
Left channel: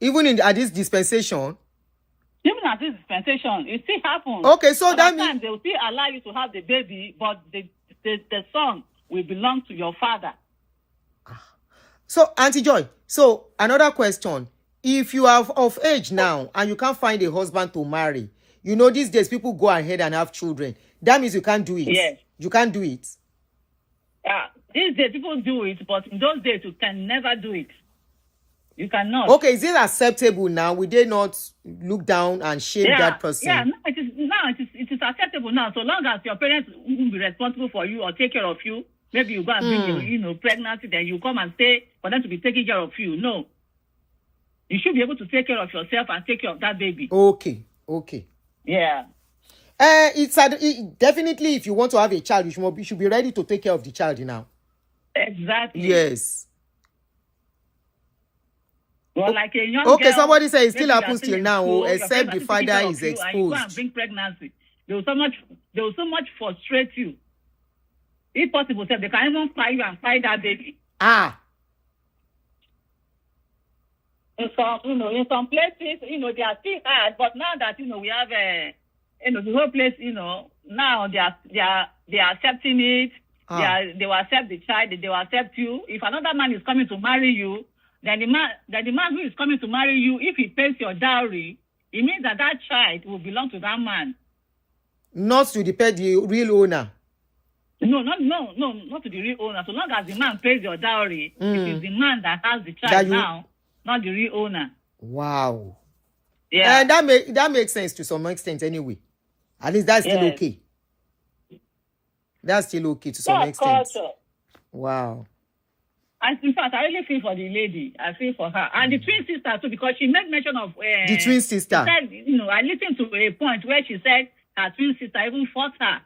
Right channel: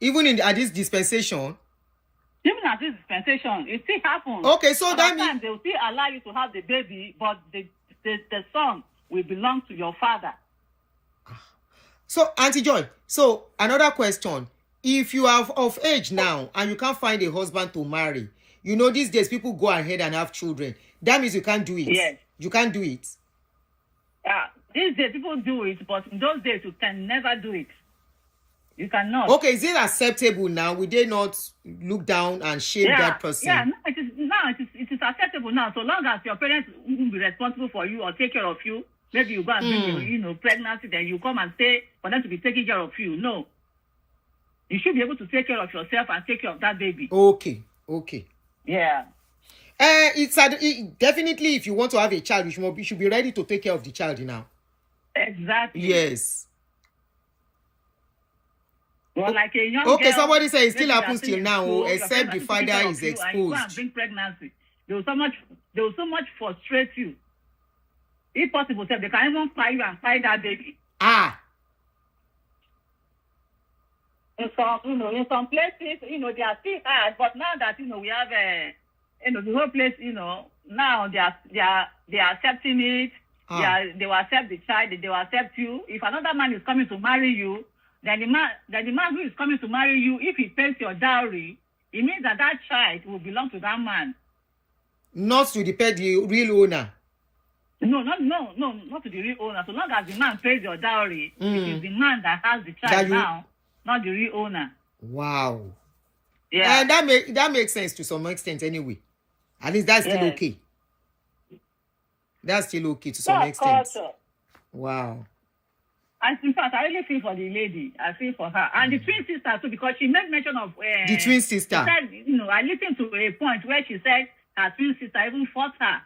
Even at this dispensation? Even at this dispensation, it still happens. Okay, so that means they will still allow you to have the baby, but the son will belong to your father. So, Auntie Joy, so another question. If you are of age now and you can't find a husband to marry, these days people go ahead and have children. That means you can't do it. Yes. You can't do it. These days people do it, but in those days you can never do it. You cannot. Okay, is it acceptable now? Will they not look down and shame that person? Yeah, it is acceptable now. So long as your parents will be responsible for you or take care of you, maybe you go and bring pregnancy, then you come and stay for them to be taking care of you. No. You should be able to take care of yourself and take care of that baby. Okay. Yeah. It's definitely, if you want to have a child, you should be ready to take care of the child now. Exactly. Yes. Well, like a young okay, girl, somebody says it still happens till now, except the father is exposed. Bring pregnancy. They will so much frustrate you. If possible, they can even fry you and fry that baby. In some places, they are still hard, but now that we have the whole place, now they are accepting it. They will accept the child. They will accept you. If another man is coming to marry you, then the man who is coming to marry you, if he pays your dowry, it means that child will belong to that man. Not to the real owner. not to the real owner. So long as the man pays your dowry, it is the man that has the child That you- now, not the real owner. Wow. Yeah. And that makes sense to some extent anyway. At least that's still okay. That's still okay to some extent. Culture. Wow. And in fact, I really feel for the lady. I feel for her. And the twin sister too, because she made mention of... the twin sister. She said, you know, I listened to a point where she said her twin sister even fought her.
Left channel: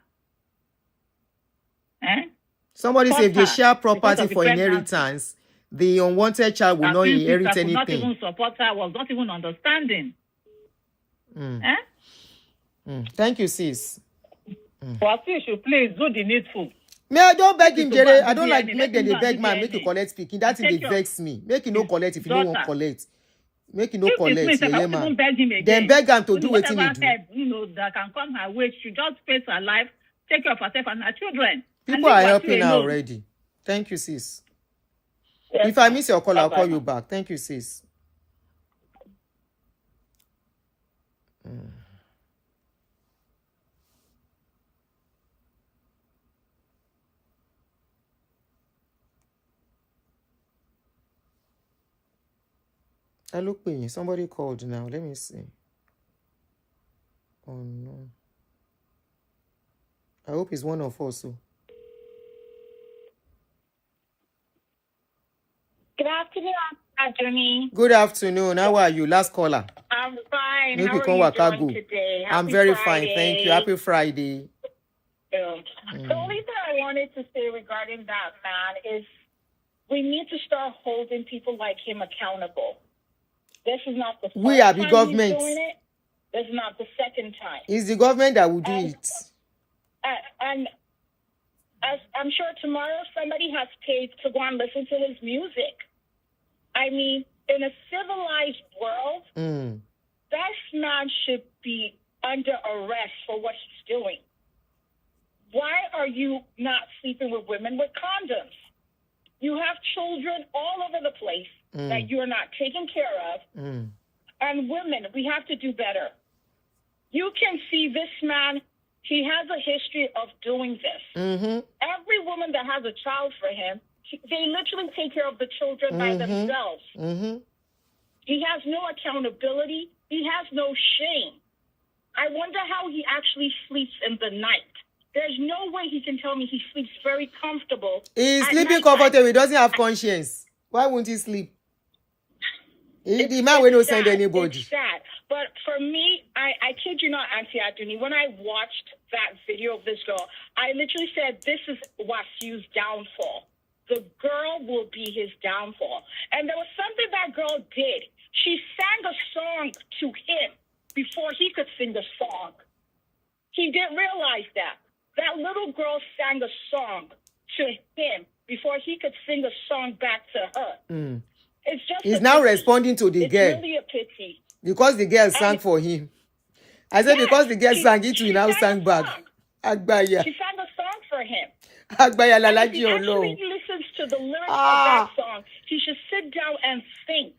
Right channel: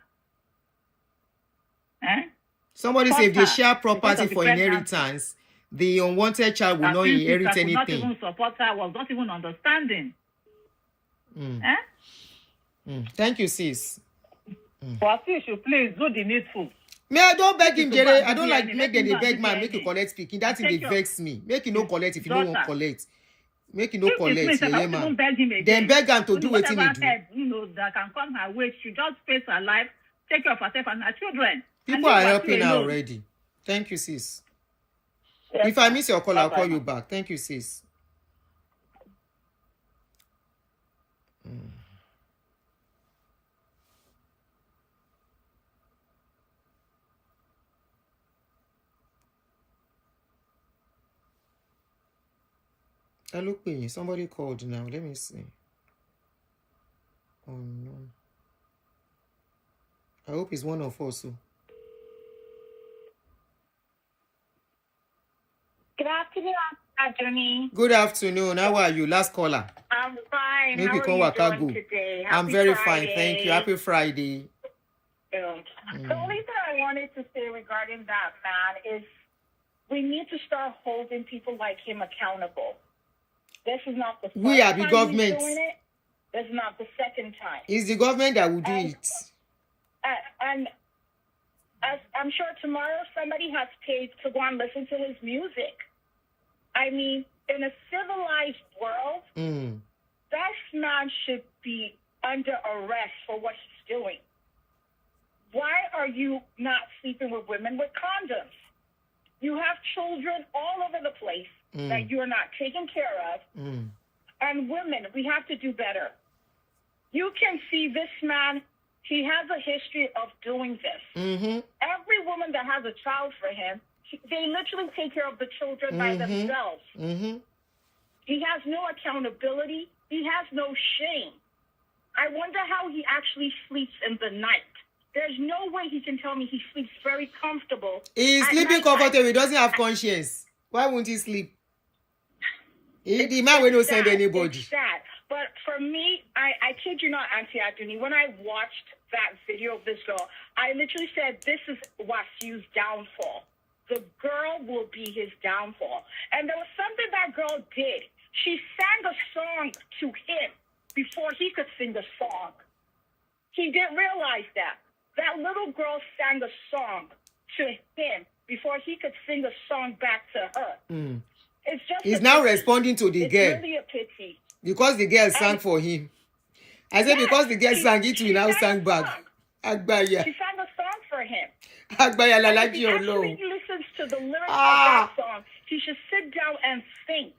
Somebody said if they share property Because of for the inheritance, the unwanted child will not inherit anything. Not even support her, was not even understanding. Thank you, sis. But you should please do the needful. Me, I don't beg him, Jere. I don't like make them they beg man, make you collect speaking. That thing they vex me. Make you no collect if you no want collect. Make you no collect, yeah, man. Then beg him to do what he do. You know, that can come her way. She just face her life, take care of herself and her children. People are helping her already. Thank you, sis. Yes. If I miss your call, I'll call you back. Thank you, sis. I look paying. Somebody called now. Let me see. Oh no. I hope it's one of us. Good afternoon, Aduni. Good afternoon. How are you? Last caller. I'm fine. Maybe How are you doing today? I'm very fine. Thank you. Happy Friday. The only thing I wanted to say regarding that, man, is we need to start holding people like him accountable. This is not the first we are the time government. he's doing it. This is not the second time. It's the government that will do it. And I'm sure tomorrow somebody has paid to go and listen to his music. I mean, in a civilized world, that man should be under arrest for what he's doing. Why are you not sleeping with women with condoms? You have children all over the place that you are not taking care of. And women, we have to do better. You can see this man, he has a history of doing this. Every woman that has a child for him, they literally take care of the children by themselves. He has no accountability. He has no shame. I wonder how he actually sleeps in the night. There's no way he can tell me he sleeps very comfortable. He's sleeping comfortable. He doesn't have conscience. Why won't he sleep? The man will not send anybody. It's sad. But for me, I kid you not, Aunty Aduni, when I watched that video of this girl, I literally said, this is Wasiu's downfall. The girl will be his downfall. And there was something that girl did. She sang a song to him before he could sing a song. He didn't realize that. That little girl sang a song to him before he could sing a song back to her. It's just He's now responding to the girl. It's really a pity. Because the girl sang for him. I said because the girl sang it, we now sang back. Agbaya. She sang a song for him. Agbaya Lalaji If he Olo. actually listens to the lyrics of that song, he should sit down and think.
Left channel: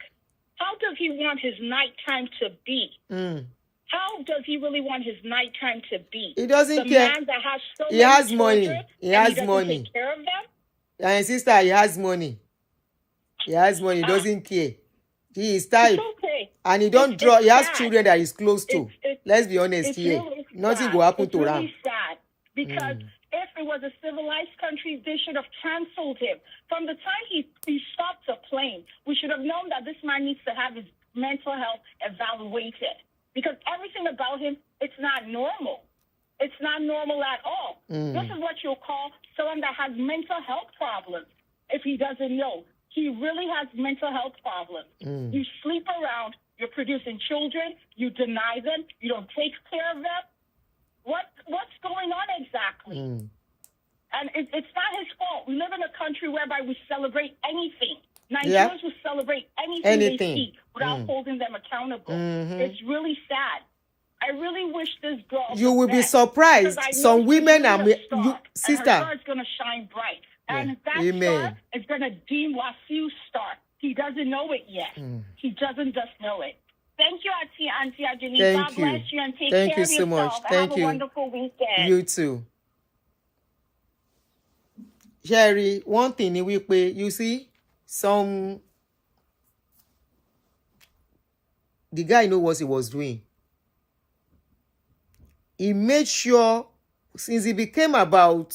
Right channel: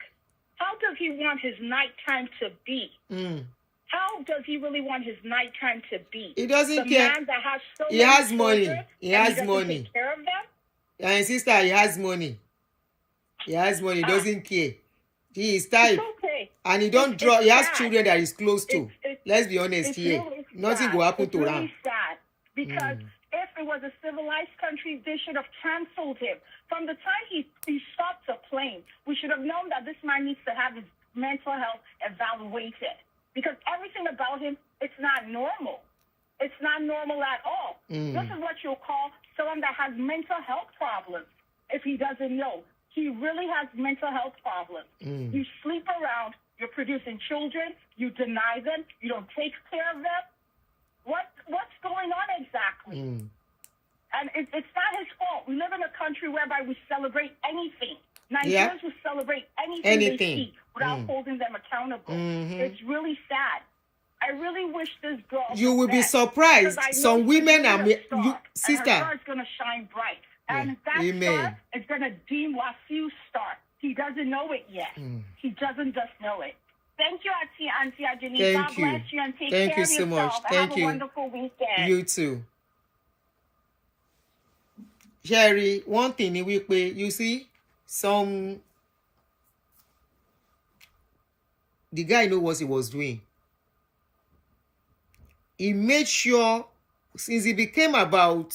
How does he want his nighttime to be? How does he really want his nighttime to be? He doesn't the care. Man that has so He has many money. children, He has and money. Take care of them? And sister, he has money. He has money. He doesn't care. He is type. Okay. And he don't draw. He has children that he's close to. Let's be honest here. Nothing will happen to Ram. It's sad because if it was a civilized country, they should have canceled him. From the time he stopped a plane, we should have known that this man needs to have his mental health evaluated. Because everything about him, it's not normal. It's not normal at all. This is what you'll call someone that has mental health problems. If he doesn't know, he really has mental health problems. You sleep around, you're producing children, you deny them, you don't take care of them. What's going on exactly? And it's not his fault. We live in a country whereby we celebrate anything. Nigerians will celebrate anything they see without holding them accountable. It's really sad. I really wish this girl... You will be surprised. Some women are... sister. And her star is going to shine bright. And that star is going to deem Wasiu's star. He doesn't know it yet. He doesn't just know it. Thank you, Aunty Aduni. Thank you. Bless you and take Thank care you of so much. yourself. Thank Have you. a wonderful weekend. You too. Sherry, one thing we pay, you see, the guy know what he was doing. He made sure, since he became about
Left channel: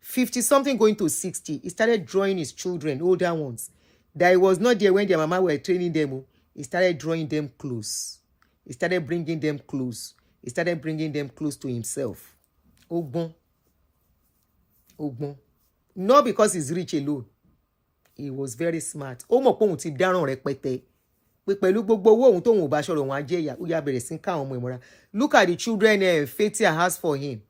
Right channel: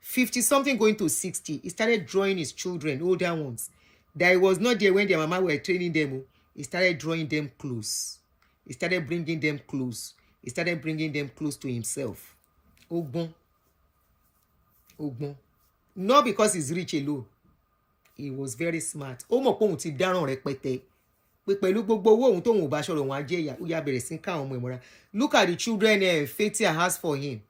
50 something going to 60, he started drawing his children, older ones, that he was not there when their mama were training them. He started drawing them close. He started bringing them close. He started bringing them close to himself. Ogbon. Not because he's rich alone. He was very smart. Ó mọ̀ pé òun ti dáràn rẹpẹtẹ. Pé pẹ̀lú gbogbo owó òun tóun ò bá ṣọ̀rọ̀ wọn á jẹ́ ìyà. Ó yá bẹ̀rẹ̀ sí ká àwọn ọmọ ìmọ̀ra. Look at the children Fatia has for him.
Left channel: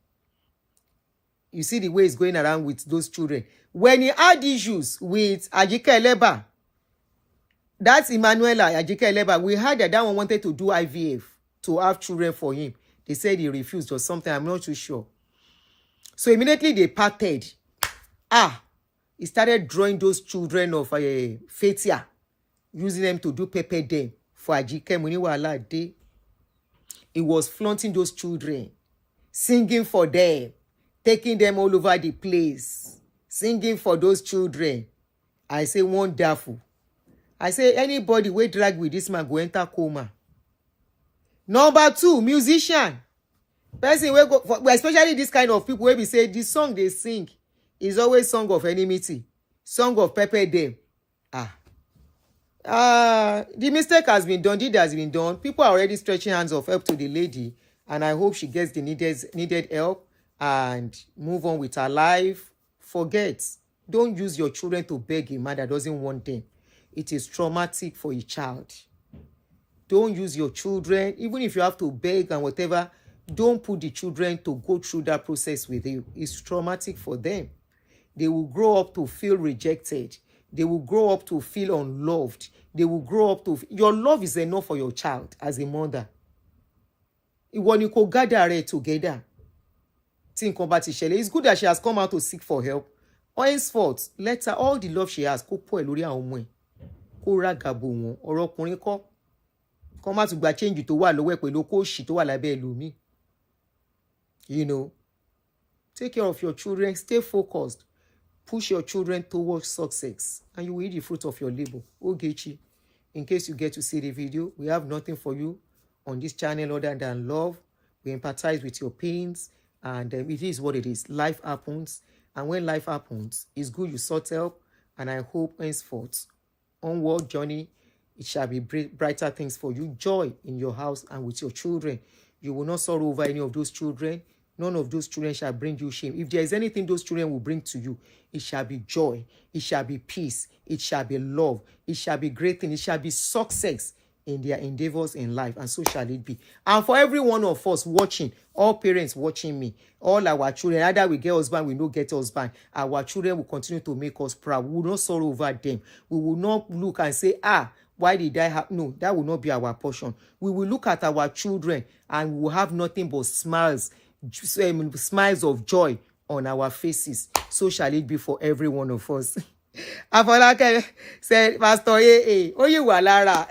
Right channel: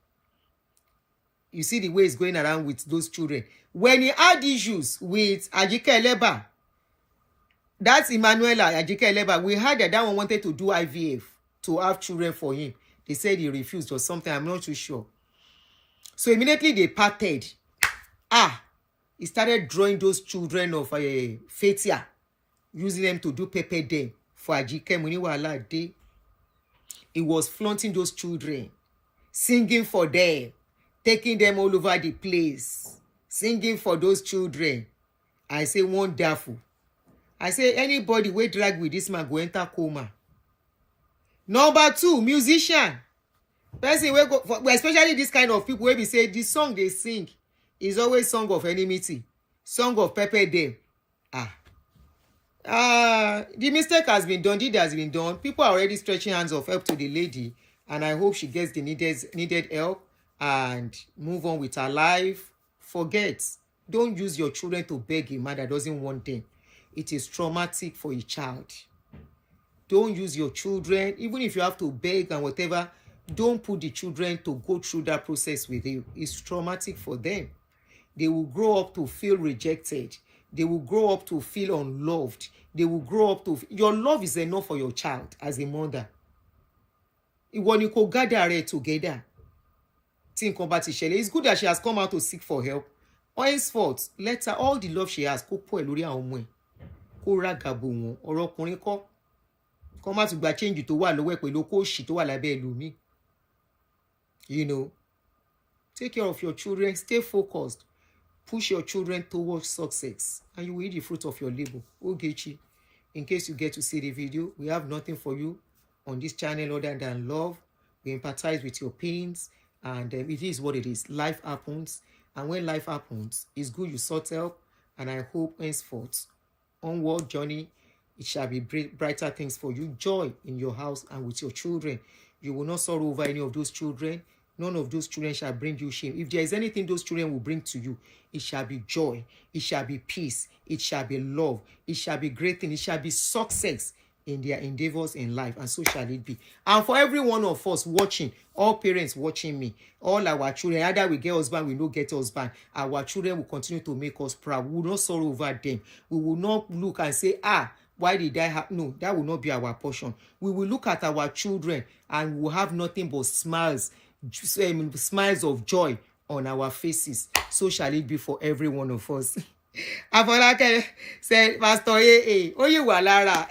You see the way he's going around with those children. When he had issues with Ajike Eleba, that's Emmanuela Ajike Eleba, we heard that one wanted to do IVF to have children for him. They said he refused or something. I'm not too sure. So immediately they parted. He started drawing those children of Fatia, using them to do pepper them for Ajike Muniwala Day. He was flaunting those children, singing for them, taking them all over the place, singing for those children. I say wonderful. I say anybody wey drag with this man go enter coma. Number 2, musician. Person wey go, especially this kind of people wey be say the song they sing is always song of enmity, song of pepper them. The mistake has been done, deed has been done. People are already stretching hands of help to the lady, and I hope she gets the needed help and move on with her life. Forget. Don't use your children to beg a man that doesn't want them. It is traumatic for a child. Don't use your children, even if you have to beg and whatever, don't put the children to go through that process with you. It's traumatic for them. They will grow up to feel rejected. They will grow up to feel unloved. They will grow up to... Your love is enough for your child as a mother. When you go gather it together, think about it. It's good that she has come out to seek for help. Henceforth, let her, all the love she has, kó pọ̀ ẹ́ lórí àwọn ọmọ ẹ̀. Kó ràgàbò wọn. Ọ̀rọ̀ ọkùnrin kọ́. Kó má tún gba change tó wà lọ́wọ́ ẹ̀ pẹ̀lú kó ṣì tó wà lábẹ́ ẹlòmíì. You know, take care of your children. Stay focused. Push your children towards success, and you will eat the fruit of your labor. Ogechi, in case you get to see the video, we have nothing for you on this channel other than love. We empathize with your pains, and it is what it is. Life happens, and when life happens, it's good you sought help, and I hope henceforth, onward journey, it shall be brighter things for you. Joy in your house and with your children. You will not sorrow over any of those children. None of those children shall bring you shame. If there is anything those children will bring to you, it shall be joy, it shall be peace, it shall be love, it shall be great thing, it shall be success in their endeavors in life, and so shall it be. And for every one of us watching, all parents watching me, all our children, either we get husband, we no get husband, our children will continue to make us proud. We will not sorrow over them. We will not look and say, why did I have... No, that will not be our portion. We will look at our children and we will have nothing but smiles of joy on our faces. So shall it be for every one of us. Afolake said, Pastor oye wà lára.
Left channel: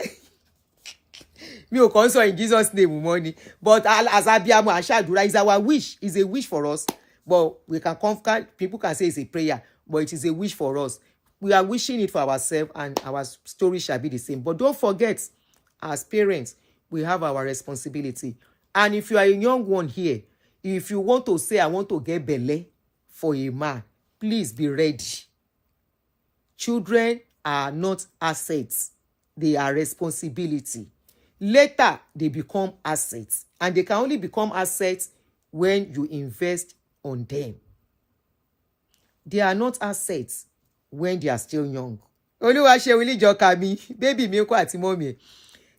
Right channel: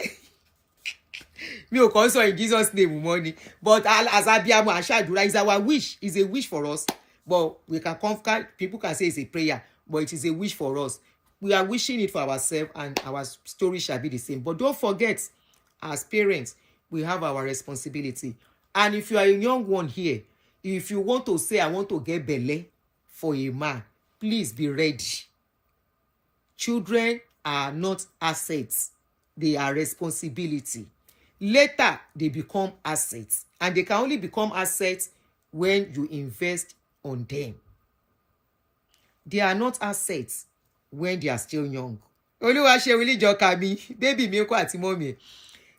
Mi ò kàn sọ in Jesus' name money. But as abiyamọ àṣàdúrà is our wish. It's a wish for us. But we can conquer. People can say it's a prayer, but it is a wish for us. We are wishing it for ourselves, and our story shall be the same. But don't forget, as parents, we have our responsibility. And if you are a young one here, if you want to say, I want to get belle for a man, please be ready. Children are not assets. They are responsibility. Later, they become assets. And they can only become assets when you invest on them. They are not assets when they are still young. Olúwa ṣe wílí jọka mi, baby mi kò àti mommy.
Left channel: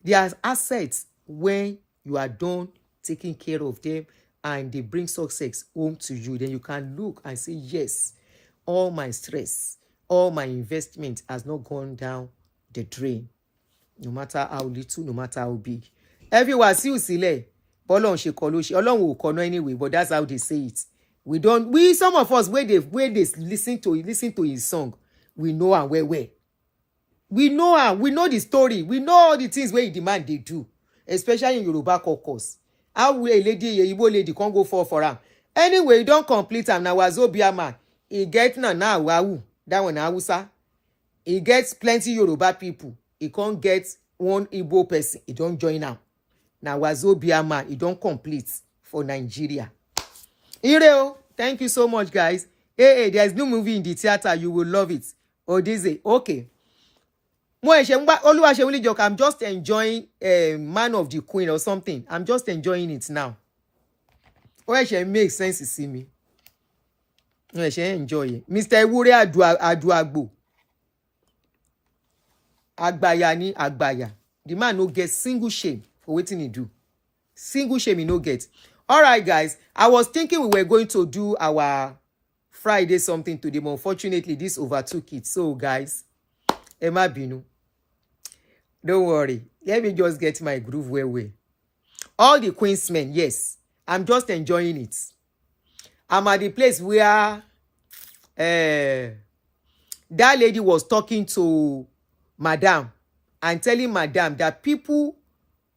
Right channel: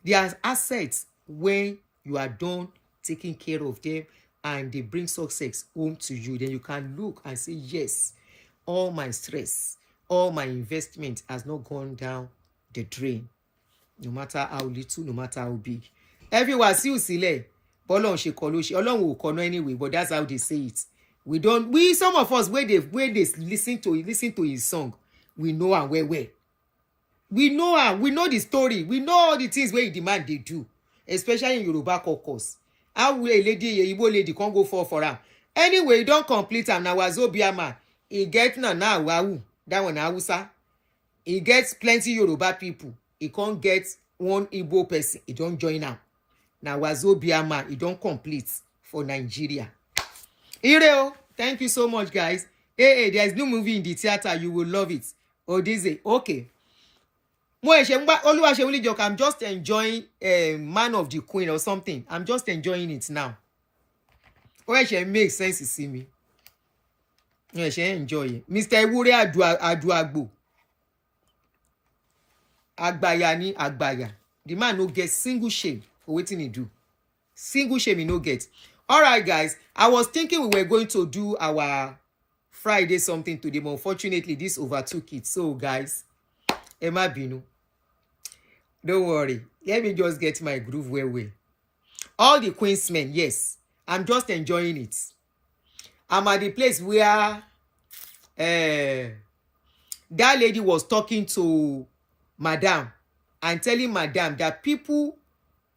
They are assets when you are done taking care of them and they bring success home to you. Then you can look and say, yes, all my stress, all my investment has not gone down the drain. No matter how little, no matter how big. Everyone see you sílẹ̀. Bọ́lọ́run ṣe kọ ló ṣe. Ọlọ́run ò kọ no anyway, but that's how they say it. Some of us, where they listen to his song, we know and where. We know the story. We know all the things where he demand they do, especially in Yoruba caucus. How will a lady, a Igbo lady, can't go for him? Anyway, you don't complete him. Now Wazobia man, He get Nana Awawu, that one Hausa. He gets plenty Yoruba people. He can't get one Igbo person. He don't join now. Now Wazobia, he don't complete for Nigeria. Ireo, thank you so much, guys. Hey, there's no movie in the theater. You will love it. Odize, okay. I'm just enjoying Man of the Queen or something. I'm just enjoying it now. It makes sense to see me. Enjoy it. Mr. Ewure Aduagbo. Agbaya ni Agbaya. The man no get single shame for waiting he do. Single shame he no get. All right, guys. I was thinking we were going to do our Friday something today, but unfortunately, this overtook it. So, guys, Emma Binu, don't worry. Let me just get my groove well. All the Queensmen, yes. I'm just enjoying it. I'm at the place where that lady was talking to Madam and telling Madam that people,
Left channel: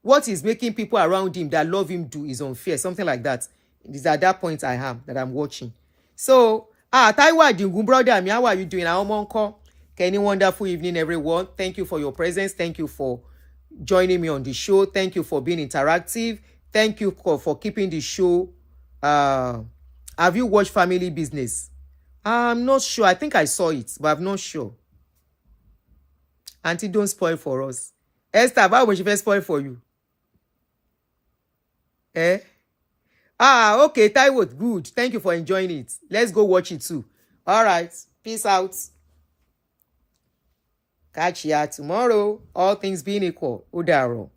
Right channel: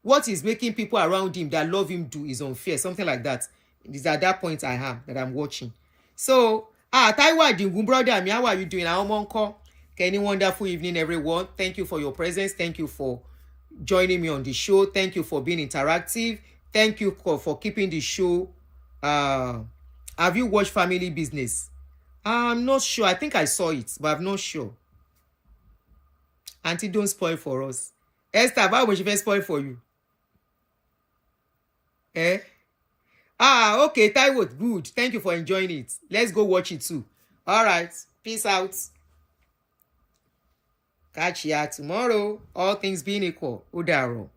what is making people around him that love him do is unfair, something like that. It is at that point I am that I'm watching. So, Taiwa Dingun, brother, how are you doing? Any wonderful evening, everyone. Thank you for your presence. Thank you for joining me on the show. Thank you for being interactive. Thank you for keeping the show. Have you watched Family Business? I'm not sure. I think I saw it, but I'm not sure. Auntie, don't spoil for us. Esther, why would she first spoil for you? Okay, Taiwo, good. Thank you for enjoying it. Let's go watch it too. All right. Peace out. Catch ya tomorrow. All things being equal. Udaro.